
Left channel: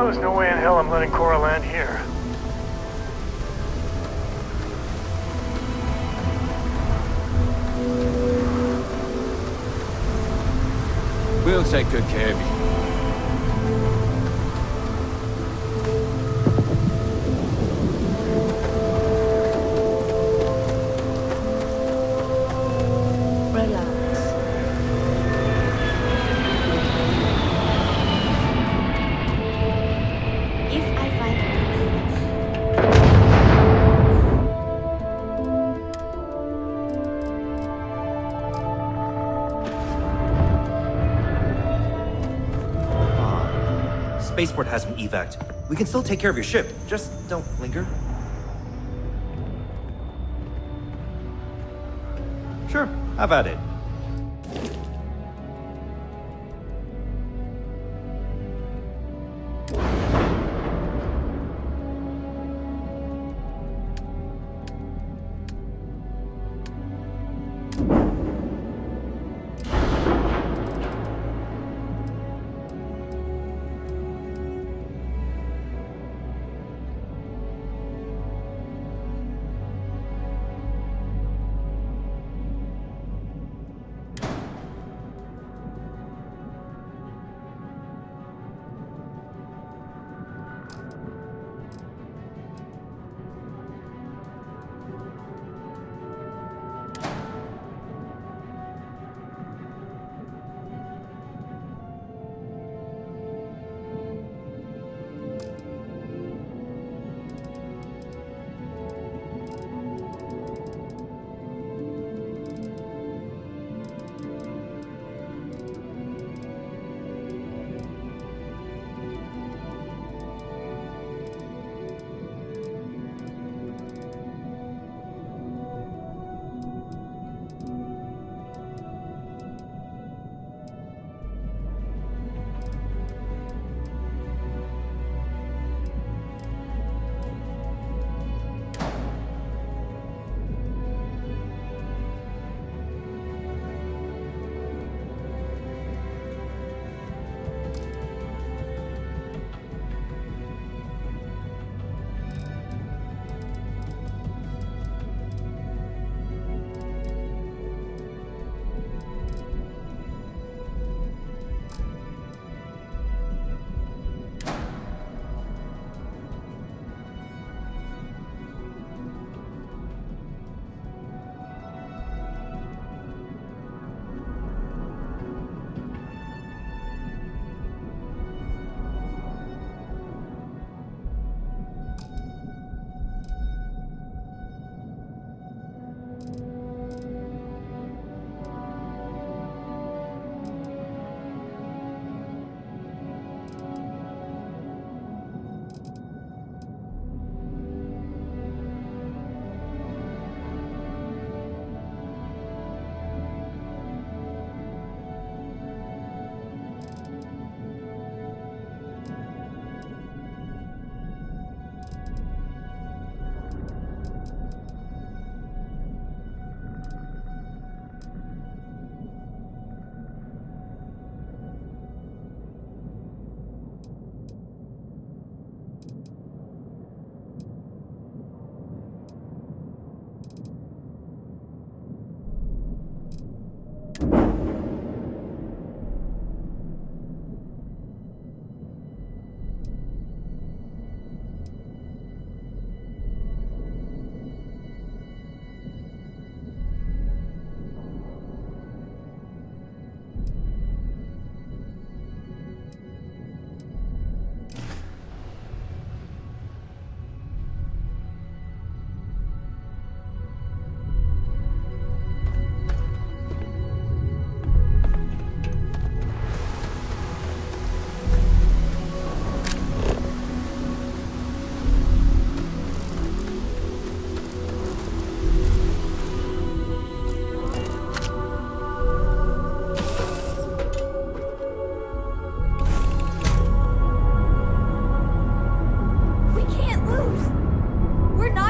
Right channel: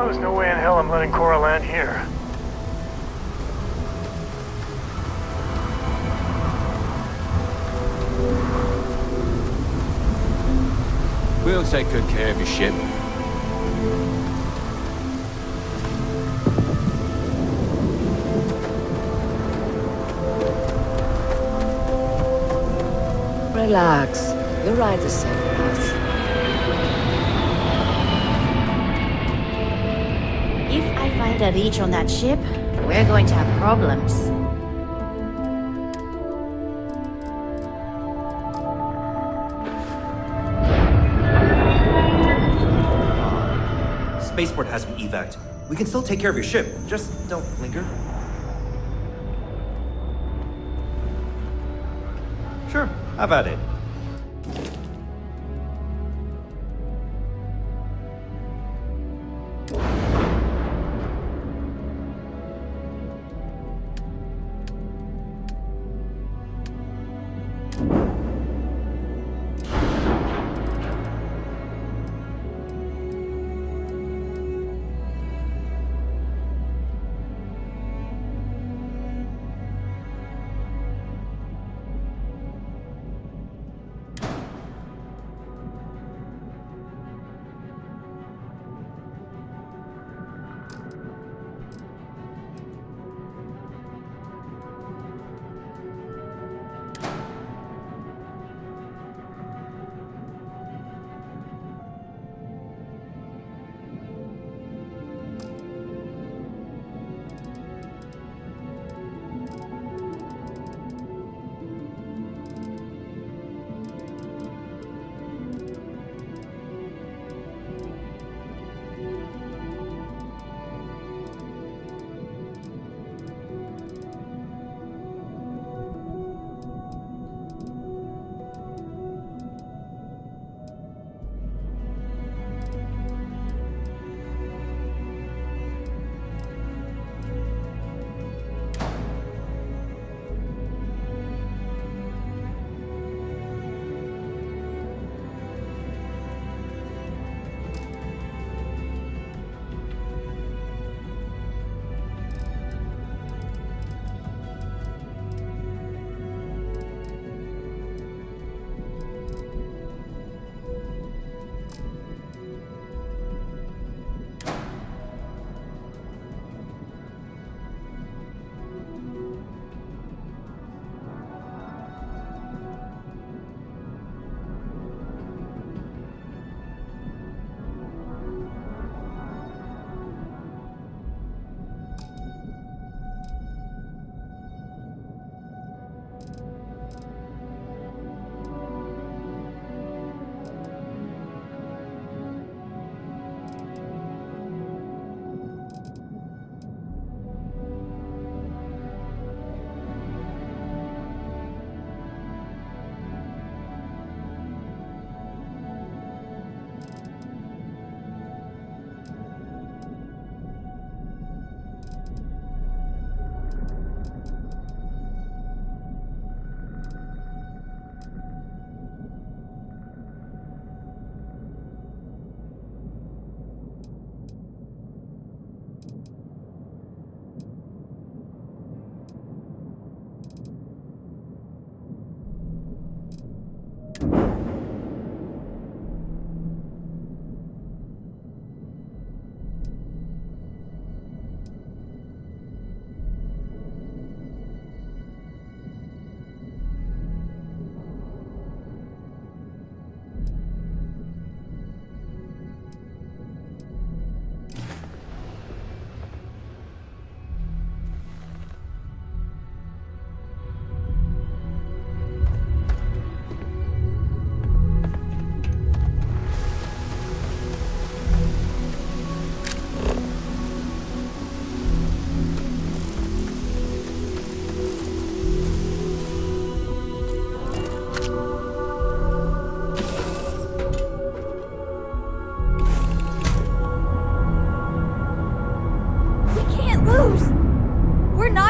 Well, there's no way in hell I'm letting Cora land here. We'll take good care of your ship. Relax. The ride is safe. If I find a leech on that ship, we're going to have problems. Spaceport has been evac'd. We can still take care of your ship. Just don't linger. Sure, have at it.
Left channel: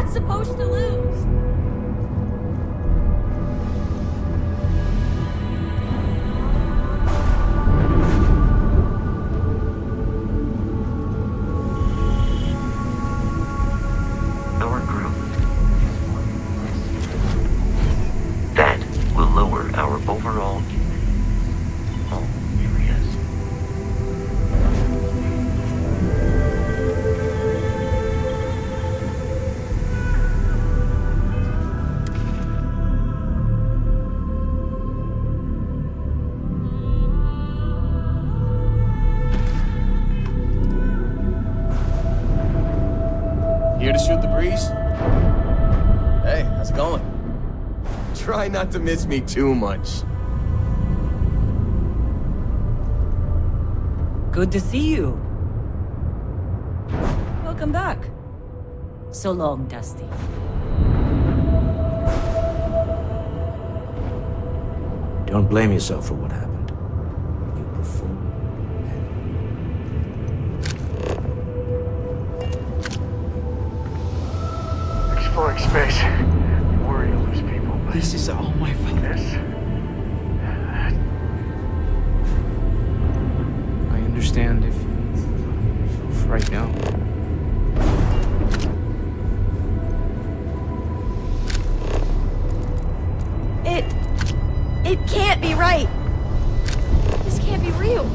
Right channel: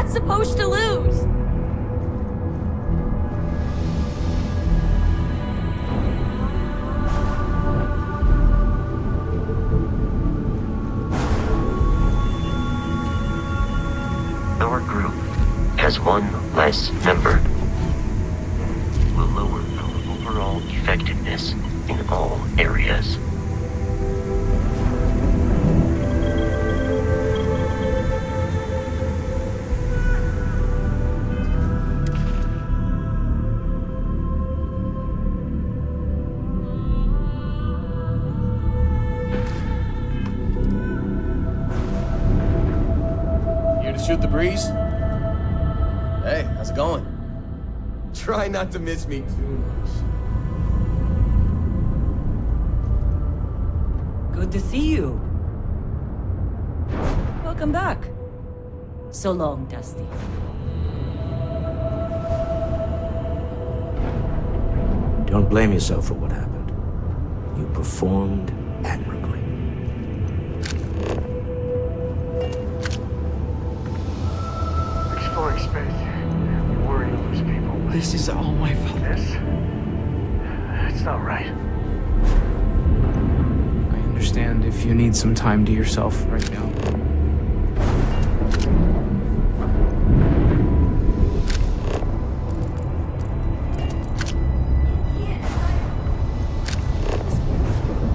Supposed to lose. group has one less member. That will lower our overall effectiveness in all areas. Here to shoot the breeze? Hey, how's it going? Try not to miss me too much. Good to see you. Welcome back. So long, Dusty. Don't blame yourself for what happened. You performed admirably. Exploring space. You worry you'll lose people. But This is all my fault. this? It's not right. I understand if you need some time to yourself right now. It can't be right. This can't be real.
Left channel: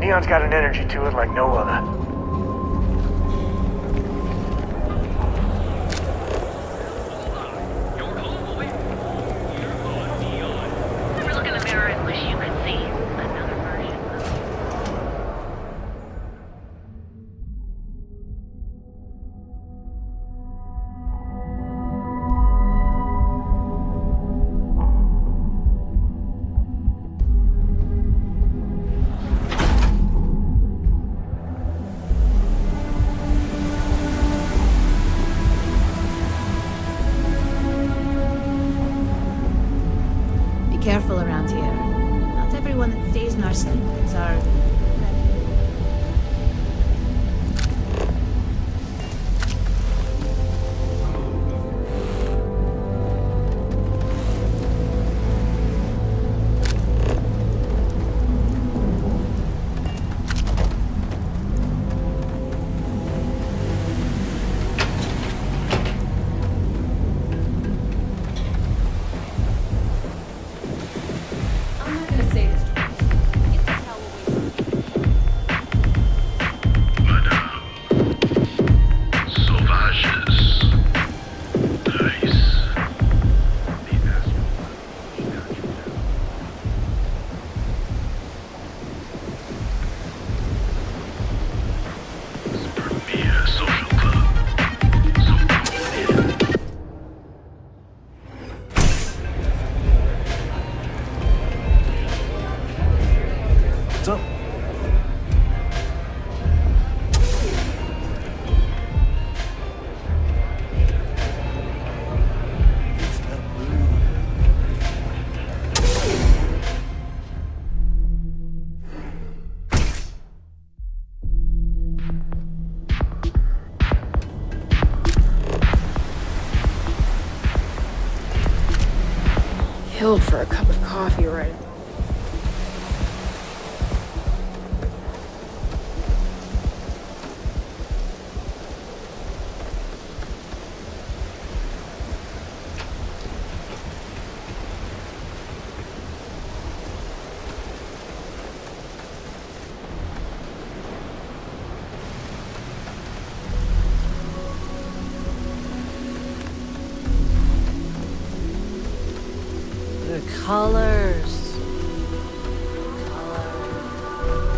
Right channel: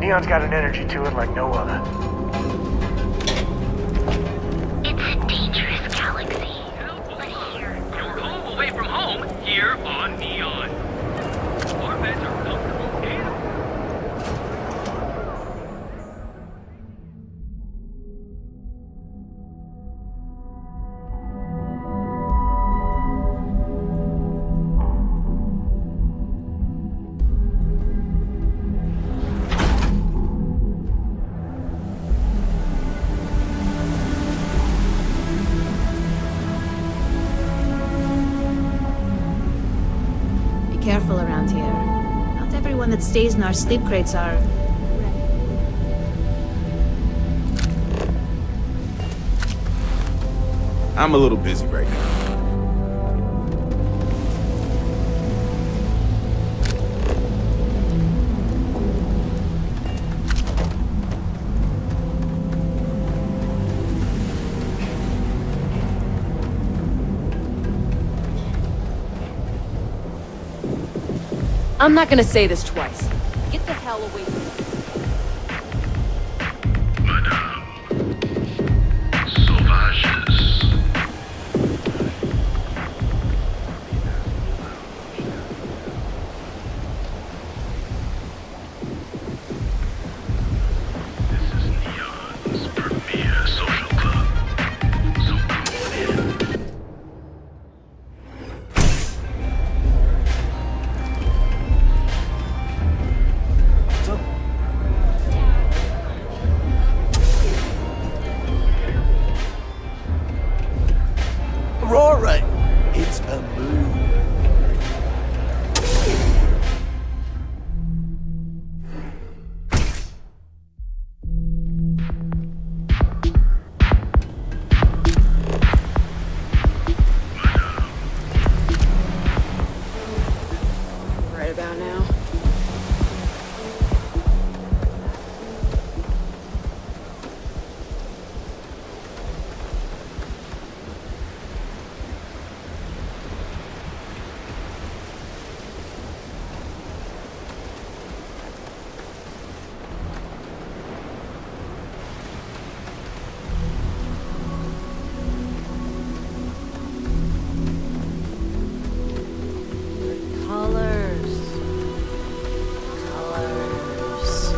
Neon's got an energy to it like no other. It's a dangerous galaxy. Your home away from home, here on Neon. Look in the mirror and first you can see. Careful around here. Not everyone that stays in our sleep crates are... I'm a little busy right now. I'm not gonna say this twice. Get the hell away from me. Sauvages. Nice. This is Neon's premier Colors. Colors.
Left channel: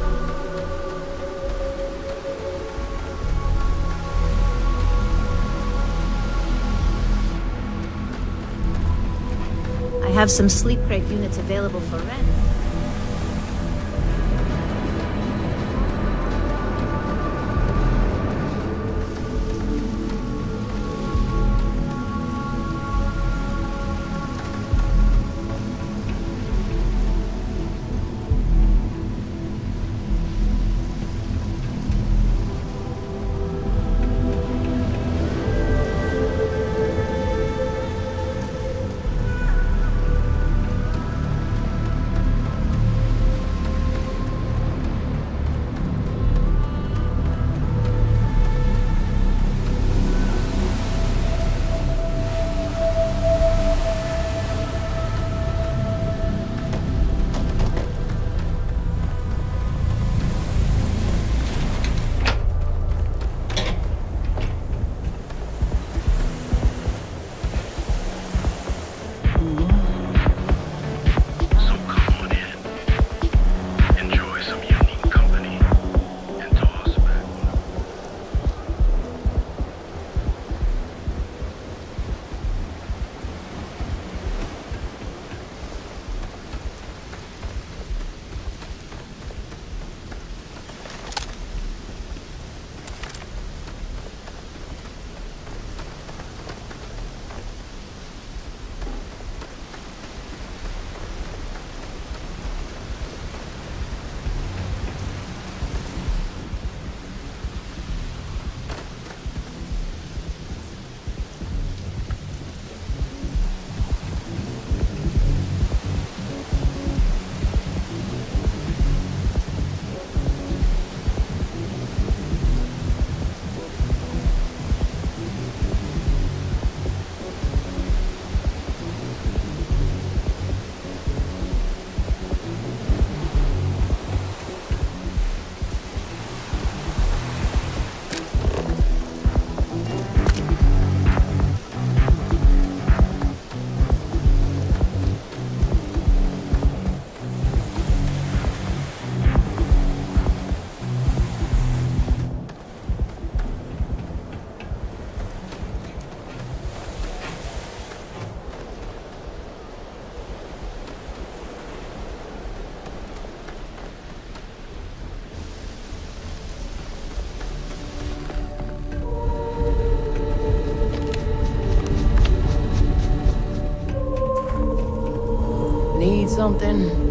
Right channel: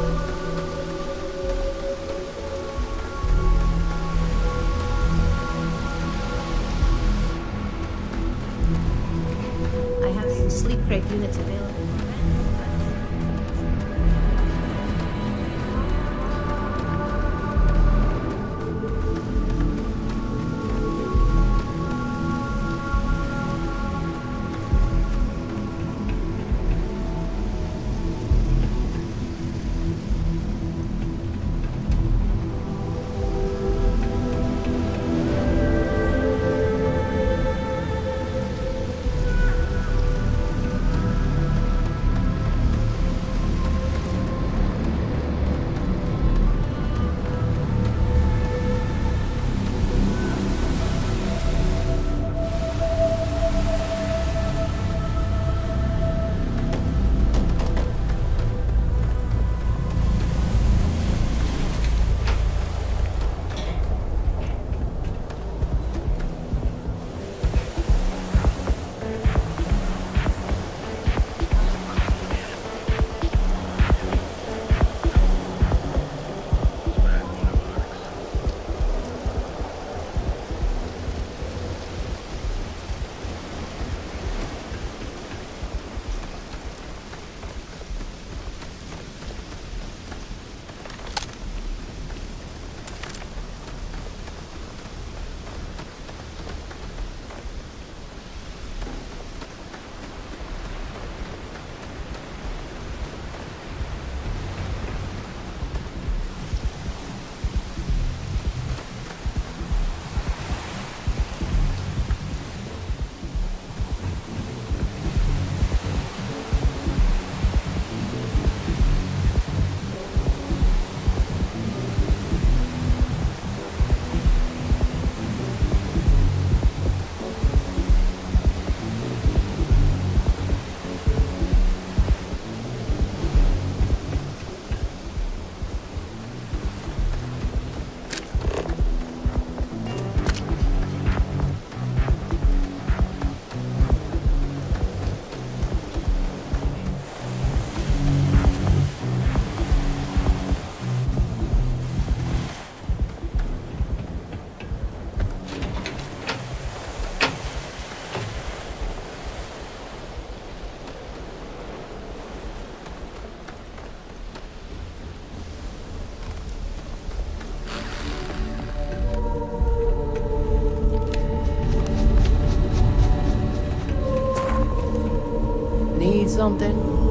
I have some sleep crate units available for rent. Need something?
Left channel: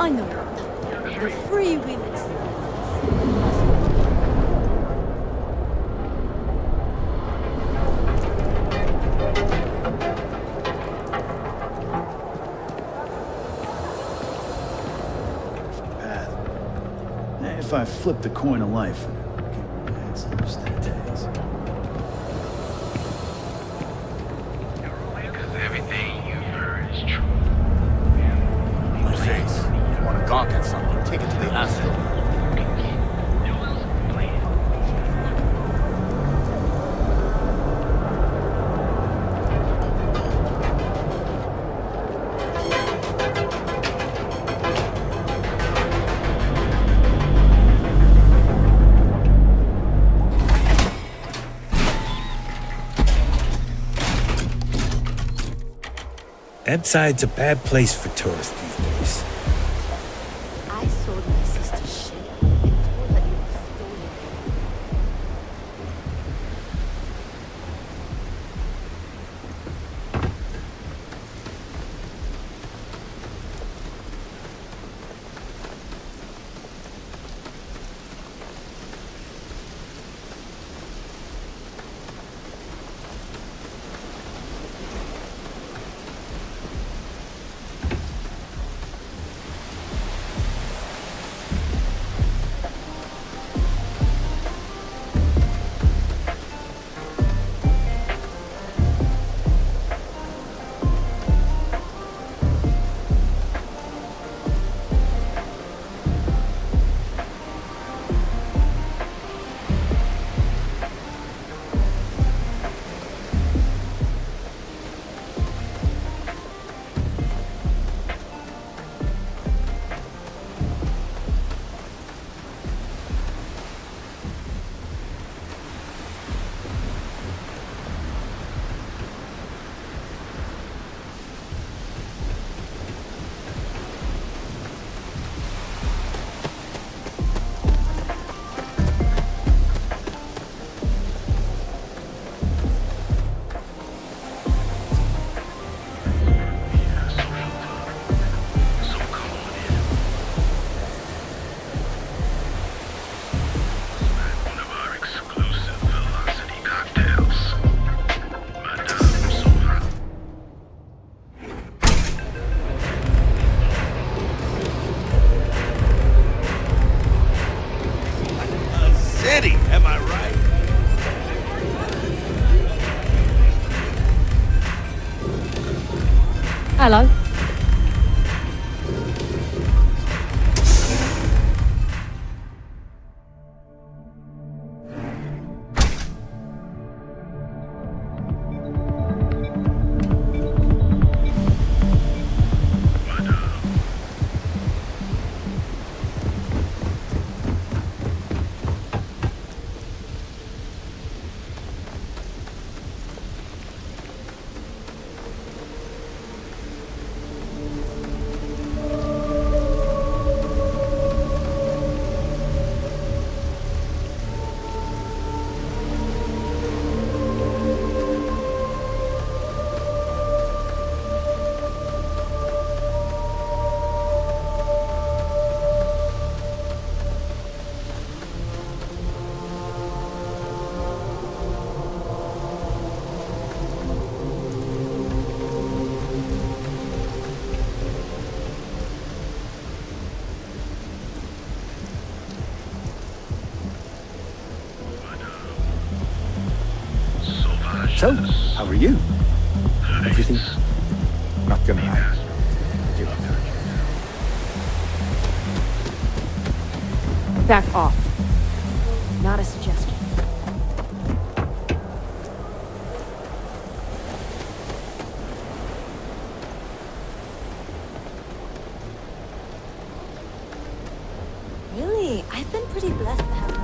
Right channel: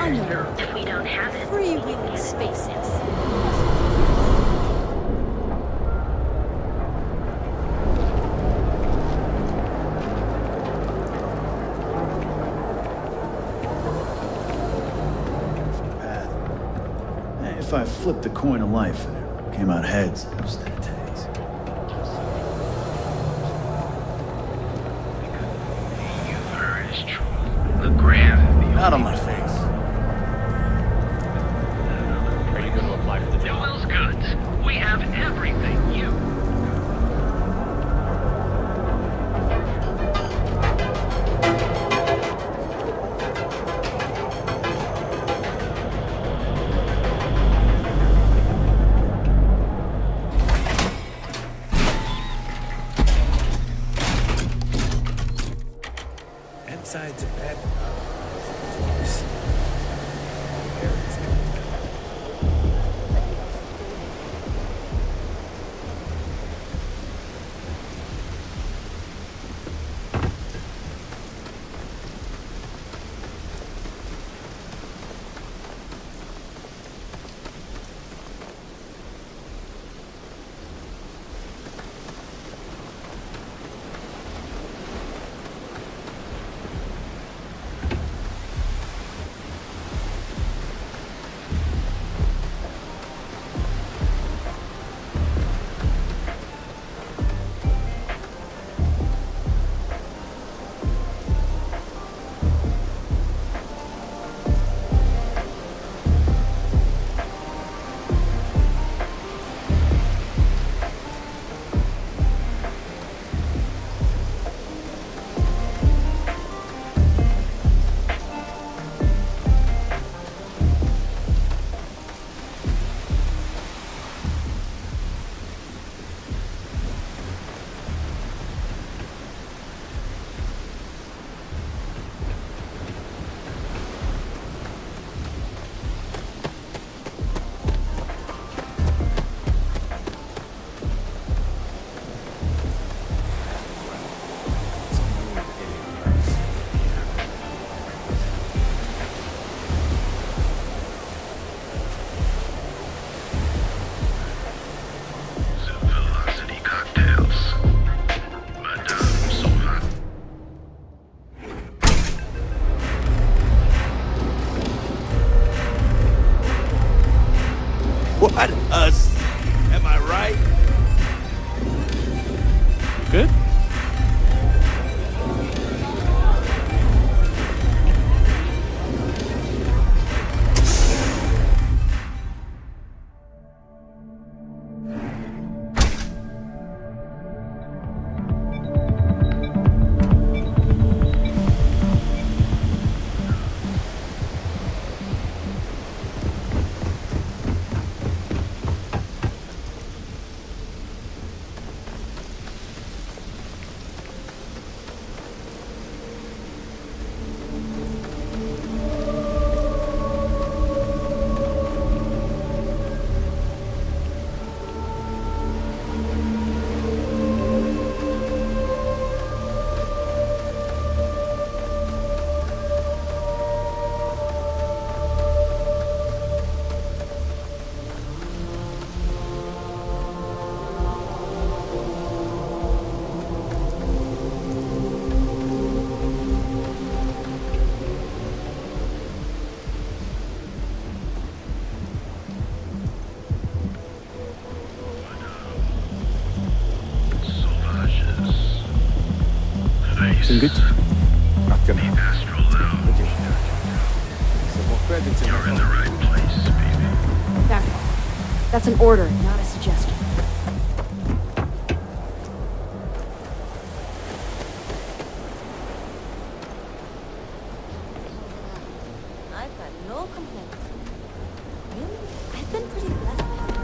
I know. The freewheeling spaces. If I flipped the coin of life and it came out heads instead of tails. Not on my face. If you want to gawk at something, take it to the acid. Newell's goods. We have everything you. That a bad place for tourists these days. What a city, am I right? Good? Hello. So, how are you? Everything good? Not gonna lie. Back off. That's an order, not a suggestion. Really? I've been pretty blessed to have her.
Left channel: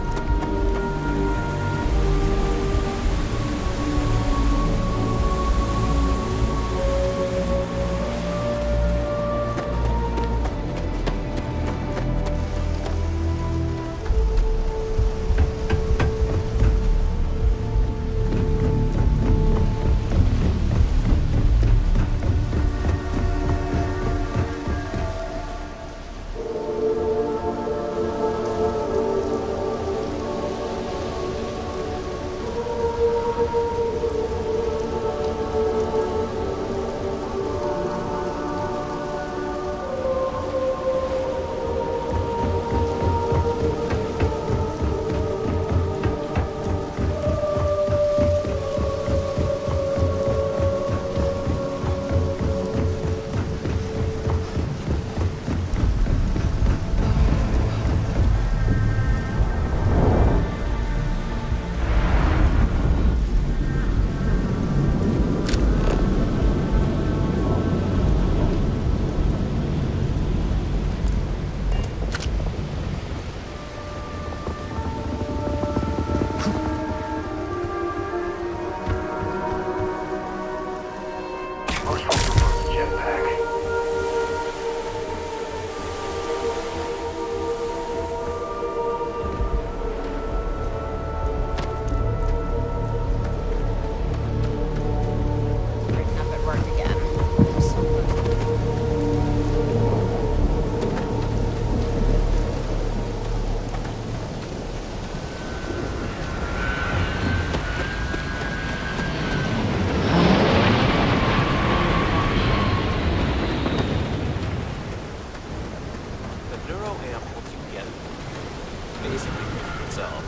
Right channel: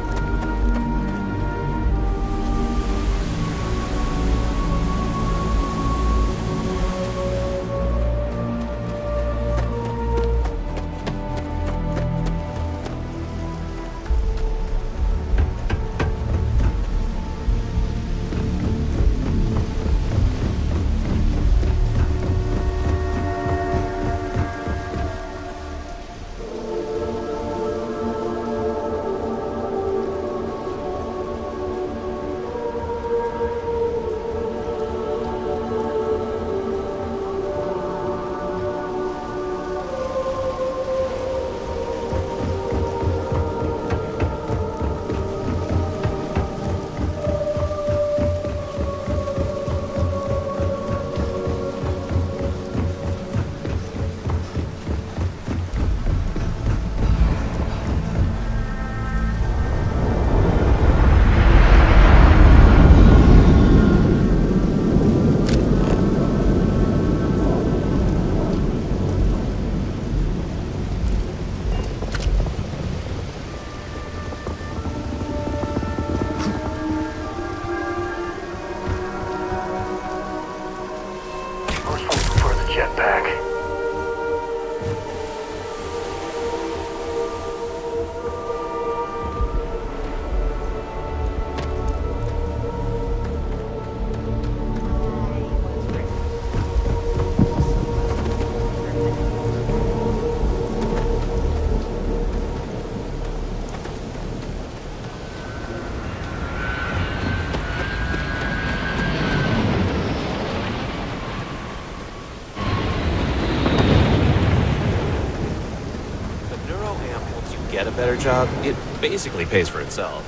0 amp, once you get a better job, it basically pays for itself.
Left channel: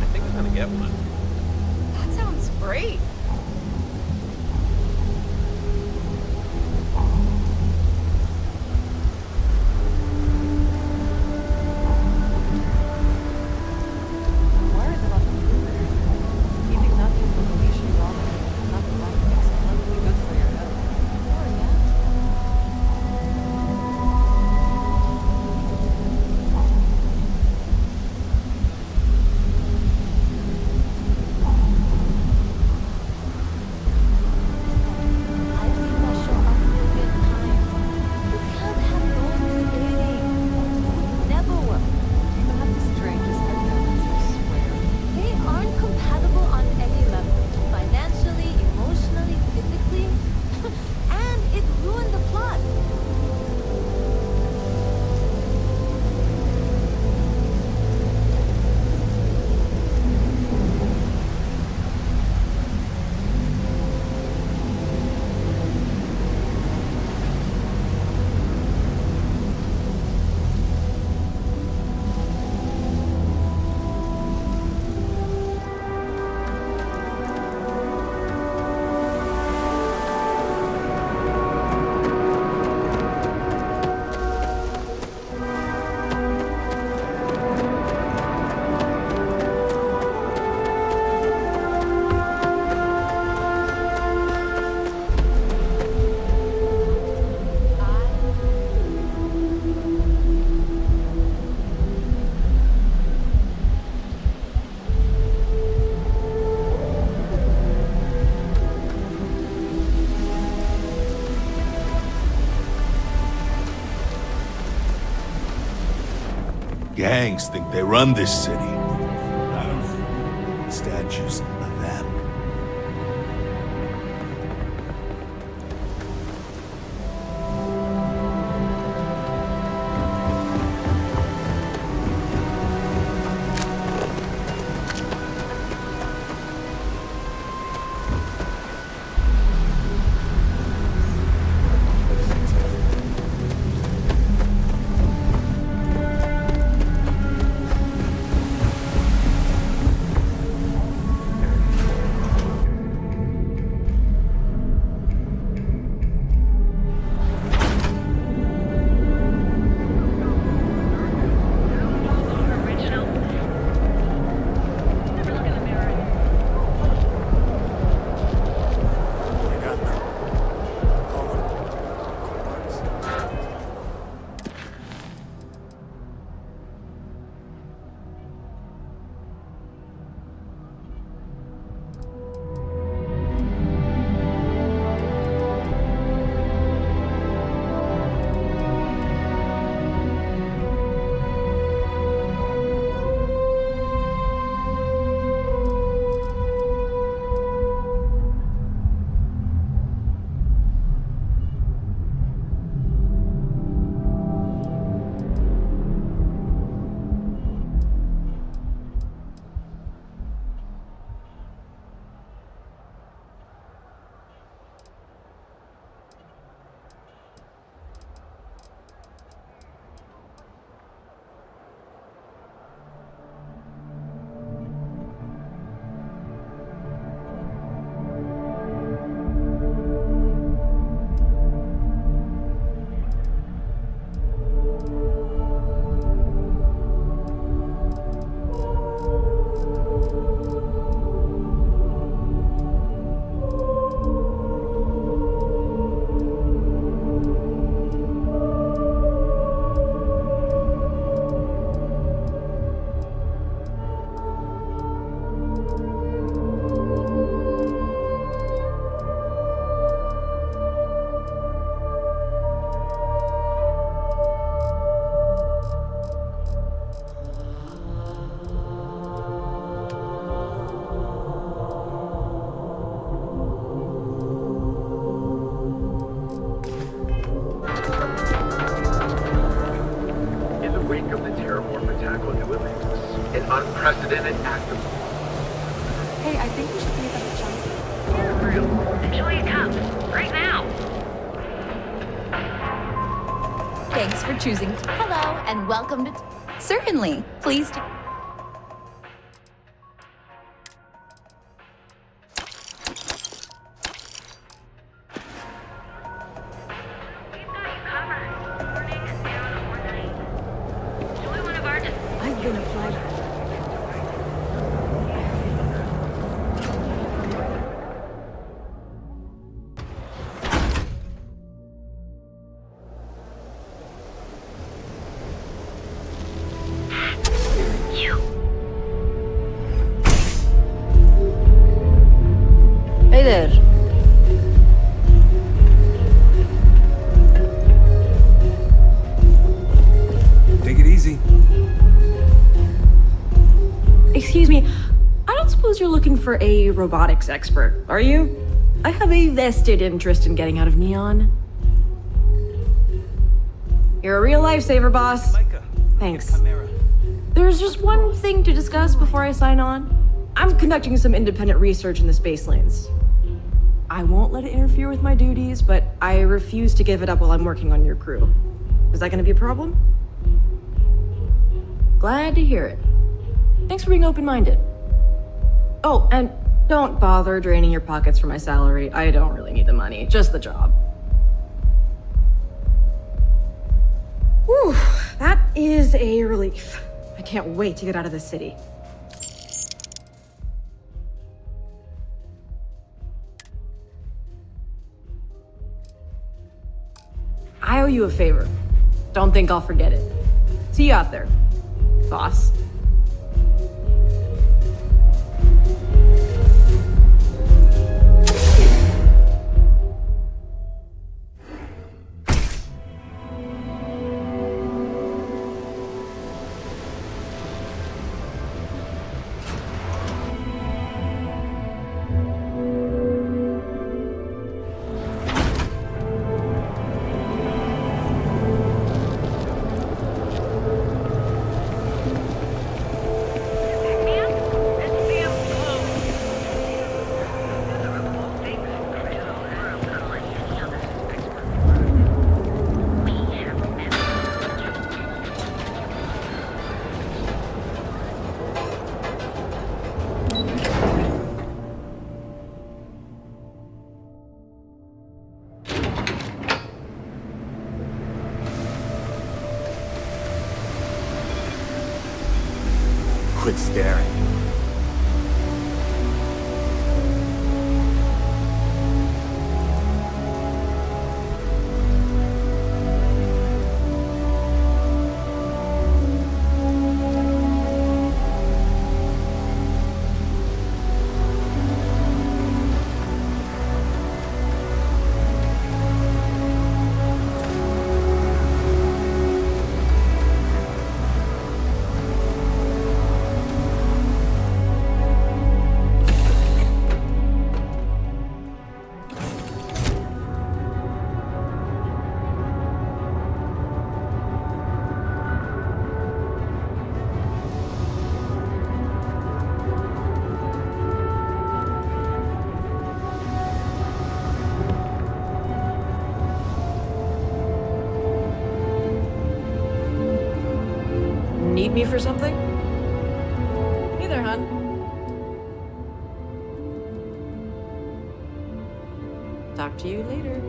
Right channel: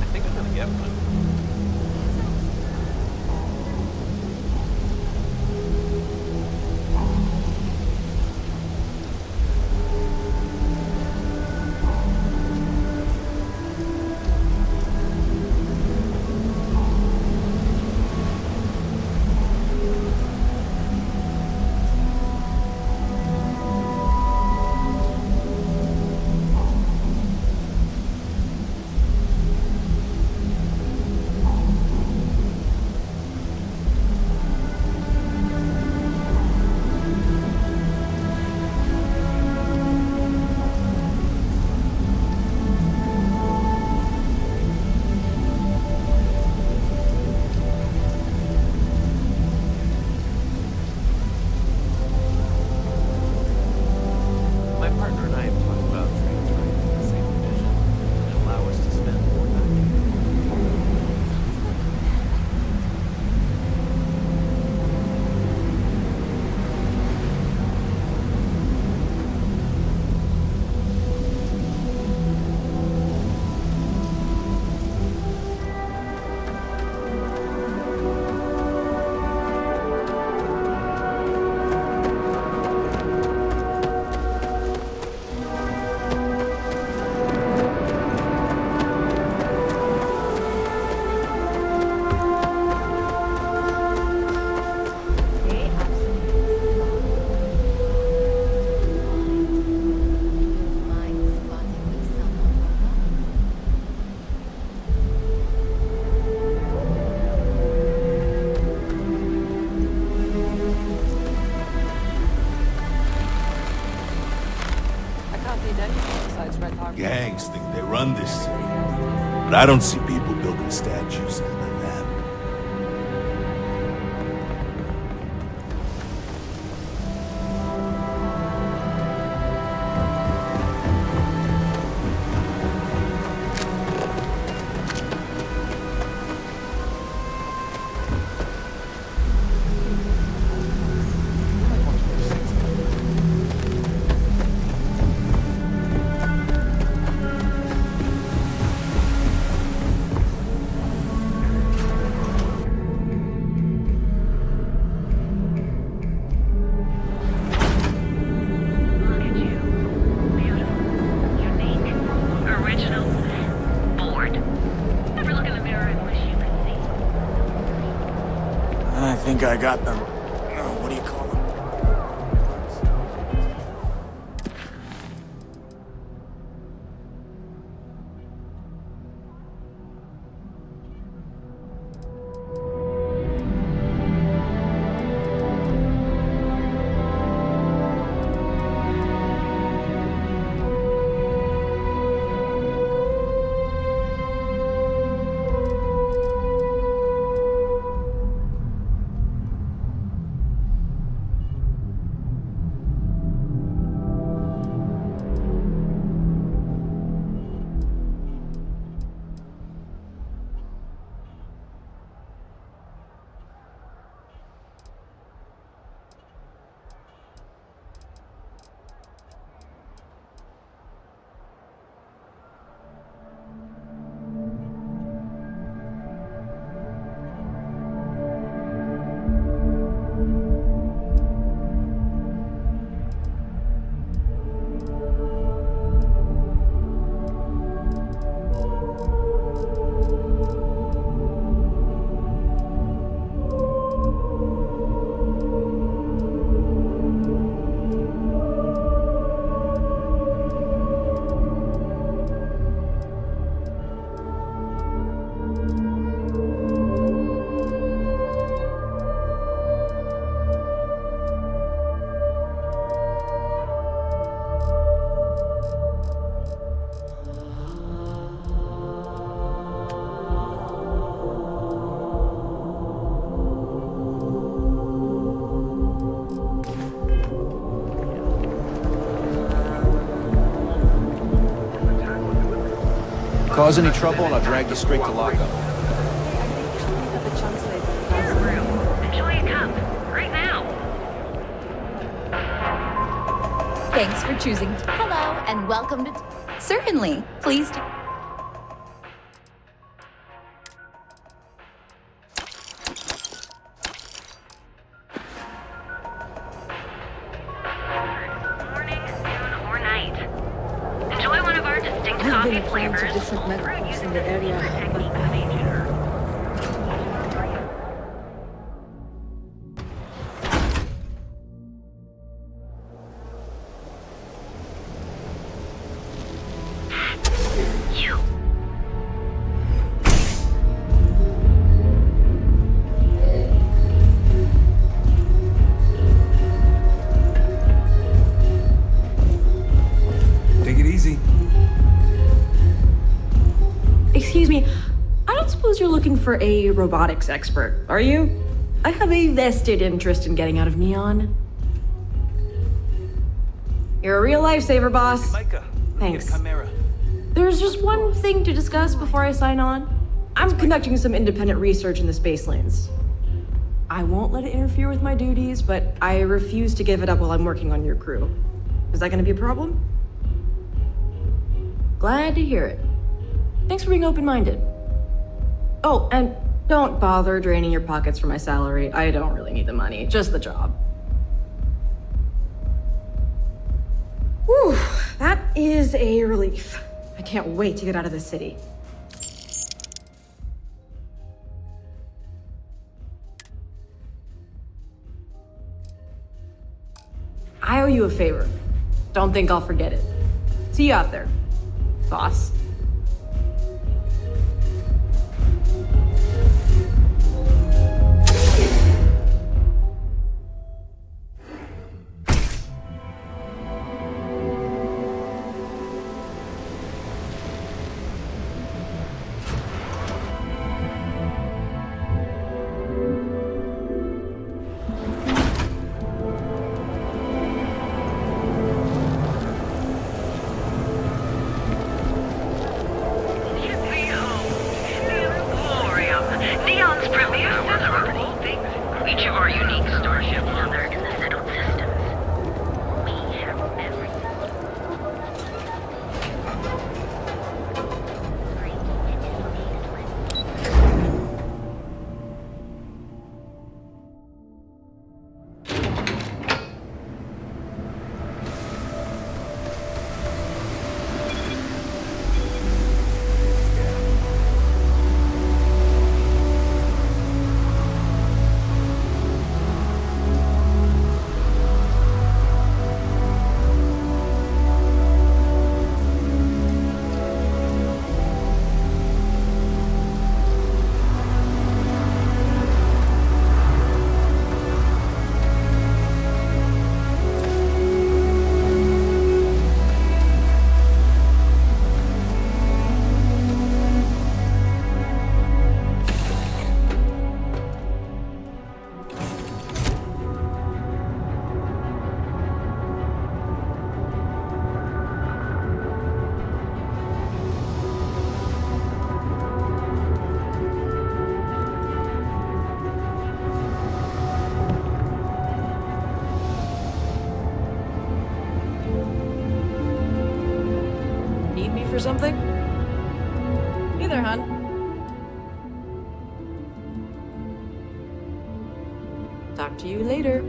I think I'm gonna get one. That sounds great. Gangs think they run this city, but I don't see people building statues of them. I got them. What do you call them? Causing me trouble, I'll drag you straight to lockup. Hey, I think we should meet at the chunks later. Enjoy a cup. Right now. Thanks for choosing. Hello, and welcome to... Certainly. Please do. I've been applying to different medicals in the area, but I haven't. Hey there. Take it easy. Excuse me, I don't suppose you're looking for a robotics expert, are you? I have a vested interest in getting out of Neon. You're a real lifesaver, boss. Thanks. There's just one thing to discuss before I sign on. I'm conducting some independent research in the space lanes. I won't let it interfere with my duties, but I refuse to give it up while I'm working on your crew. Is that gonna be a problem? Glad to hear it. Thanks for being open-minded. Oh, and don't bother draining your pockets for my salary. I don't really need the money, just the job. Whew, that is a relief. I can't wait to get out of this city. I owe you a favor. Don't think I'll forget it. See you out there, boss. Quit staring. Need me for something? Hey there, hon. Talk to you later.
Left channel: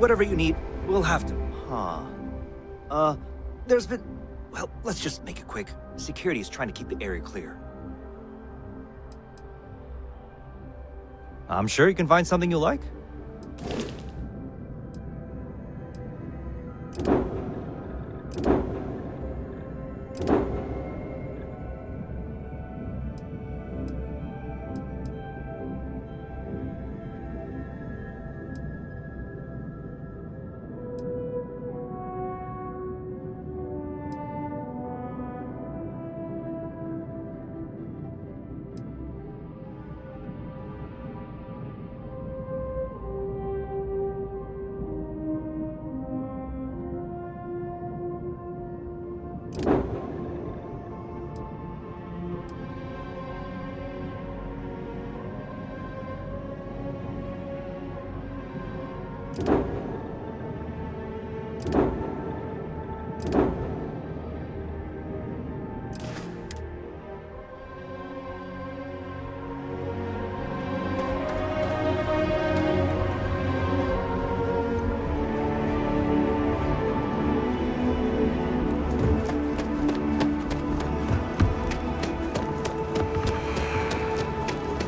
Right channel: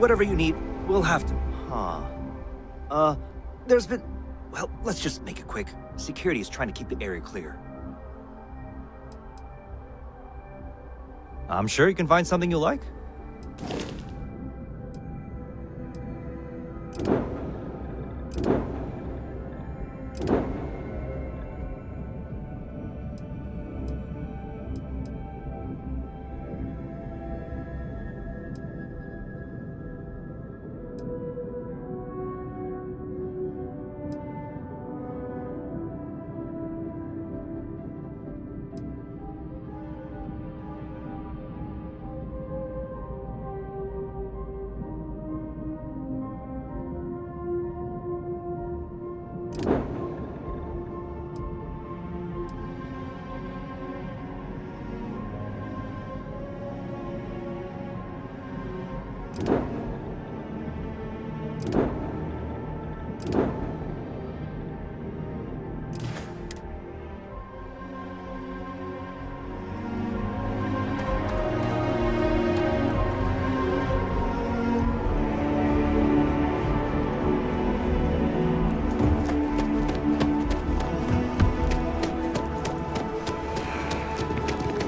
whatever you need, we'll have to... There's been... Well, let's just make it quick. Security is trying to keep the area clear. I'm sure you can find something you'll like.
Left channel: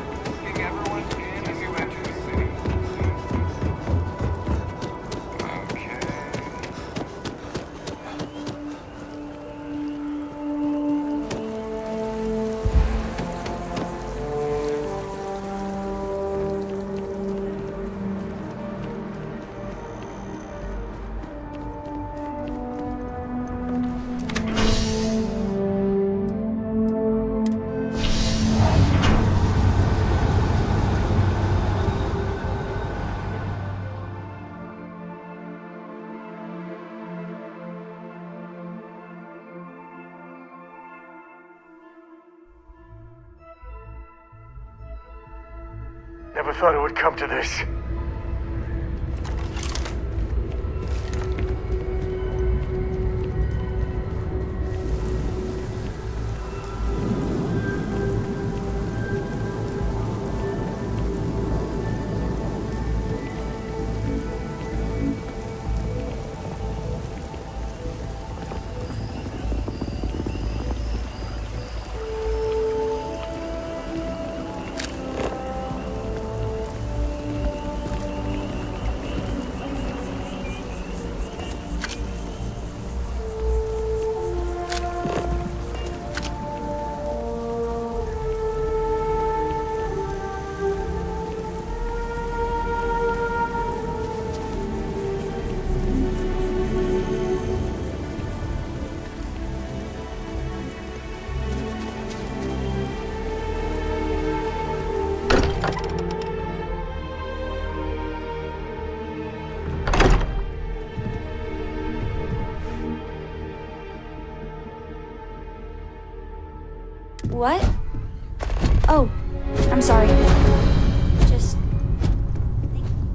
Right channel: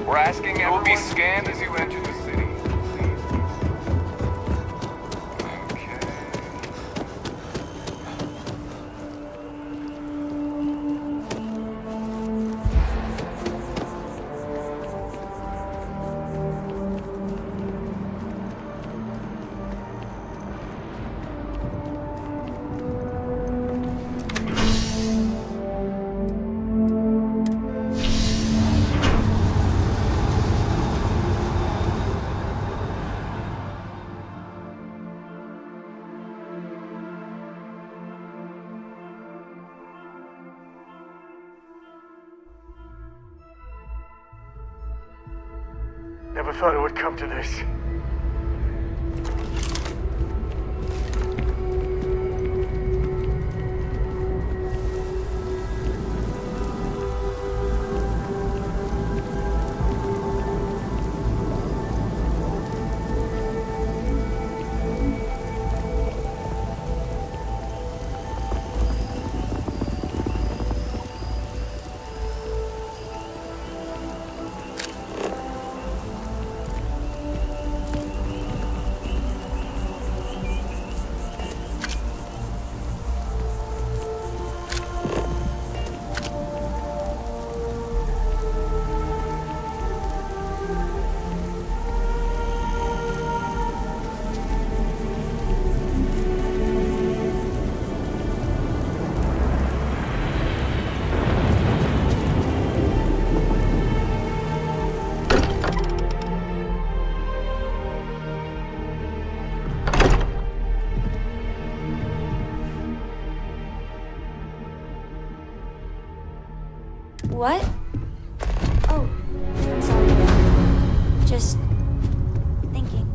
We're asking everyone be scanned as you enter the city. Okay. Never thought it would come to this. What? Oh, I'm sorry. Just thinking.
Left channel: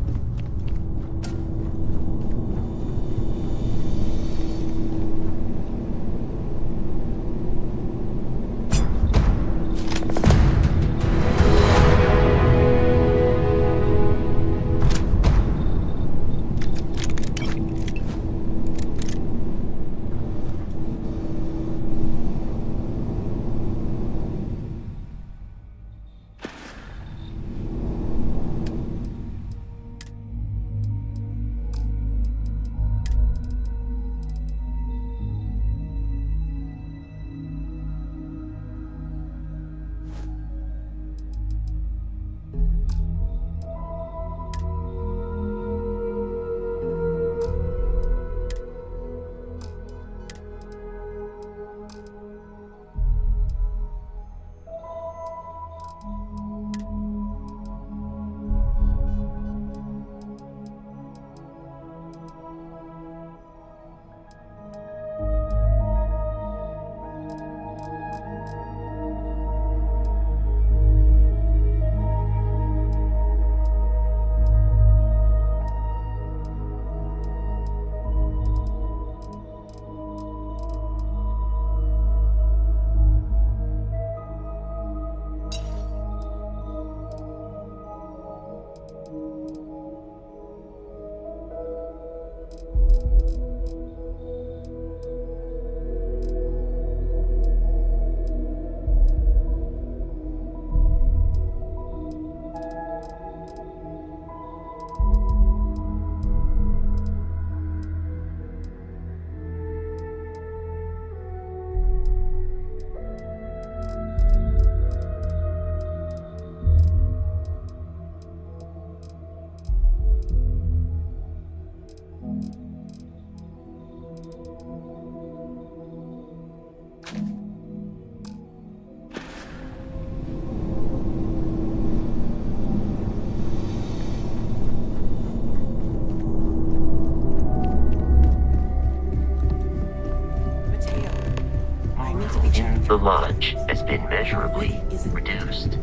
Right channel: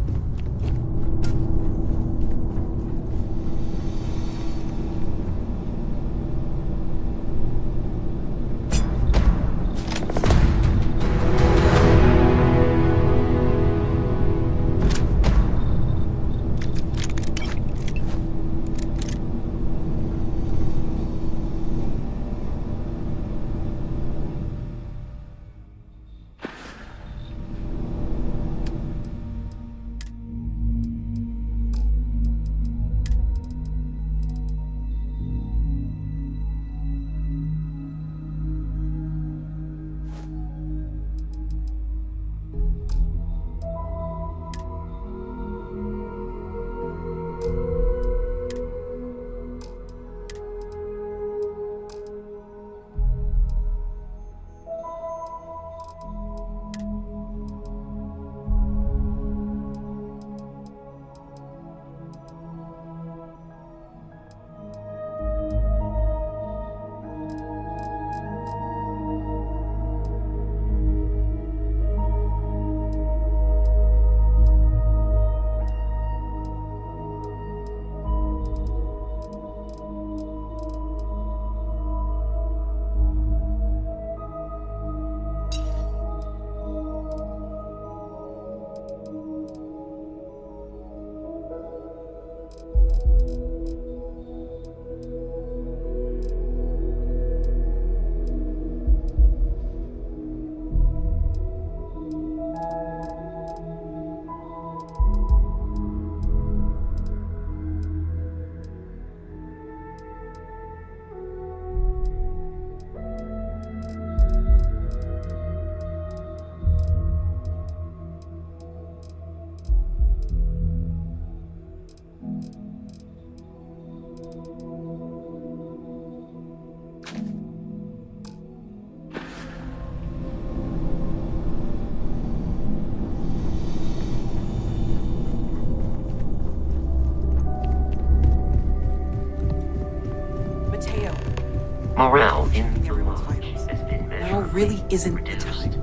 Morale in the lodge has been measurably reduced.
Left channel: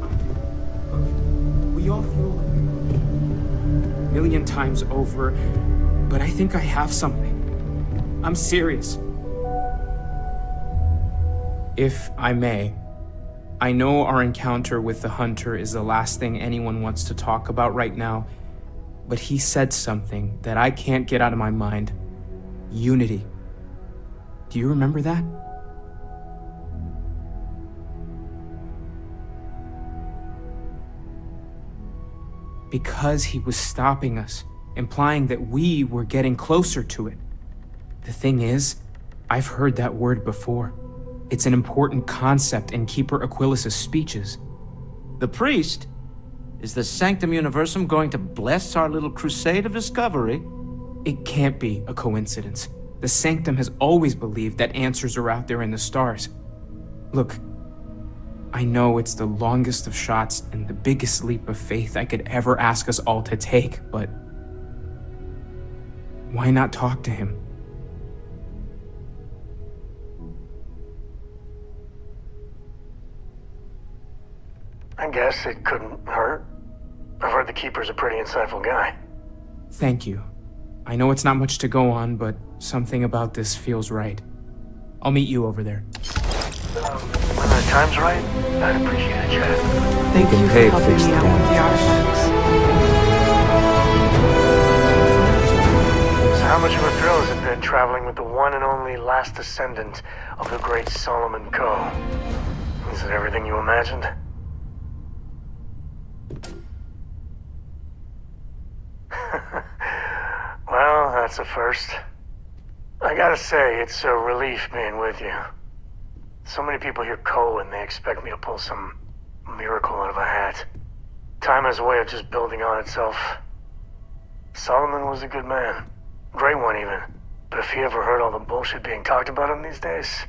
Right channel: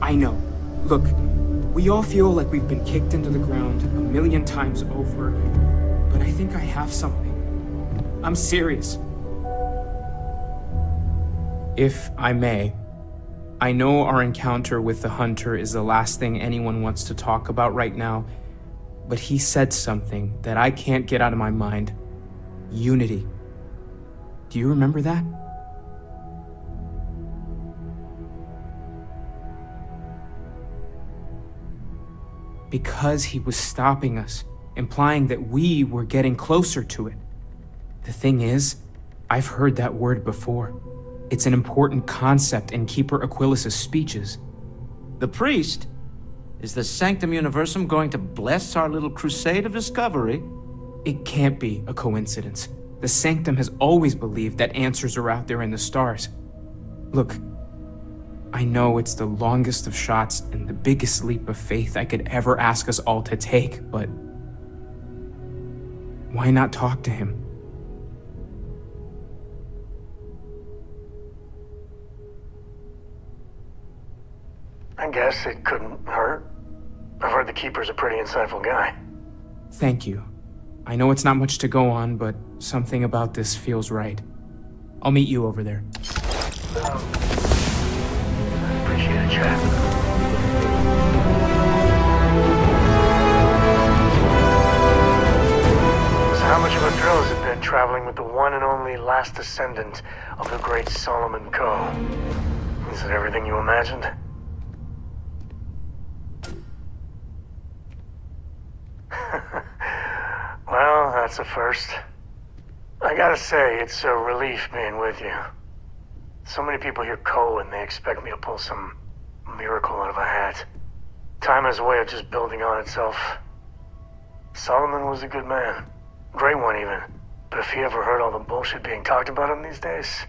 I know. Look, we all feel like we've been kicked into the ground a million times over, but I think I have something. I'm serious. If I may, I know our encounter with the Hunter is the last thing anyone wants to talk about right now, but he said something that I can't get out of my mind. Unity. Do you remember that? Because he was stopping us, implying that we were getting closer to it. The thing is, I've heard that word before. It's an important concept in Keeper Aquilas's speeches. The priest? Is the Sanctum Universum going to bless our little crusade of discovery? It can't be a coincidence. The Sanctum has always believed that answers are out there in the stars. Look, I know it's the longest of shots and the biggest leap of faith I could ever ask us all to take, but why not talk to him? I guess it couldn't hurt. I've heard the Keeper's a pretty insightful guy. Thank you. I know it's not much to go on, but something about this feels right. I'll meet you over there. When the time's right, I'd appreciate a chat. They get paid to fix So how much of a thrill has it been traveling with the one and only last descendant of the great Solomon Coe? Is it everything you imagined? Well, that's a first. I gotta say, it's a relief being with you. So many people hear Coe and they expect me to pull some miracle out of a hat. Time has a way of just building on itself. Solomon was a good man. Great one, even. But if he ever heard all the bullshit being talked about him these days,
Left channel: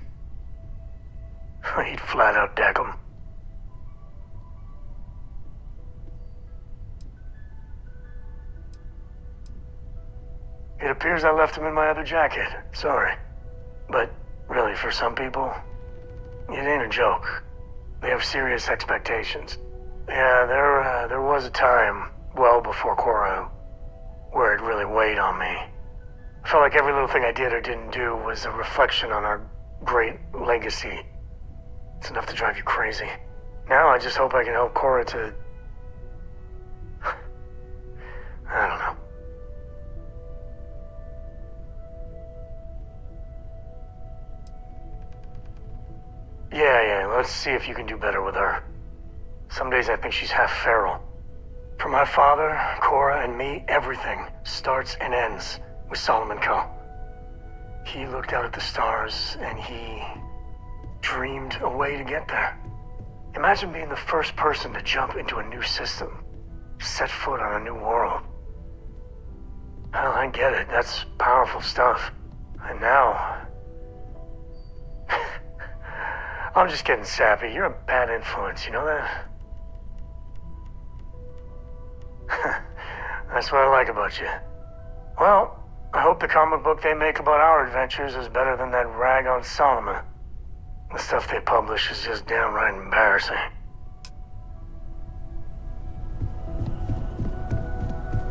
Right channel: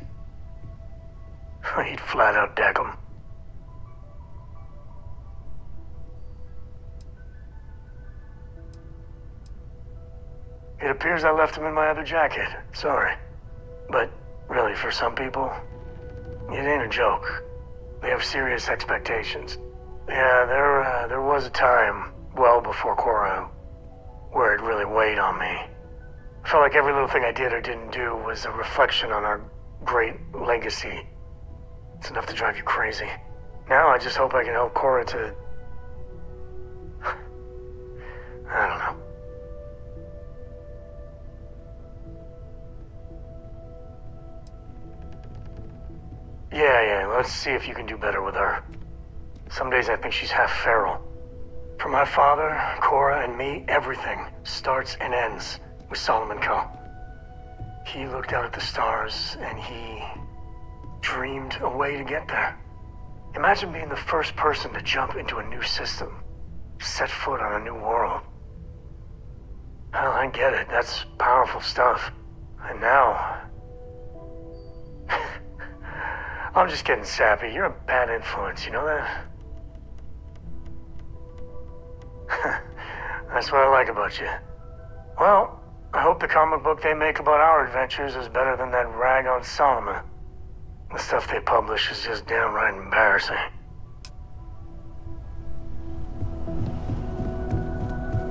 he'd flat out deck him. It appears I left him in my other jacket. Sorry. But really, for some people, it ain't a joke. They have serious expectations. Yeah, there was a time, well before Cora, where it really weighed on me. I felt like every little thing I did or didn't do was a reflection on our great legacy. It's enough to drive you crazy. Now I just hope I can help Cora to... I don't know. Yeah, let's see if you can do better with her. Some days I think she's half feral. For my father, Cora, and me, everything starts and ends with Solomon Coe. He looked out at the stars, and he dreamed a way to get there. Imagine being the first person to jump into a new system, set foot on a new world. Well, I get it. That's powerful stuff. And now... I'm just getting sappy. You're a bad influence, you know that? That's what I like about you. Well, I hope the comic book they make about our adventures is better than that rag on Solomon. The stuff they publish is just downright embarrassing.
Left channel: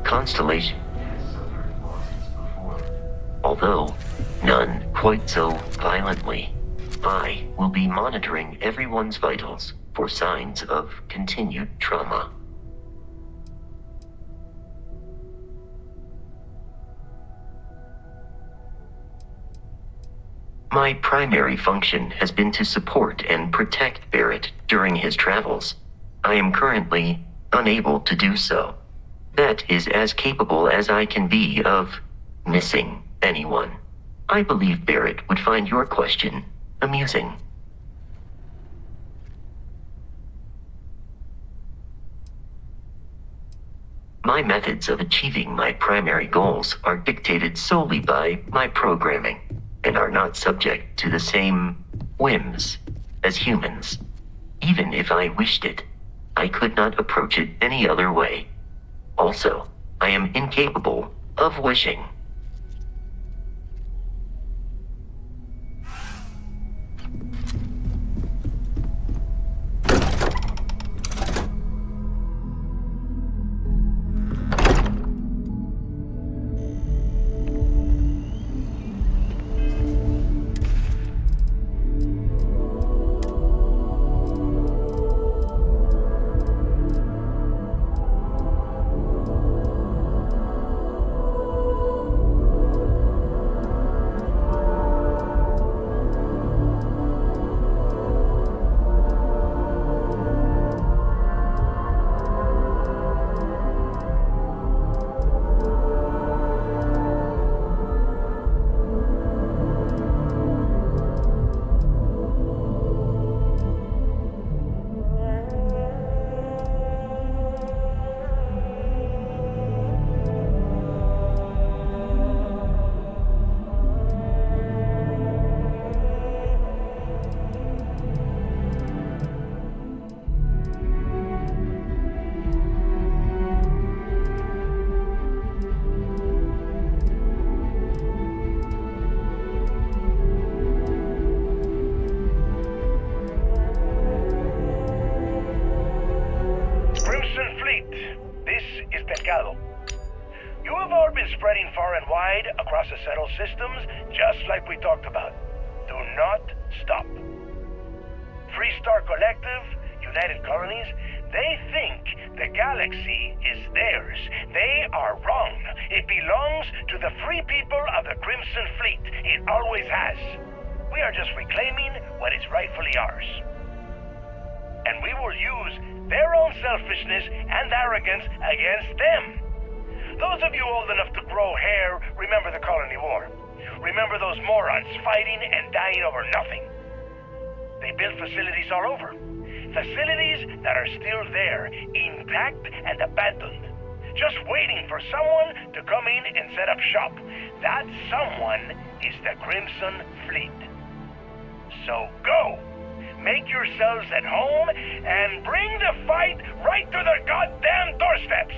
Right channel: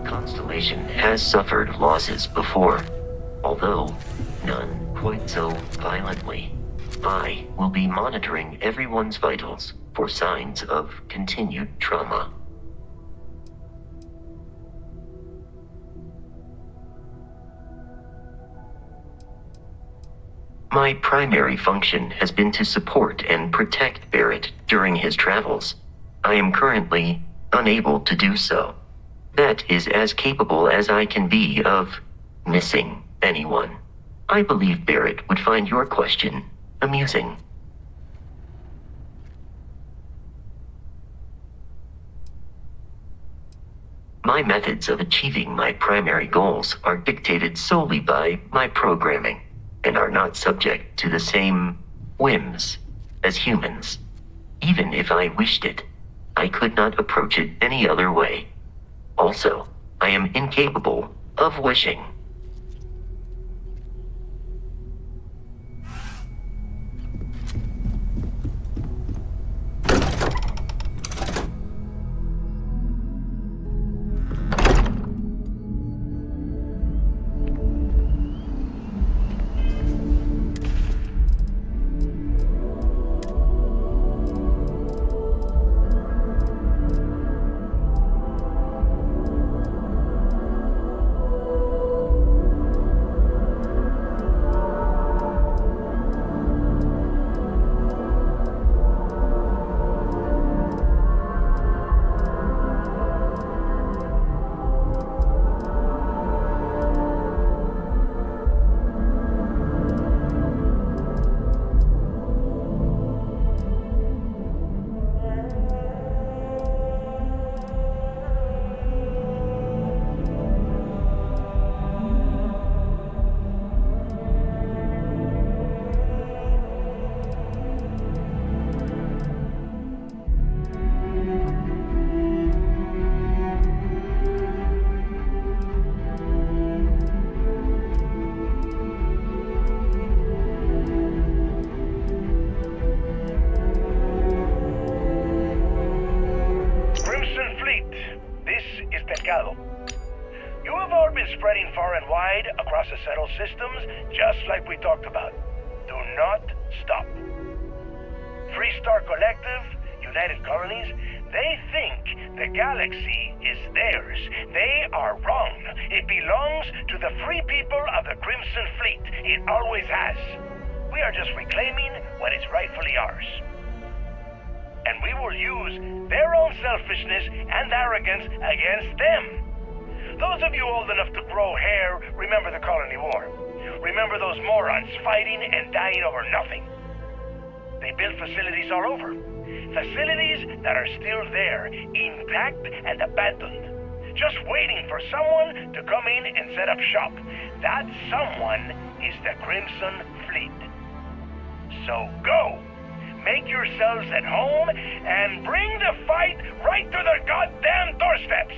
Constellation has suffered losses before, although none quite so violently. I will be monitoring everyone's vitals for signs of continued trauma. My primary function has been to support and protect Barrett during his travels. I am currently unable to do so. That is as capable as I can be of missing anyone. I believe Barrett would find your question amusing. My methods of achieving my primary goals are dictated solely by my programming, and are not subject to the same whims as humans. Even if I wished it, I could not approach it any other way. Also, I am incapable of wishing. shallow. You have all been spreading far and wide across the settled systems, just like we talked about. Do not stop. Free Star Collective, United Colonies, they think the galaxy is theirs. They are wrong. It belongs to the free people of the Crimson Fleet. It always has. We are just reclaiming what is rightfully ours. And we will use their own selfishness and arrogance against them. Those of you old enough to grow hair, remember the Colony War. Remember those morons fighting and dying over nothing. They built facilities all over. Facilities that are still there, intact and abandoned. Just waiting for someone to come in and set up shop. That someone is the Crimson Fleet. So go! Make yourselves at home and bring the fight right to their goddamn doorsteps!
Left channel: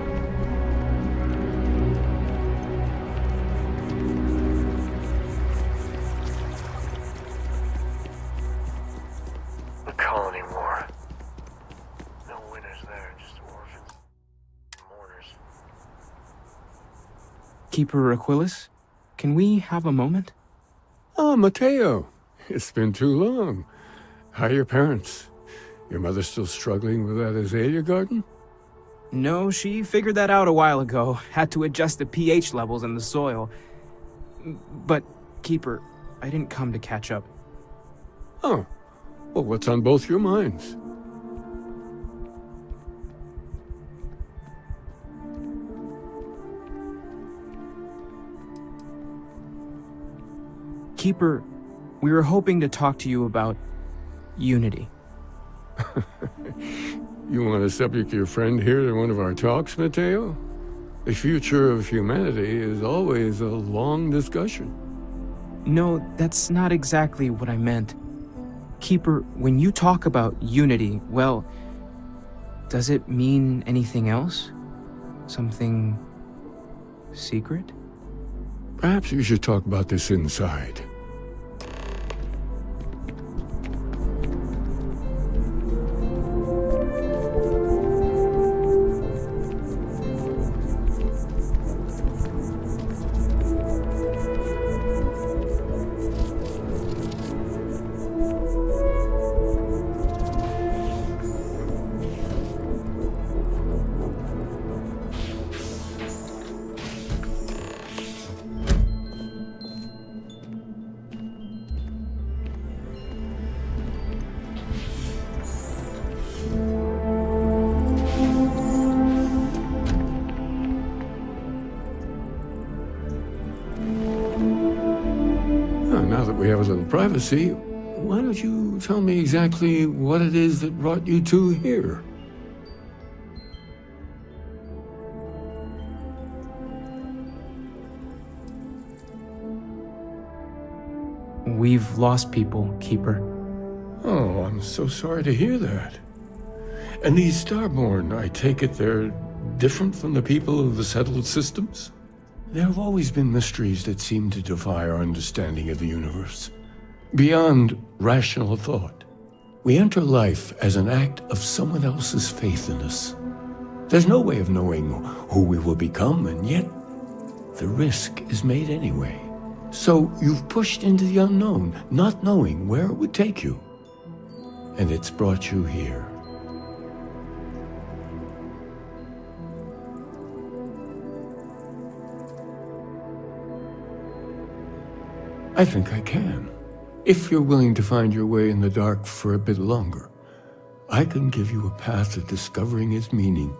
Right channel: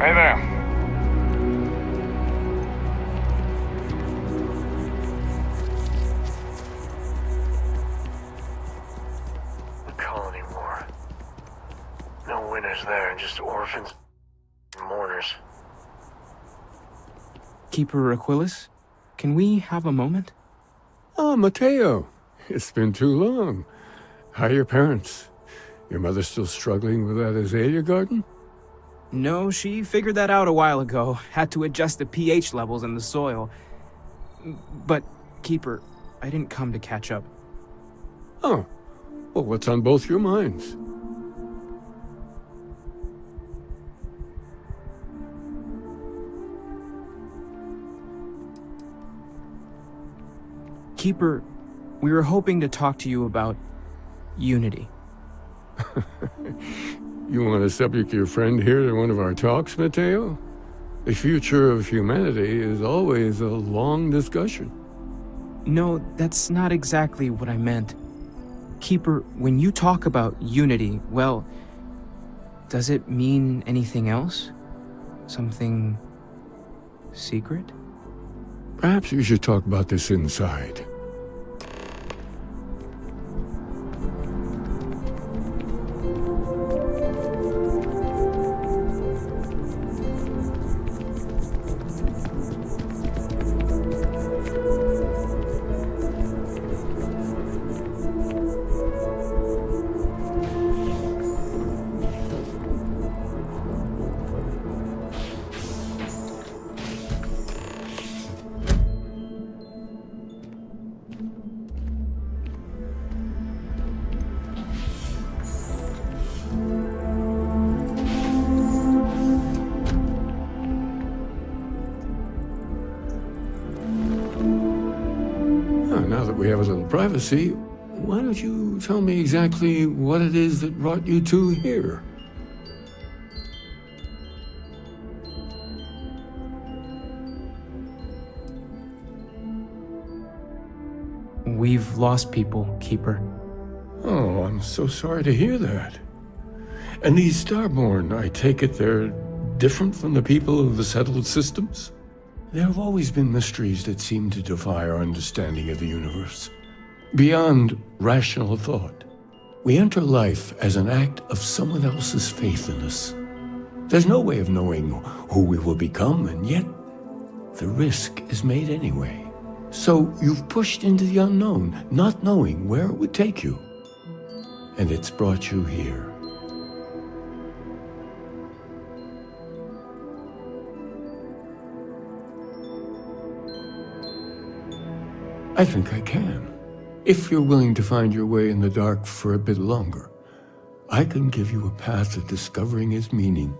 Hey there. The Colony War. No winners there, just orphans and mourners. Keeper Aquilus, can we have a moment? Oh, Mateo. It's been too long. How are your parents? Your mother still struggling with that azalea garden? No, she figured that out a while ago. Had to adjust the pH levels in the soil. But, Keeper, I didn't come to catch up. Oh. Well, what's on both your minds? Keeper, we were hoping to talk to you about unity. You want to subject your friend here to one of our talks, Mateo? The future of humanity is always a long discussion. No, that's not exactly what I meant. Keeper, when you talk about unity, well, does it mean anything else? Something secret? Perhaps you should talk about this inside. Now that we have a little privacy, why don't you tell me exactly what it is that brought you two here? We've lost people, Keeper. Oh, I'm so sorry to hear that. And these Starborn, I take it they're different from the people of the settled systems? There have always been mysteries that seem to defy our understanding of the universe. Beyond rational thought, we enter life as an act of someone else's faith in us. There's no way of knowing who we will become, and yet the risk is made anyway. So you've pushed into the unknown, not knowing where it would take you. And it's brought you here. I think I can. If you're willing to find your way in the dark for a bit longer, I can give you a path to discovering its meaning.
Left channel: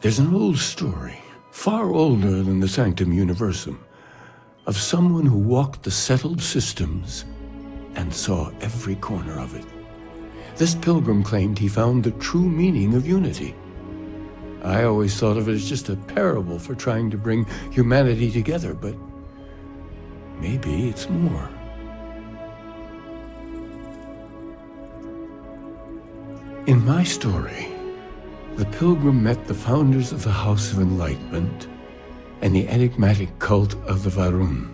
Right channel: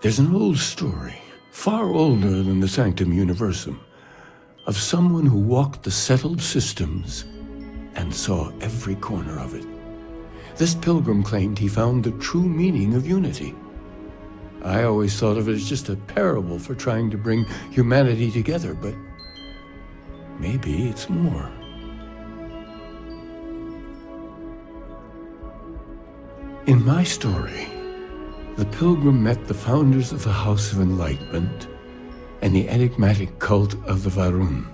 There's an old story, far older than the Sanctum Universum, of someone who walked the settled systems and saw every corner of it. This pilgrim claimed he found the true meaning of unity. I always thought of it as just a parable for trying to bring humanity together, but maybe it's more. In my story, the pilgrim met the founders of the House of Enlightenment and the enigmatic cult of the Varun,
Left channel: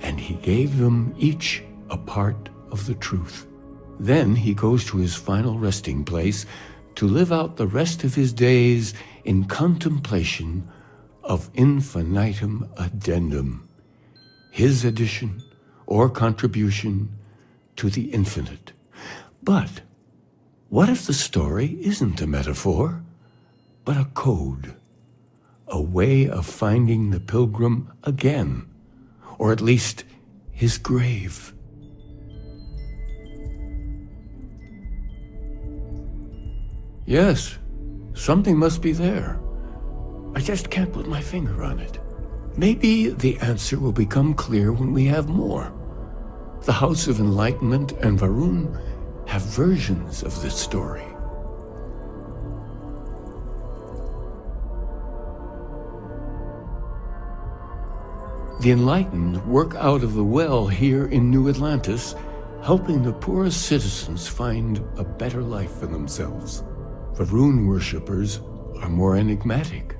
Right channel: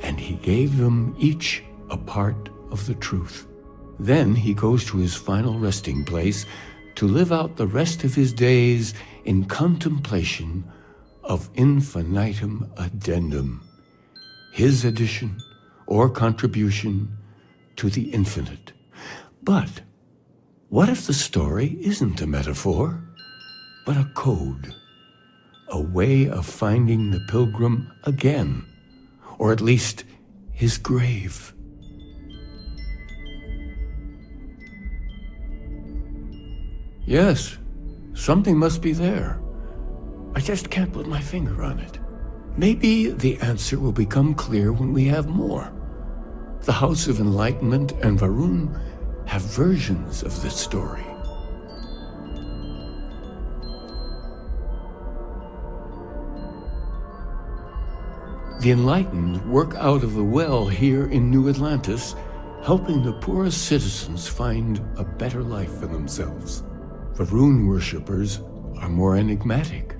and he gave them each a part of the truth. Then he goes to his final resting place to live out the rest of his days in contemplation of infinitum addendum, his addition or contribution to the infinite. But what if the story isn't a metaphor, but a code? A way of finding the pilgrim again, or at least his grave. Yes, something must be there. I just can't put my finger on it. Maybe the answer will become clear when we have more. The House of Enlightenment and Varun have versions of this story. The Enlightened work out of the well here in New Atlantis, helping the poorest citizens find a better life for themselves. Varun worshippers are more enigmatic,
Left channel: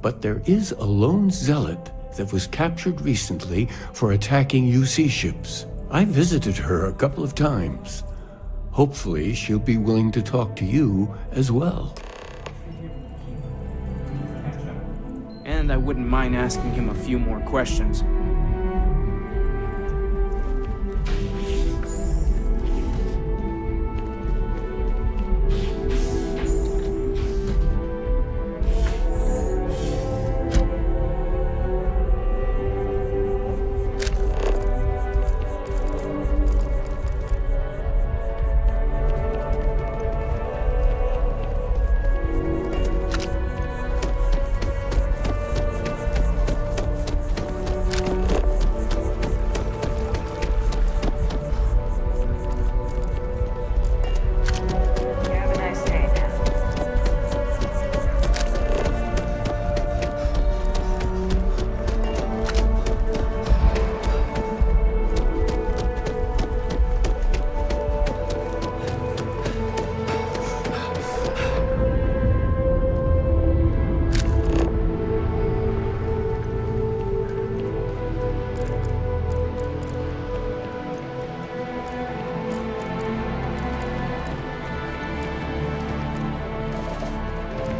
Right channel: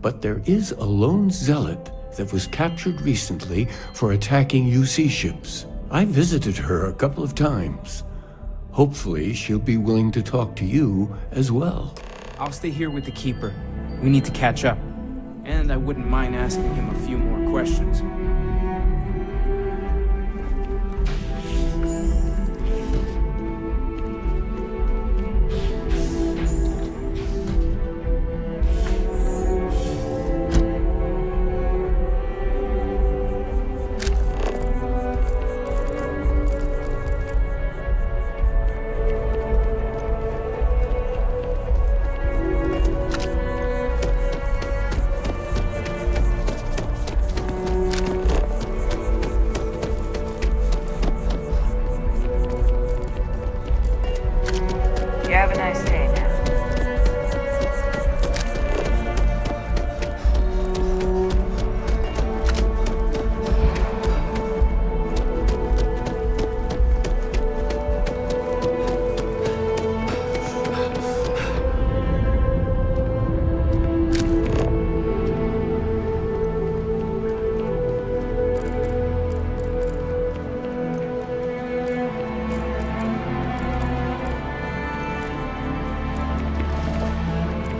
but there is a lone zealot that was captured recently for attacking UC ships. I visited her a couple of times. Hopefully, she'll be willing to talk to you as well. I'll stay here with the Keeper. We need to catch up. And I wouldn't mind asking him a few more questions.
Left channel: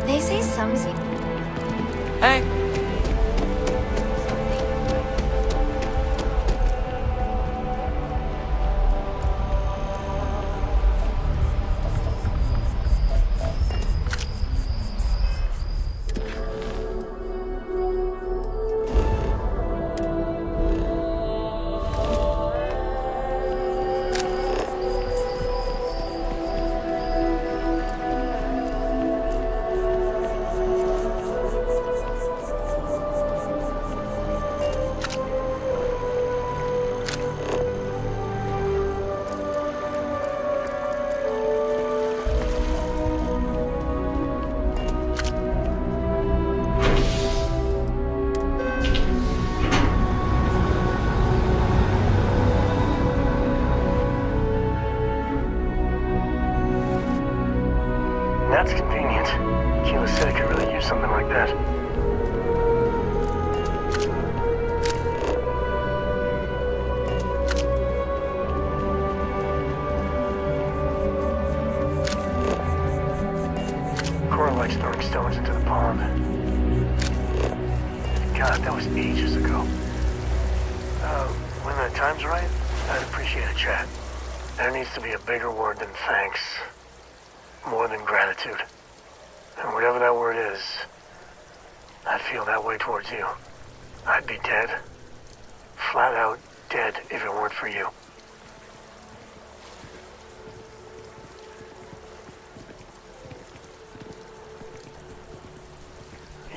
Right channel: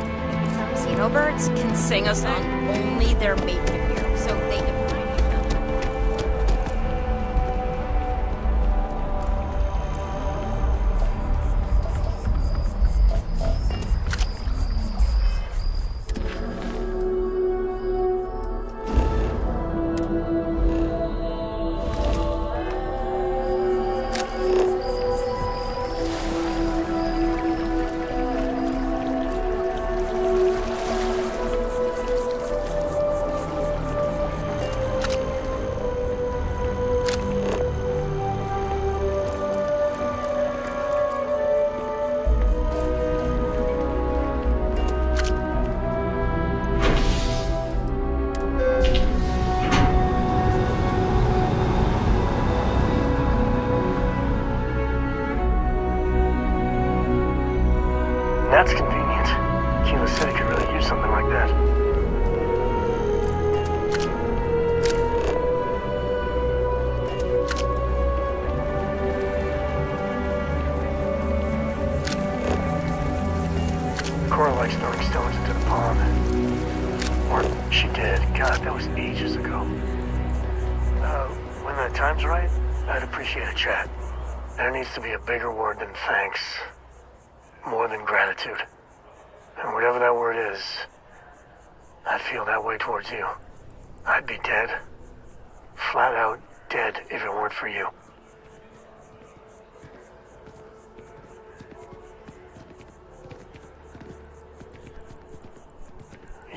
They say some xenobirds can sing a song only their mate can hear, so they can find each other. That's convenient. Keyless said it could really use something like that. Cora likes throwing stones into the pond. Or she did. God, that was ages ago. time's right, I'd appreciate a chat. There needs to be a bigger word than thanks. More than gratitude. And whatever that word is, I'd feel that way towards you. I'd be dead. Flat out dead if it weren't for you.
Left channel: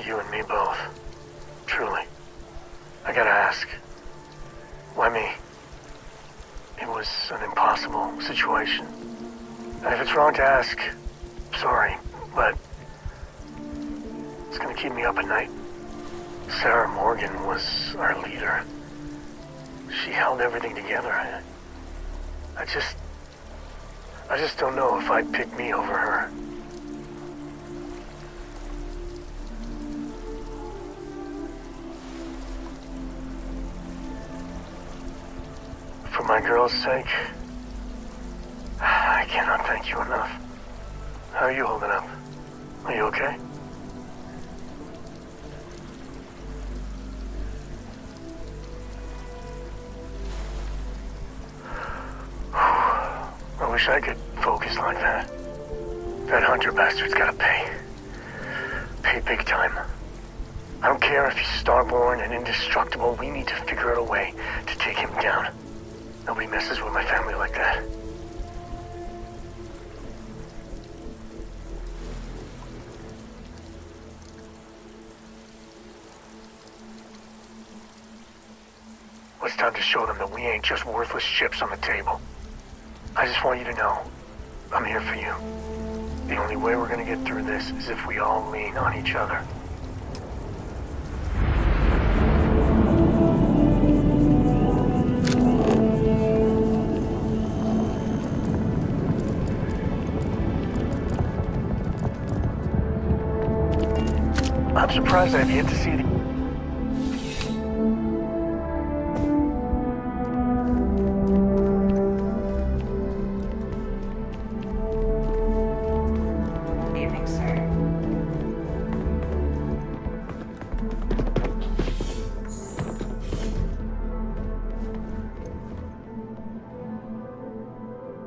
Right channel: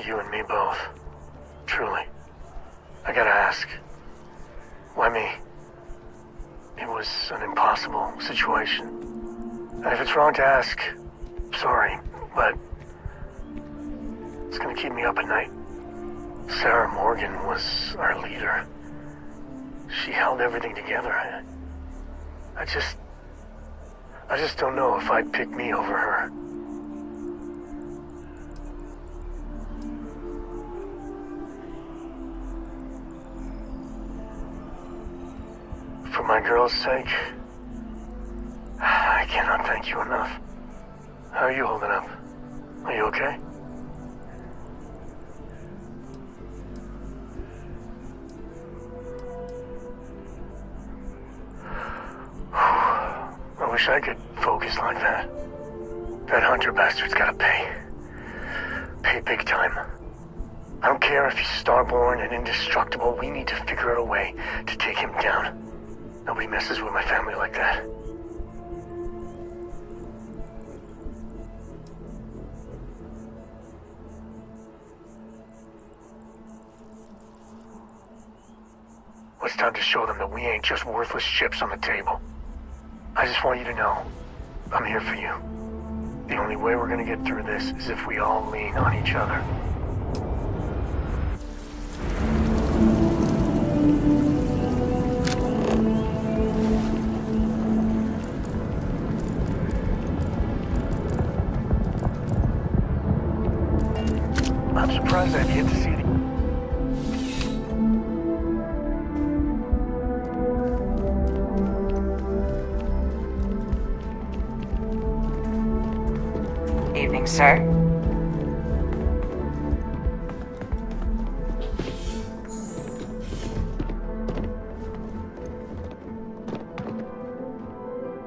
You and me both. Truly. I gotta ask. Why me? It was an impossible situation. And if it's wrong to ask, sorry, but it's gonna keep me up at night. Sarah Morgan was our leader. She held everything together. I just don't know if I'd pick me over her. For my girl's sake, I cannot thank you enough. How are you holding up? Are you okay? I wish I could focus like that. That Hunter bastard's gotta pay. Pay big time. I don't care if he's starborn and indestructible, we need to figure out a way to take him down. Nobody messes with my family like that. Well, it's time to show them that we ain't just worthless chips on the table. I just want you to know, I'm here for you. The only way we're gonna get through this is if we all lean on each other. I'm surprised I've yet to see the... Evening, sir.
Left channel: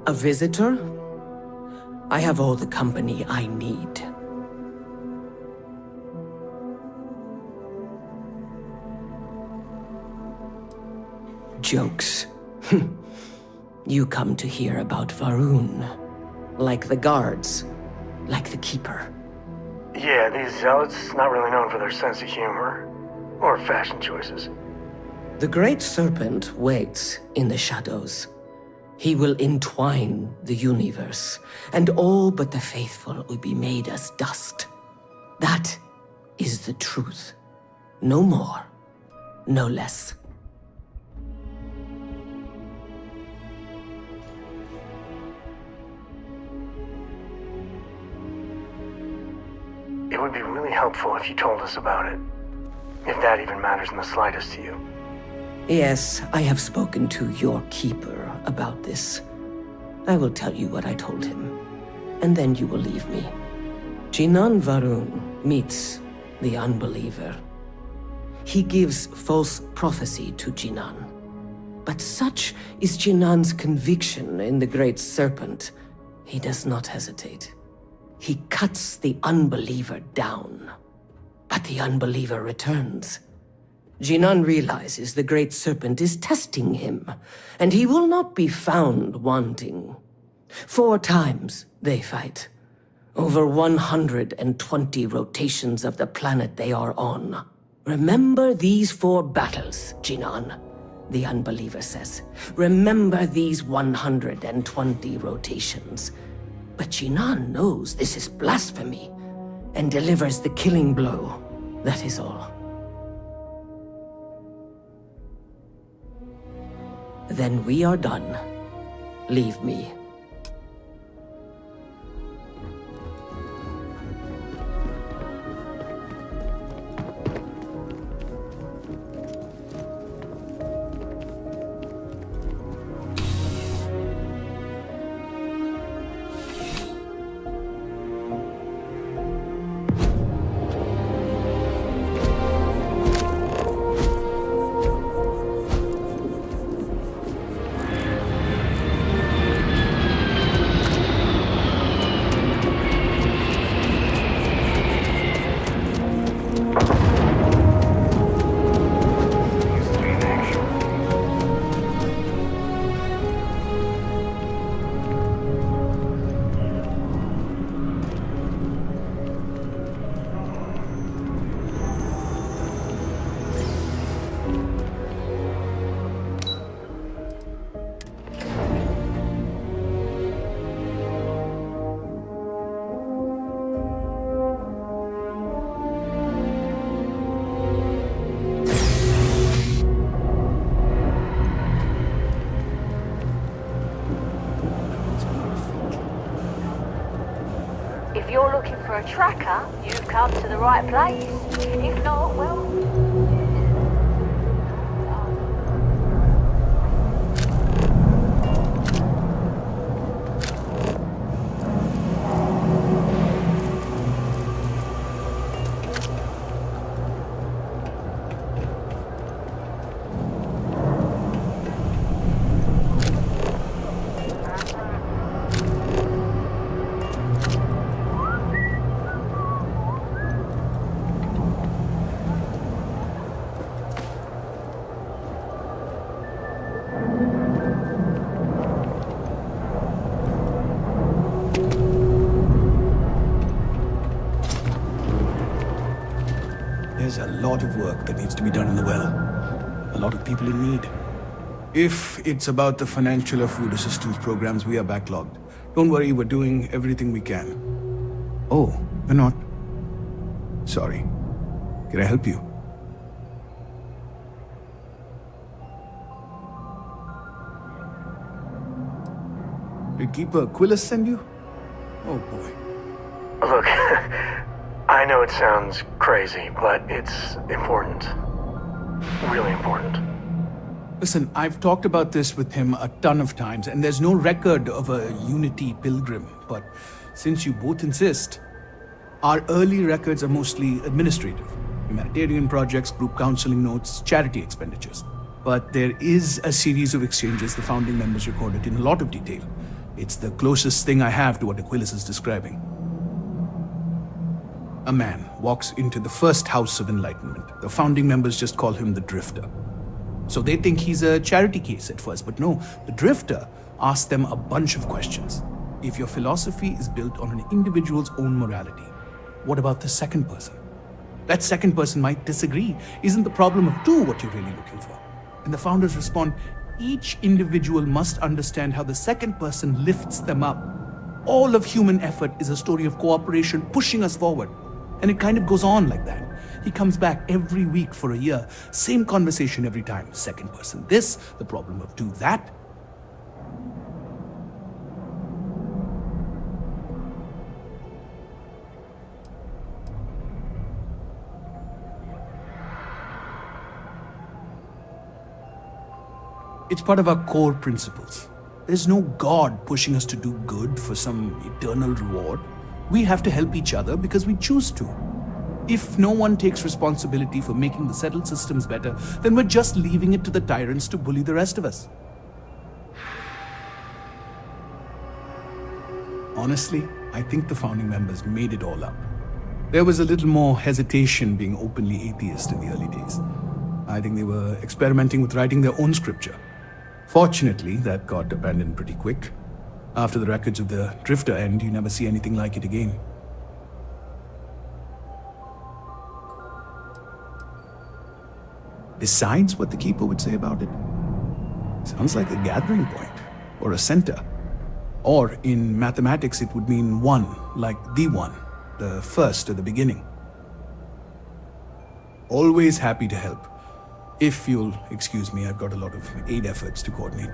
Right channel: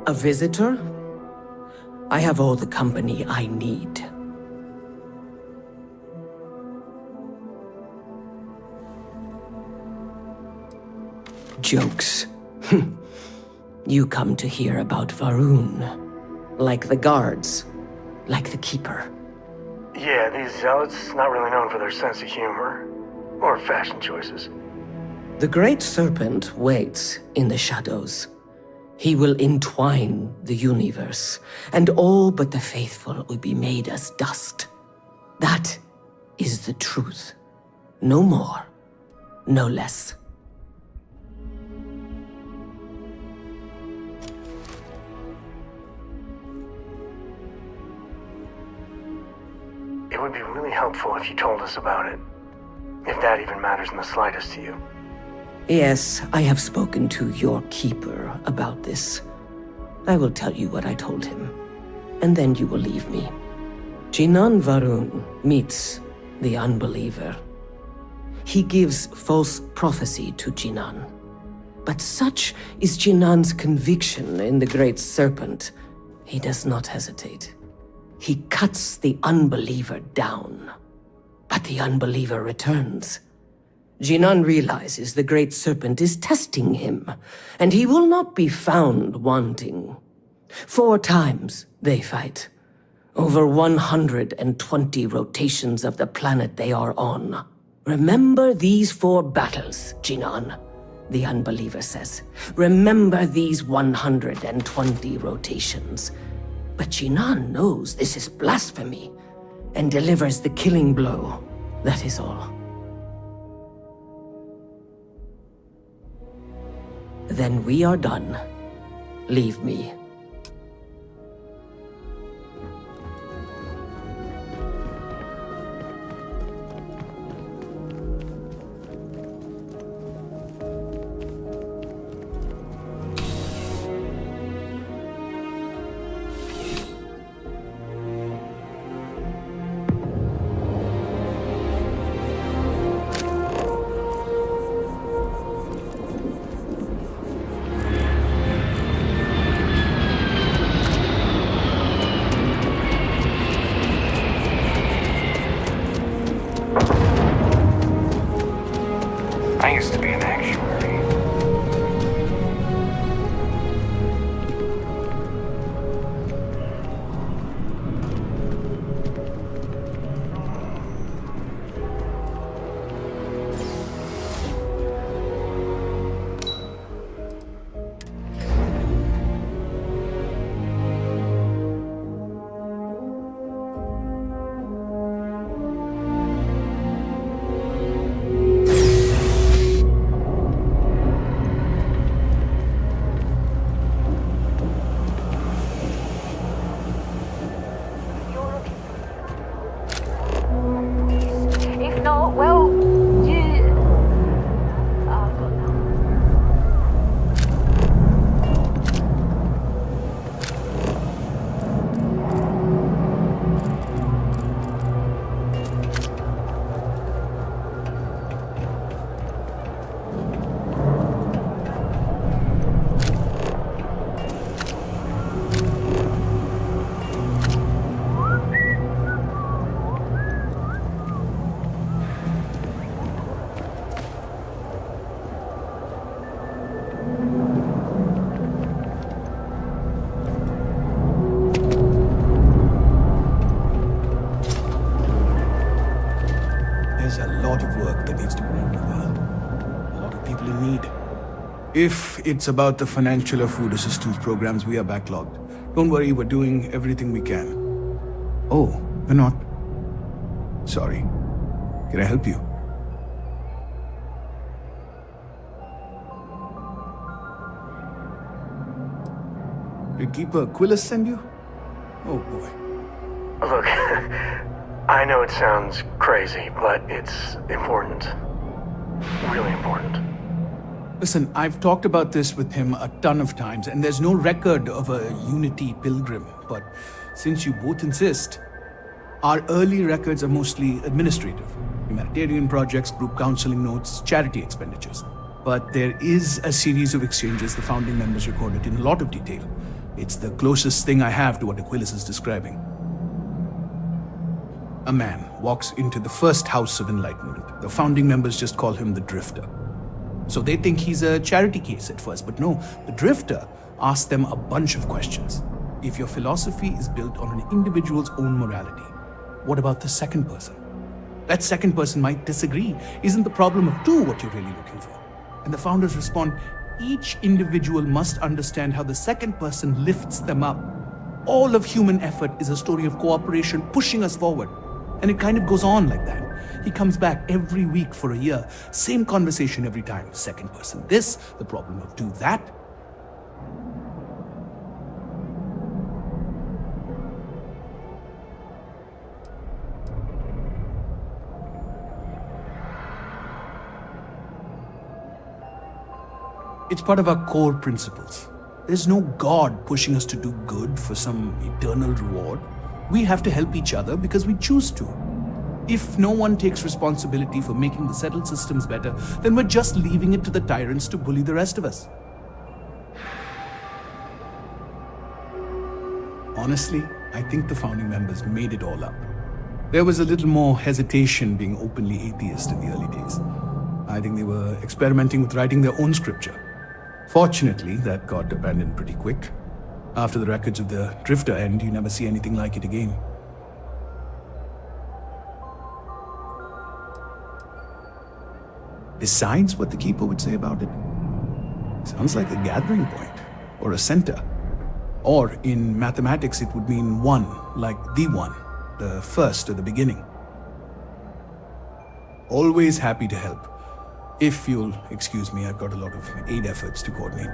A visitor? I have all the company I need. Jokes. You come to hear about Varun. Like the guards. Like the Keeper. Yeah, these zealots, not really known for their sense of humor. Or fashion choices. The Great Serpent waits in the shadows. He will entwine the universe, and all but the faithful will be made as dust. That is the truth. No more, no less. It would be really helpful if you told us about it. If that even matters in the slightest to you. Yes, I have spoken to your Keeper about this. I will tell you what I told him, and then you will leave me. Jinan Varun meets the Unbeliever. He gives false prophecy to Jinan. But such is Jinan's conviction in the Great Serpent, he does not hesitate. He cuts the Unbeliever down. But the Unbeliever returns. Jinan realizes the Great Serpent is testing him, and he will not be found wanting. 4 times they fight. Over 120 rotations of the planet they are on. Remember these 4 battles, Jinan, the Unbeliever says. Remember these 120 rotations. But Jinan knows this is blasphemy, and delivers the killing blow. That is all. Then we are done. Leave me. tracker, you've come to the right place. If not, well, There's a lot of work that needs to be done in the well. A lot of people in need. If it's about the financial or food assistance programs, we are backlogged. Don't worry, we're doing everything we can. Oh, we're not. Sorry. Can I help you? Did Keeper Quillis send you? Oh boy. Look, I know it sounds crazy, but it's important. Really important. Listen, I've talked about this with him a ton of times, and there's no record of a Unity pilgrim. But since you both insist, our early records are mostly administrative. Humanitarian projects, group counseling notes, charity expenditures. But there is a series of exchanges the founding members recorded in a lot of detail. It's the closest thing I have to what Aquilus is describing. A man walks into the first house of enlightenment. The founding members just call him the Drifter. So they think he's a charity case at first, but no, the Drifter asks them a bunch of questions. If your philosophy is built on an individual's own morality, what about the second person? That second person might disagree. Isn't the problem of two what you're really looking for? And the founders respond, each individual must understand how the second person lifts them up. All of human effort is a story of cooperation pushing us forward. And it kind of goes on like that. He comes back every week for a year. Same conversation every time. Second person this, the problem of two that. It's part of our core principles. There's no God pushing us to do good for some eternal reward. We have to help each other because we choose to. If no one takes responsibility for making the settled systems better, then we're just leaving it to the tyrants to bully the rest of us. Honestly, I think the founding members made it all up. There was a little more hesitation being openly atheist in the early days. I think they were experimenting with writing their own scripture. Fortunately, that got abandoned pretty quick. After the records of the Drifter end, you never see anything like it again. Besides what the Keeper would say about it, sounds like a gathering point, or a center. Or in mathematics, it would mean one, like the one, the first or the beginning. Always happy to help. If you'll excuse me, I've got a lot of aid efforts to coordinate.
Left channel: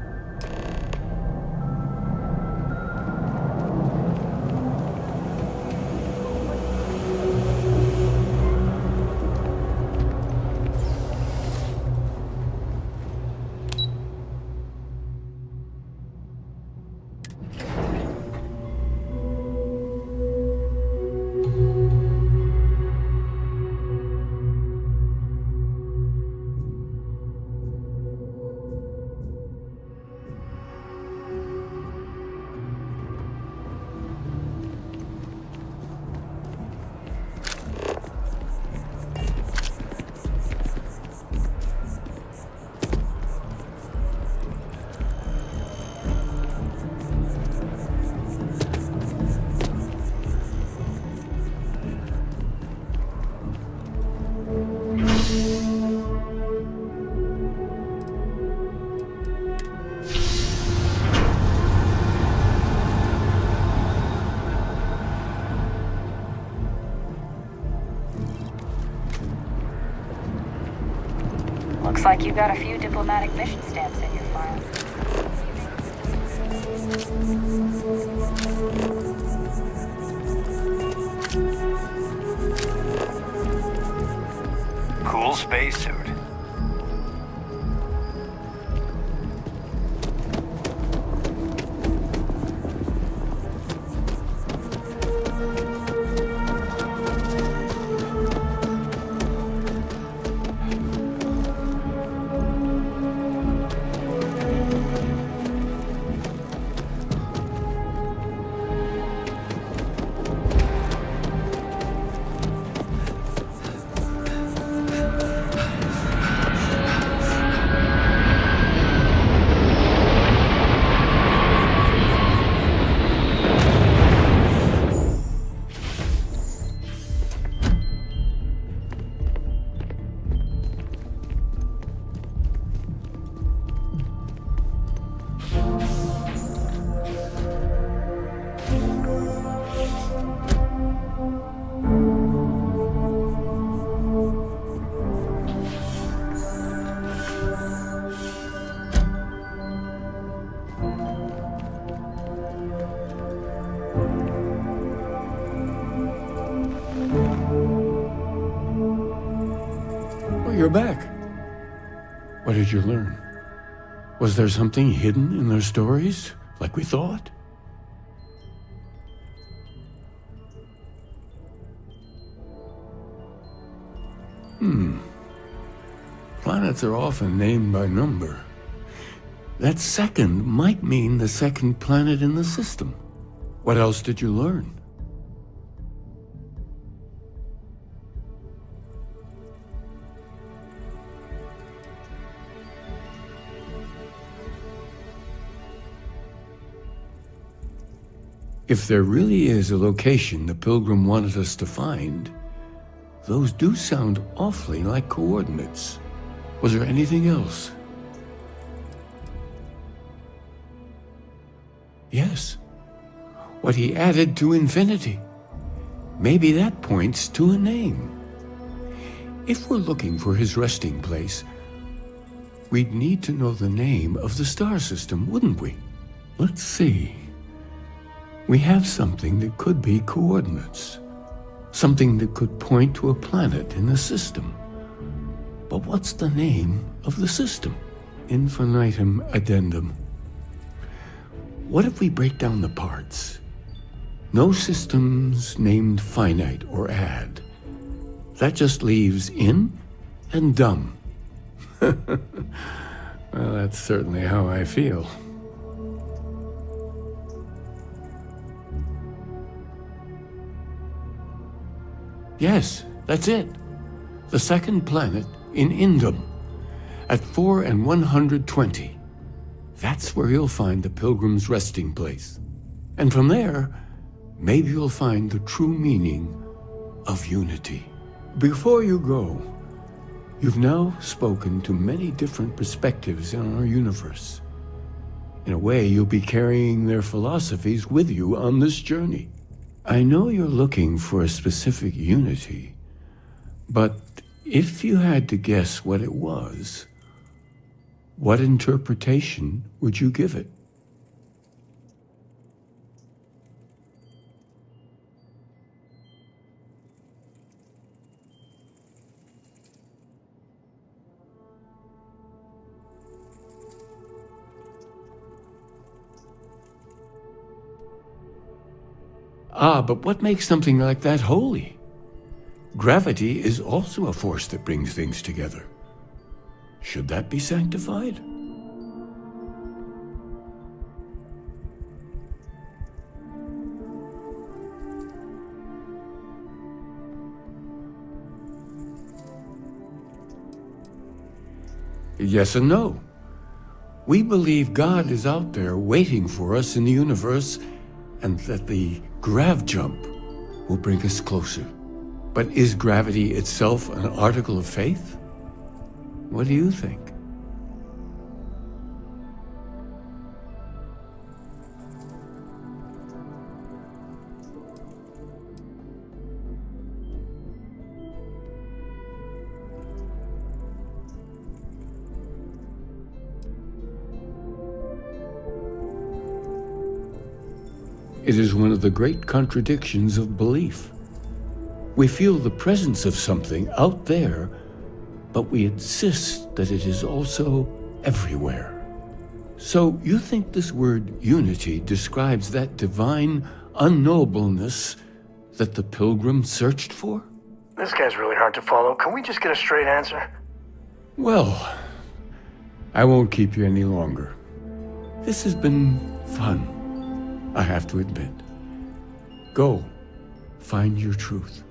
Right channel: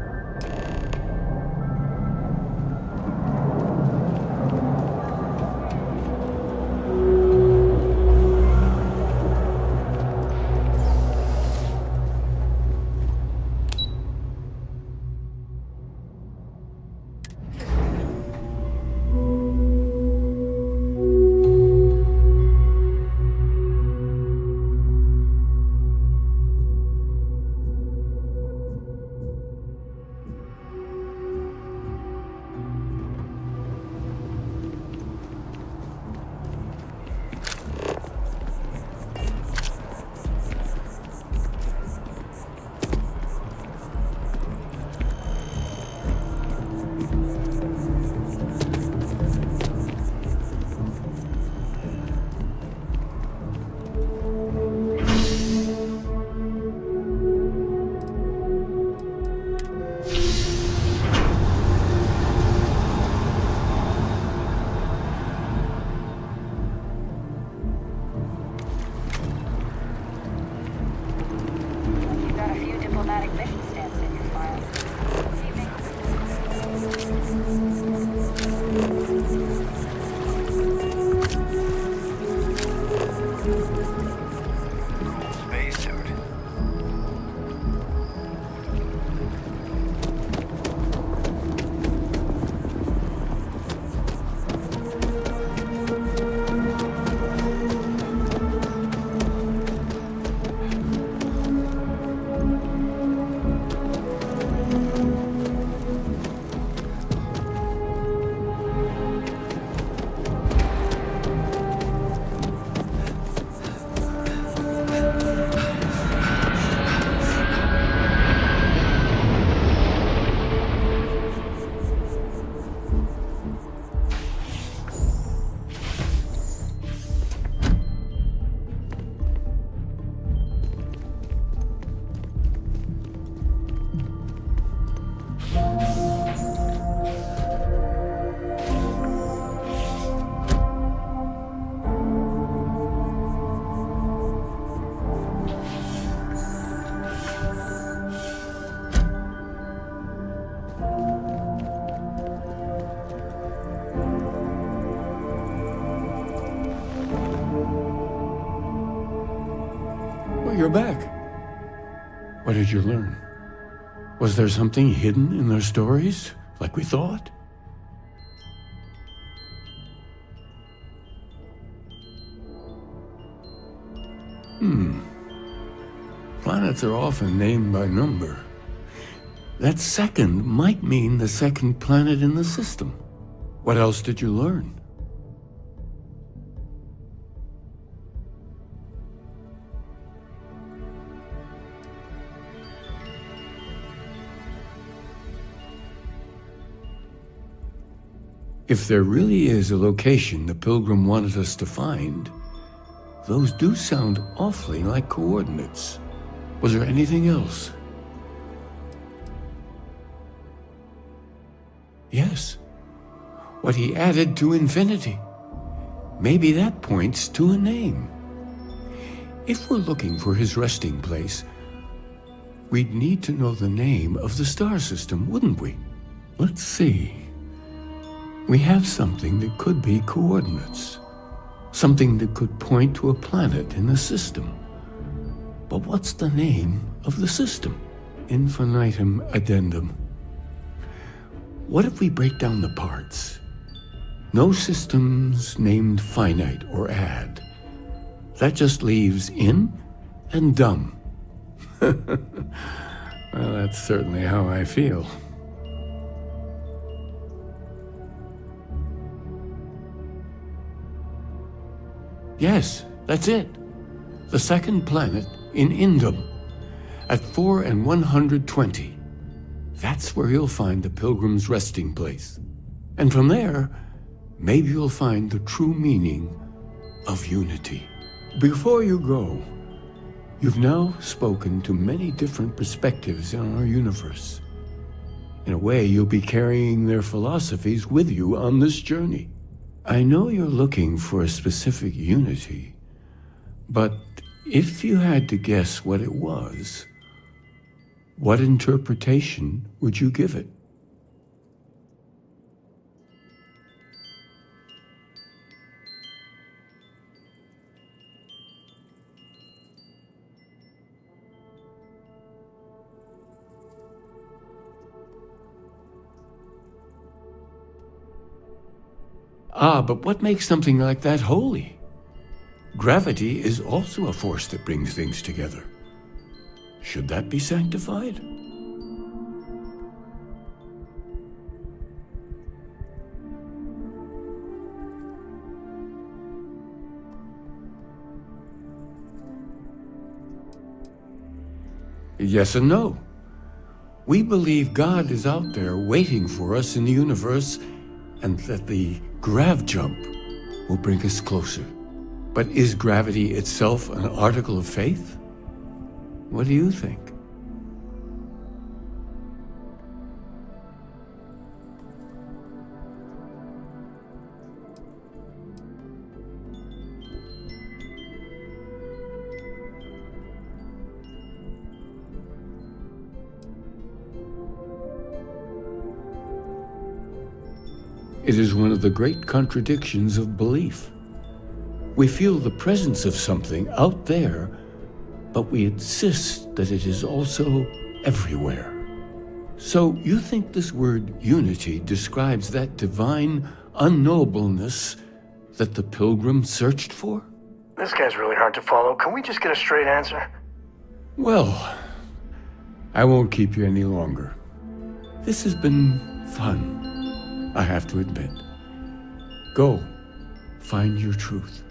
Looks like you've got a few diplomatic mission stamps in your file. you're back. What did you learn? Was there something hidden in their stories, like we thought? Planets are often named by number. That second might mean the second planet in the system. What else did you learn? If there really is a location the Pilgrim wanted us to find, those do sound awfully like coordinates. Was there anything else? Yes. What he added to infinity. Maybe that points to a name. If we're looking for his resting place, we'd need to know the name of the star system, wouldn't we? Let's see. We have something that could be coordinates. Something that could point to a planet in the system. But what's the name of the system? Infinitum addendum. What if we break down the parts? No systems named finite or add. That just leaves in and dumb. Well, that's certainly how I feel. Yes, that's it. The second planet in Indum, at 4 and 120. That's where you'll find the Pilgrim's resting place. And from there, maybe you'll find the true meaning of unity. Before you go, you've now spoken to many different perspectives in our universe. In a way, you'll be carrying their philosophies with you on this journey. I know you're looking for a specific unity, but if you had to guess what it was, what interpretation would you give it? But what makes something like that holy? Gravity is also a force that brings things together. Should that be sanctified? Yes and no. We believe God is out there waiting for us in the universe, and that the grav jump will bring us closer. But is gravity itself an article of faith? What do you think? It is one of the great contradictions of belief. We feel the presence of something out there, but we insist that it is also everywhere. So you think this word unity describes that divine unknowableness that the Pilgrim searched for? This guy's really hard to follow. Can we just get a straight answer? Well, I won't keep you any longer. This has been fun, I have to admit. Go, find your truth.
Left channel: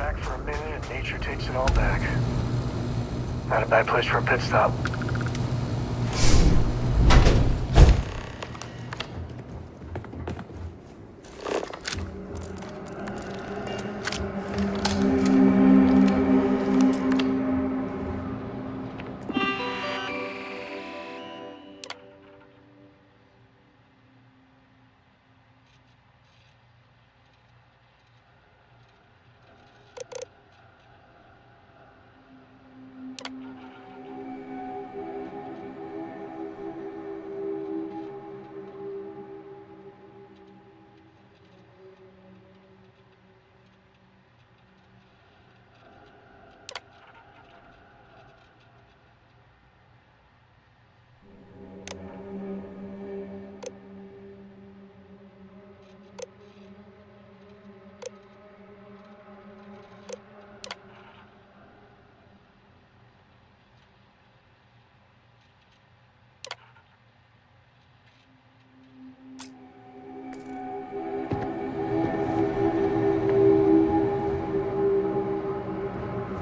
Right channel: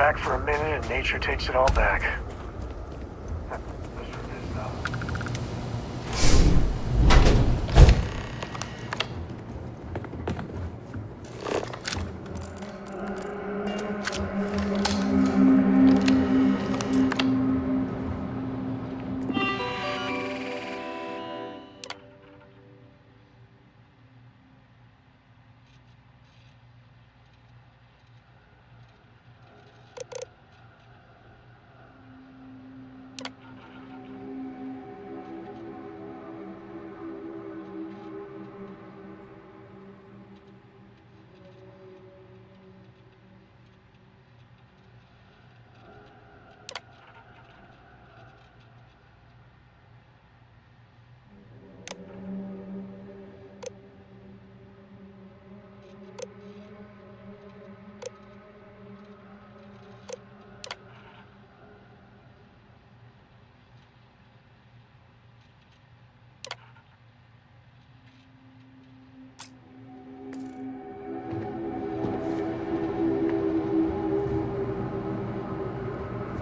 back for a minute and nature takes it all back. Not a bad place for a pit stop.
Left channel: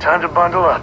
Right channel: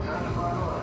Time to bundle up.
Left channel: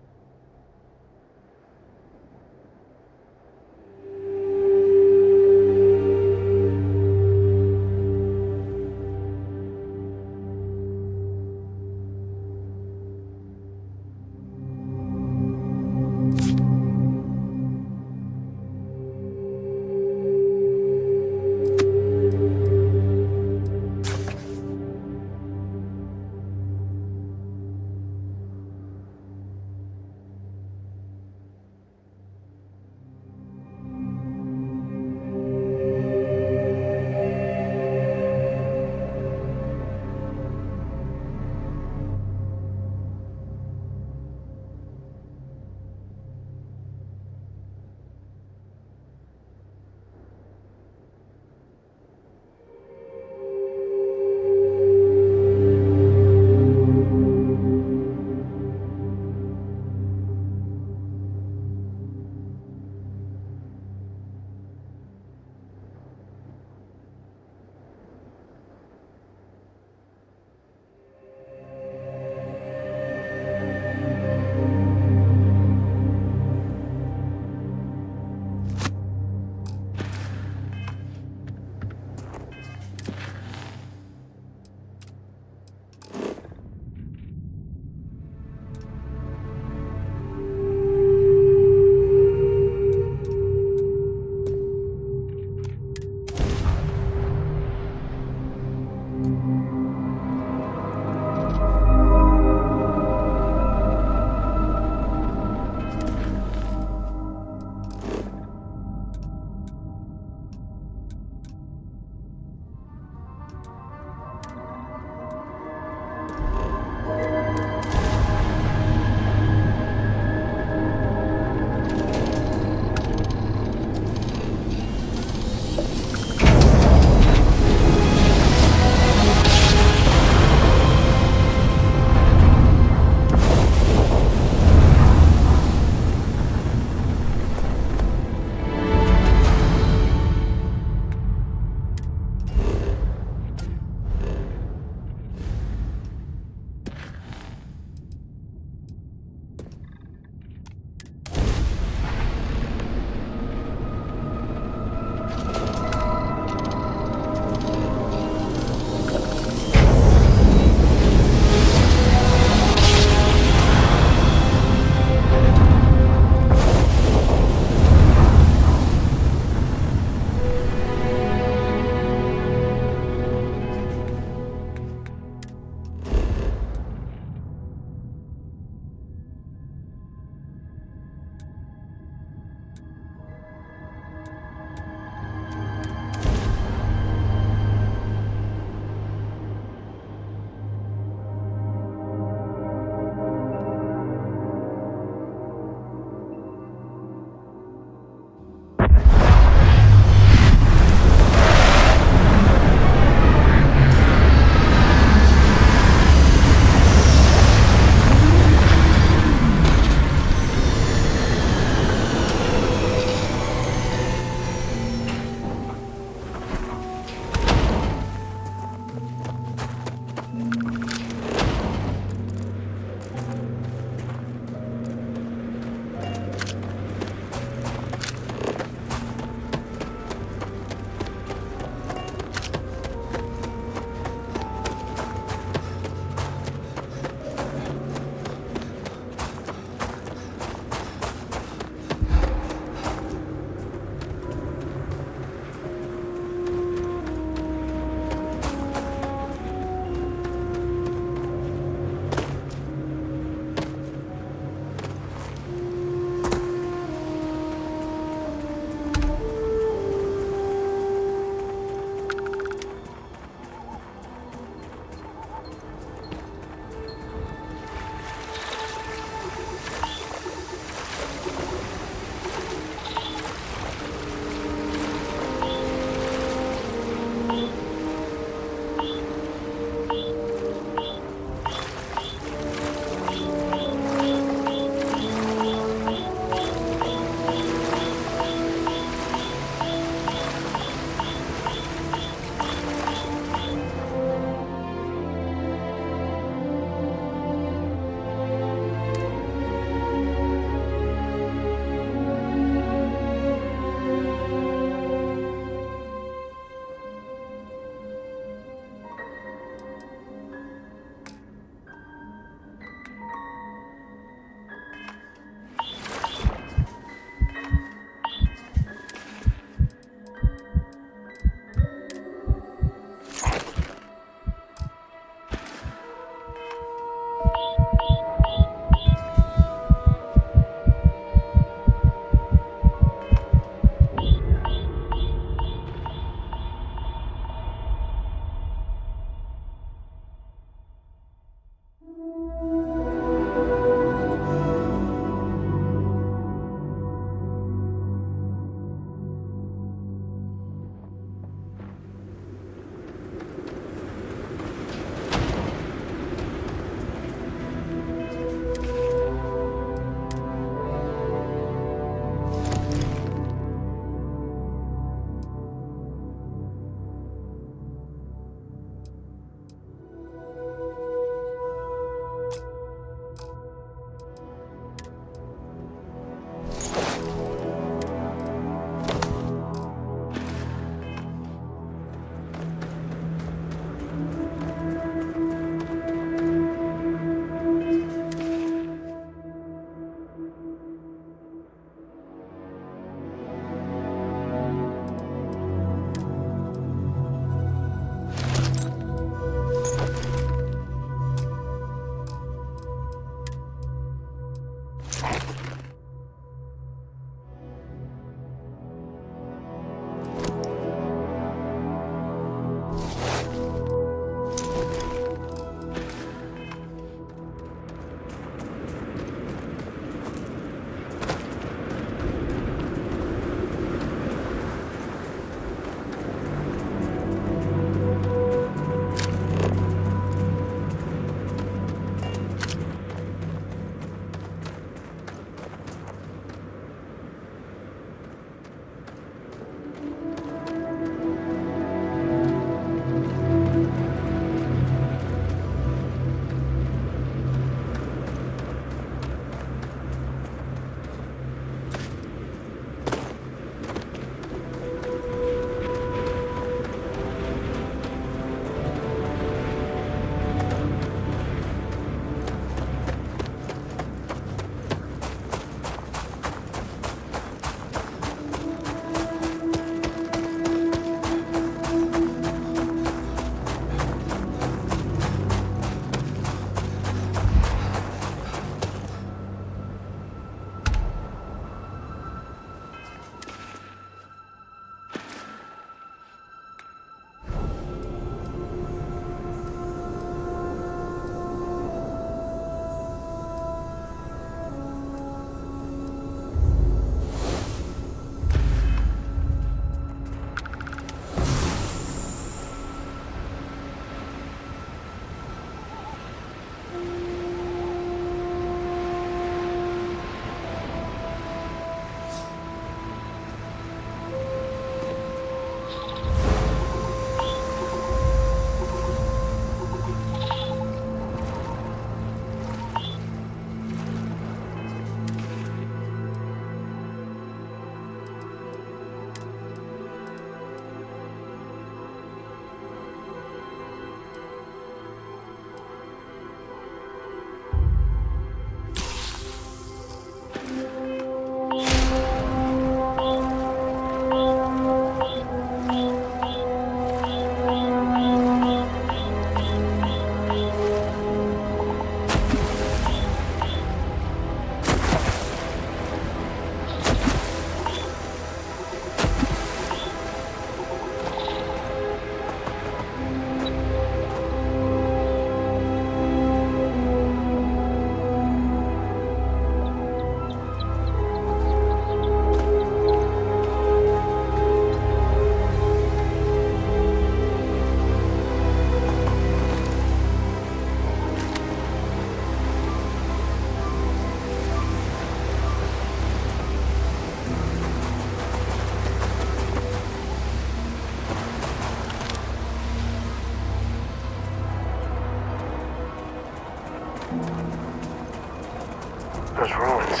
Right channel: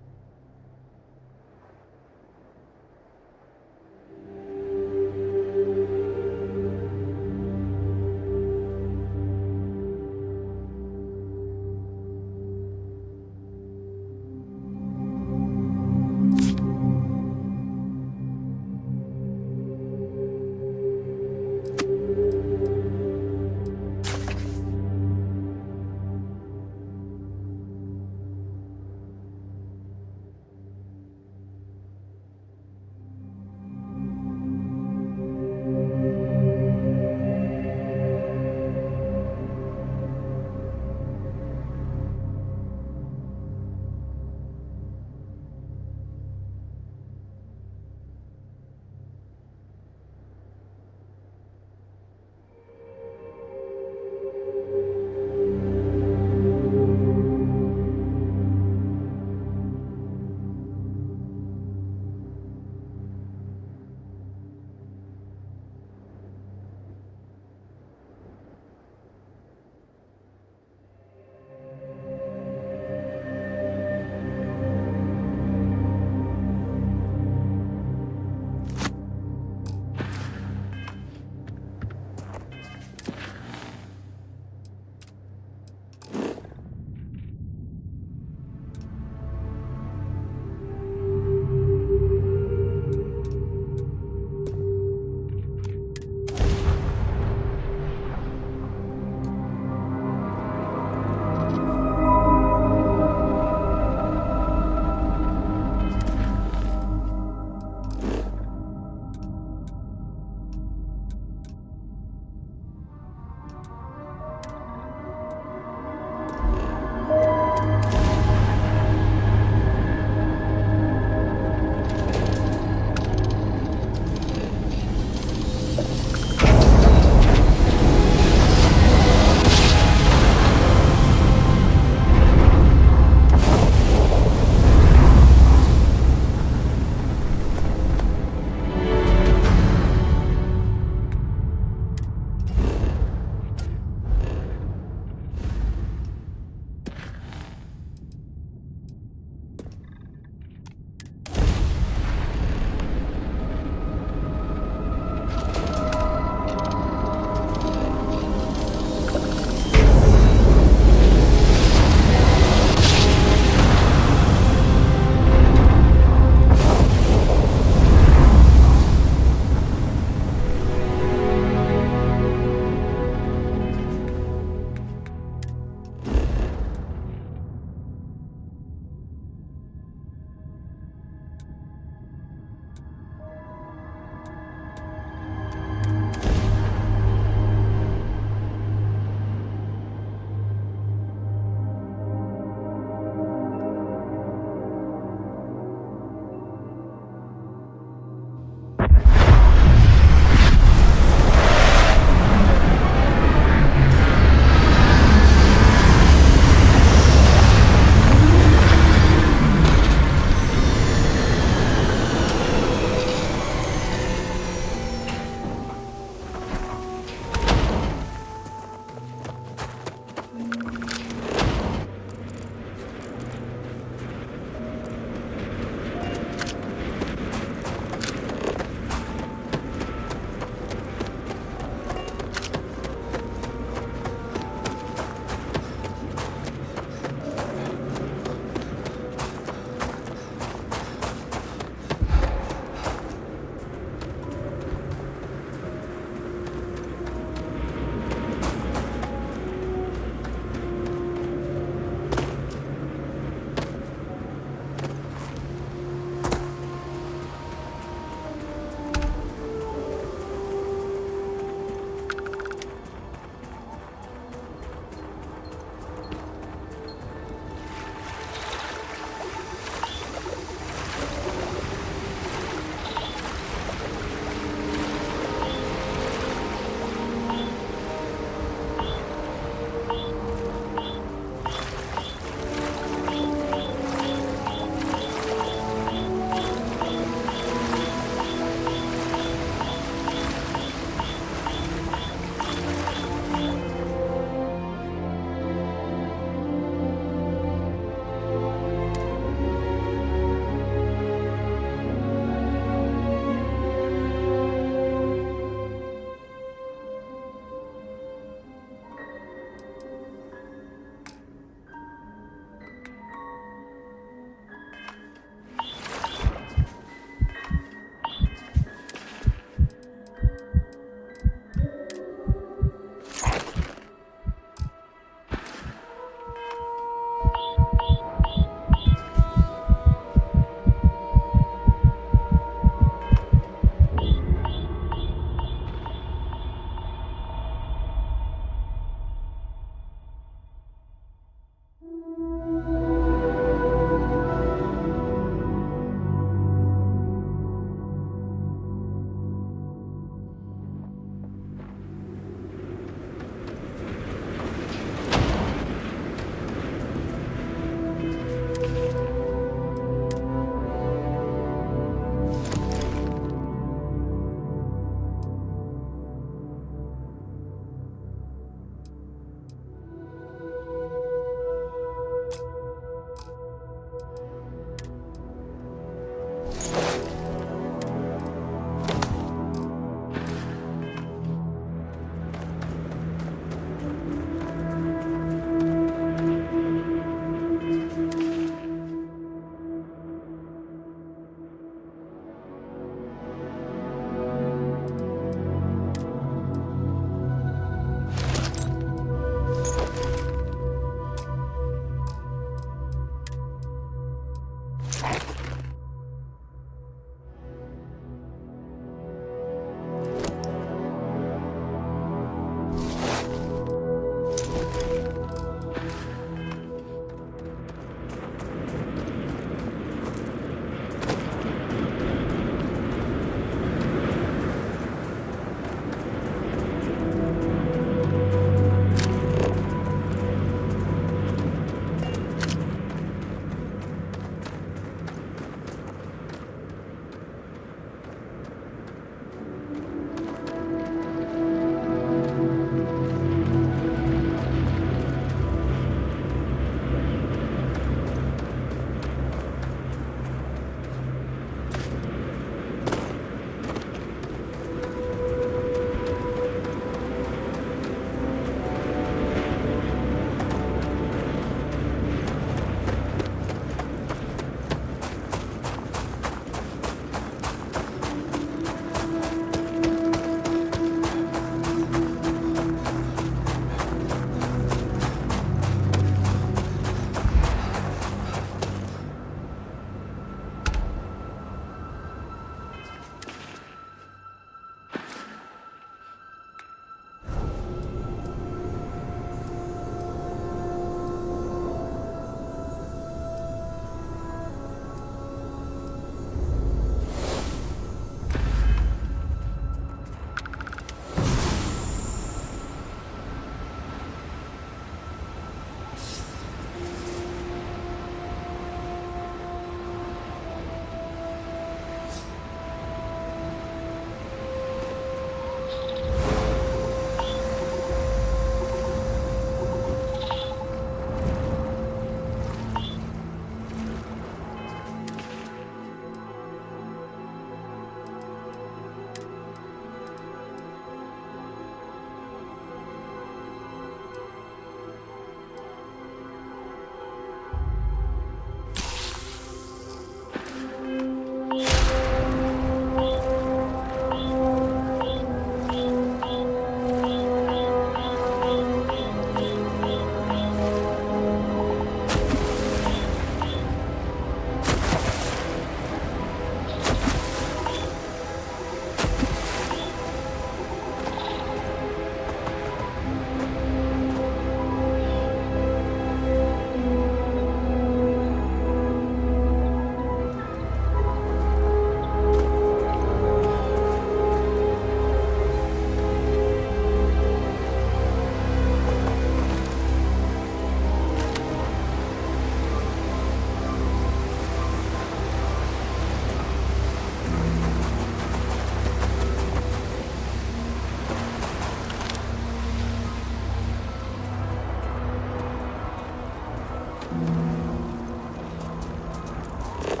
ruins.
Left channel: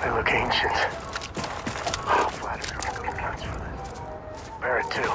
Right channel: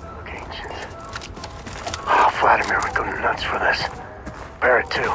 They look ancient. Oh, Vladimir would go nuts for this. Barrett, too.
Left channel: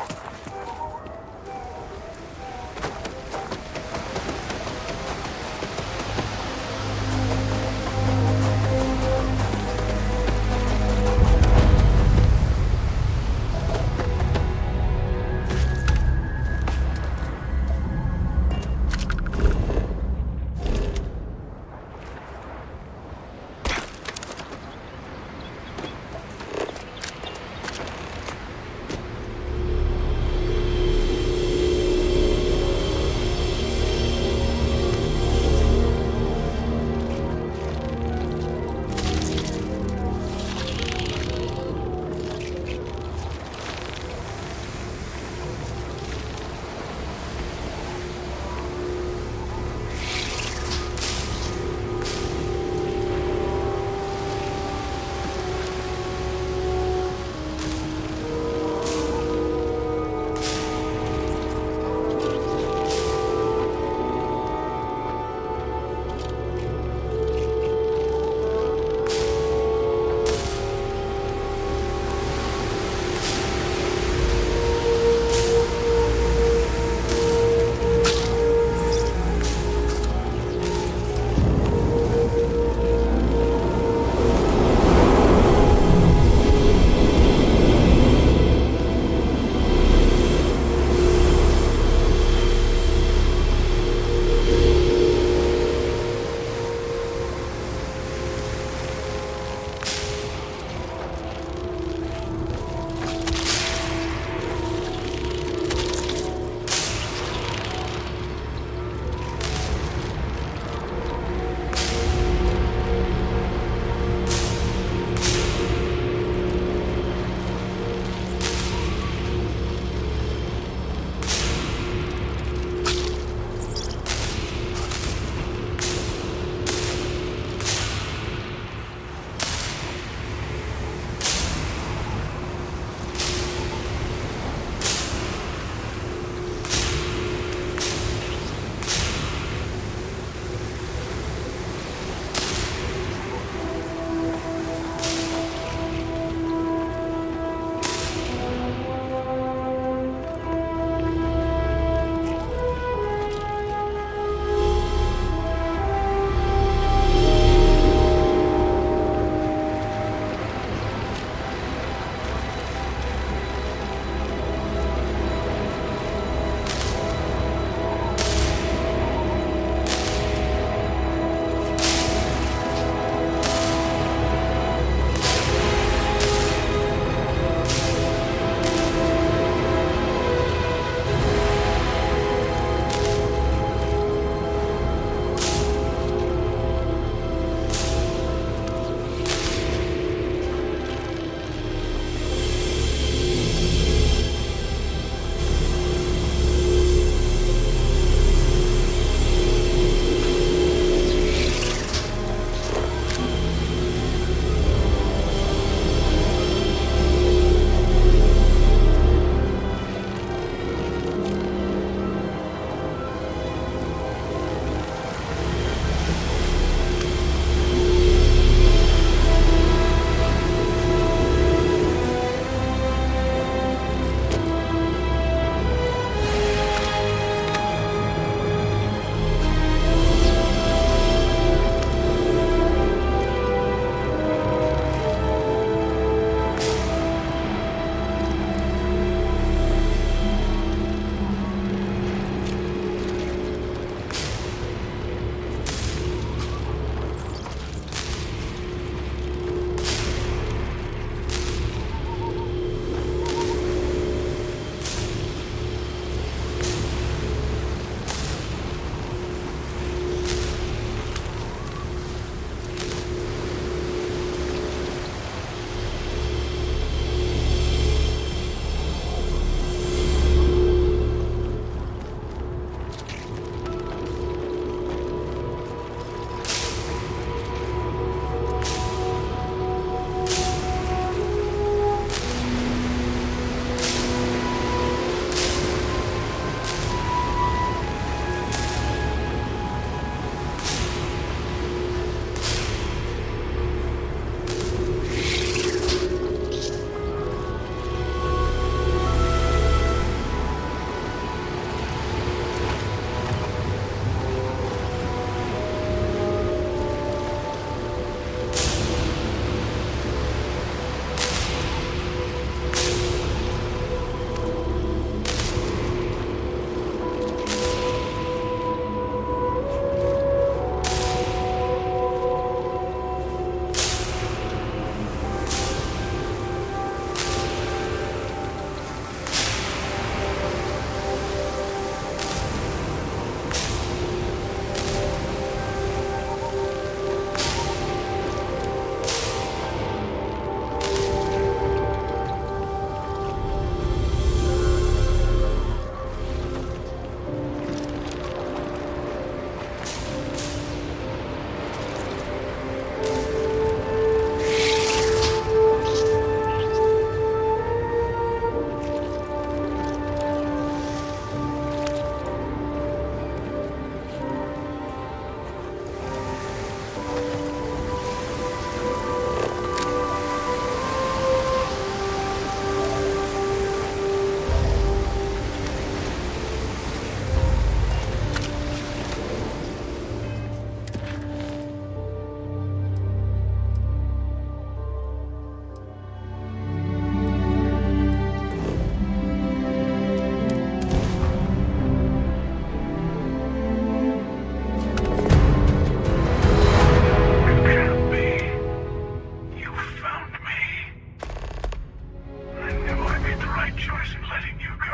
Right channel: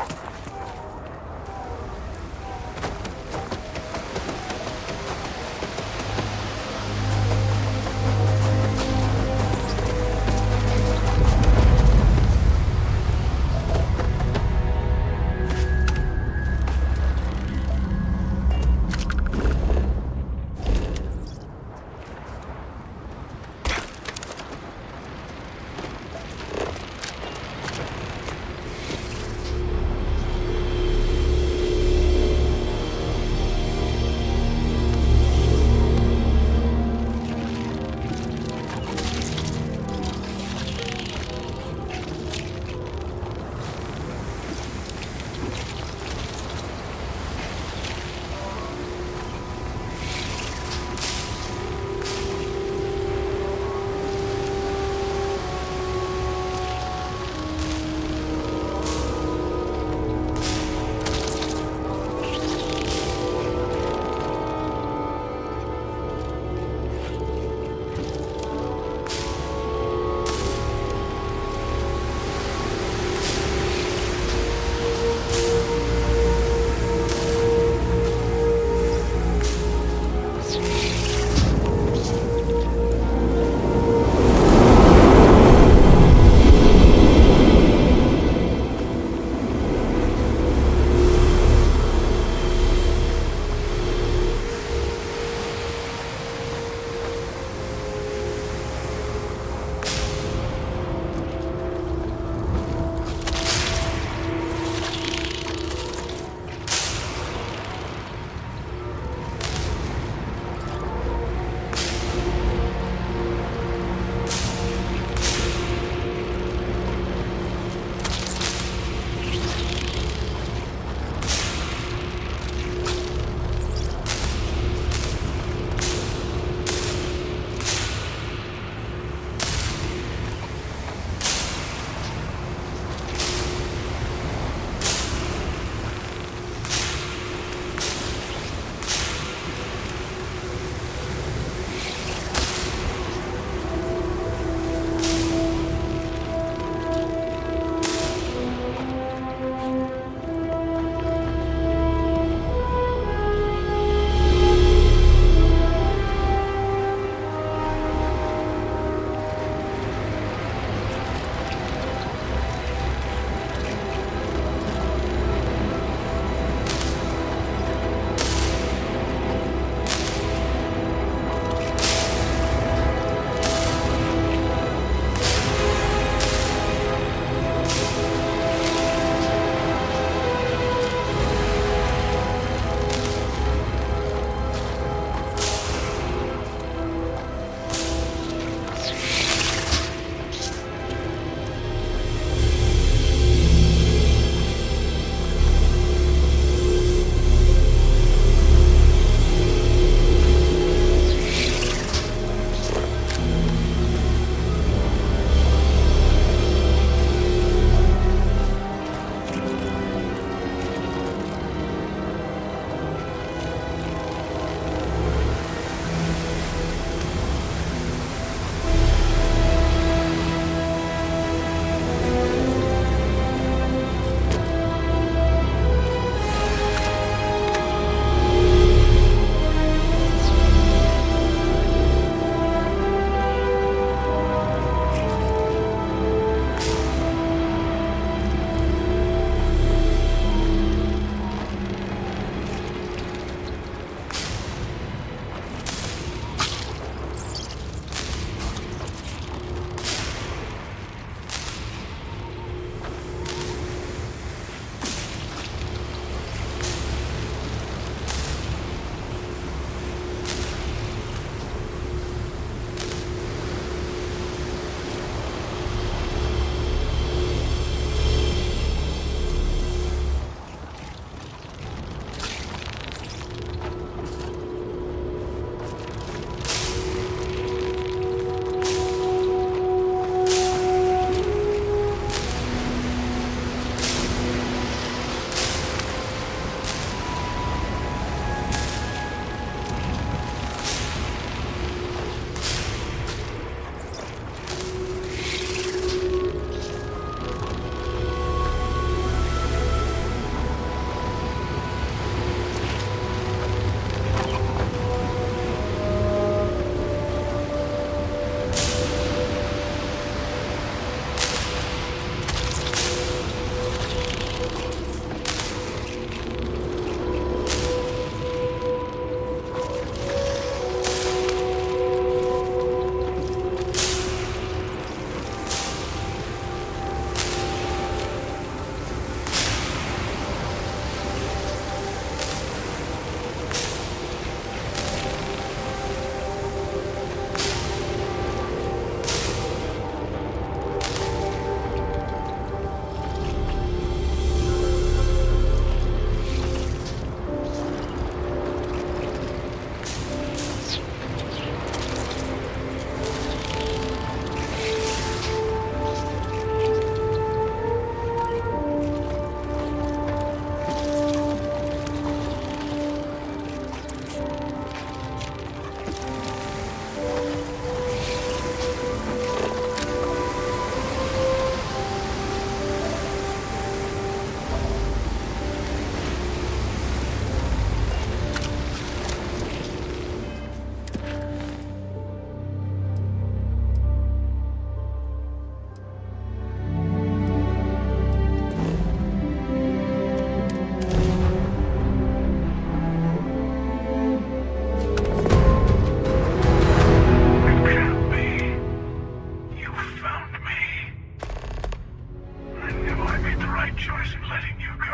second choice in letting you go.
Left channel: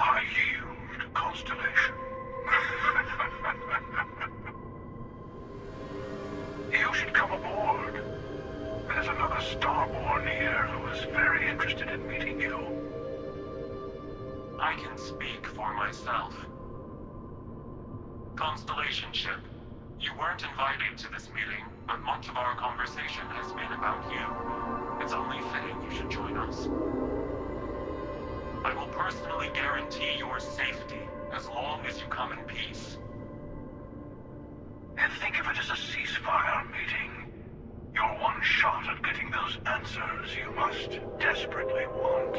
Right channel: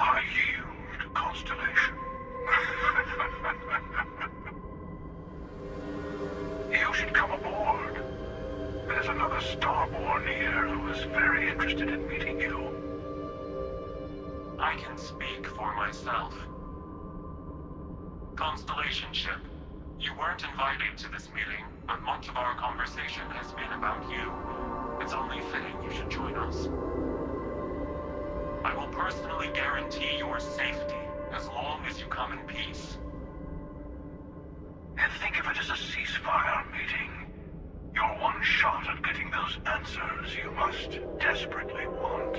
I yield, Constellation. You should come aboard. There's another Starborn here who is very interested in meeting you. I can speak for myself. Constellation ship, you weren't invited to this meeting, but much of our conversation has been about you. It's only fitting you should join us. I will personally guarantee your safety as long as you come in peace. And think of it as a ceasefire meeting. Your one shot at getting those answers you must desperately want.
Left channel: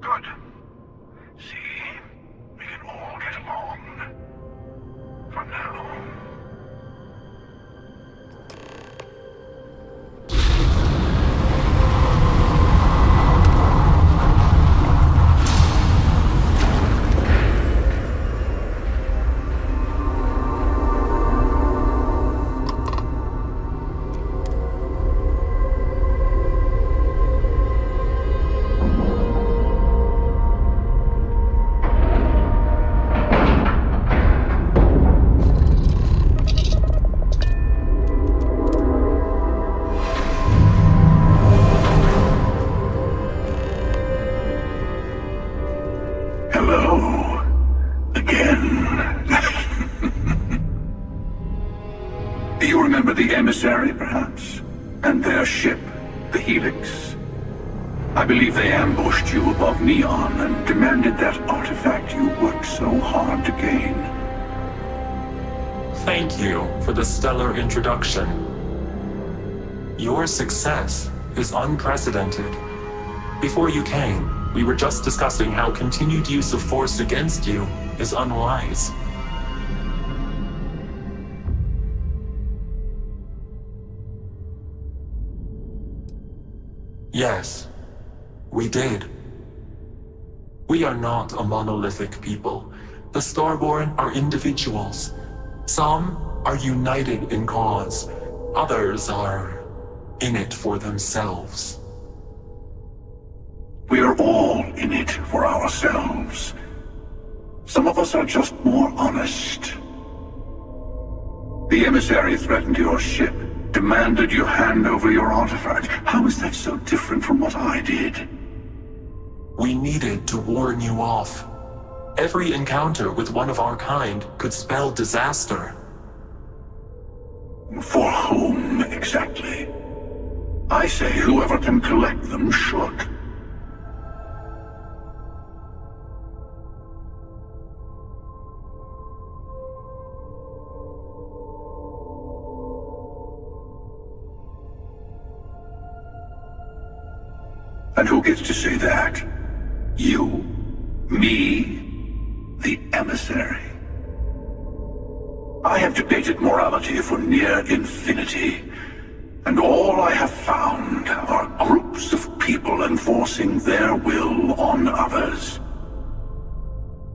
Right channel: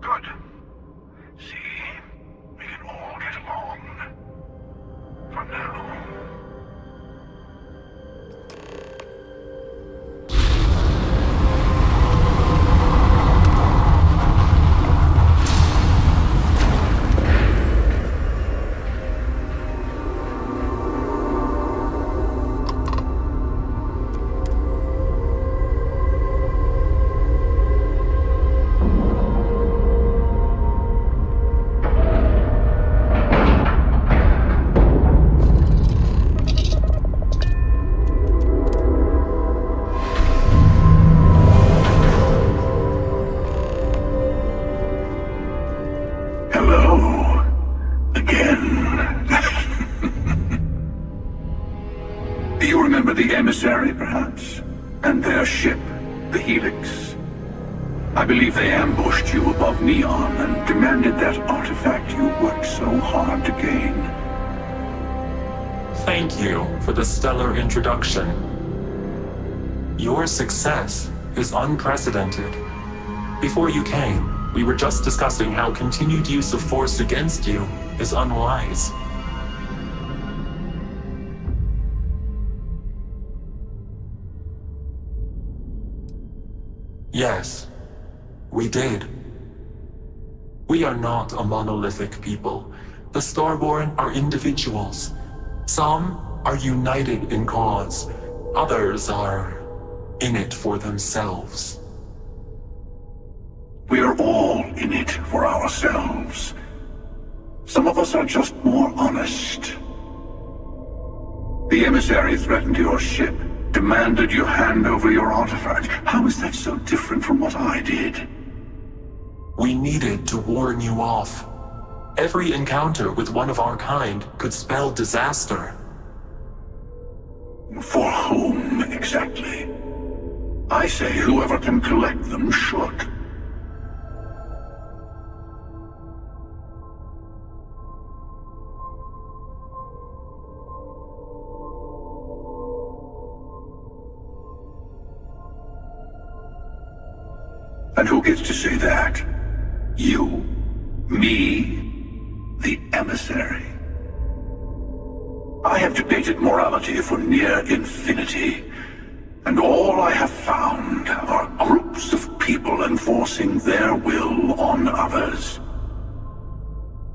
Good. See? We can all get along. For now. Hello. Again. Do you remember the emissary, perhaps? And their ship, the Helix? I believe they ambushed you above Neon and demanded that artifact you worked so hard to gain. Thank you for the stellar introduction. Your success is unprecedented. Before you came, we were just discussing how continued use of force against you is unwise. Yes, we did. We are not a monolithic people. The Starborn are individuals. Some are united in cause. Others are in it for themselves. We are all in it for ourselves. Some of us are just more honest. The emissary threatened your ship, demanded you hand over your artifact. How is that so different from what I did? We needed to warn you off. Every encounter with one of our kind could spell disaster. For whom, exactly? I say whoever can collect them should. And who gets to say that? You? Me? The emissary? I have debated morality for near infinity, and all I have found are groups of people enforcing their will on others.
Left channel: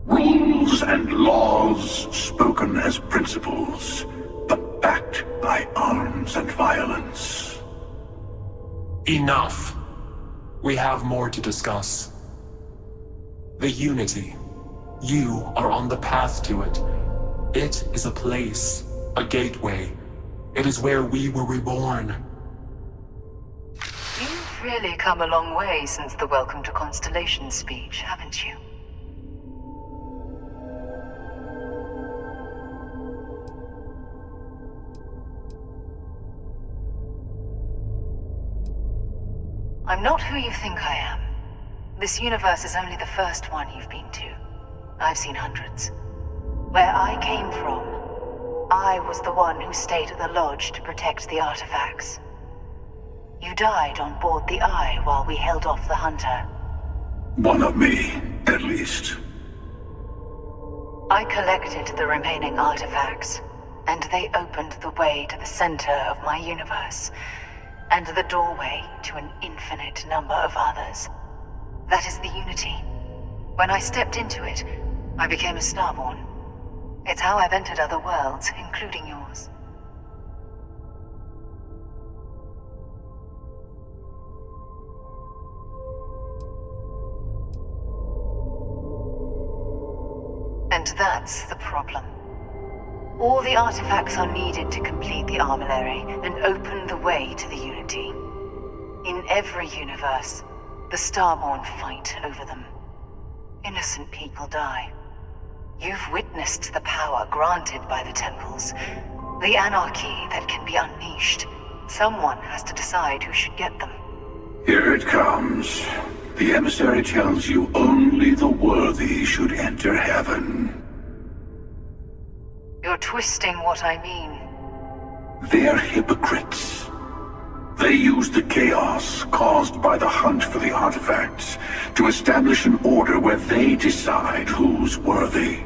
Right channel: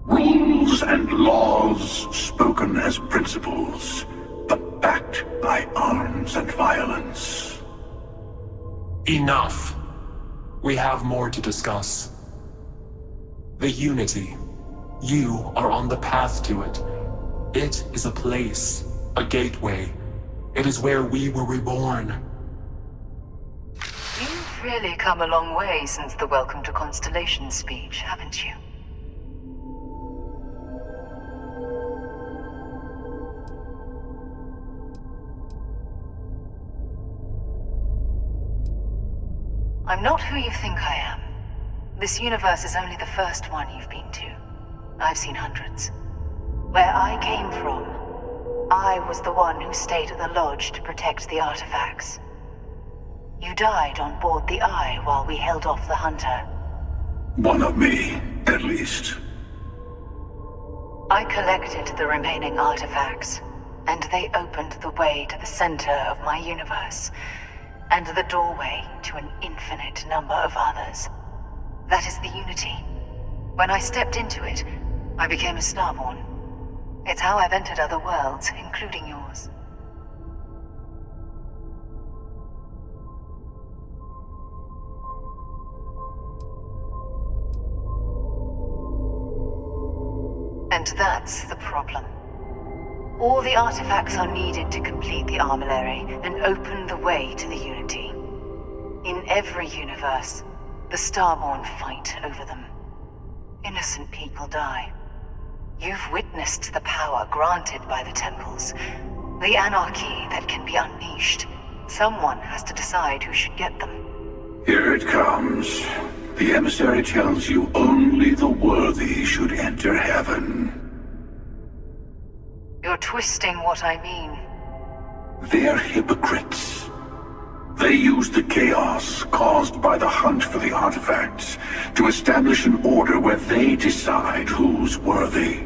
Rules and laws spoken as principles, but backed by arms and violence. Enough. We have more to discuss. The Unity. You are on the path to it. It is a place, a gateway. It is where we were reborn. You've really come a long way since the Welcome to Constellation speech, haven't you? I'm not who you think I am. This universe is only the first one you've been to. I've seen hundreds. Where I came from, I was the one who stayed at the lodge to protect the artifacts. You died on board the Eye while we held off the Hunter. One of me, at least. I collected the remaining artifacts, and they opened the way to the center of my universe, and the doorway to an infinite number of others. That is the Unity. When I stepped into it, I became a Starborn. It's how I've entered other worlds, including yours. And that's the problem. All the artifacts are needed to complete the armillary and open the way to the Unity. In every universe, the Starborn fight over them. Innocent people die. You've witnessed the power granted by the temples, the anarchy that can be unleashed. Someone has to decide who should get them. Here it comes. The emissary tells you only the worthy should enter heaven. You're twisting what I mean. They're hypocrites. They use the chaos caused by the hunt for the artifacts to establish an order where they decide who's worthy.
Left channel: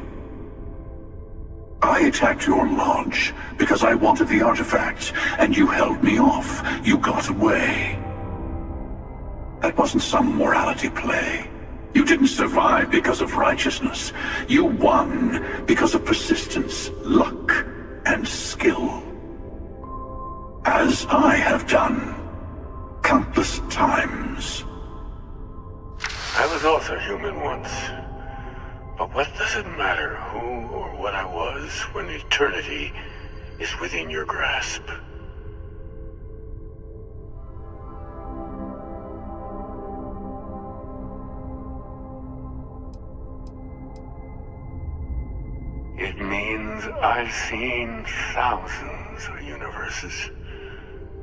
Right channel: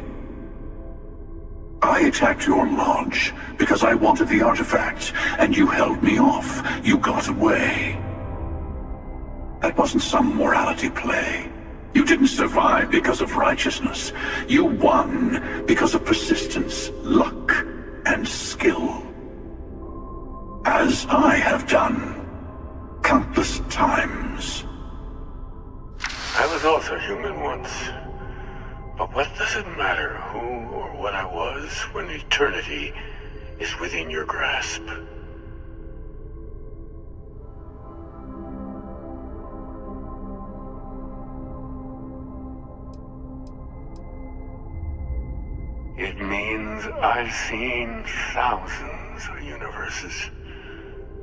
I attacked your lodge because I wanted the artifacts, and you held me off. You got away. That wasn't some morality play. You didn't survive because of righteousness. You won because of persistence, luck, and skill. As I have done countless times. I was also human once. But what does it matter who or what I was when eternity is within your grasp? It means I've seen thousands of universes,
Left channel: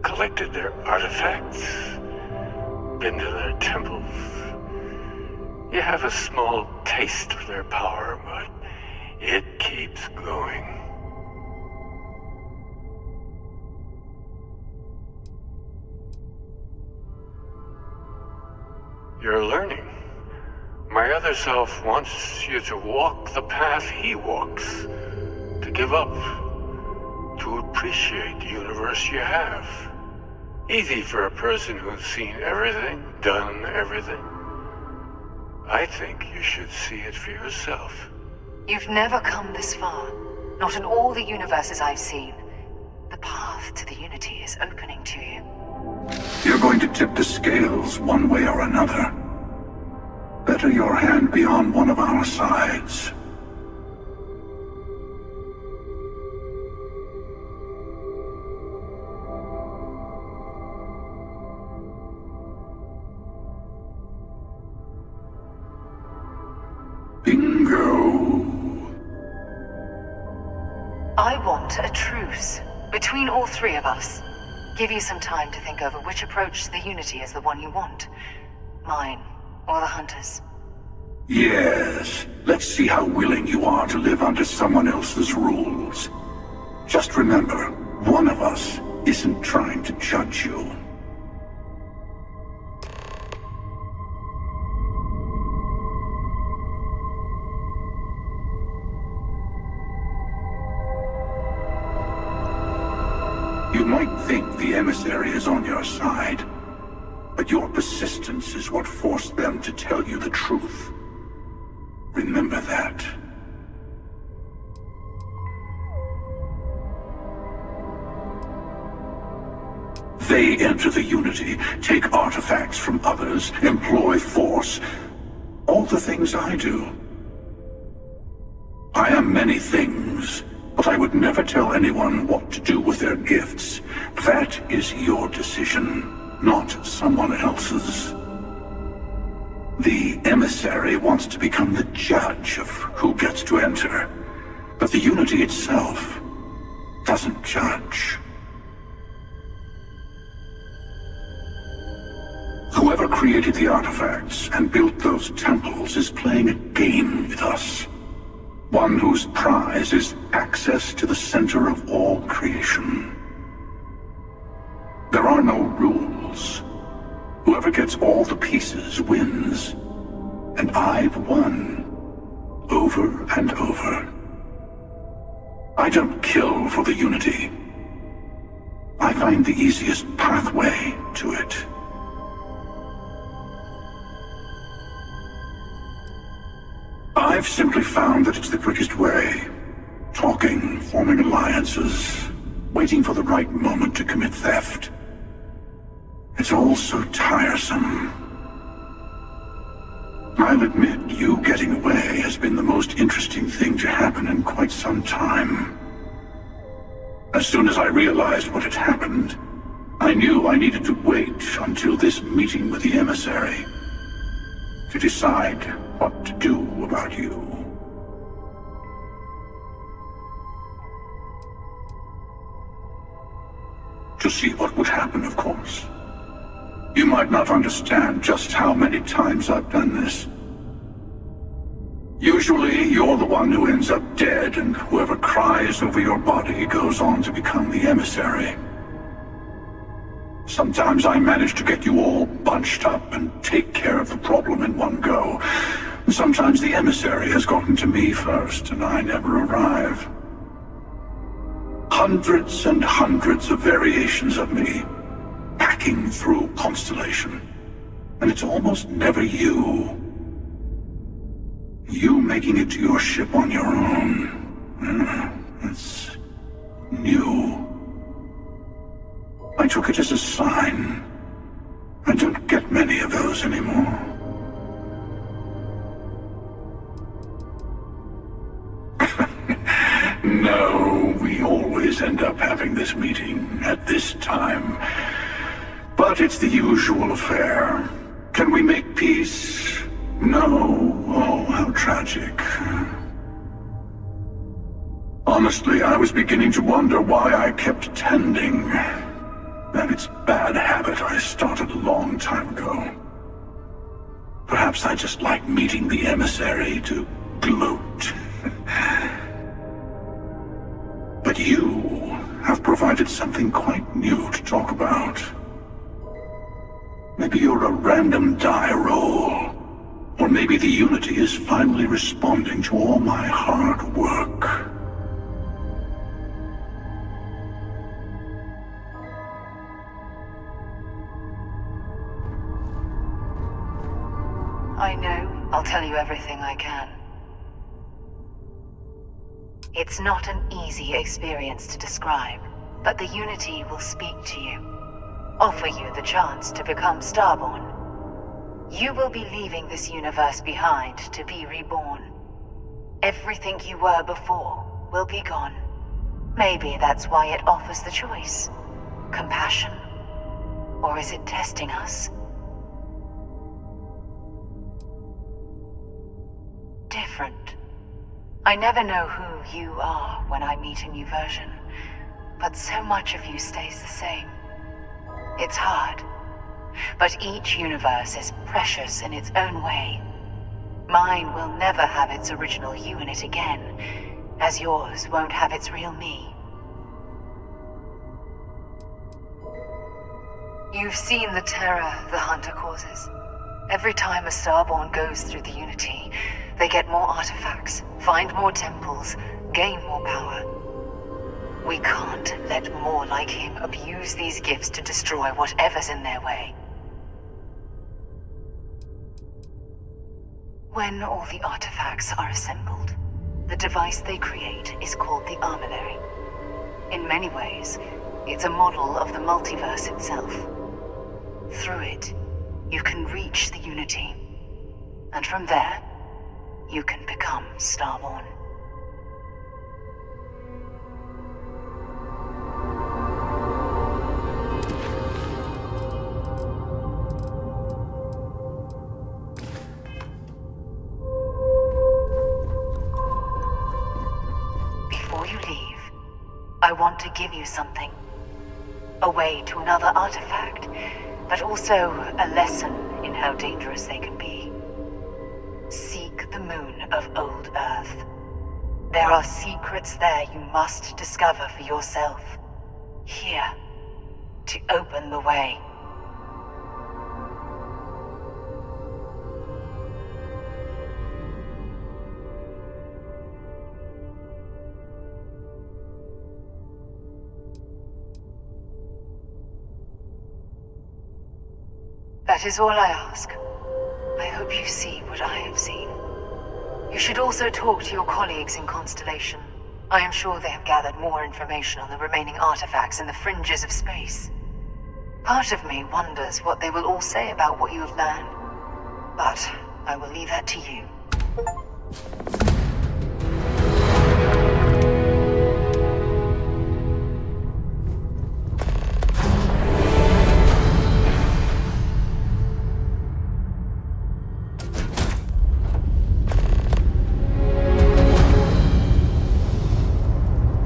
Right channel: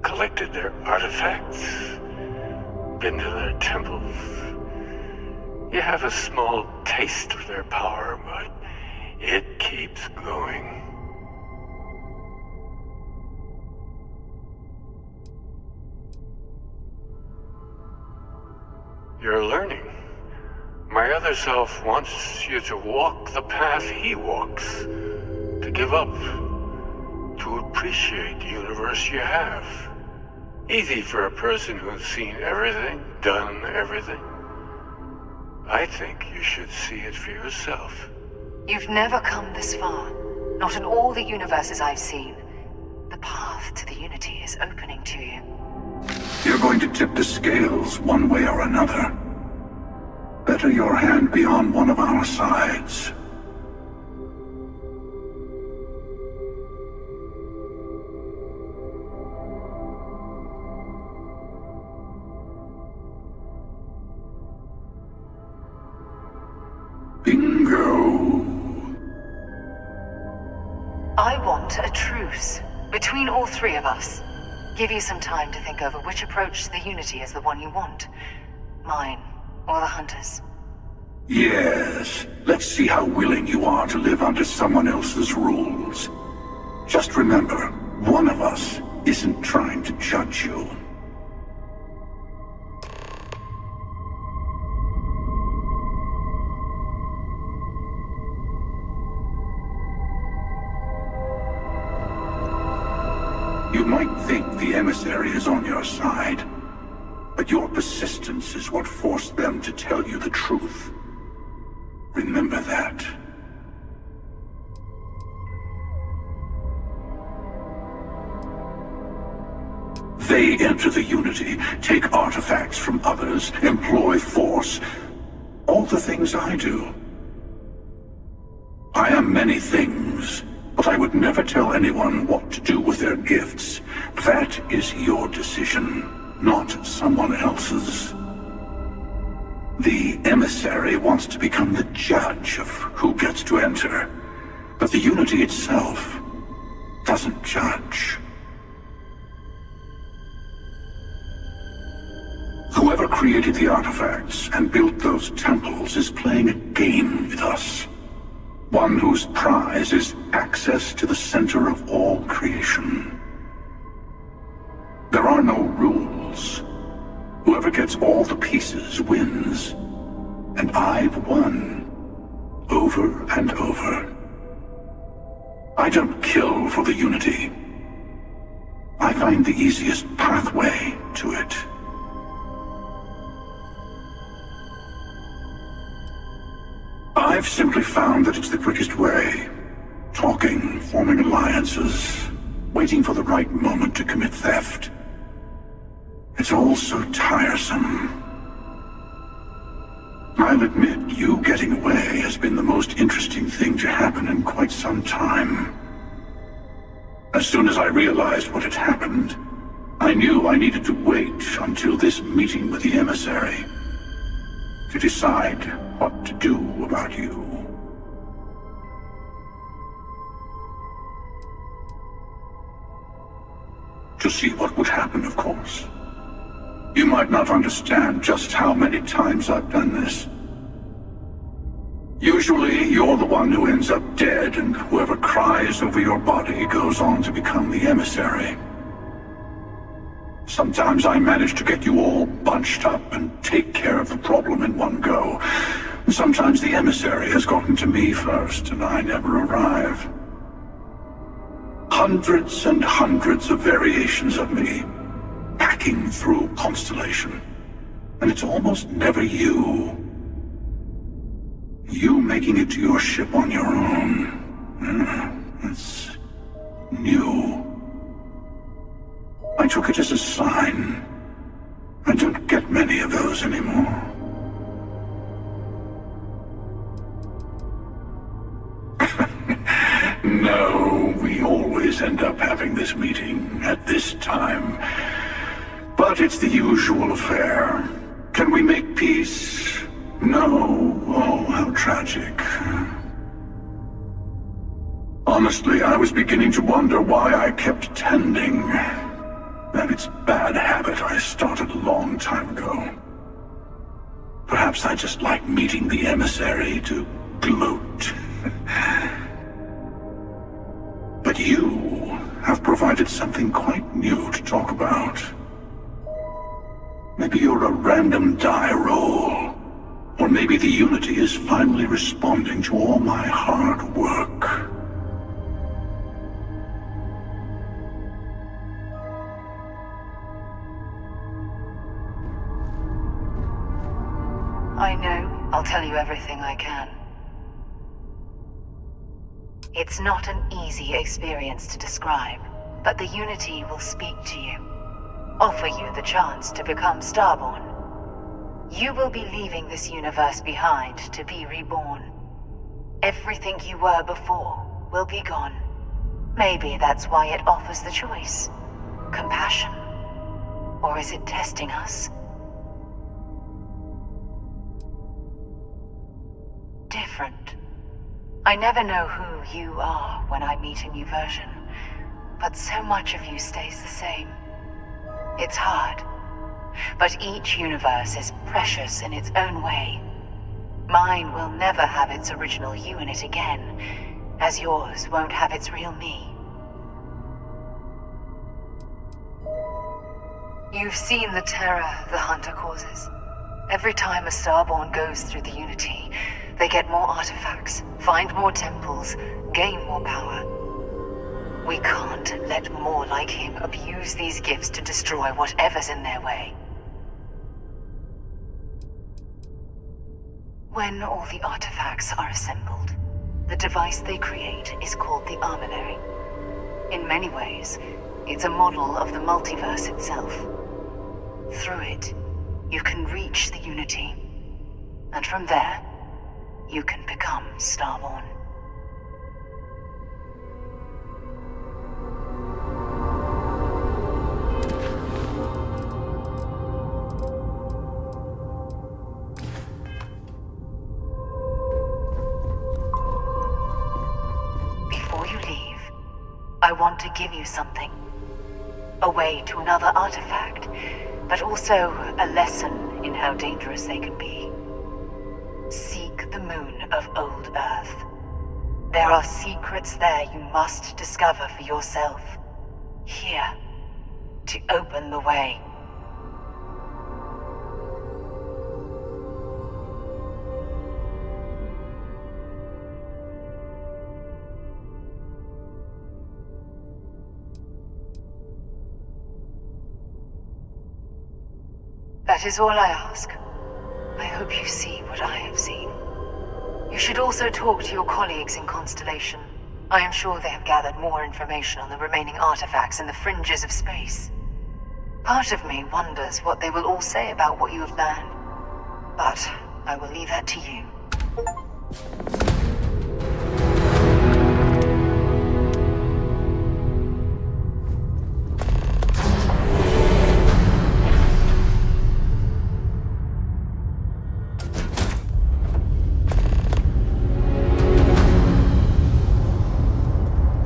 collected their artifacts, been to their temples. You have a small taste of their power, but it keeps going. You're learning. My other self wants you to walk the path he walks, to give up, to appreciate the universe you have. Easy for a person who's seen everything, done everything. I think you should see it for yourself. You've never come this far. Not in all the universes I've seen. The path to the Unity is opening to you. You're going to tip the scales one way or another. Better your hand be on one of our sides. Bingo. I want a truce between all three of us. Give you some time to think over which approach to the Unity is the one you want. Mine, or the Hunters. Yes. Let's see how willing you are to live under someone else's rules. Just remember, one of us isn't trying to judge you. You might think the emissary is on your side, but your persistence is what forced them to tell you the truth. Remember that. They enter the Unity, take artifacts from others, employ force. All the things I do. I am many things, but I would never tell anyone what to do with their gifts. That is your decision, not someone else's. The emissary wants to become the judge of who gets to enter, but the Unity itself doesn't judge. Whoever created the artifacts and built those temples is playing a game with us. One whose prize is access to the center of all creation. There are no rules. Whoever gets all the pieces wins. And I've won. over and over. I don't kill for the Unity. I find the easiest pathway to it. I've simply found that it's the quickest way. Talking, forming alliances, waiting for the right moment to commit theft. It's all so tiresome. I'll admit, you getting away has been the most interesting thing to happen in quite some time. As soon as I realized what had happened, I knew I needed to wait until this meeting with the emissary to decide what to do about you. To see what would happen, of course. You might not understand just how many times I've done this. Usually, you're the one who ends up dead, and whoever cries over your body goes on to become the emissary. Sometimes I manage to get you all bunched up and take care of the problem in one go. Sometimes the emissary has gotten to me first, and I never arrive. Hundreds and hundreds of variations of me, hacking through Constellation. And it's almost never you. You making it to your ship on your own. It's new. I took it as a sign. I don't get many of those anymore. No, we always end up having this meeting at this time. But it's the usual affair. Can we make peace? No. Oh, how tragic. Honestly, I was beginning to wonder why I kept attending. That it's bad habit I started a long time ago. Perhaps I just like meeting the emissary to gloat. But you have provided something quite new to talk about. Maybe you're a random die roll. Or maybe the Unity is finally responding to all my hard work. I know. I'll tell you everything I can. It's not an easy experience to describe, but the Unity will speak to you. Offer you the chance to become Starborn. You will be leaving this universe behind to be reborn. Everything you were before will be gone. Maybe that's why it offers the choice. Compassion. Or is it testing us? Different. I never know who you are when I meet a new version, but so much of you stays the same. It's hard, but each universe is precious in its own way. Mine will never have its original you in it again, as yours won't have its real me. You've seen the terror the Hunter causes. Every time a Starborn goes through the Unity, they get more artifacts, find more temples, gain more power. We can't let more like him abuse these gifts to destroy whatever's in their way. When all the artifacts are assembled, the device they create is called the Armillary. In many ways, it's a model of the multiverse itself. Through it, you can reach the Unity, and from there, you can become Starborn. Before you leave, I want to give you something. A way to another artifact, but also a lesson in how dangerous they can be. Seek the moon of Old Earth. There are secrets there you must discover for yourself. Here, to open the way. That is all I ask. I hope you see what I have seen. You should also talk to your colleagues in Constellation. I am sure they have gathered more information on the remaining artifacts in the fringes of space. Part of me wonders what they will all say about what you have learned. But I will leave that to you.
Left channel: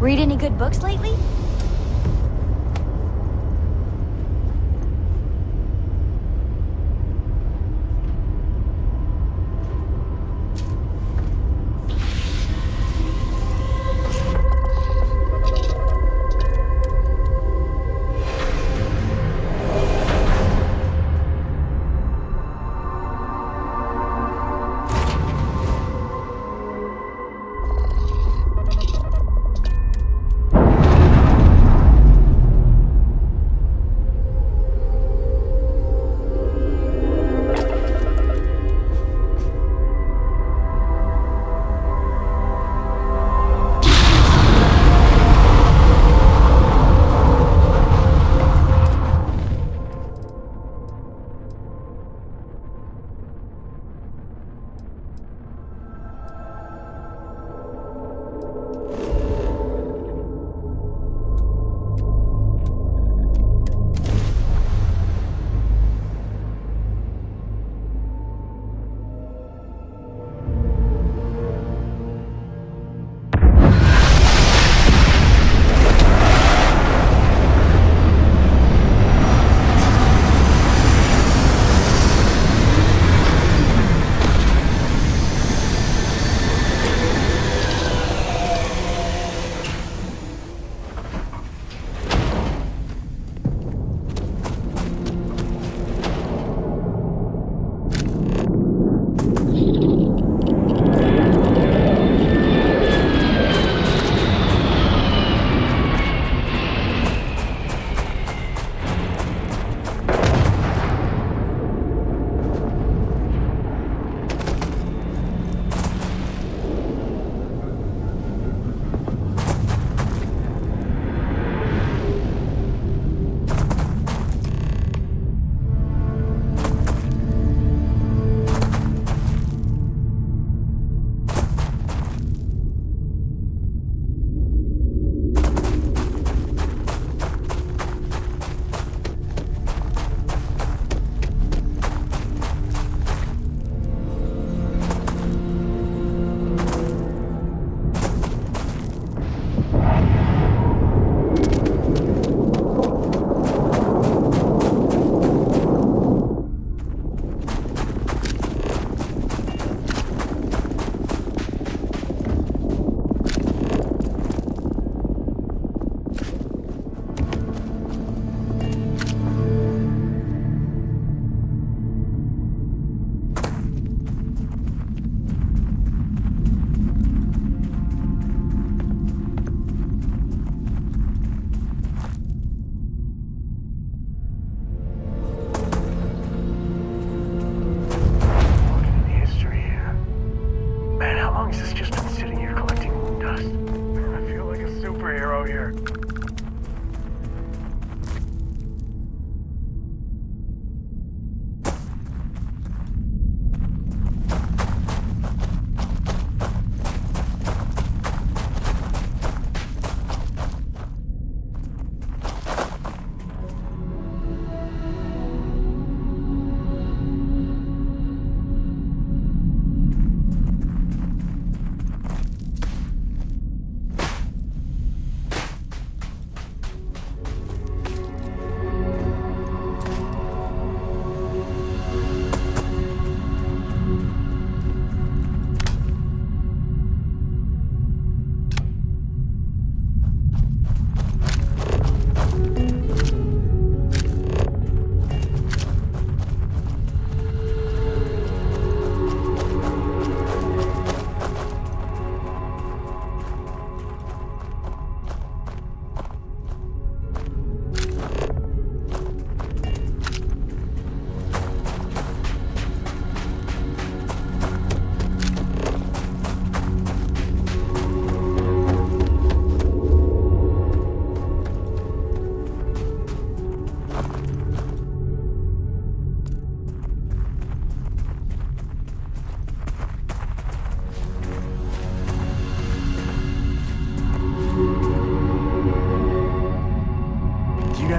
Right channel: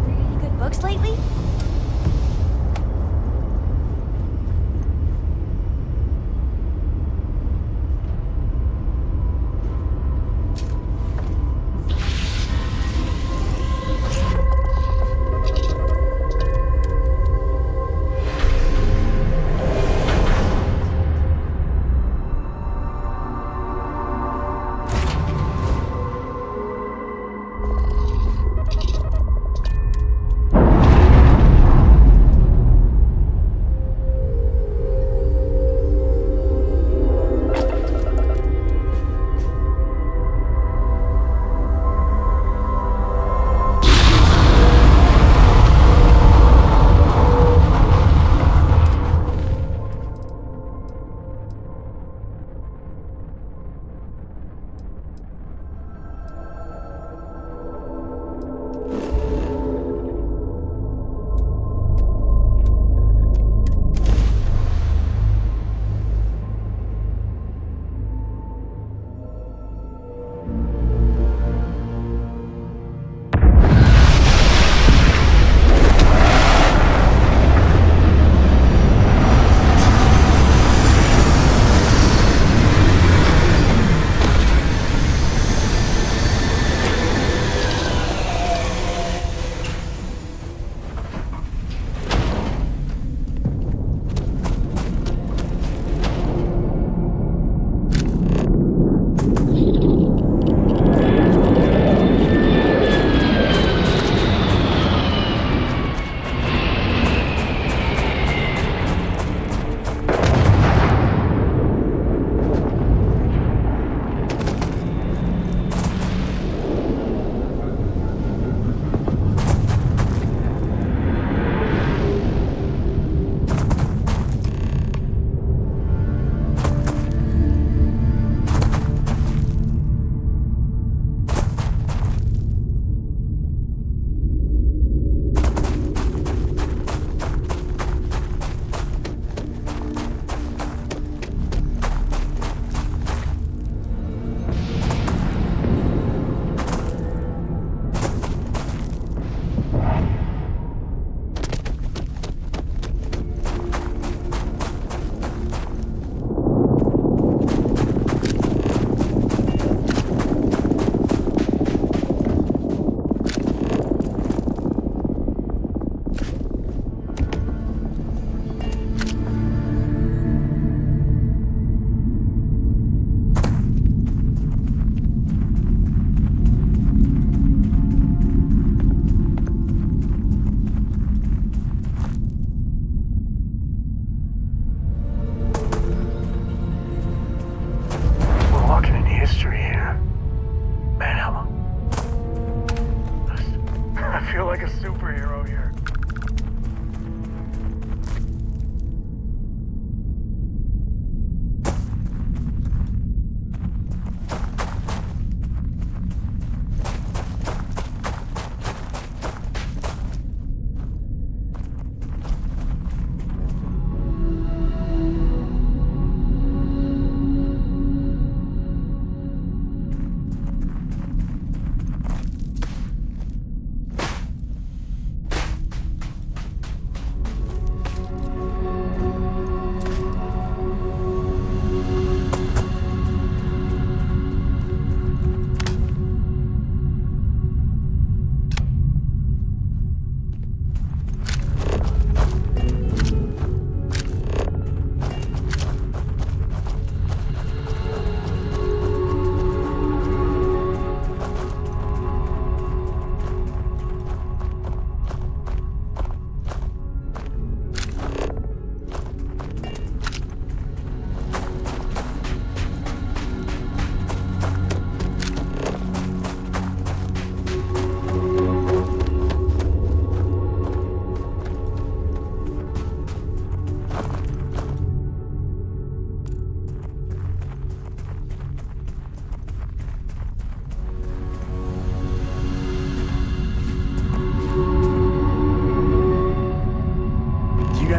Read any good books lately?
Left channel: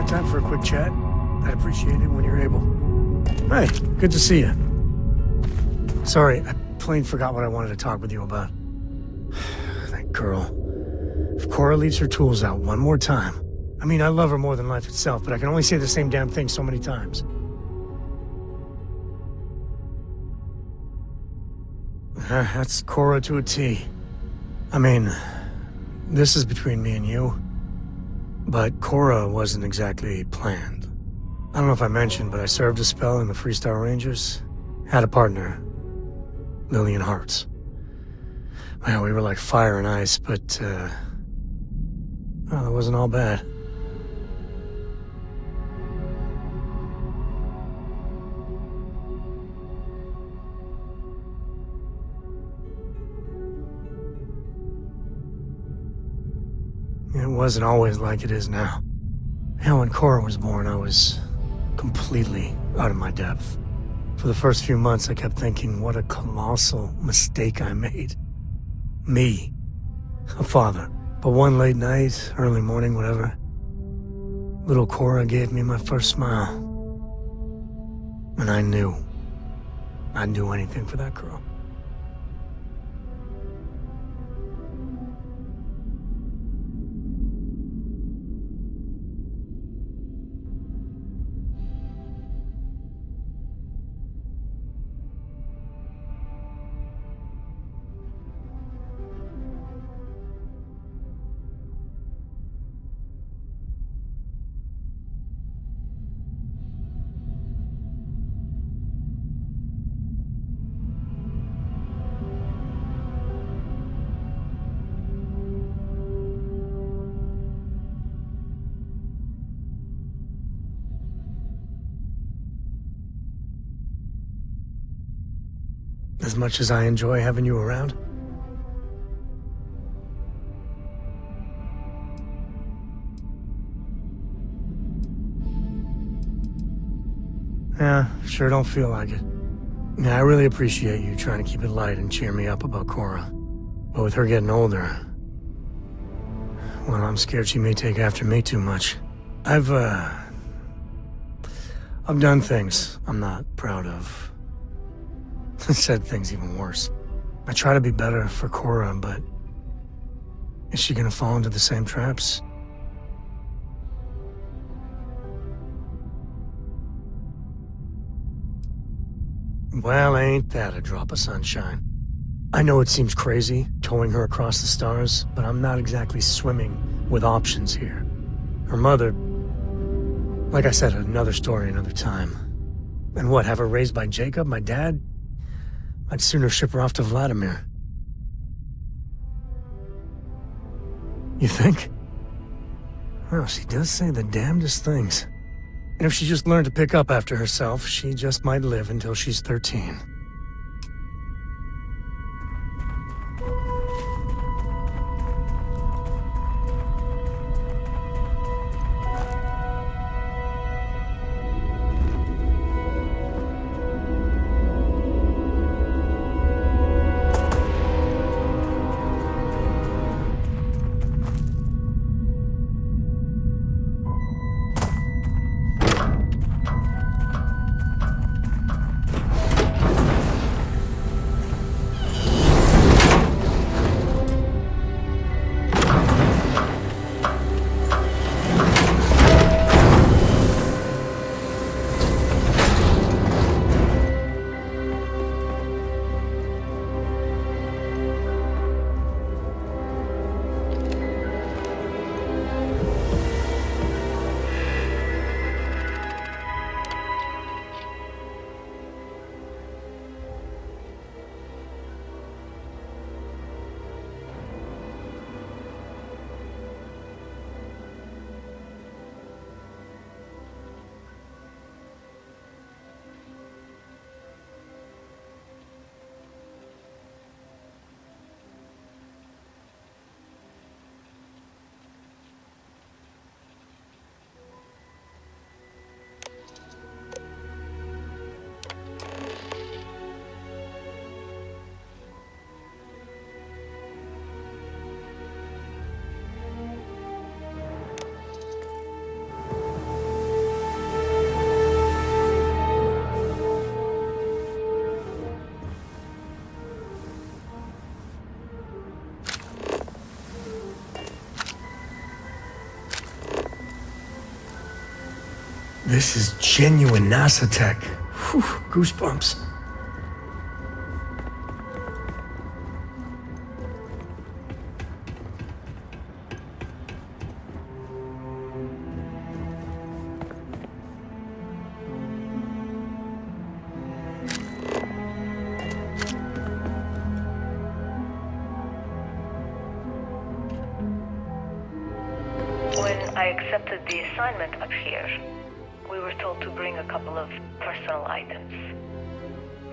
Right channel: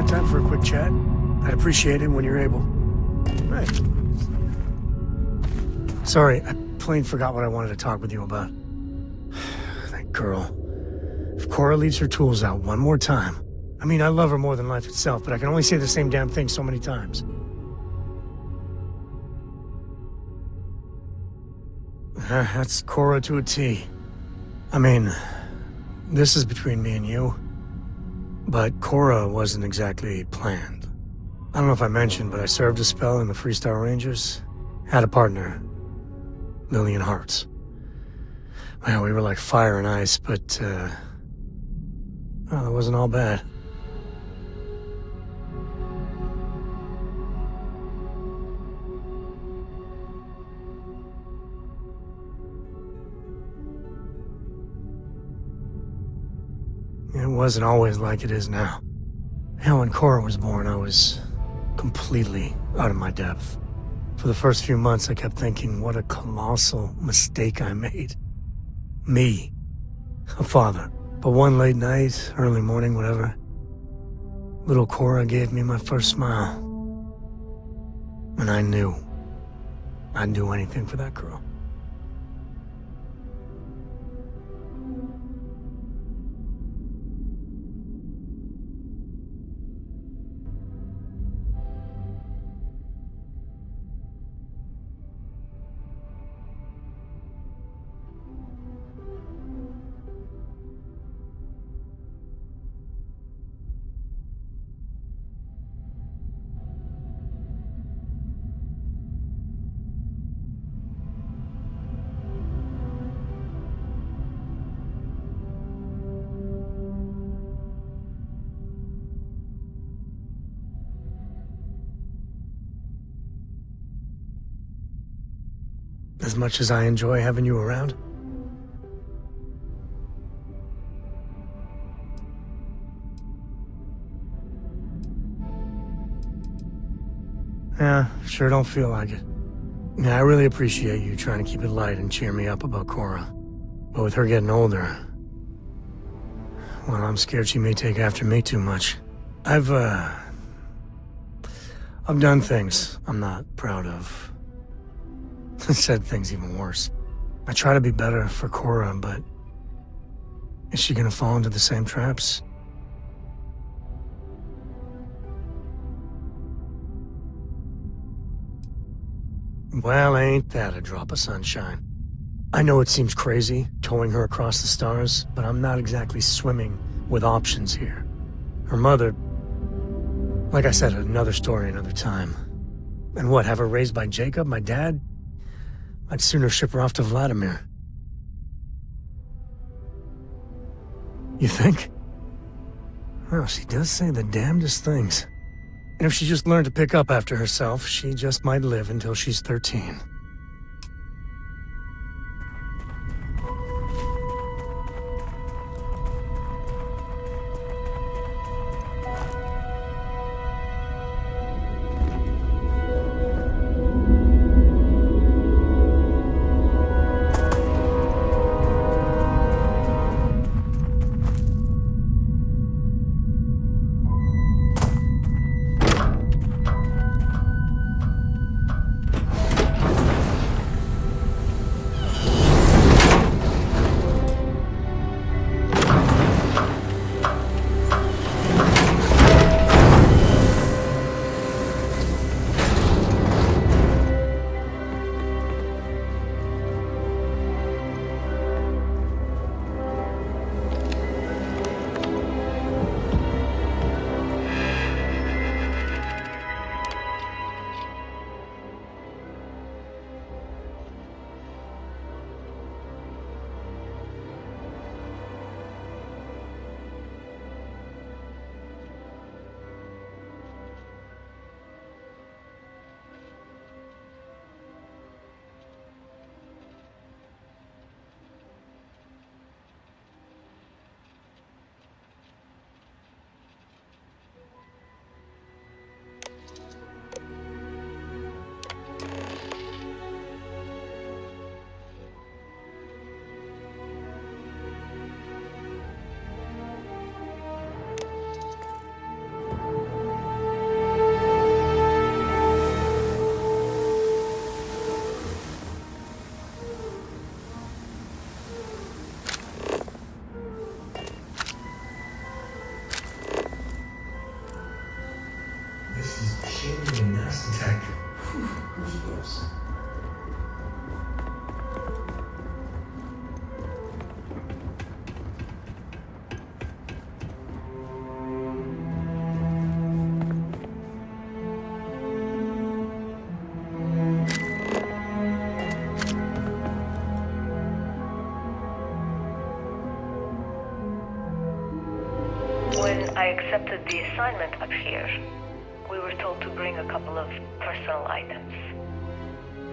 got time for a quick chat? I'd appreciate it when you're able. Hey, good to see you. Sorry, I plain forgot what I wanted to talk with you about. That girl. If Cora leaves her tools out one more time... I mean, I love her more than life itself, but I can only say the same damn thing so many times. That's Cora to a T. I mean, this is between me and you, but Cora wasn't exactly planned. I don't know if I mentioned, but I served a spell in the Freestar Rangers. Had a partner, Lillian Hartz. Well, we were like fire and ice, but, well, it wasn't all bad. It wasn't always like it is now. Hell, when Cora was born, I was completely out of my depth. For the first few months, I kept thinking, what a colossal mistake I made. Me, a father. But one late night, early morning, whatever, little Cora gave me my first smile. And I knew I'd do anything for that girl. As much as I enjoy having you around. Yeah, sure don't feel like it. Yeah, I really appreciate you trying to keep it light and cheer me up about Cora. But with her getting older, well, I'm scared she may take after me too much. I've done things I'm not proud of. Said things even worse. I try to be better for Cora, but is she gonna fall into the same traps? Well, ain't that a drop of sunshine? I know it seems crazy, towing her across the stars, but I'm not exactly swimming with options here. Her mother... Like I said, another story, another time. And what, have her raised by Jacob, my dad? I'd sooner ship her off to Vladimir. You think? Well, she does say the damnedest things. And if she just learned to pick up after herself, she just might live until she's 13. This is genuine NASA tech. Whew, goosebumps. When I accepted the assignment up here, we were told to bring a couple of personal items.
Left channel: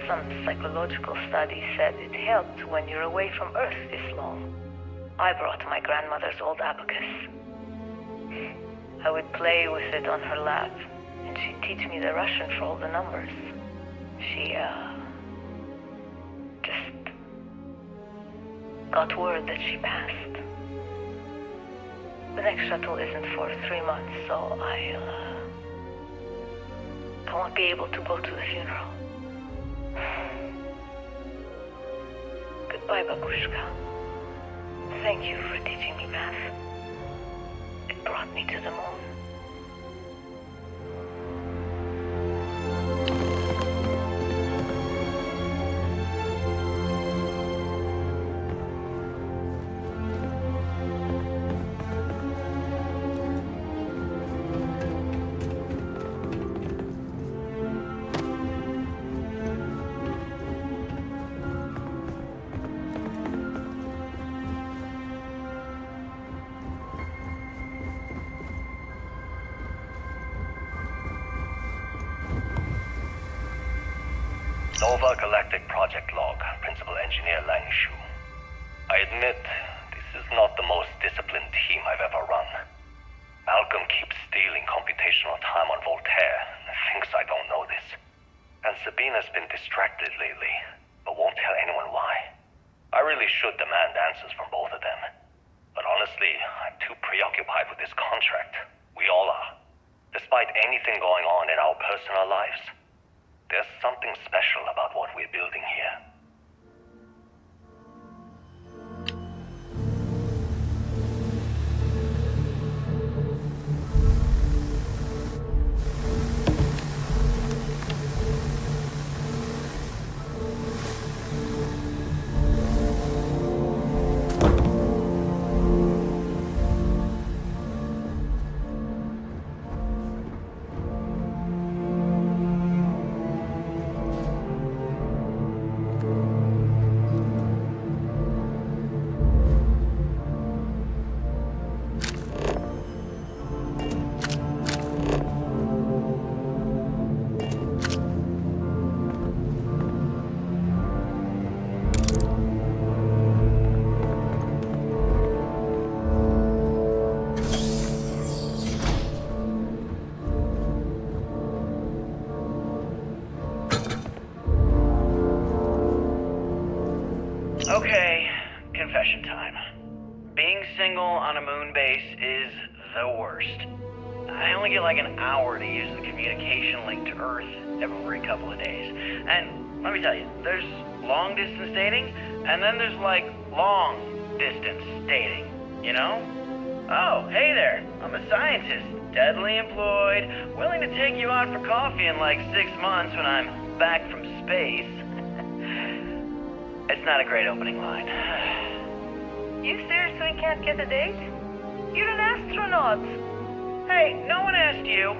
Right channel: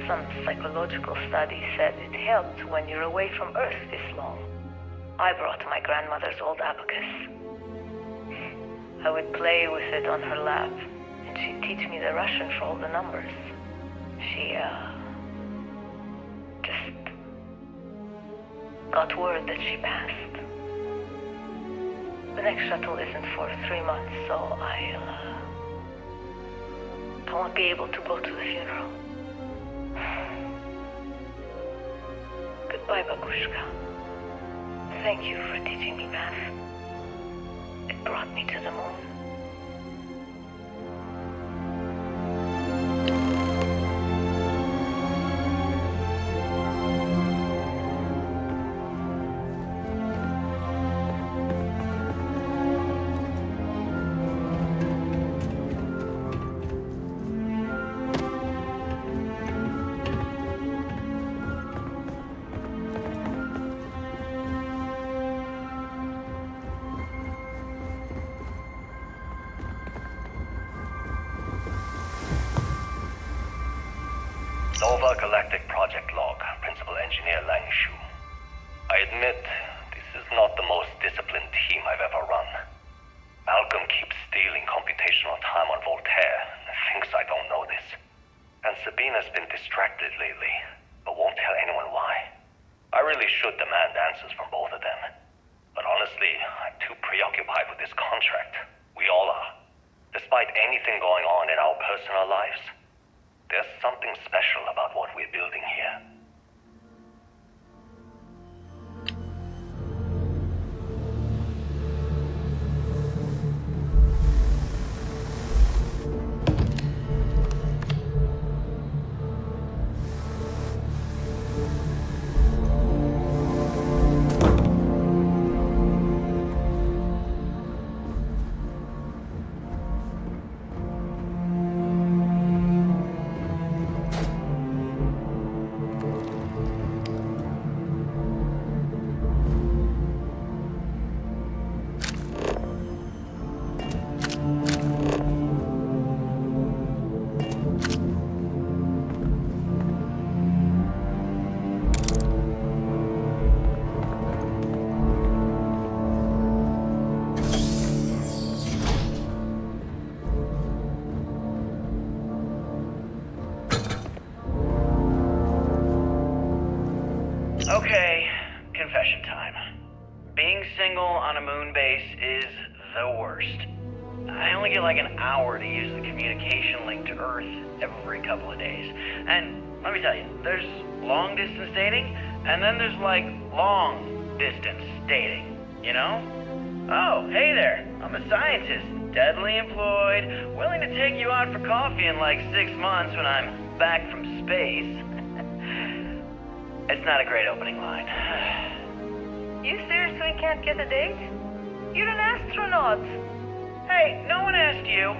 Some psychological study said it helped when you're away from Earth this long. I brought my grandmother's old abacus. I would play with it on her lap, and she'd teach me the Russian for all the numbers. She, just got word that she passed. The next shuttle isn't for 3 months, so I won't be able to go to the funeral. Goodbye, Babushka. Thank you for teaching me math. It brought me to the moon. Nova Galactic Project Log, Principal Engineer Lang Shu. I admit, this is not the most disciplined team I've ever run. Malcolm keeps stealing computational time on Voltaire and thinks I don't know this. And Sabina's been distracted lately, but won't tell anyone why. I really should demand answers from both of them. But honestly, I'm too preoccupied with this contract. We all are. Despite anything going on in our personal lives, there's something special about what we're building here. Okay, confession time. Being single on a moon base is the worst. I only get like an hour to use the communication link to Earth every couple of days. And let me tell you, there's long distance dating, and then there's like long distance dating, you know? Oh, hey there, I'm a scientist, deadly employed, willing to take you out for coffee in like 6 months when I'm back from space. It's not a great opening line. You seriously can't get a date? You're an astronaut. Hey, no one asked you.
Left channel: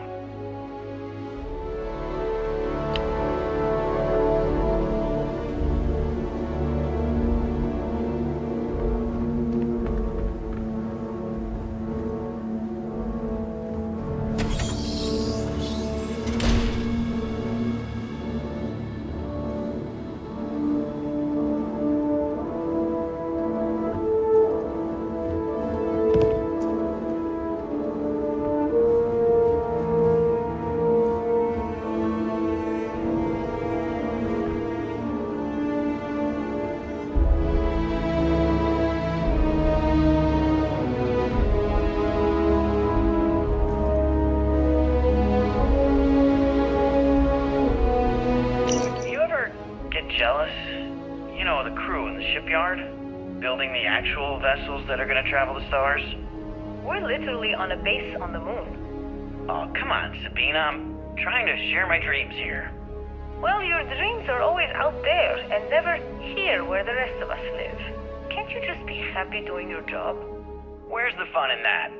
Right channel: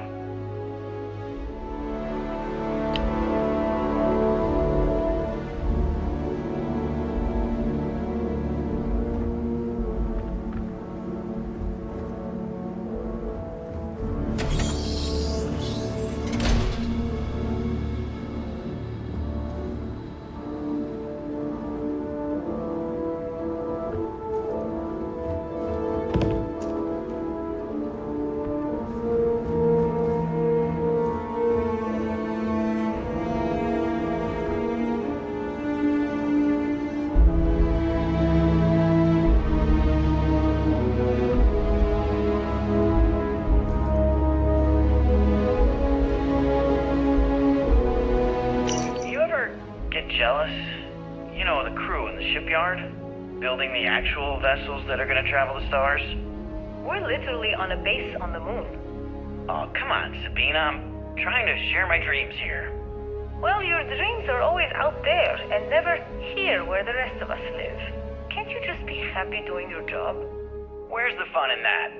Jealous? You know, the crew in the shipyard? Building the actual vessels that are gonna travel the stars? We're literally on a base on the moon. Oh, come on, Sabina. trying to share my dreams here. Well, your dreams are always out there and never here where the rest of us live. Can't you just be happy doing your job? Where's the fun in that?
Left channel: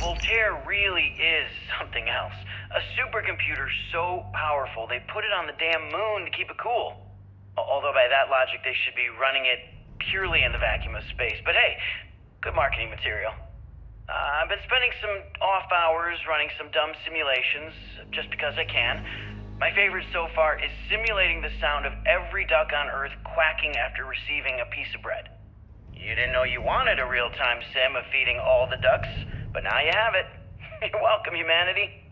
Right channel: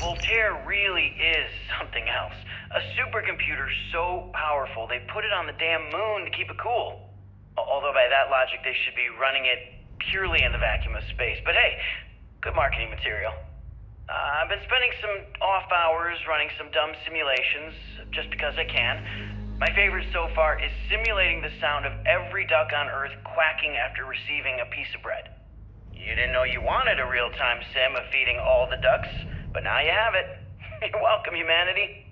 Voltaire really is something else. A supercomputer so powerful they put it on the damn moon to keep it cool. Although by that logic they should be running it purely in the vacuum of space. But hey, good marketing material. I've been spending some off hours running some dumb simulations, just because I can. My favorite so far is simulating the sound of every duck on Earth quacking after receiving a piece of bread. You didn't know you wanted a real-time sim of feeding all the ducks, but now you have it. You're welcome, humanity.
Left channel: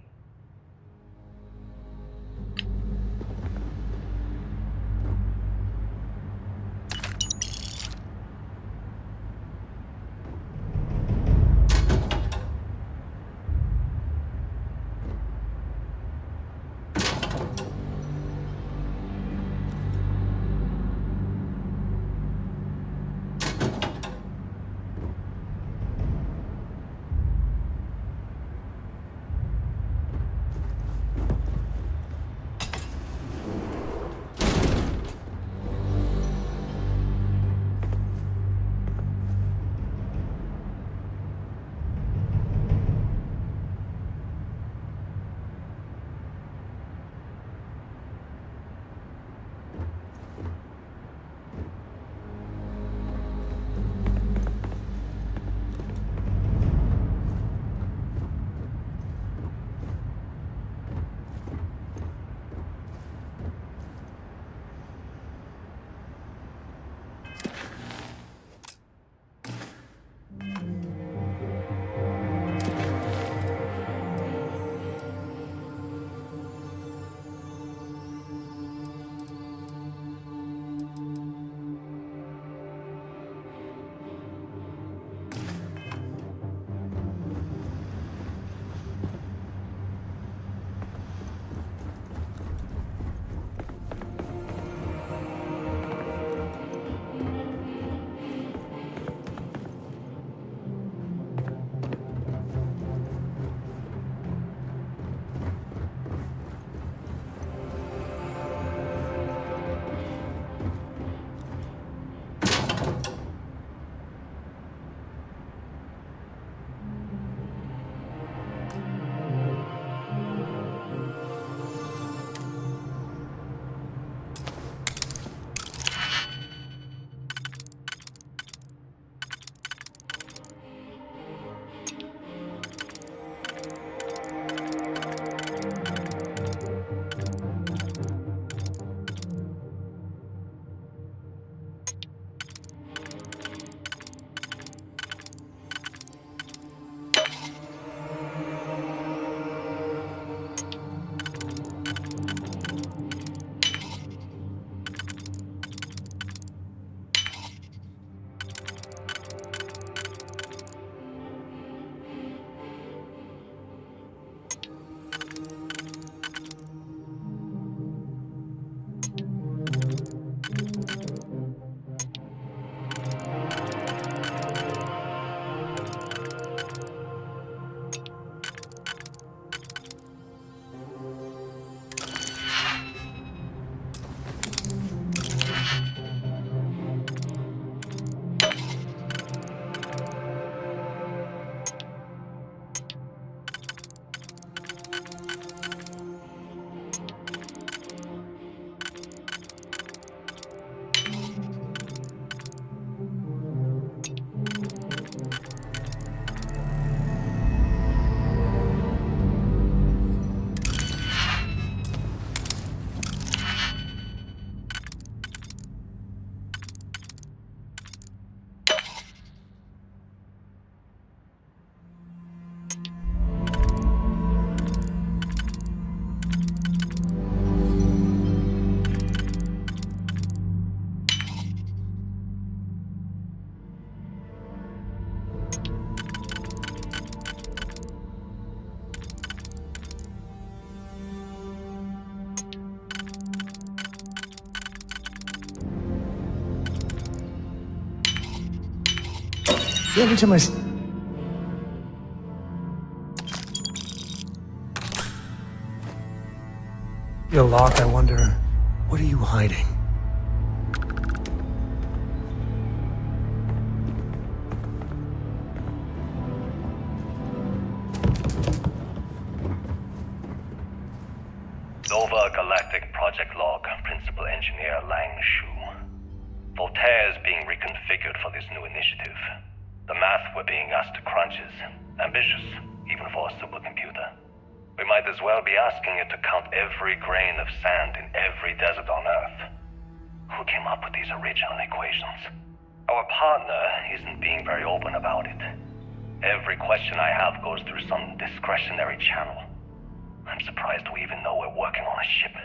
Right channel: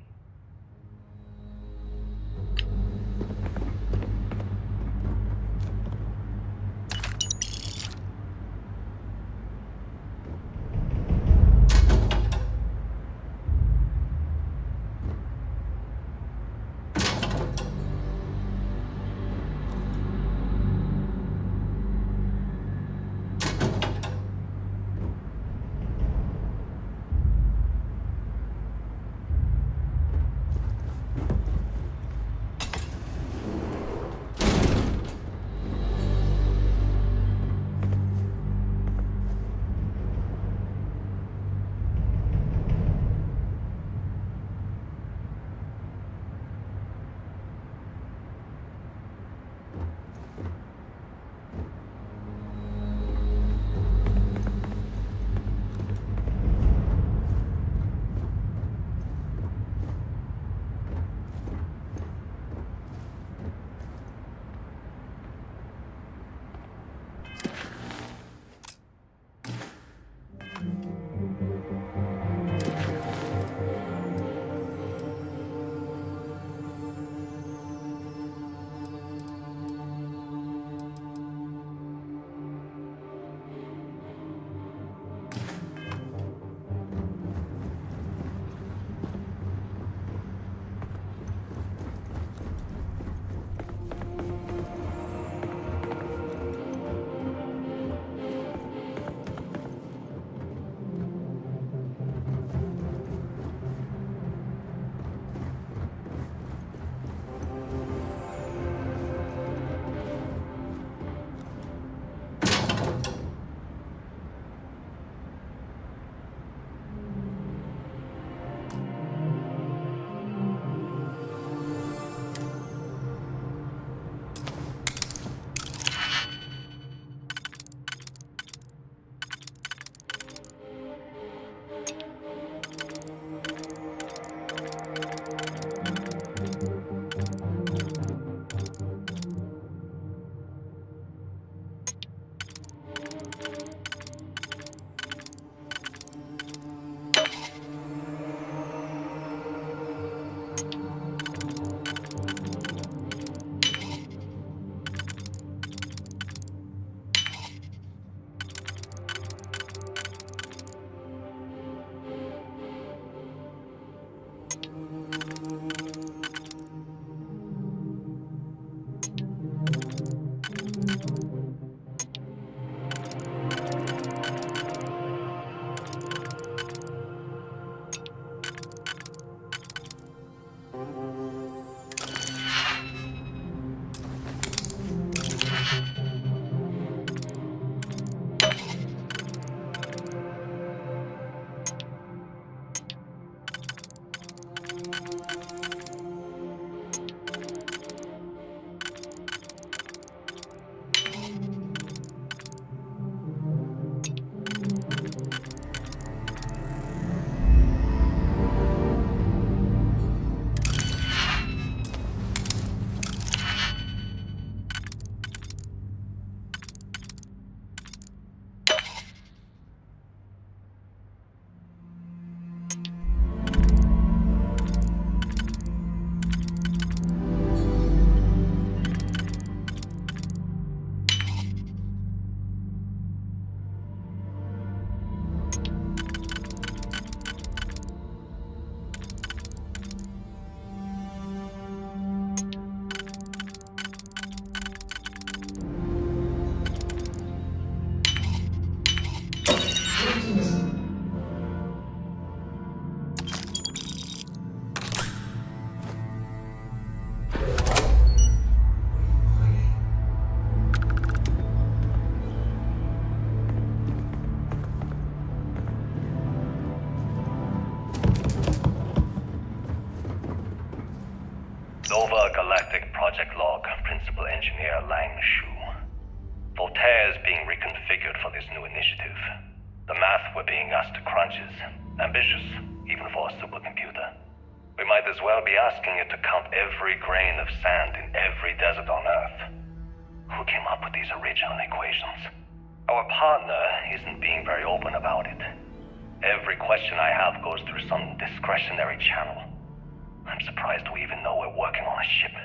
Give it to my... You're locked, I wonder. What are you hiding? Nova Galactic Project Log, Principal Engineer Lang Shu. Voltaire is being reconfigured for this new initiative. The math we're being asked to crunch is ambitious, even for a supercomputer. We might as well be asking it to count every grain of sand in every desert on Earth. Who came up with these original equations? Our partner isn't being very open about it. Every question I have goes through some discretionary channel. I'm surprised we even know we're working on a ship.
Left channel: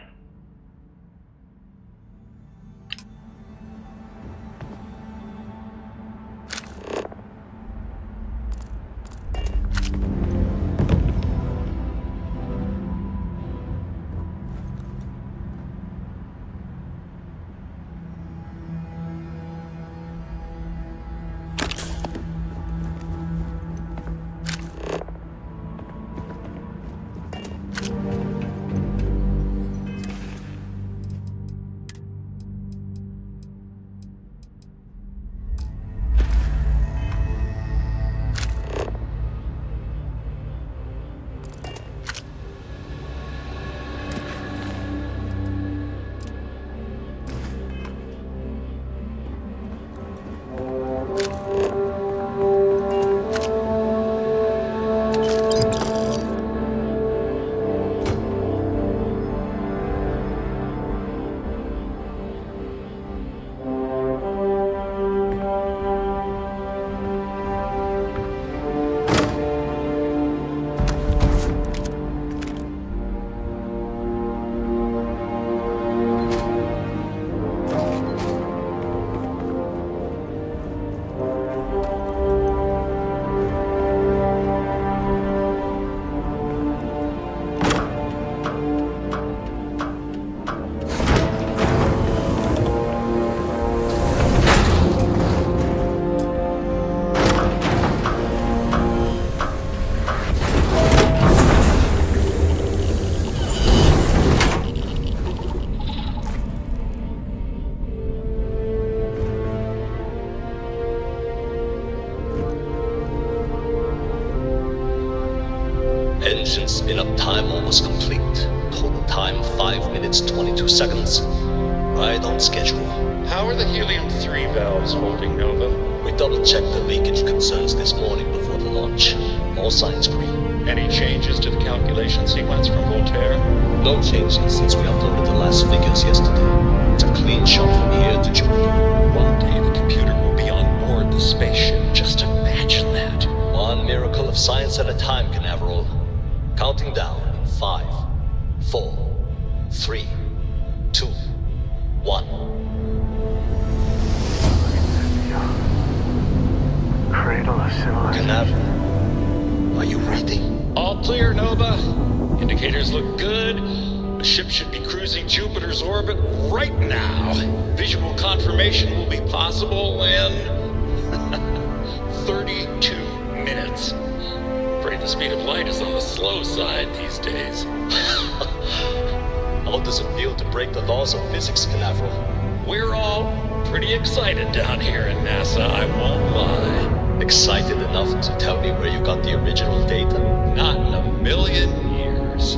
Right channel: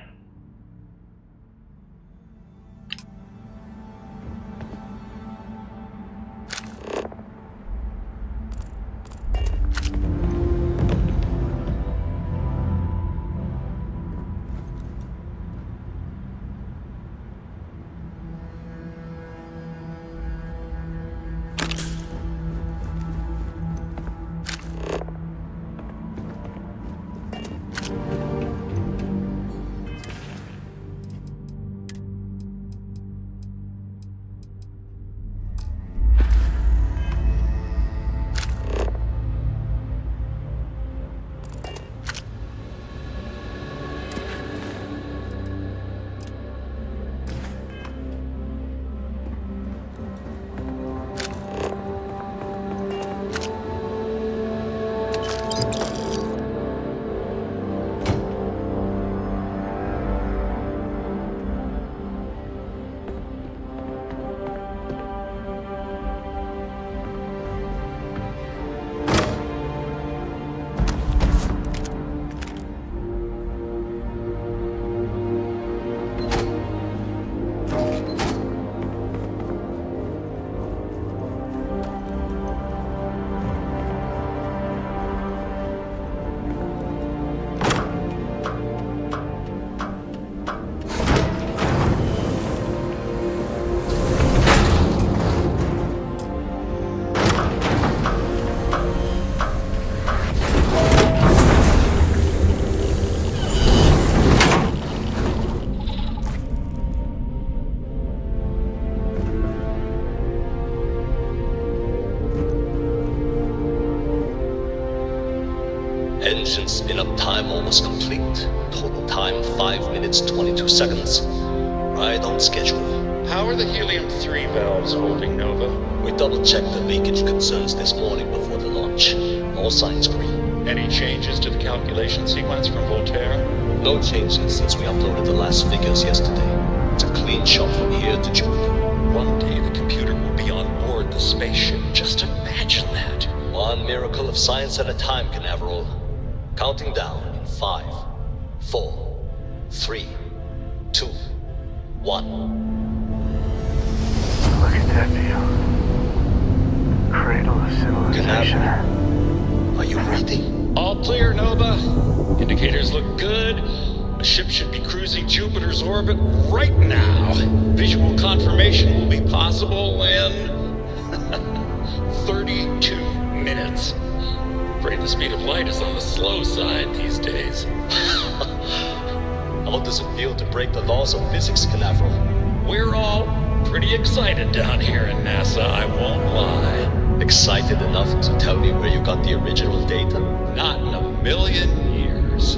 Engine spin-up time almost complete. Total time 5 minutes 22 seconds. Right on schedule. How are the helium-3 valves holding, Nova? We double-checked the leakage concerns this morning before the launch. All signs green. Any changes to the calculation sequence from Voltaire? No changes since we uploaded the last figures yesterday. It's a clean shot from here to Jupiter. One day the computer will be on board the spaceship. Just imagine that. One miracle of science at a time, Canaveral. Counting down in 5, 4, 3, 2, 1. Look at that view. Cradle of civilization. Canaveral, are you reading? All clear, Nova. Indicators look good. The ship should be cruising Jupiter's orbit right now. Visual confirmation will be possible in 32 minutes. Afraid the speed of light is on the slow side these days. How does it feel to break the laws of physics, Canaveral? We're all pretty excited down here in NASA, I won't lie. Excited enough to tell me where you got the original data? Not in a million years.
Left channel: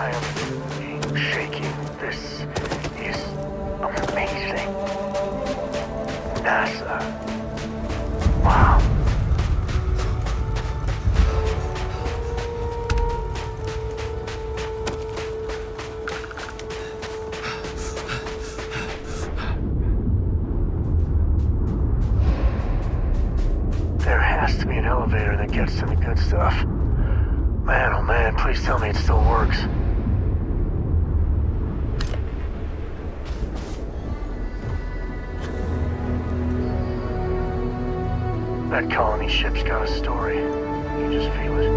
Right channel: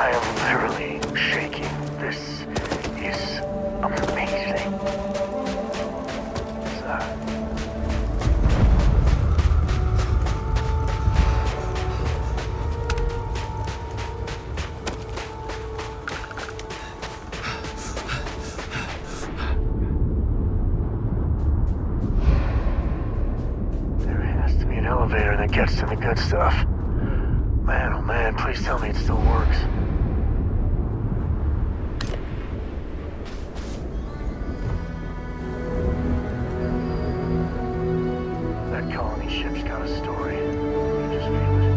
I am literally shaking. This is amazing. NASA. Wow. There has to be an elevator that gets to the good stuff. Man, oh man, please tell me it still works. That colony ship's got a story. You just feel it.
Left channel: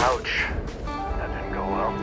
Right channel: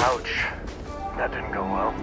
Ouch. That didn't go well.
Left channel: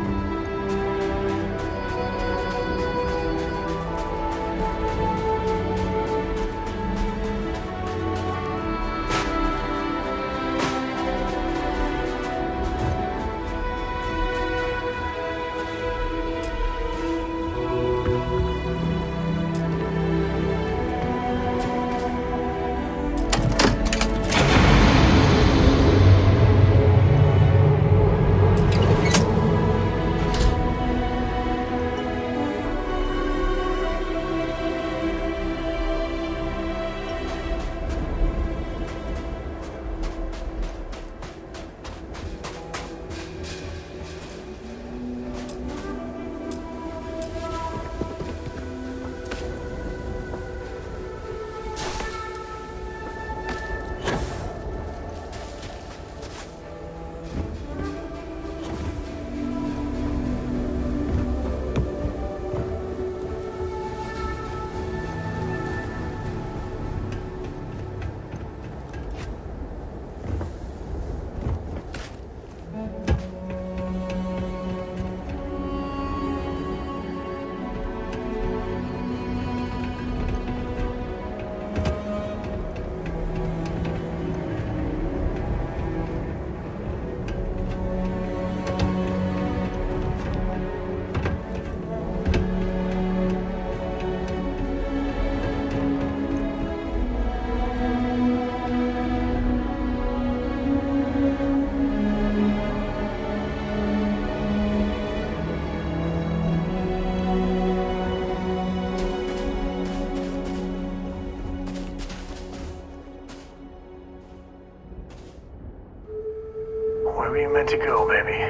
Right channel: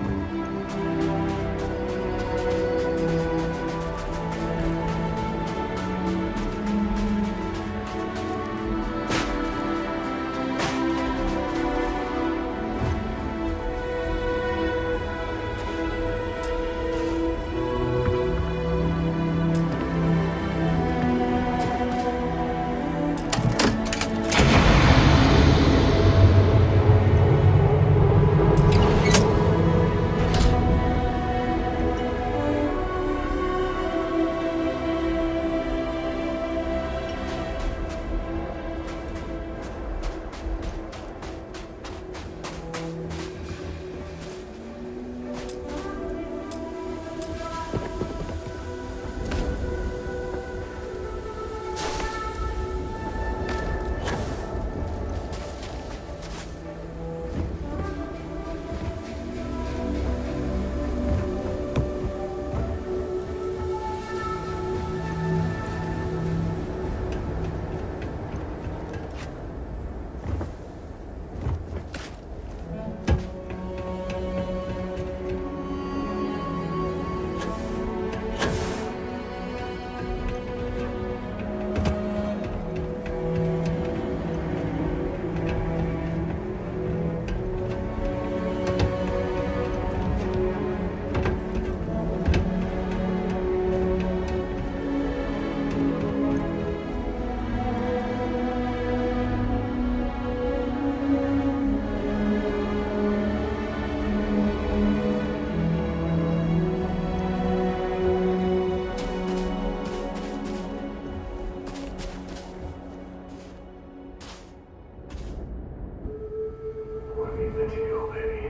Where were you meant to go, baby?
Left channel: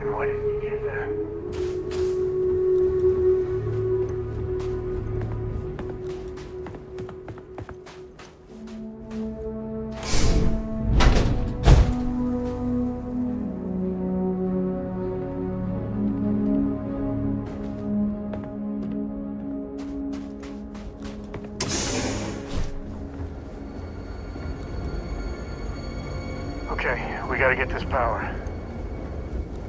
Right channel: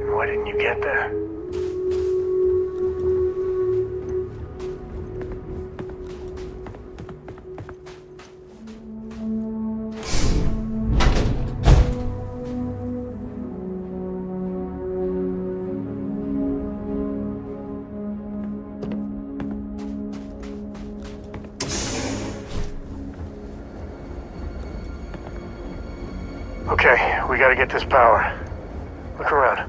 And why didn't you get there? Okay, we gotta get this power. Look around.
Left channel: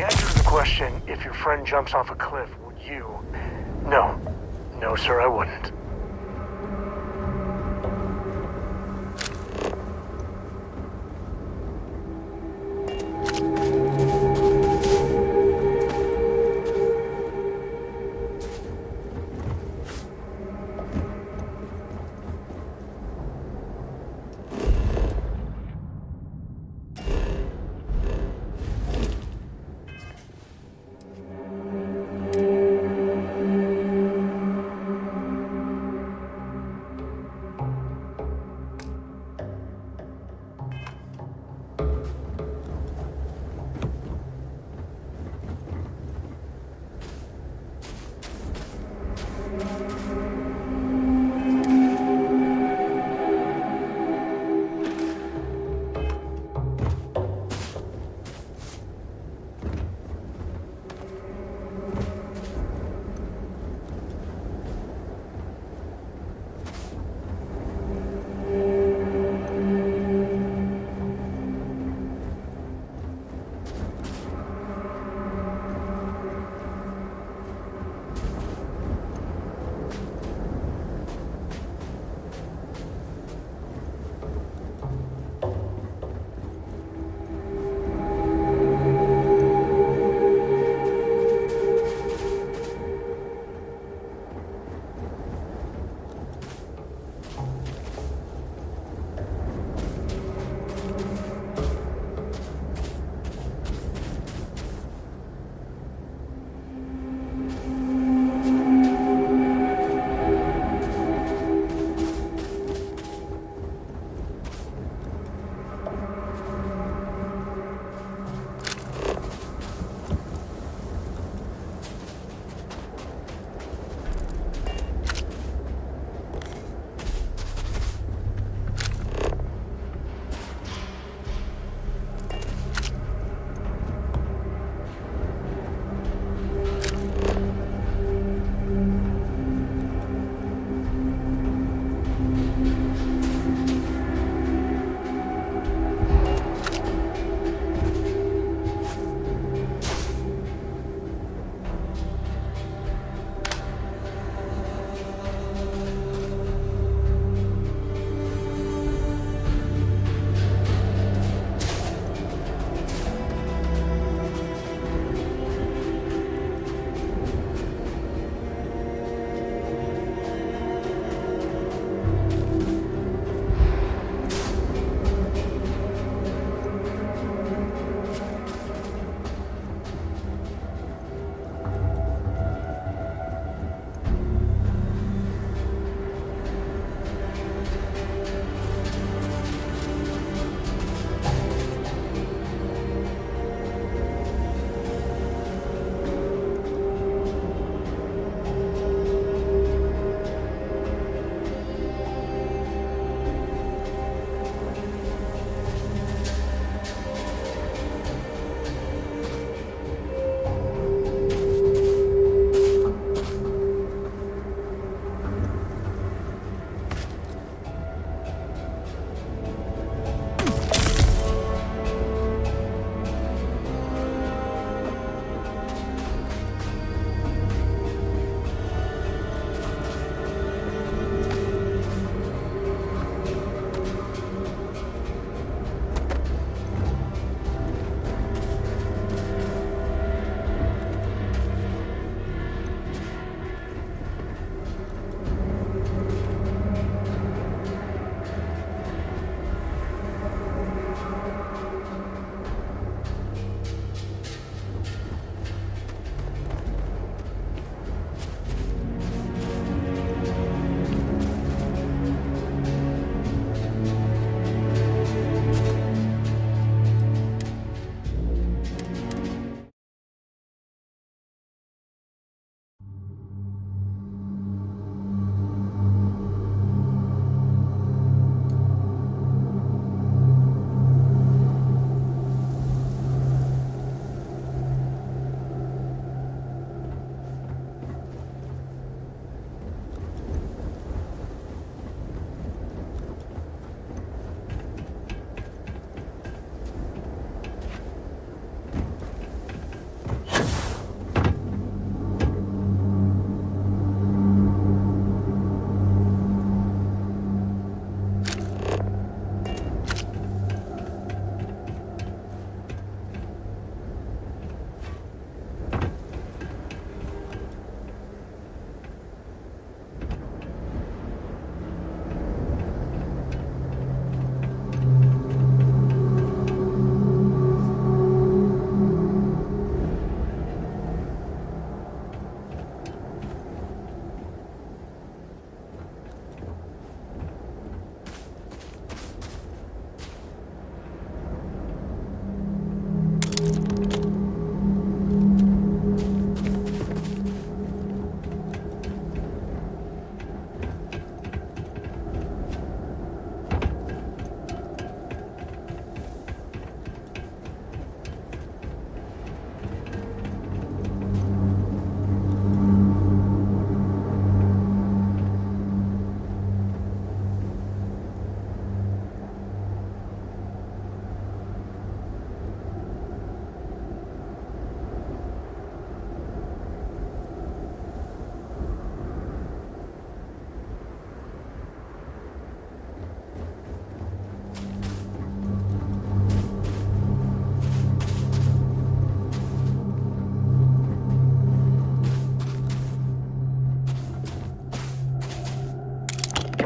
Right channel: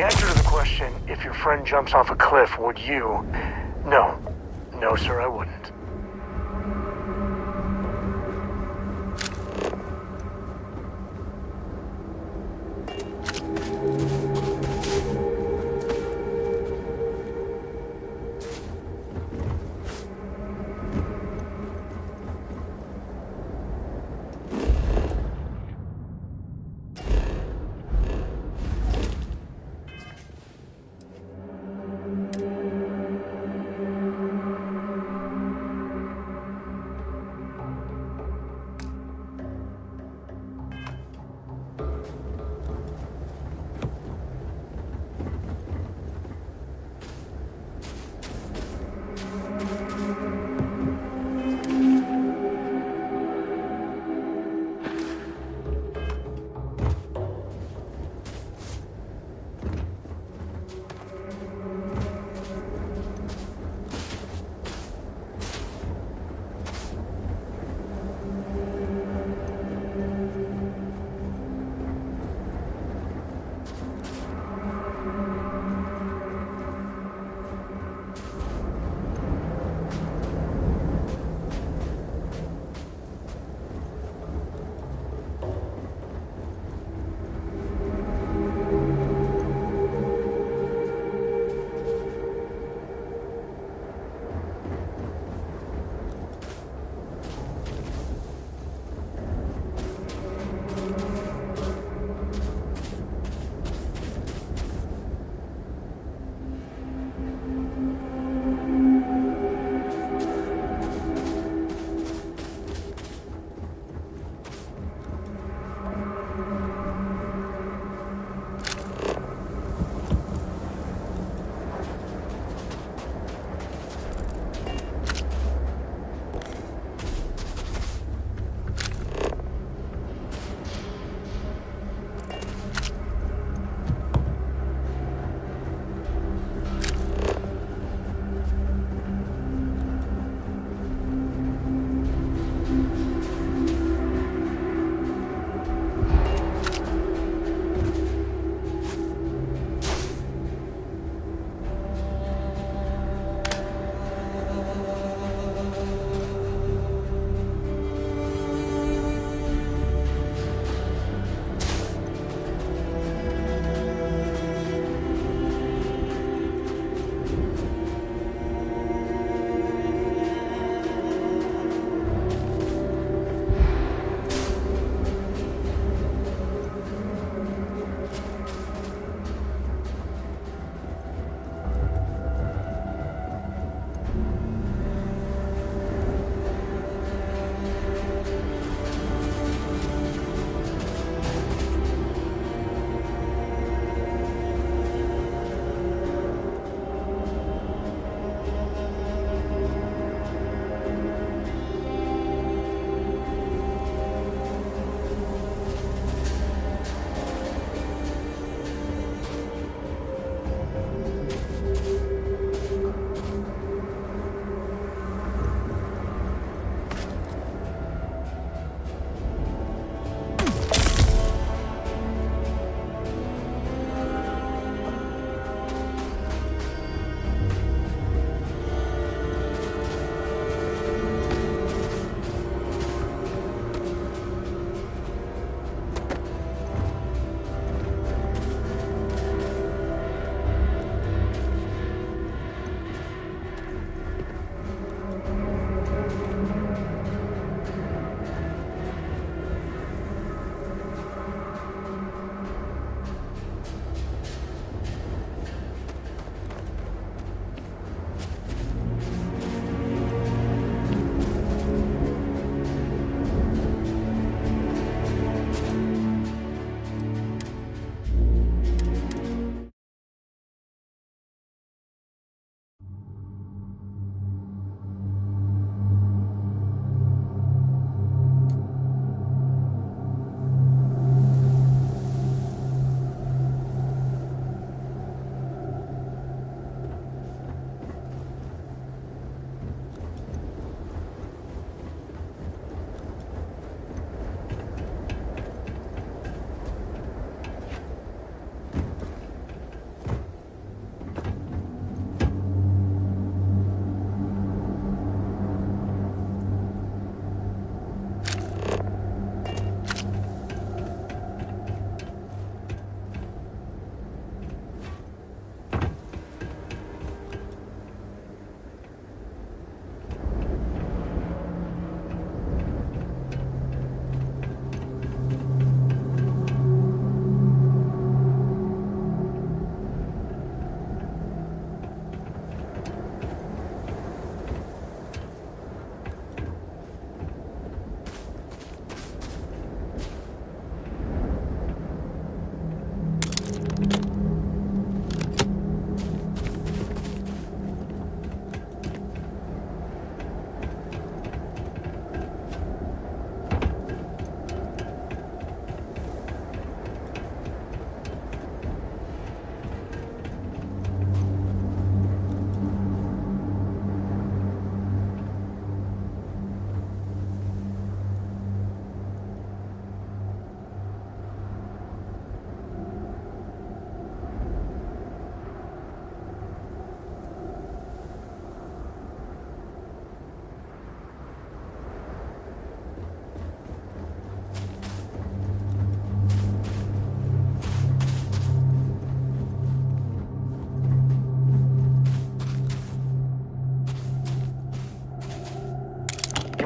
The answer to the question, if your friend jumps off a cliff, would you? No. No, sir, I wouldn't.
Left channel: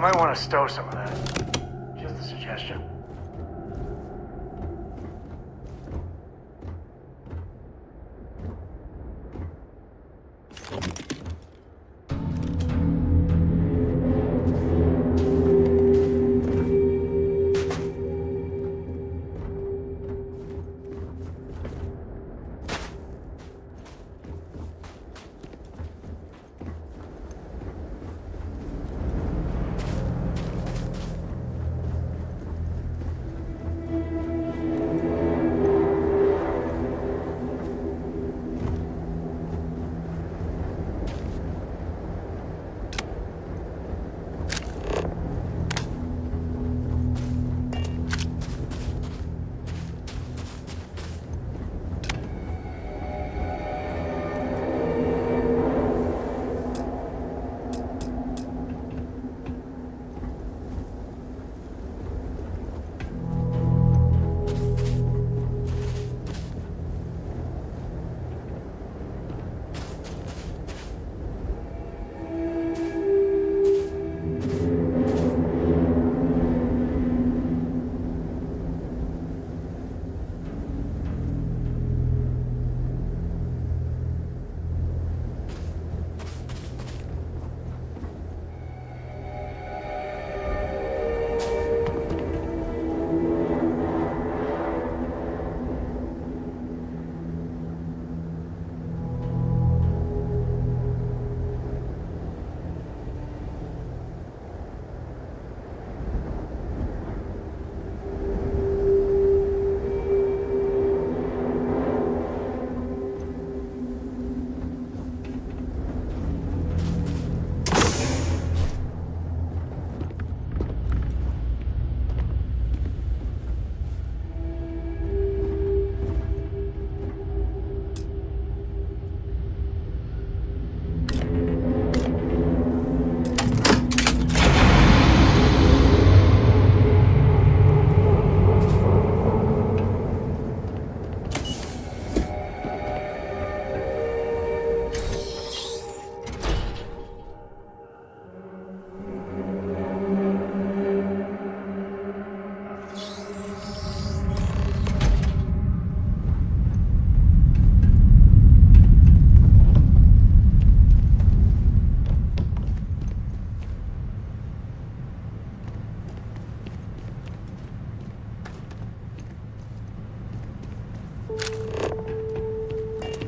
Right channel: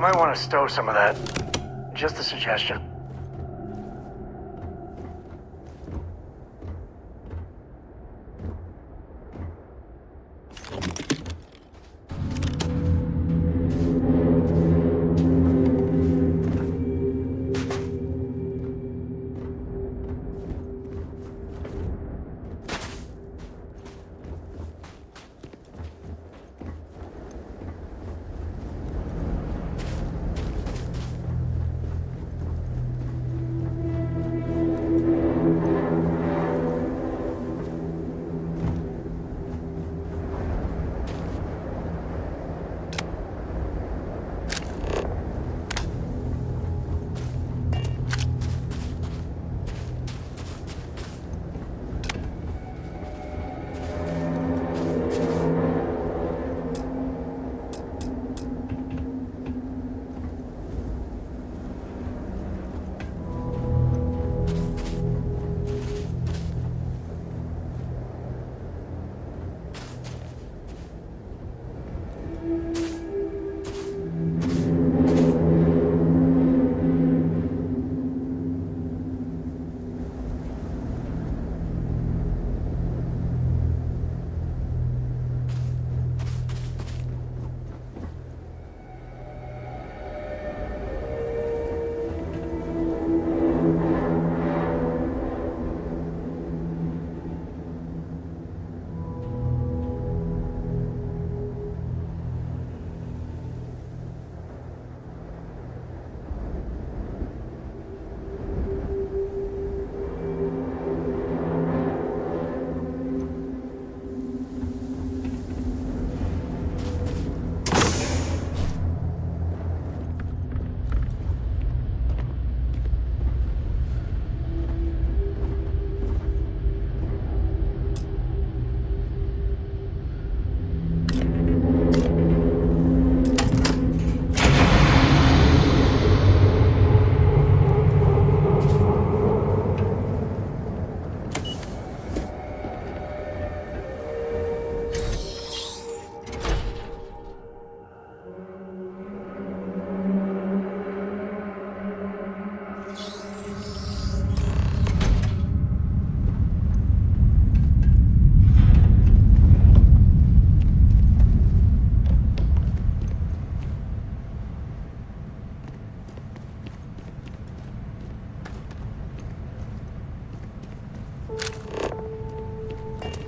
might want to stow some of that. Just a suggestion.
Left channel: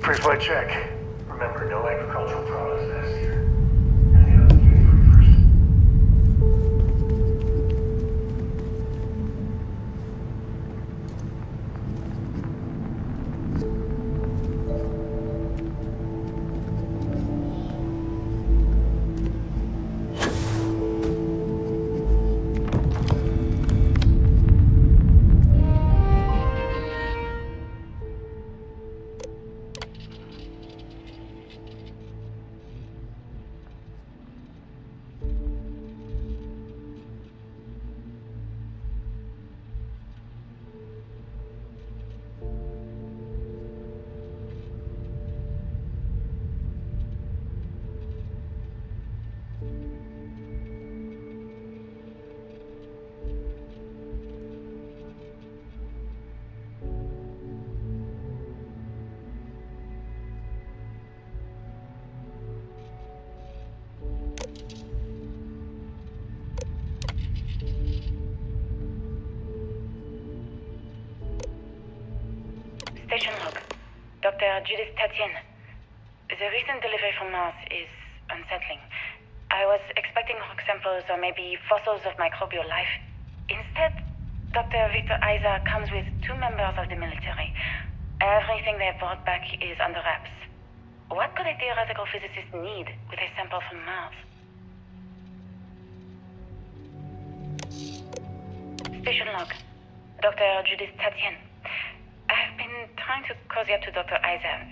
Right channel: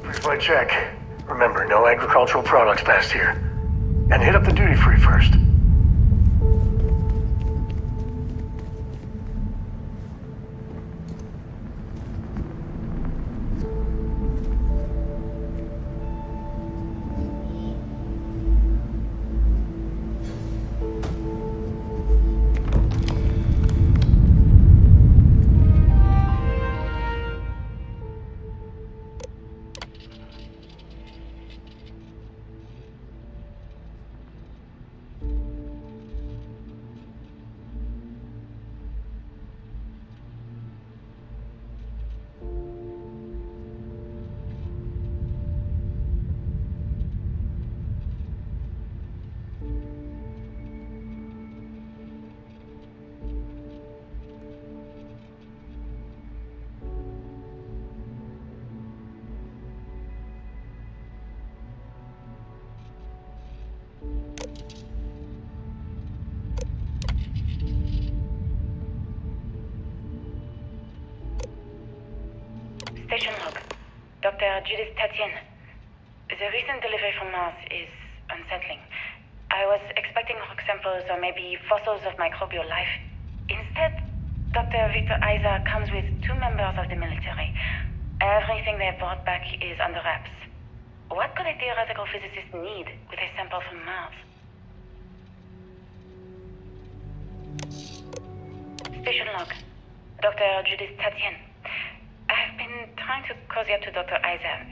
Pre-flight check. Remember, no agricultural products past here. And hit up the duty-free first. Station log. Dr. Judith Tatien. The recent delivery from Mars is unsettling. I was expecting rock samples or maybe fossils of microbial life. Instead, Dr. Victor Isa comes with 2 members of the military. Everything they brought back is under wraps. What could a theoretical physicist need with a sample from Mars? Station log. Dr. Judith Tatien. I've been trying to cozy up to Dr. Isa,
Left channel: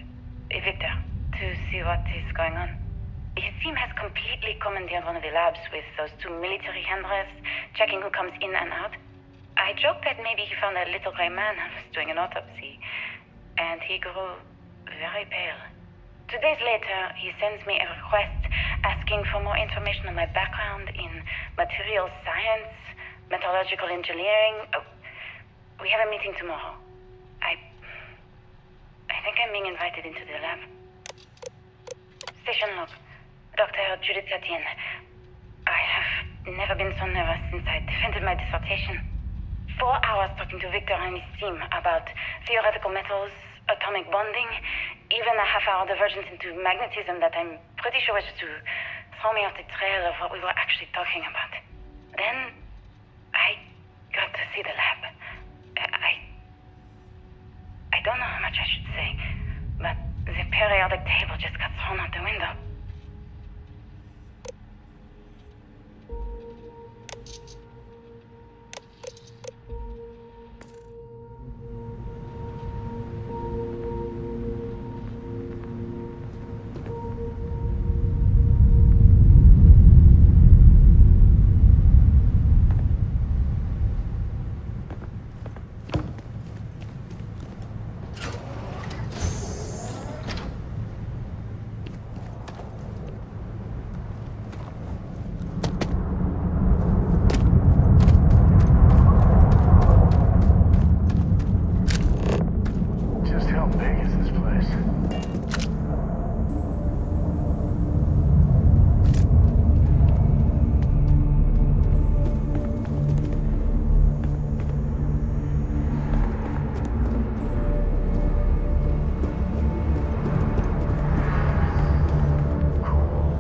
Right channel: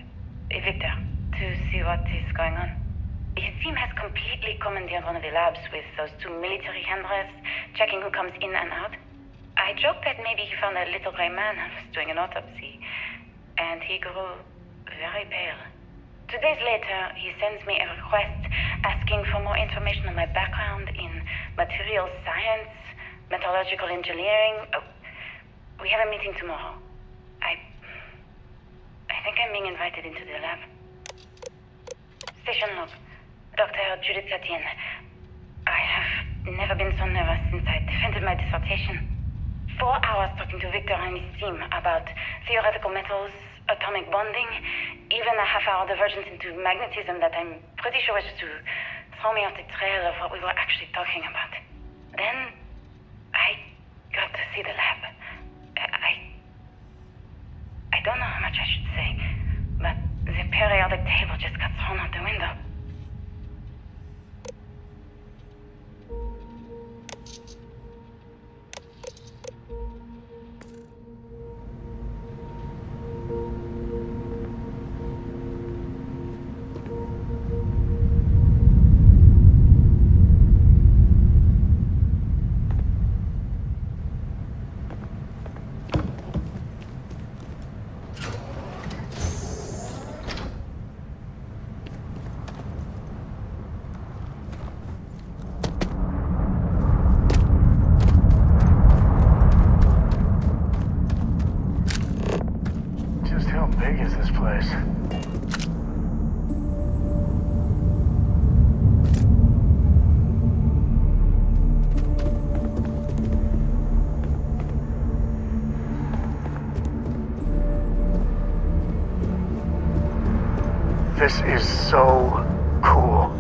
Victor, to see what is going on. His team has completely commandeered one of the labs with those 2 military handlers, checking who comes in and out. I joked that maybe he found a little gray man and was doing an autopsy, and he grew very pale. 2 days later, he sends me a request asking for more information on my background in materials science, metallurgical engineering. We have a meeting tomorrow. I think I'm being invited into the lab. Station log. Dr. Judith Satien. I have never been so nervous since I defended my dissertation. 4 hours talking to Victor and his team about theoretical metals, atomic bonding, even a half-hour divergence into magnetism that I'm pretty sure was to throw me off the trail of what we were actually talking about. Then, I got to see the lab. I don't know how much I should say, but the periodic table just got thrown out the window. How big is this place? This is so cool.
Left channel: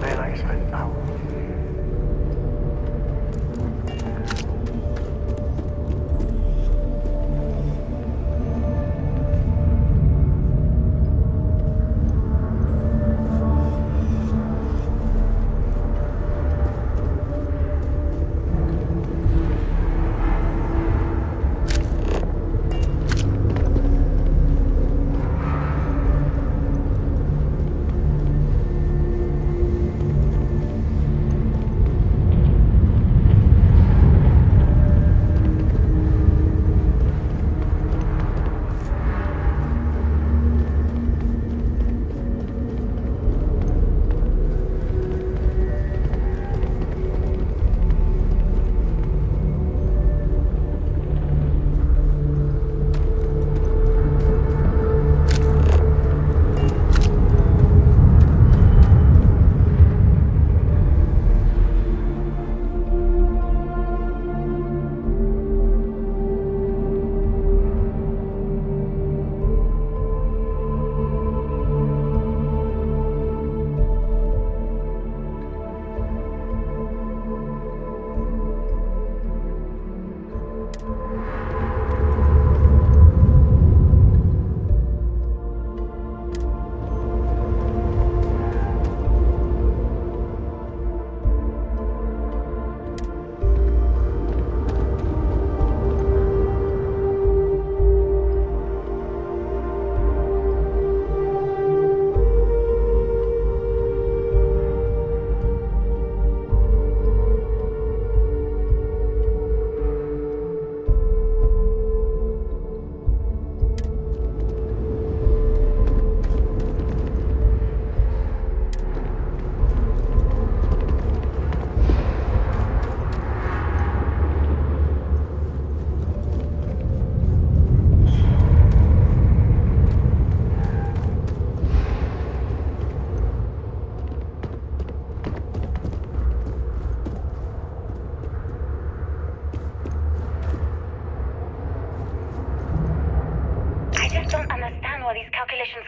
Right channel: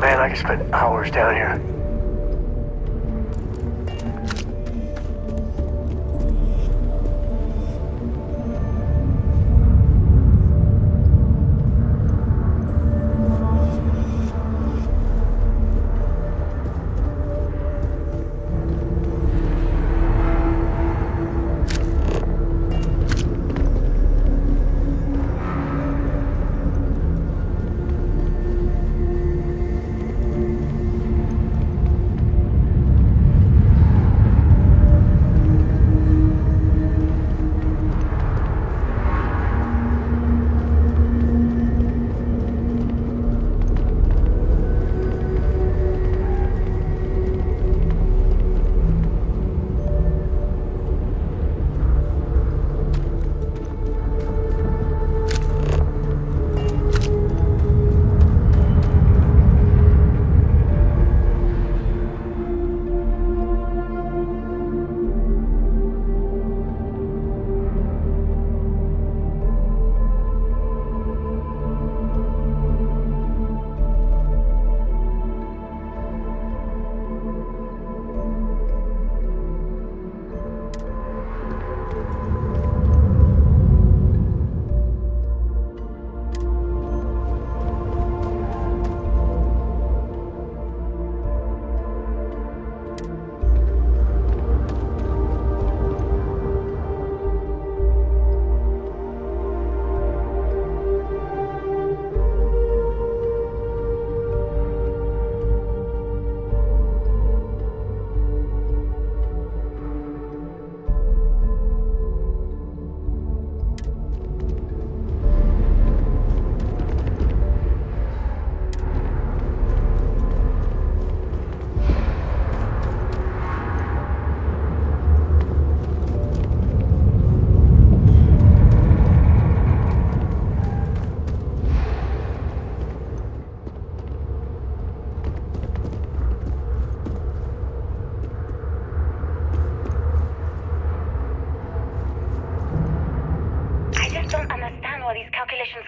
Man, I could spend hours down here.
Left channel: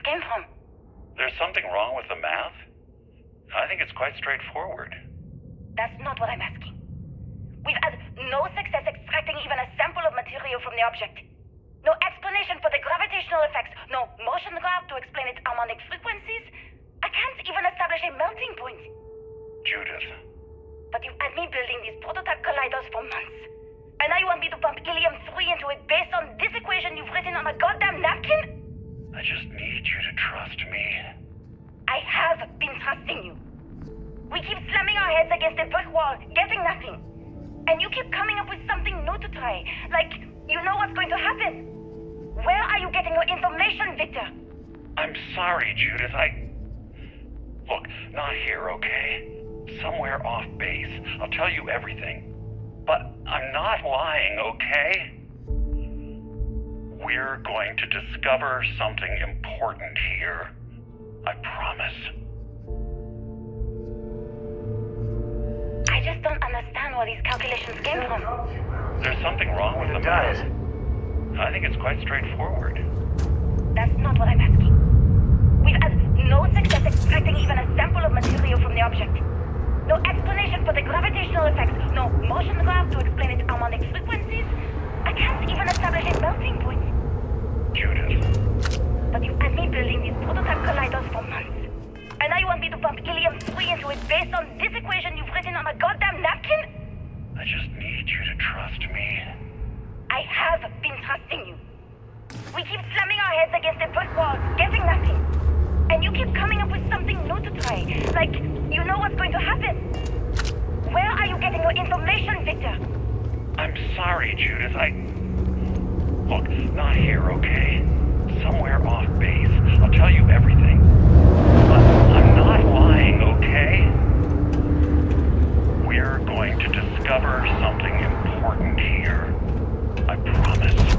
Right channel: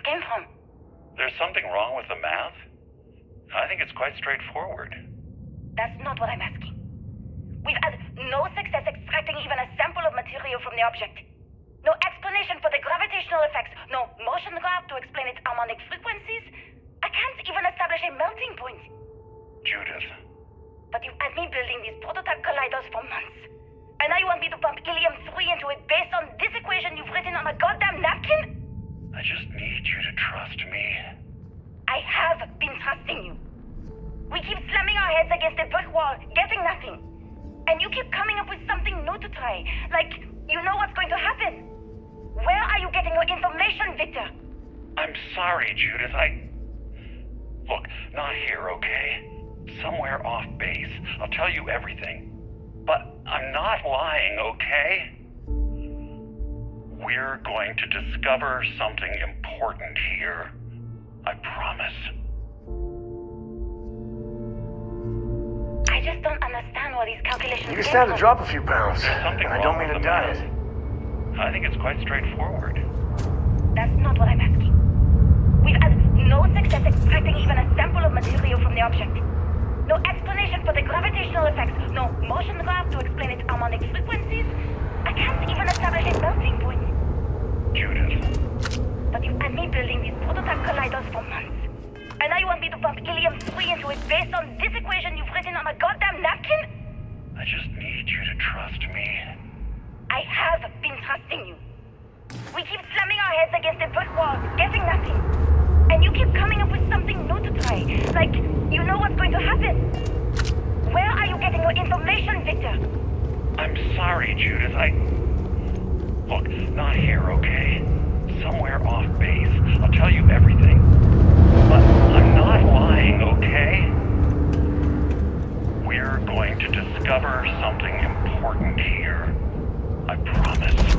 Came from. There's something wrong with the math? I think it's quite straightforward. That's not what I'm asking. We've had no success extracting even a sample of material from the object. No explanation for the gravitational effects. No motion graph to explain its harmonic frequencies. I can't even establish a melting point. Judith. But you've had me building these prototype colliders for months. And now you want me to pump helium-3 into it based on this equation you've written on a goddamn napkin? I just need you to trust me. I have been trusting you. We keep slamming our heads against a brick wall, getting nothing. And you keep coming up with something new to try. Like, you know what's going to happen. Where are you getting your information, Victor? I'm sorry, Judith. Look, not here, okay? Somewhere off base. I'll tell you everything. But I'm not lying, okay? We're going to discover something important here. I promise. I just don't understand where these calculations You came stand from. to drop a few pounds. There's something I wrong don't with mean the to diet. math. I think it's quite straightforward. That's not what I'm asking. We've had no success extracting even a sample of material from the object. No explanation for the gravitational effects, no motion graph to explain its harmonic frequencies. I can't even establish a melting point. Judith. But you've had me building these prototype colliders for months. And now you want me to pump helium-3 into it based on this equation you've written on a goddamn napkin? I just need you to trust me. I have been trusting you. We keep slamming our heads against a brick wall, getting nothing. And you keep coming up with something new to try. Like, you know what's going to happen. Where are you getting your information, Victor? I'm sorry, Judith. Look, not here, okay? Somewhere off base. I'll tell you everything. But I'm not lying, okay? We're going to discover something important here. I promise.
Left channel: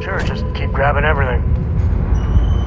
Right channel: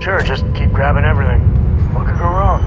Sure, just keep grabbing everything. What could go wrong?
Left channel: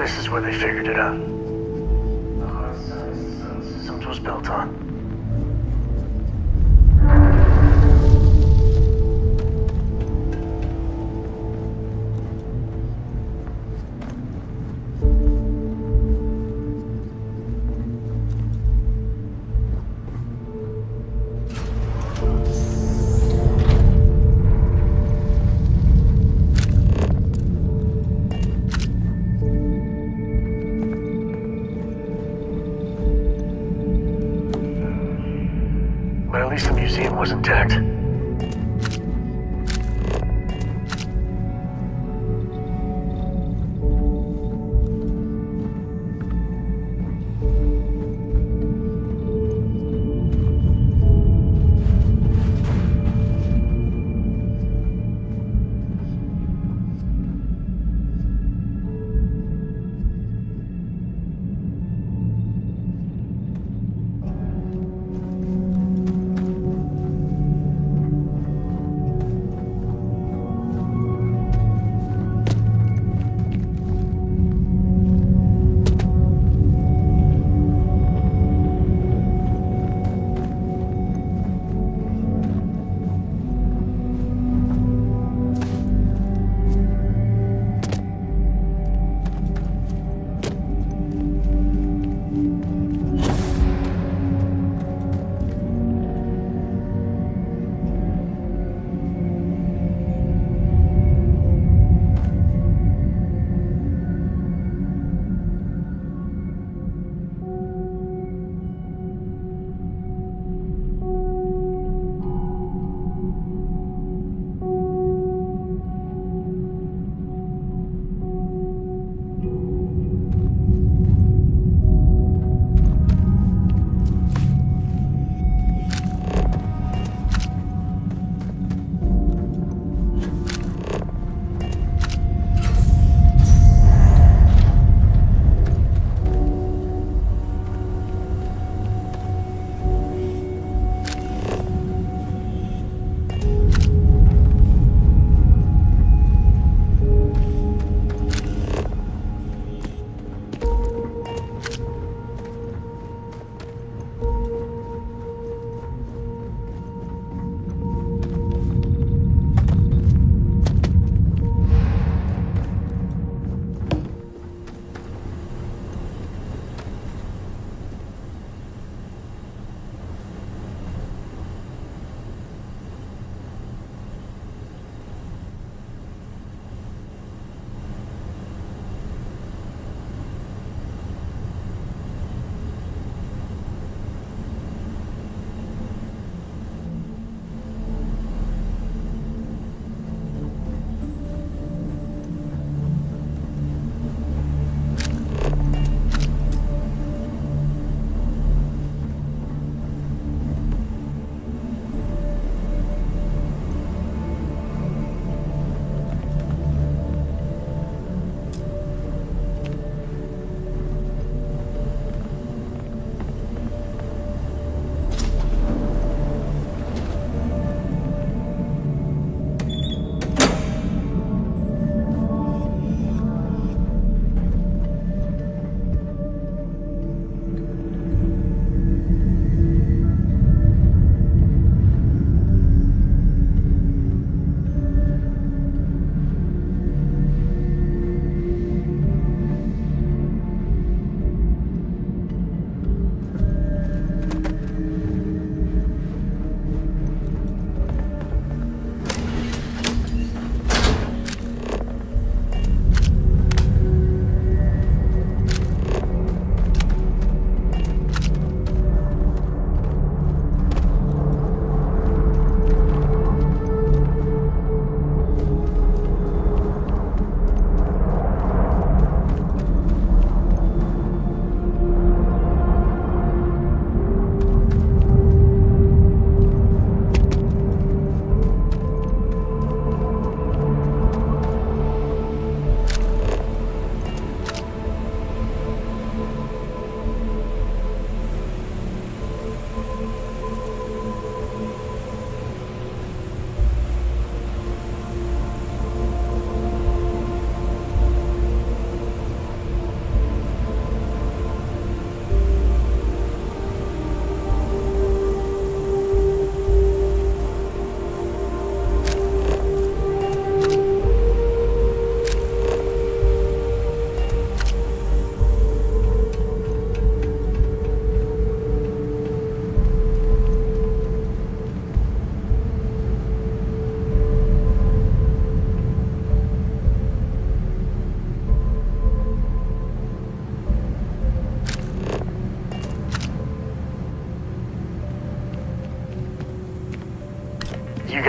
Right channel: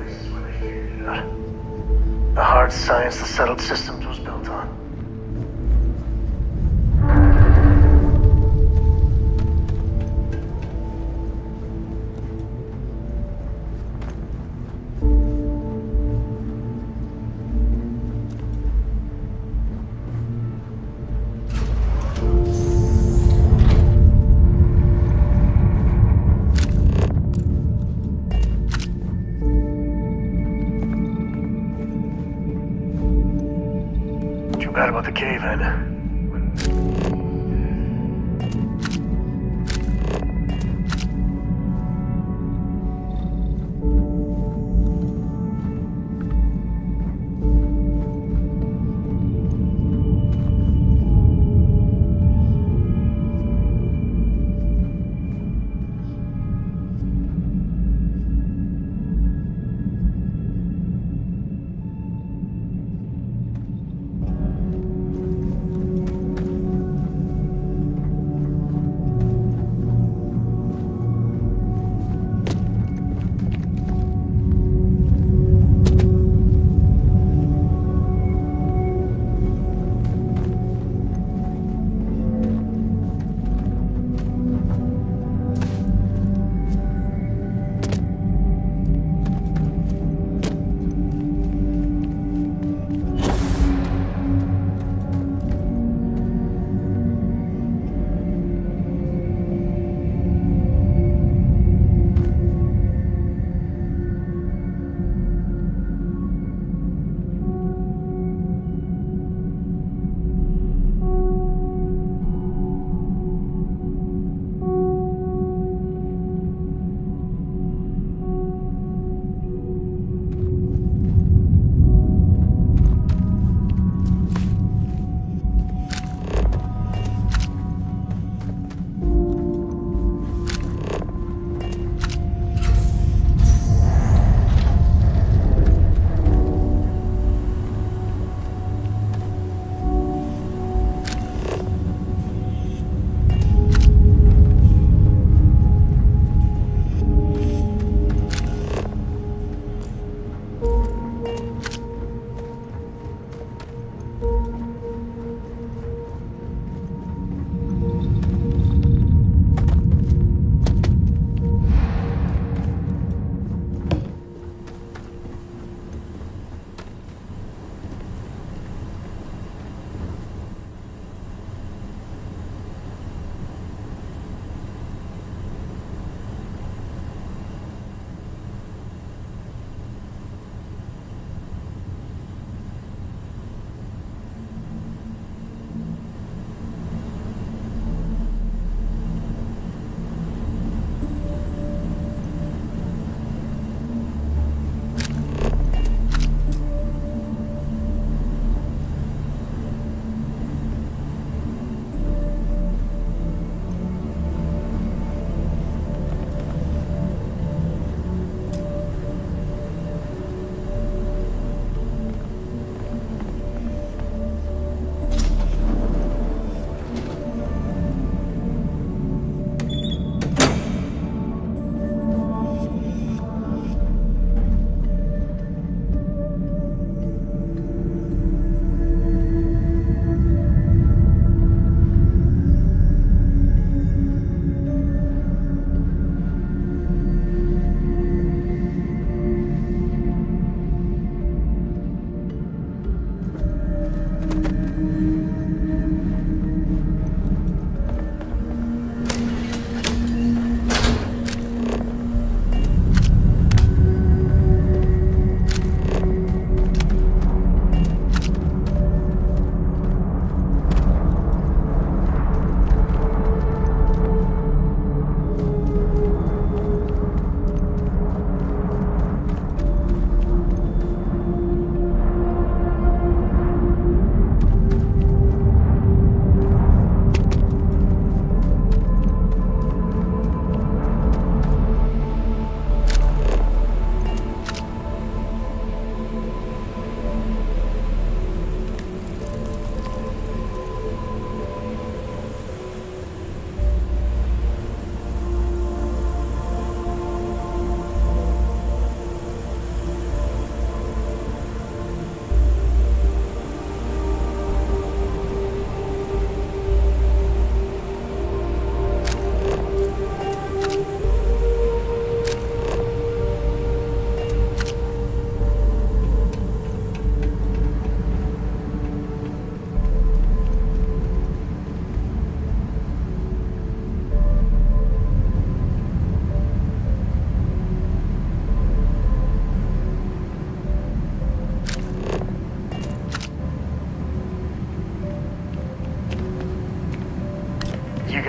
This is where they figured it out. The hard science the settled systems was built on. Too bad about the cave-in, but at least the museum was intact.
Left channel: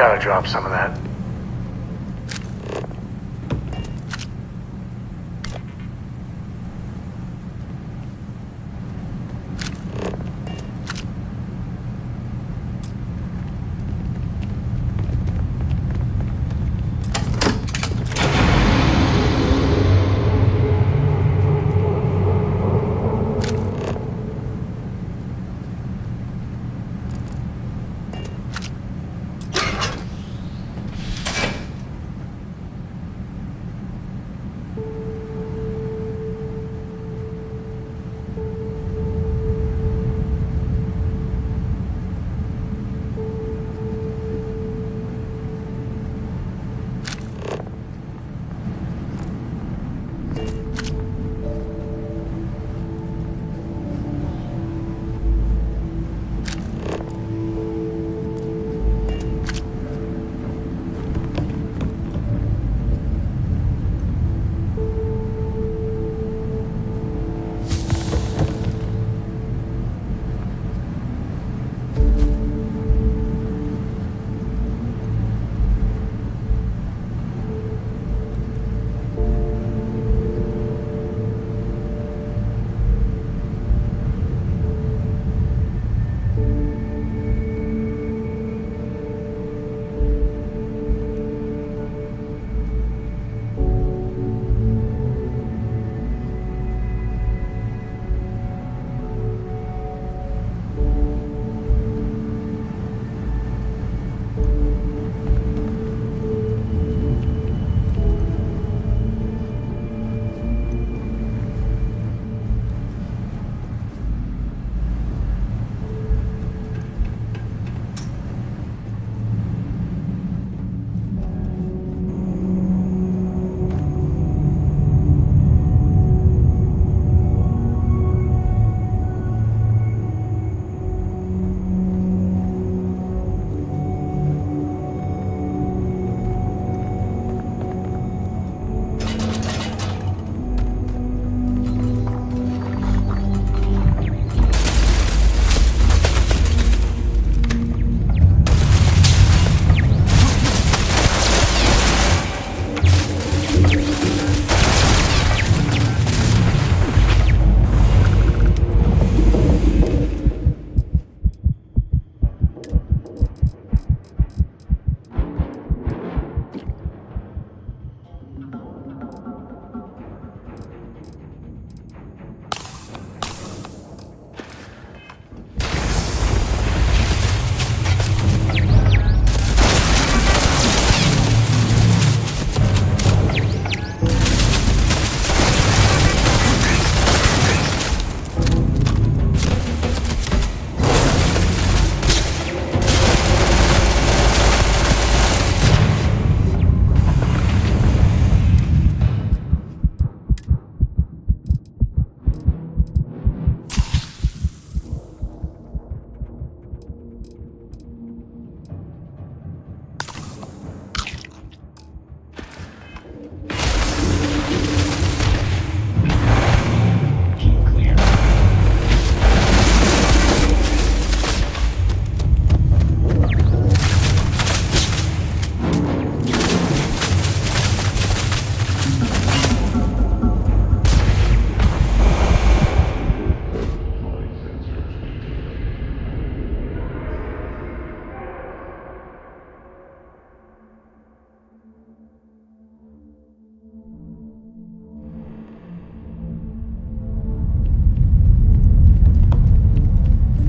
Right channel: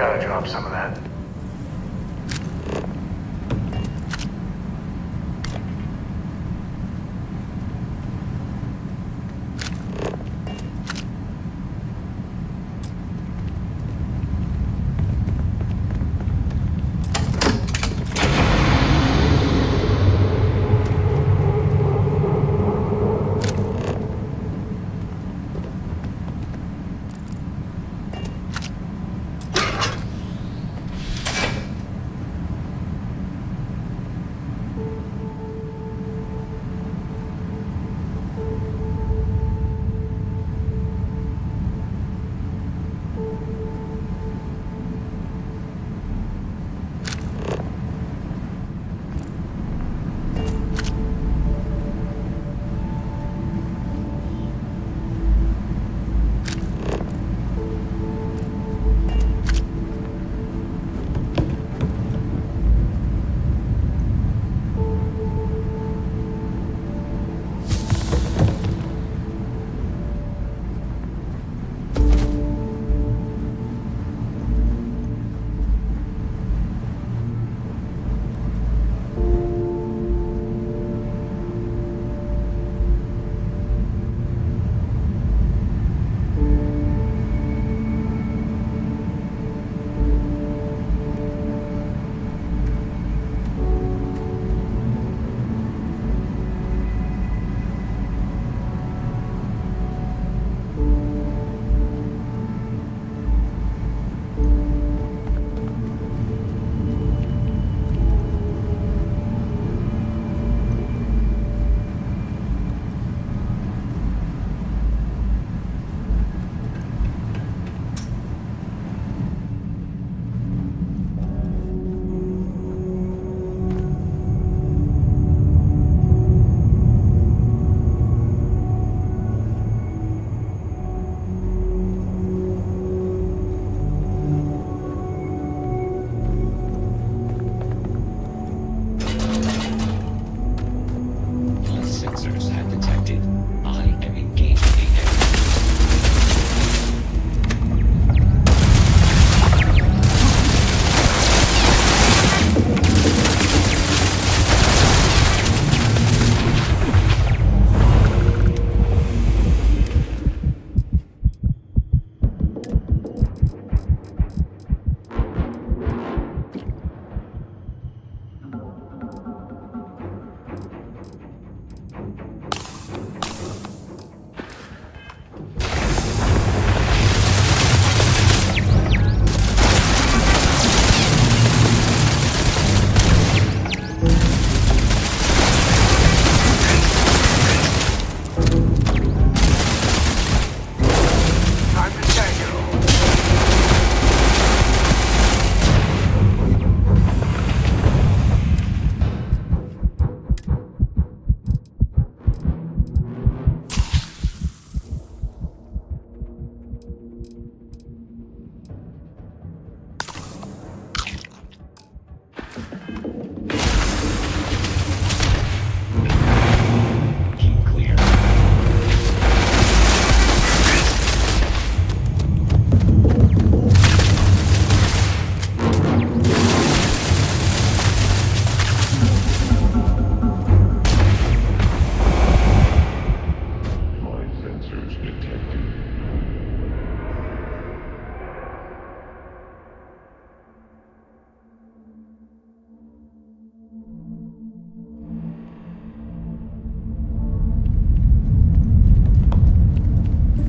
gotta drop some of that.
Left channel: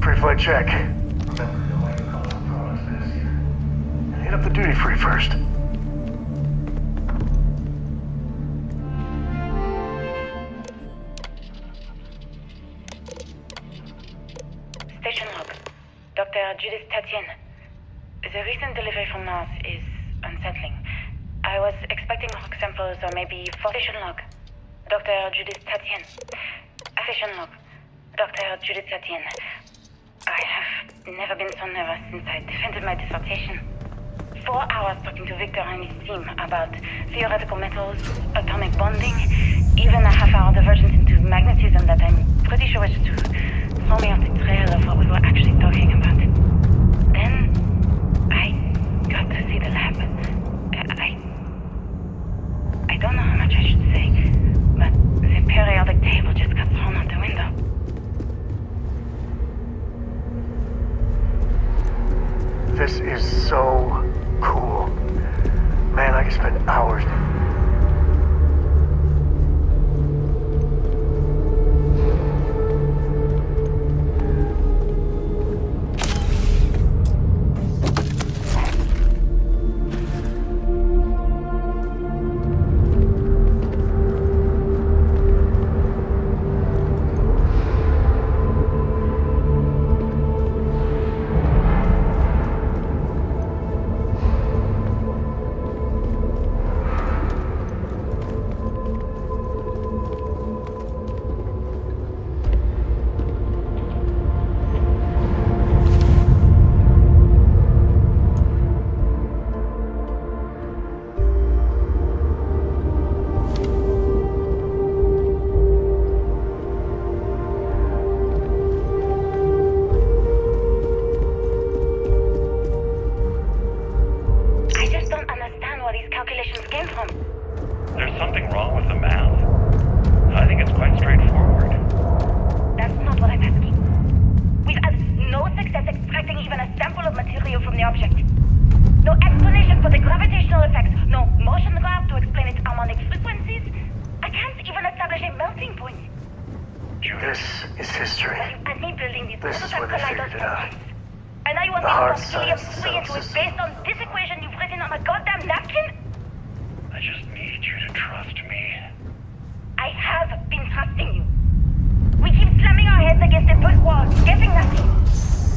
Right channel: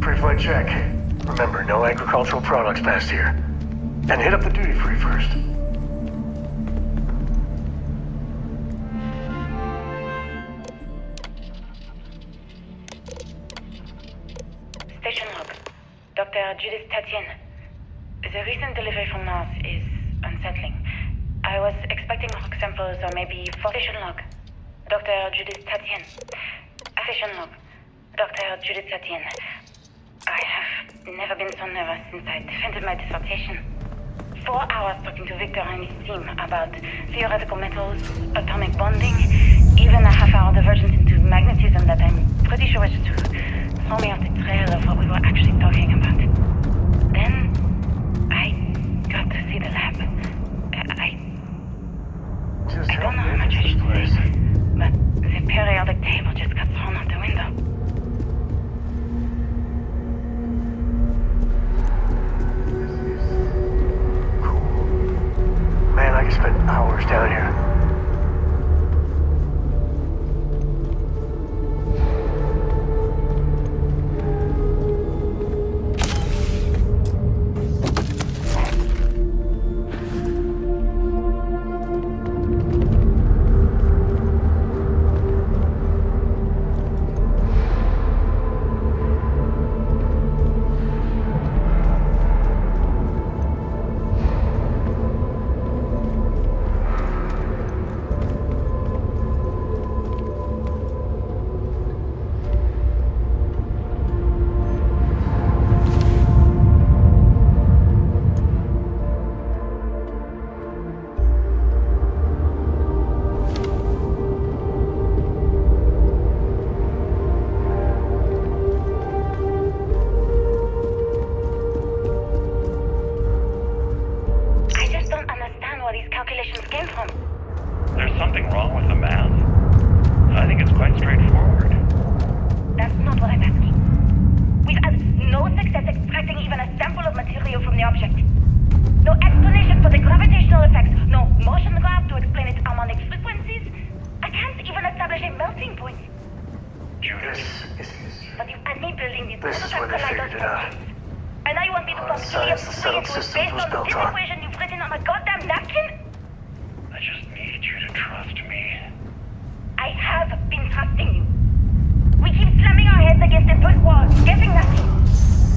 Pre-flight check. Remember, no agricultural products past here. And hit up the duty-free first. Station log. Dr. Judith Tatien. The recent delivery from Mars is unsettling. I was expecting rock samples or maybe station log. Dr. Judith Tatien. Station log. Dr. Judith Tatien. I have never been so nervous since I defended my dissertation. 4 hours talking to Victor and his team about theoretical metals, atomic bonding, even a half-hour divergence into magnetism that I'm pretty sure was to throw me off the trail of what we were actually talking about. Then, I got to the lab. I don't know how much I should say, but the periodic table just got thrown out the window. This is so cool. Man, I could spend hours down here. There's something wrong with the math? I think it's quite straightforward. That's not what I'm asking. We've had no success extracting even a sample of material from the object. No explanation for the gravitational effects, no motion graph to explain its harmonic frequencies. I can't even establish a melting point. This is history. But you had me building these This is when they figured it out. And now you want The me hard to talk science Julius the Free settled into it systems based was on built this on. equation you've written on a goddamn napkin? I just need you to trust me. I have been trusting you. We keep slamming our heads against a brick wall, getting nothing.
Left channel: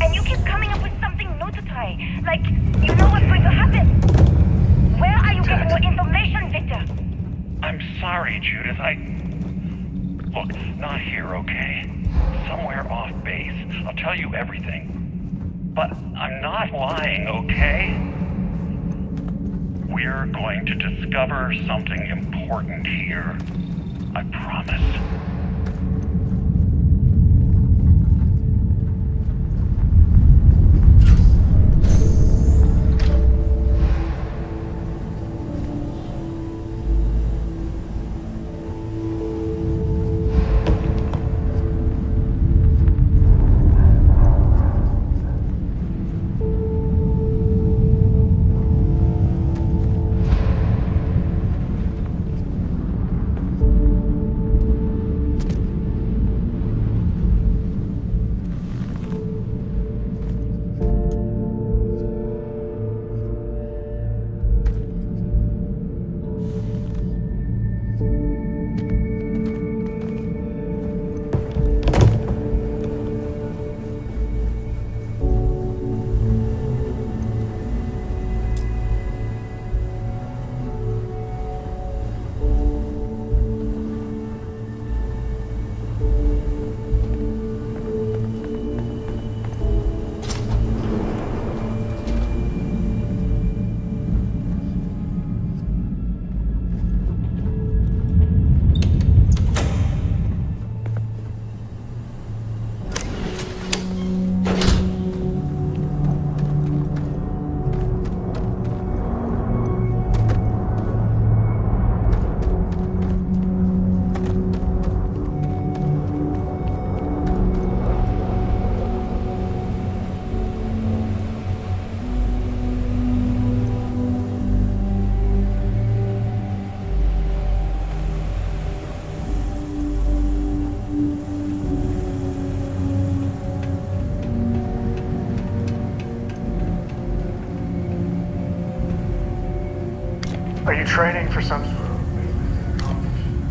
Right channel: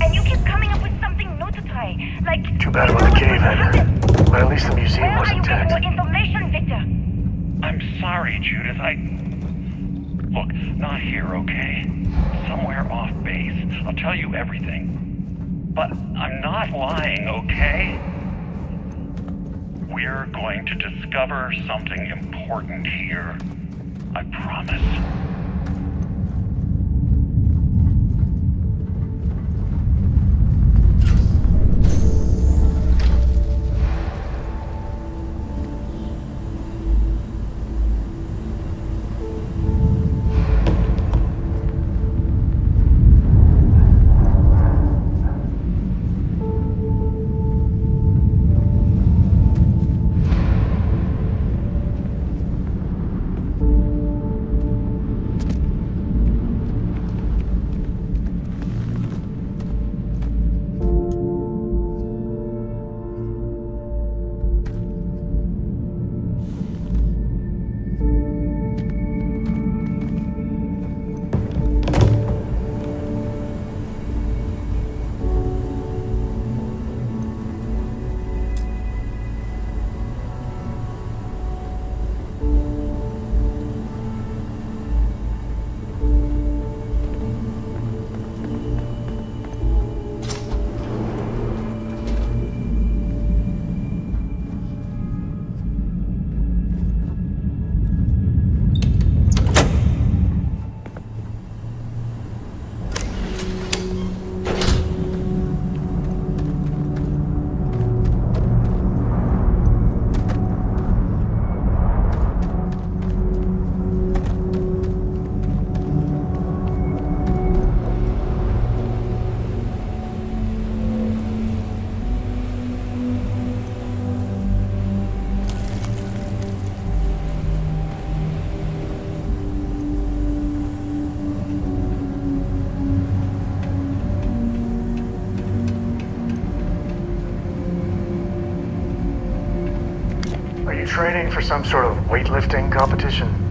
And you keep coming up with something new to try. Like, Too bad you for know the what's cave going to happen. But at least the museum Where are was you getting intact. your information, Victor? I'm sorry, Judith. Look, not here, okay? Somewhere off base. I'll tell you everything. But I'm not lying, okay? We're going to discover something important here. I promise. Are you training for some sort of weightlifting competition?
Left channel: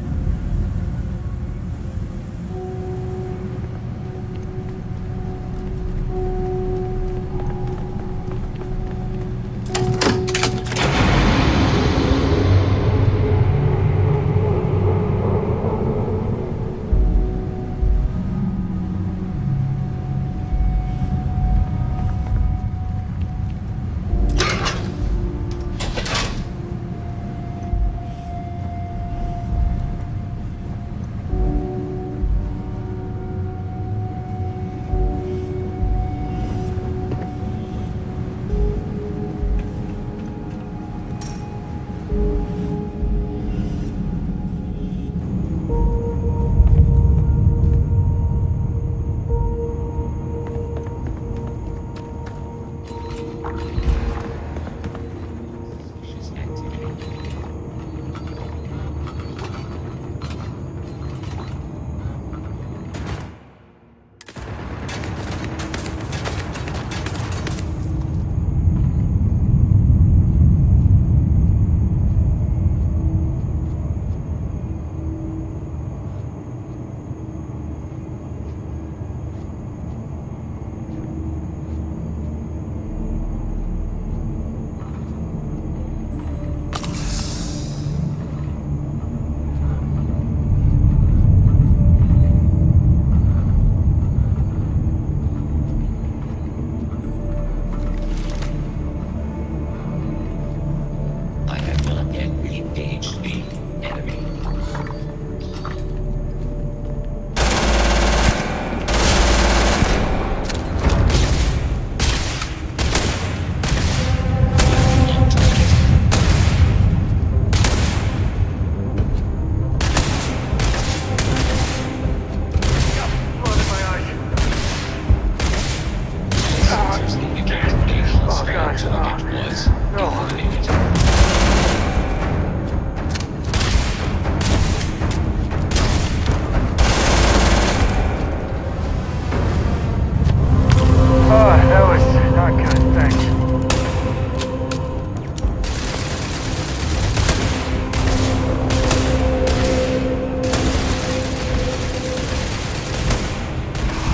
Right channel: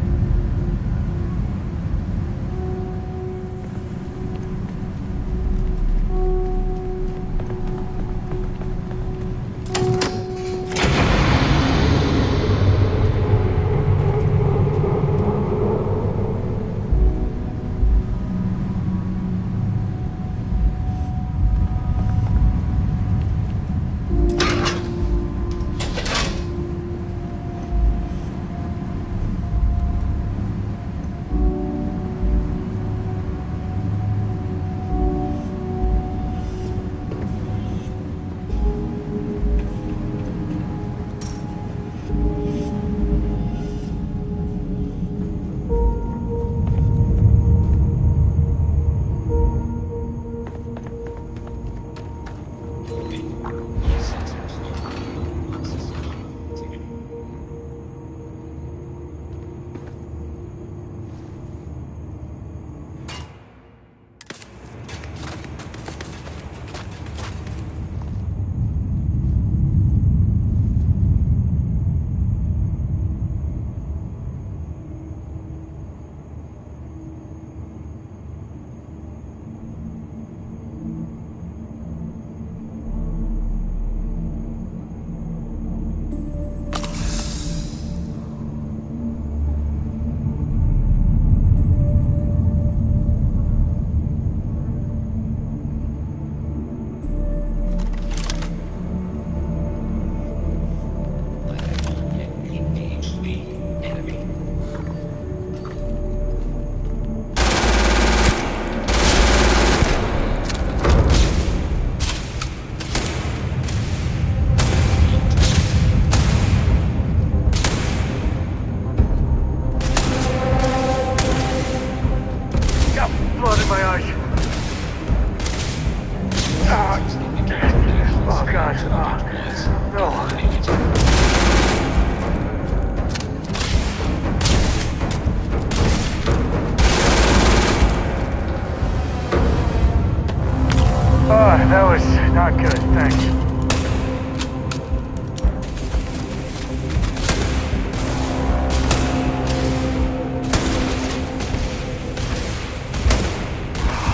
That was not good, thanks.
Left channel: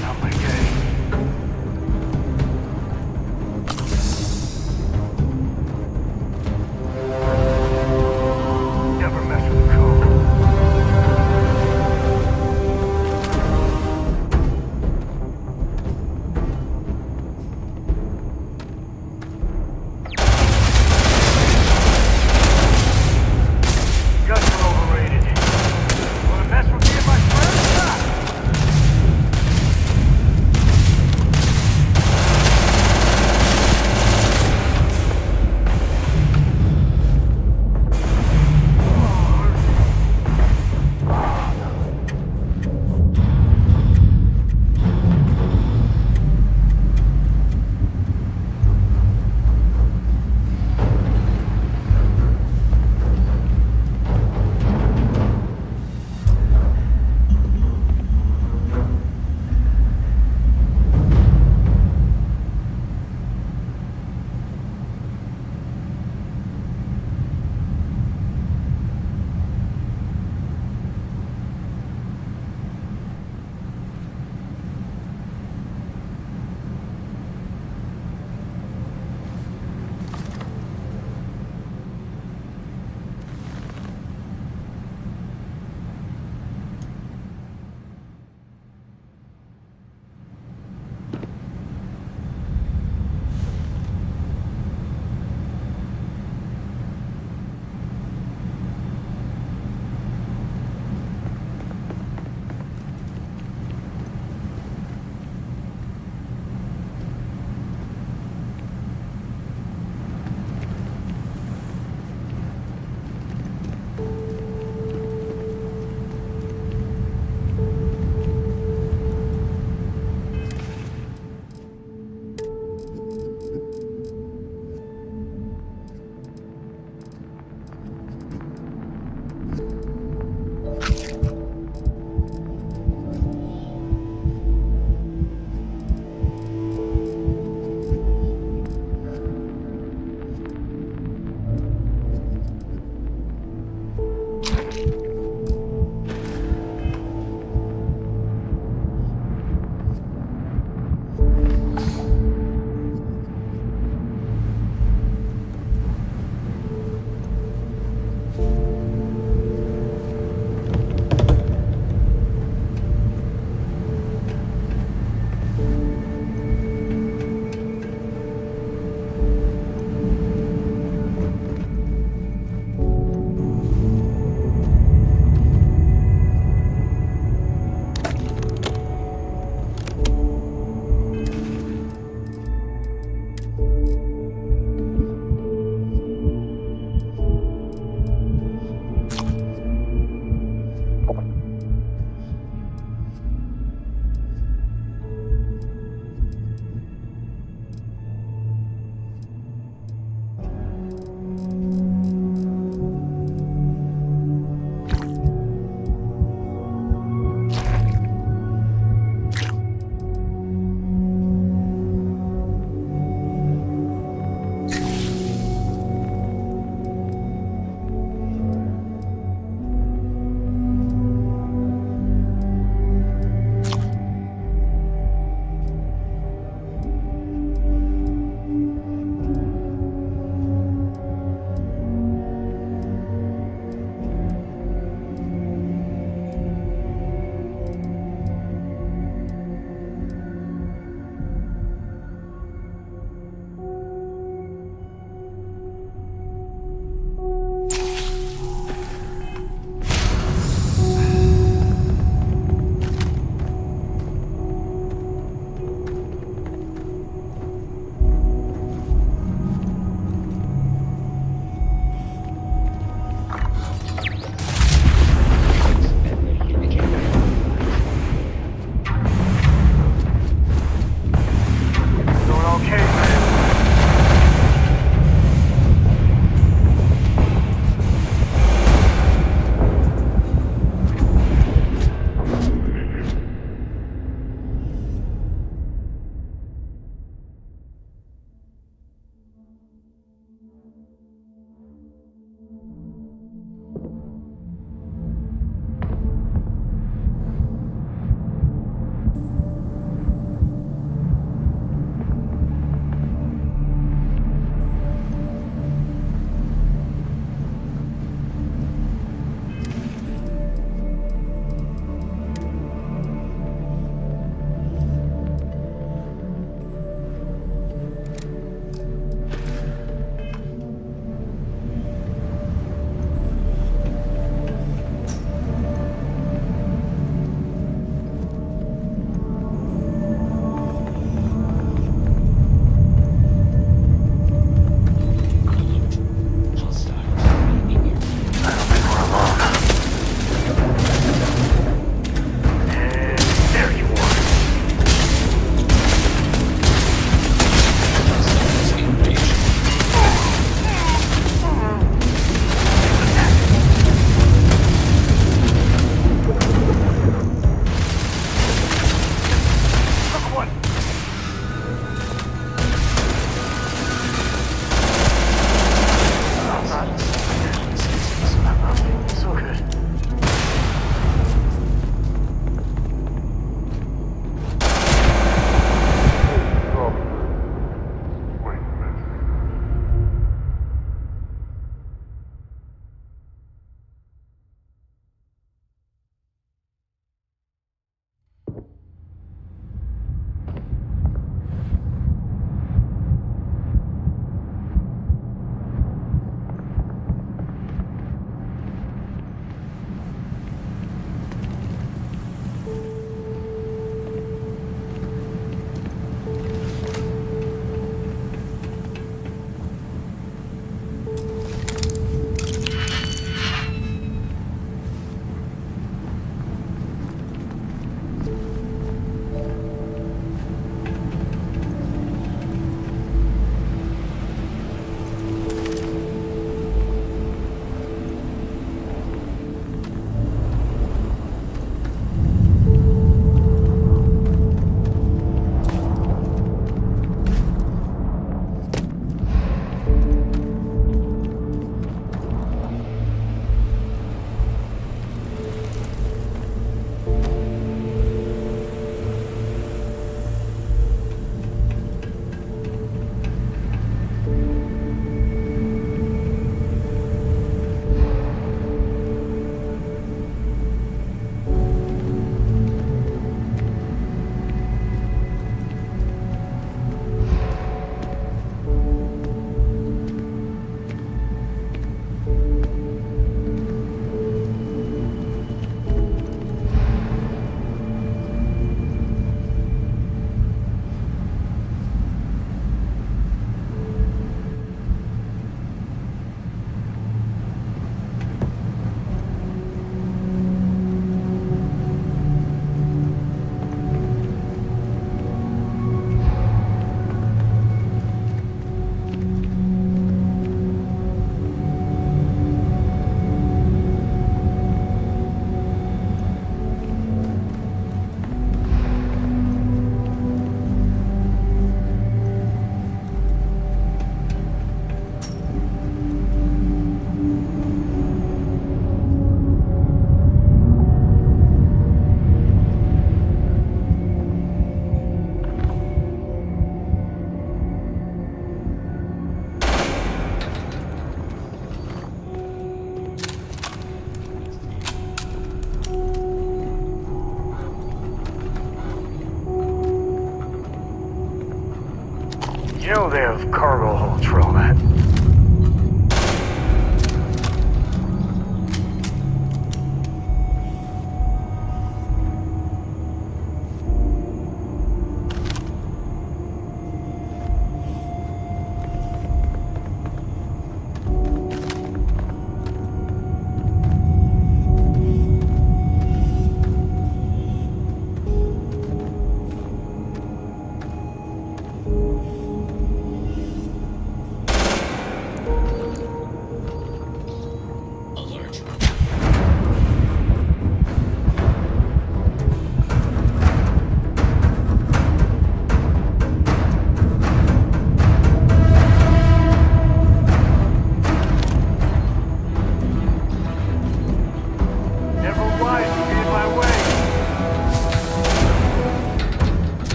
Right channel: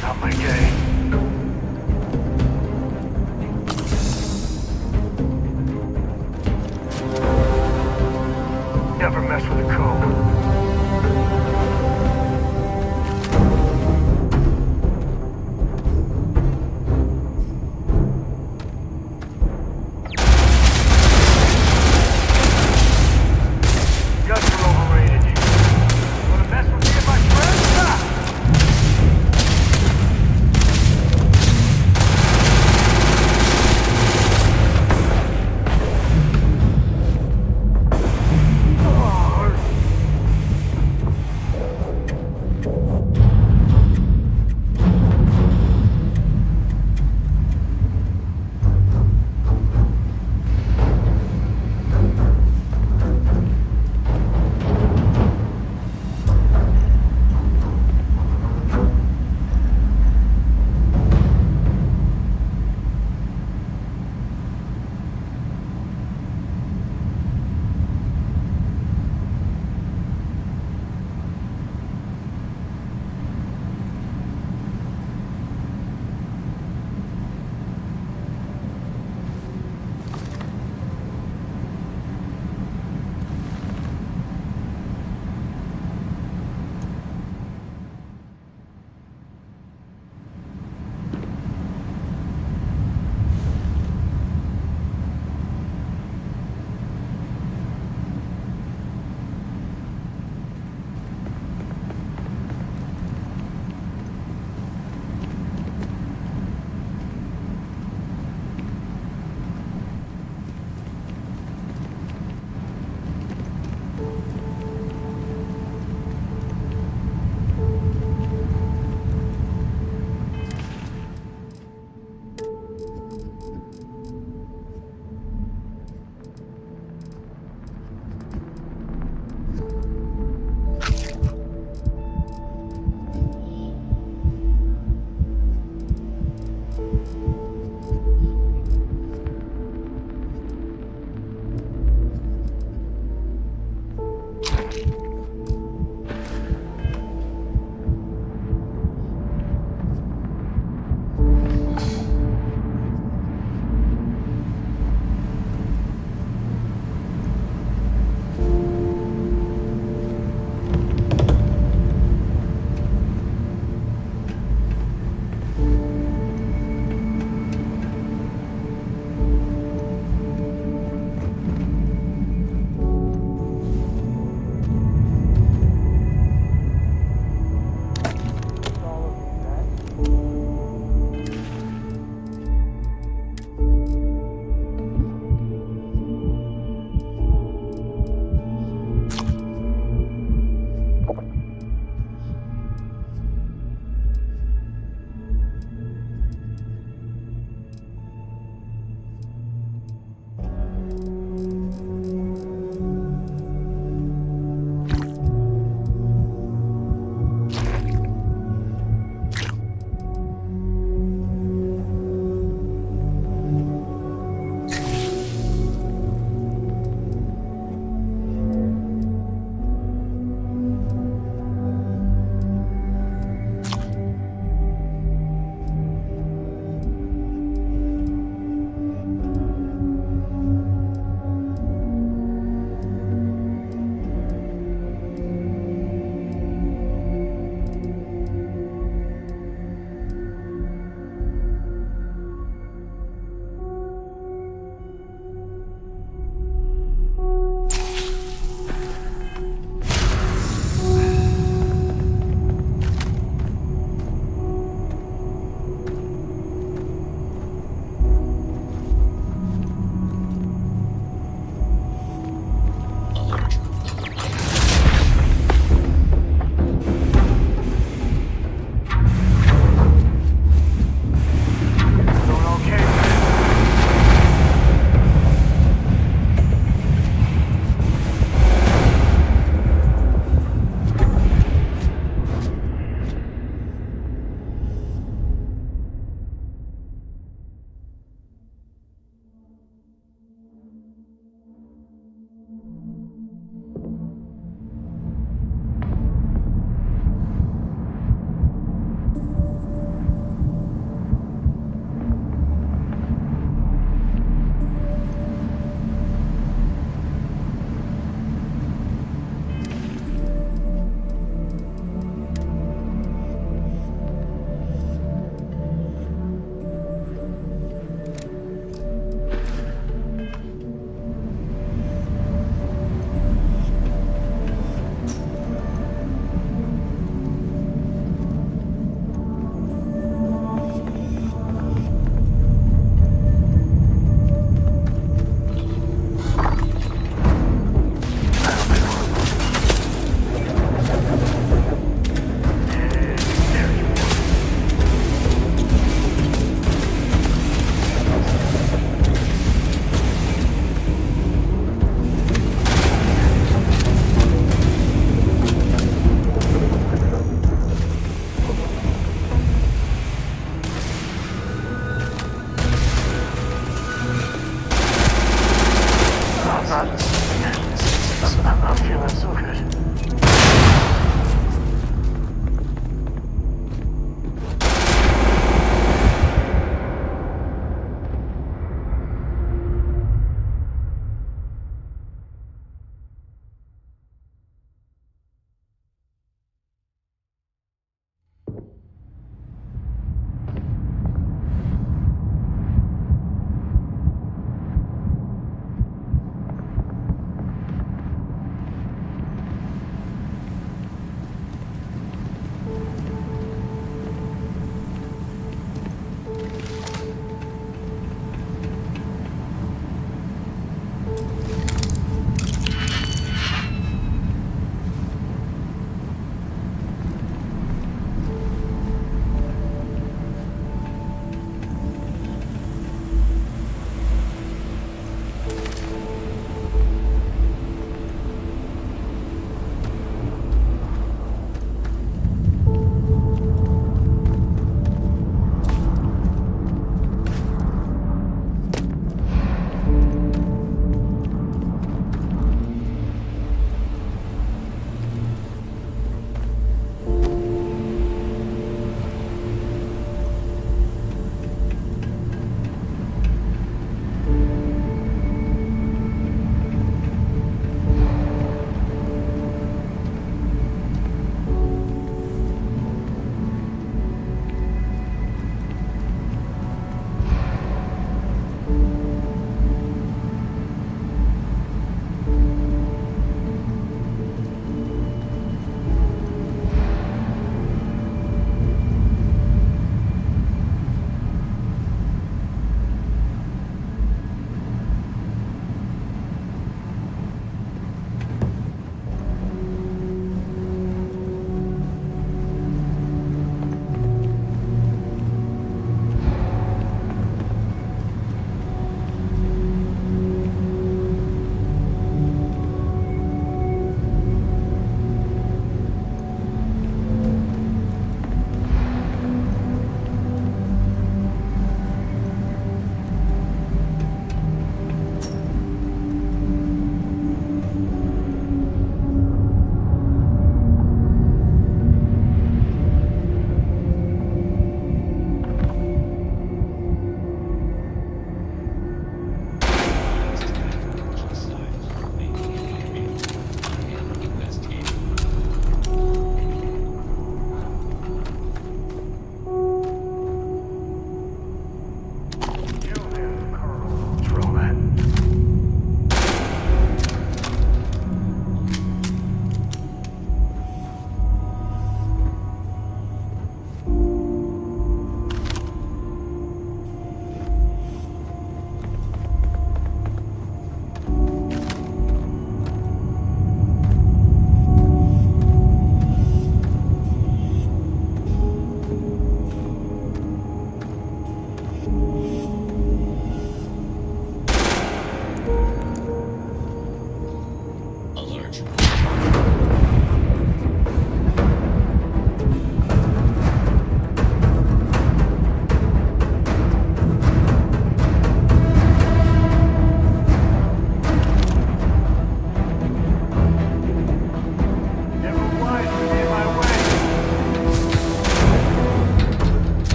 Not my day. Never mess with a code.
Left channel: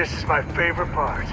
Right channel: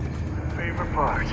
This is my favorite part.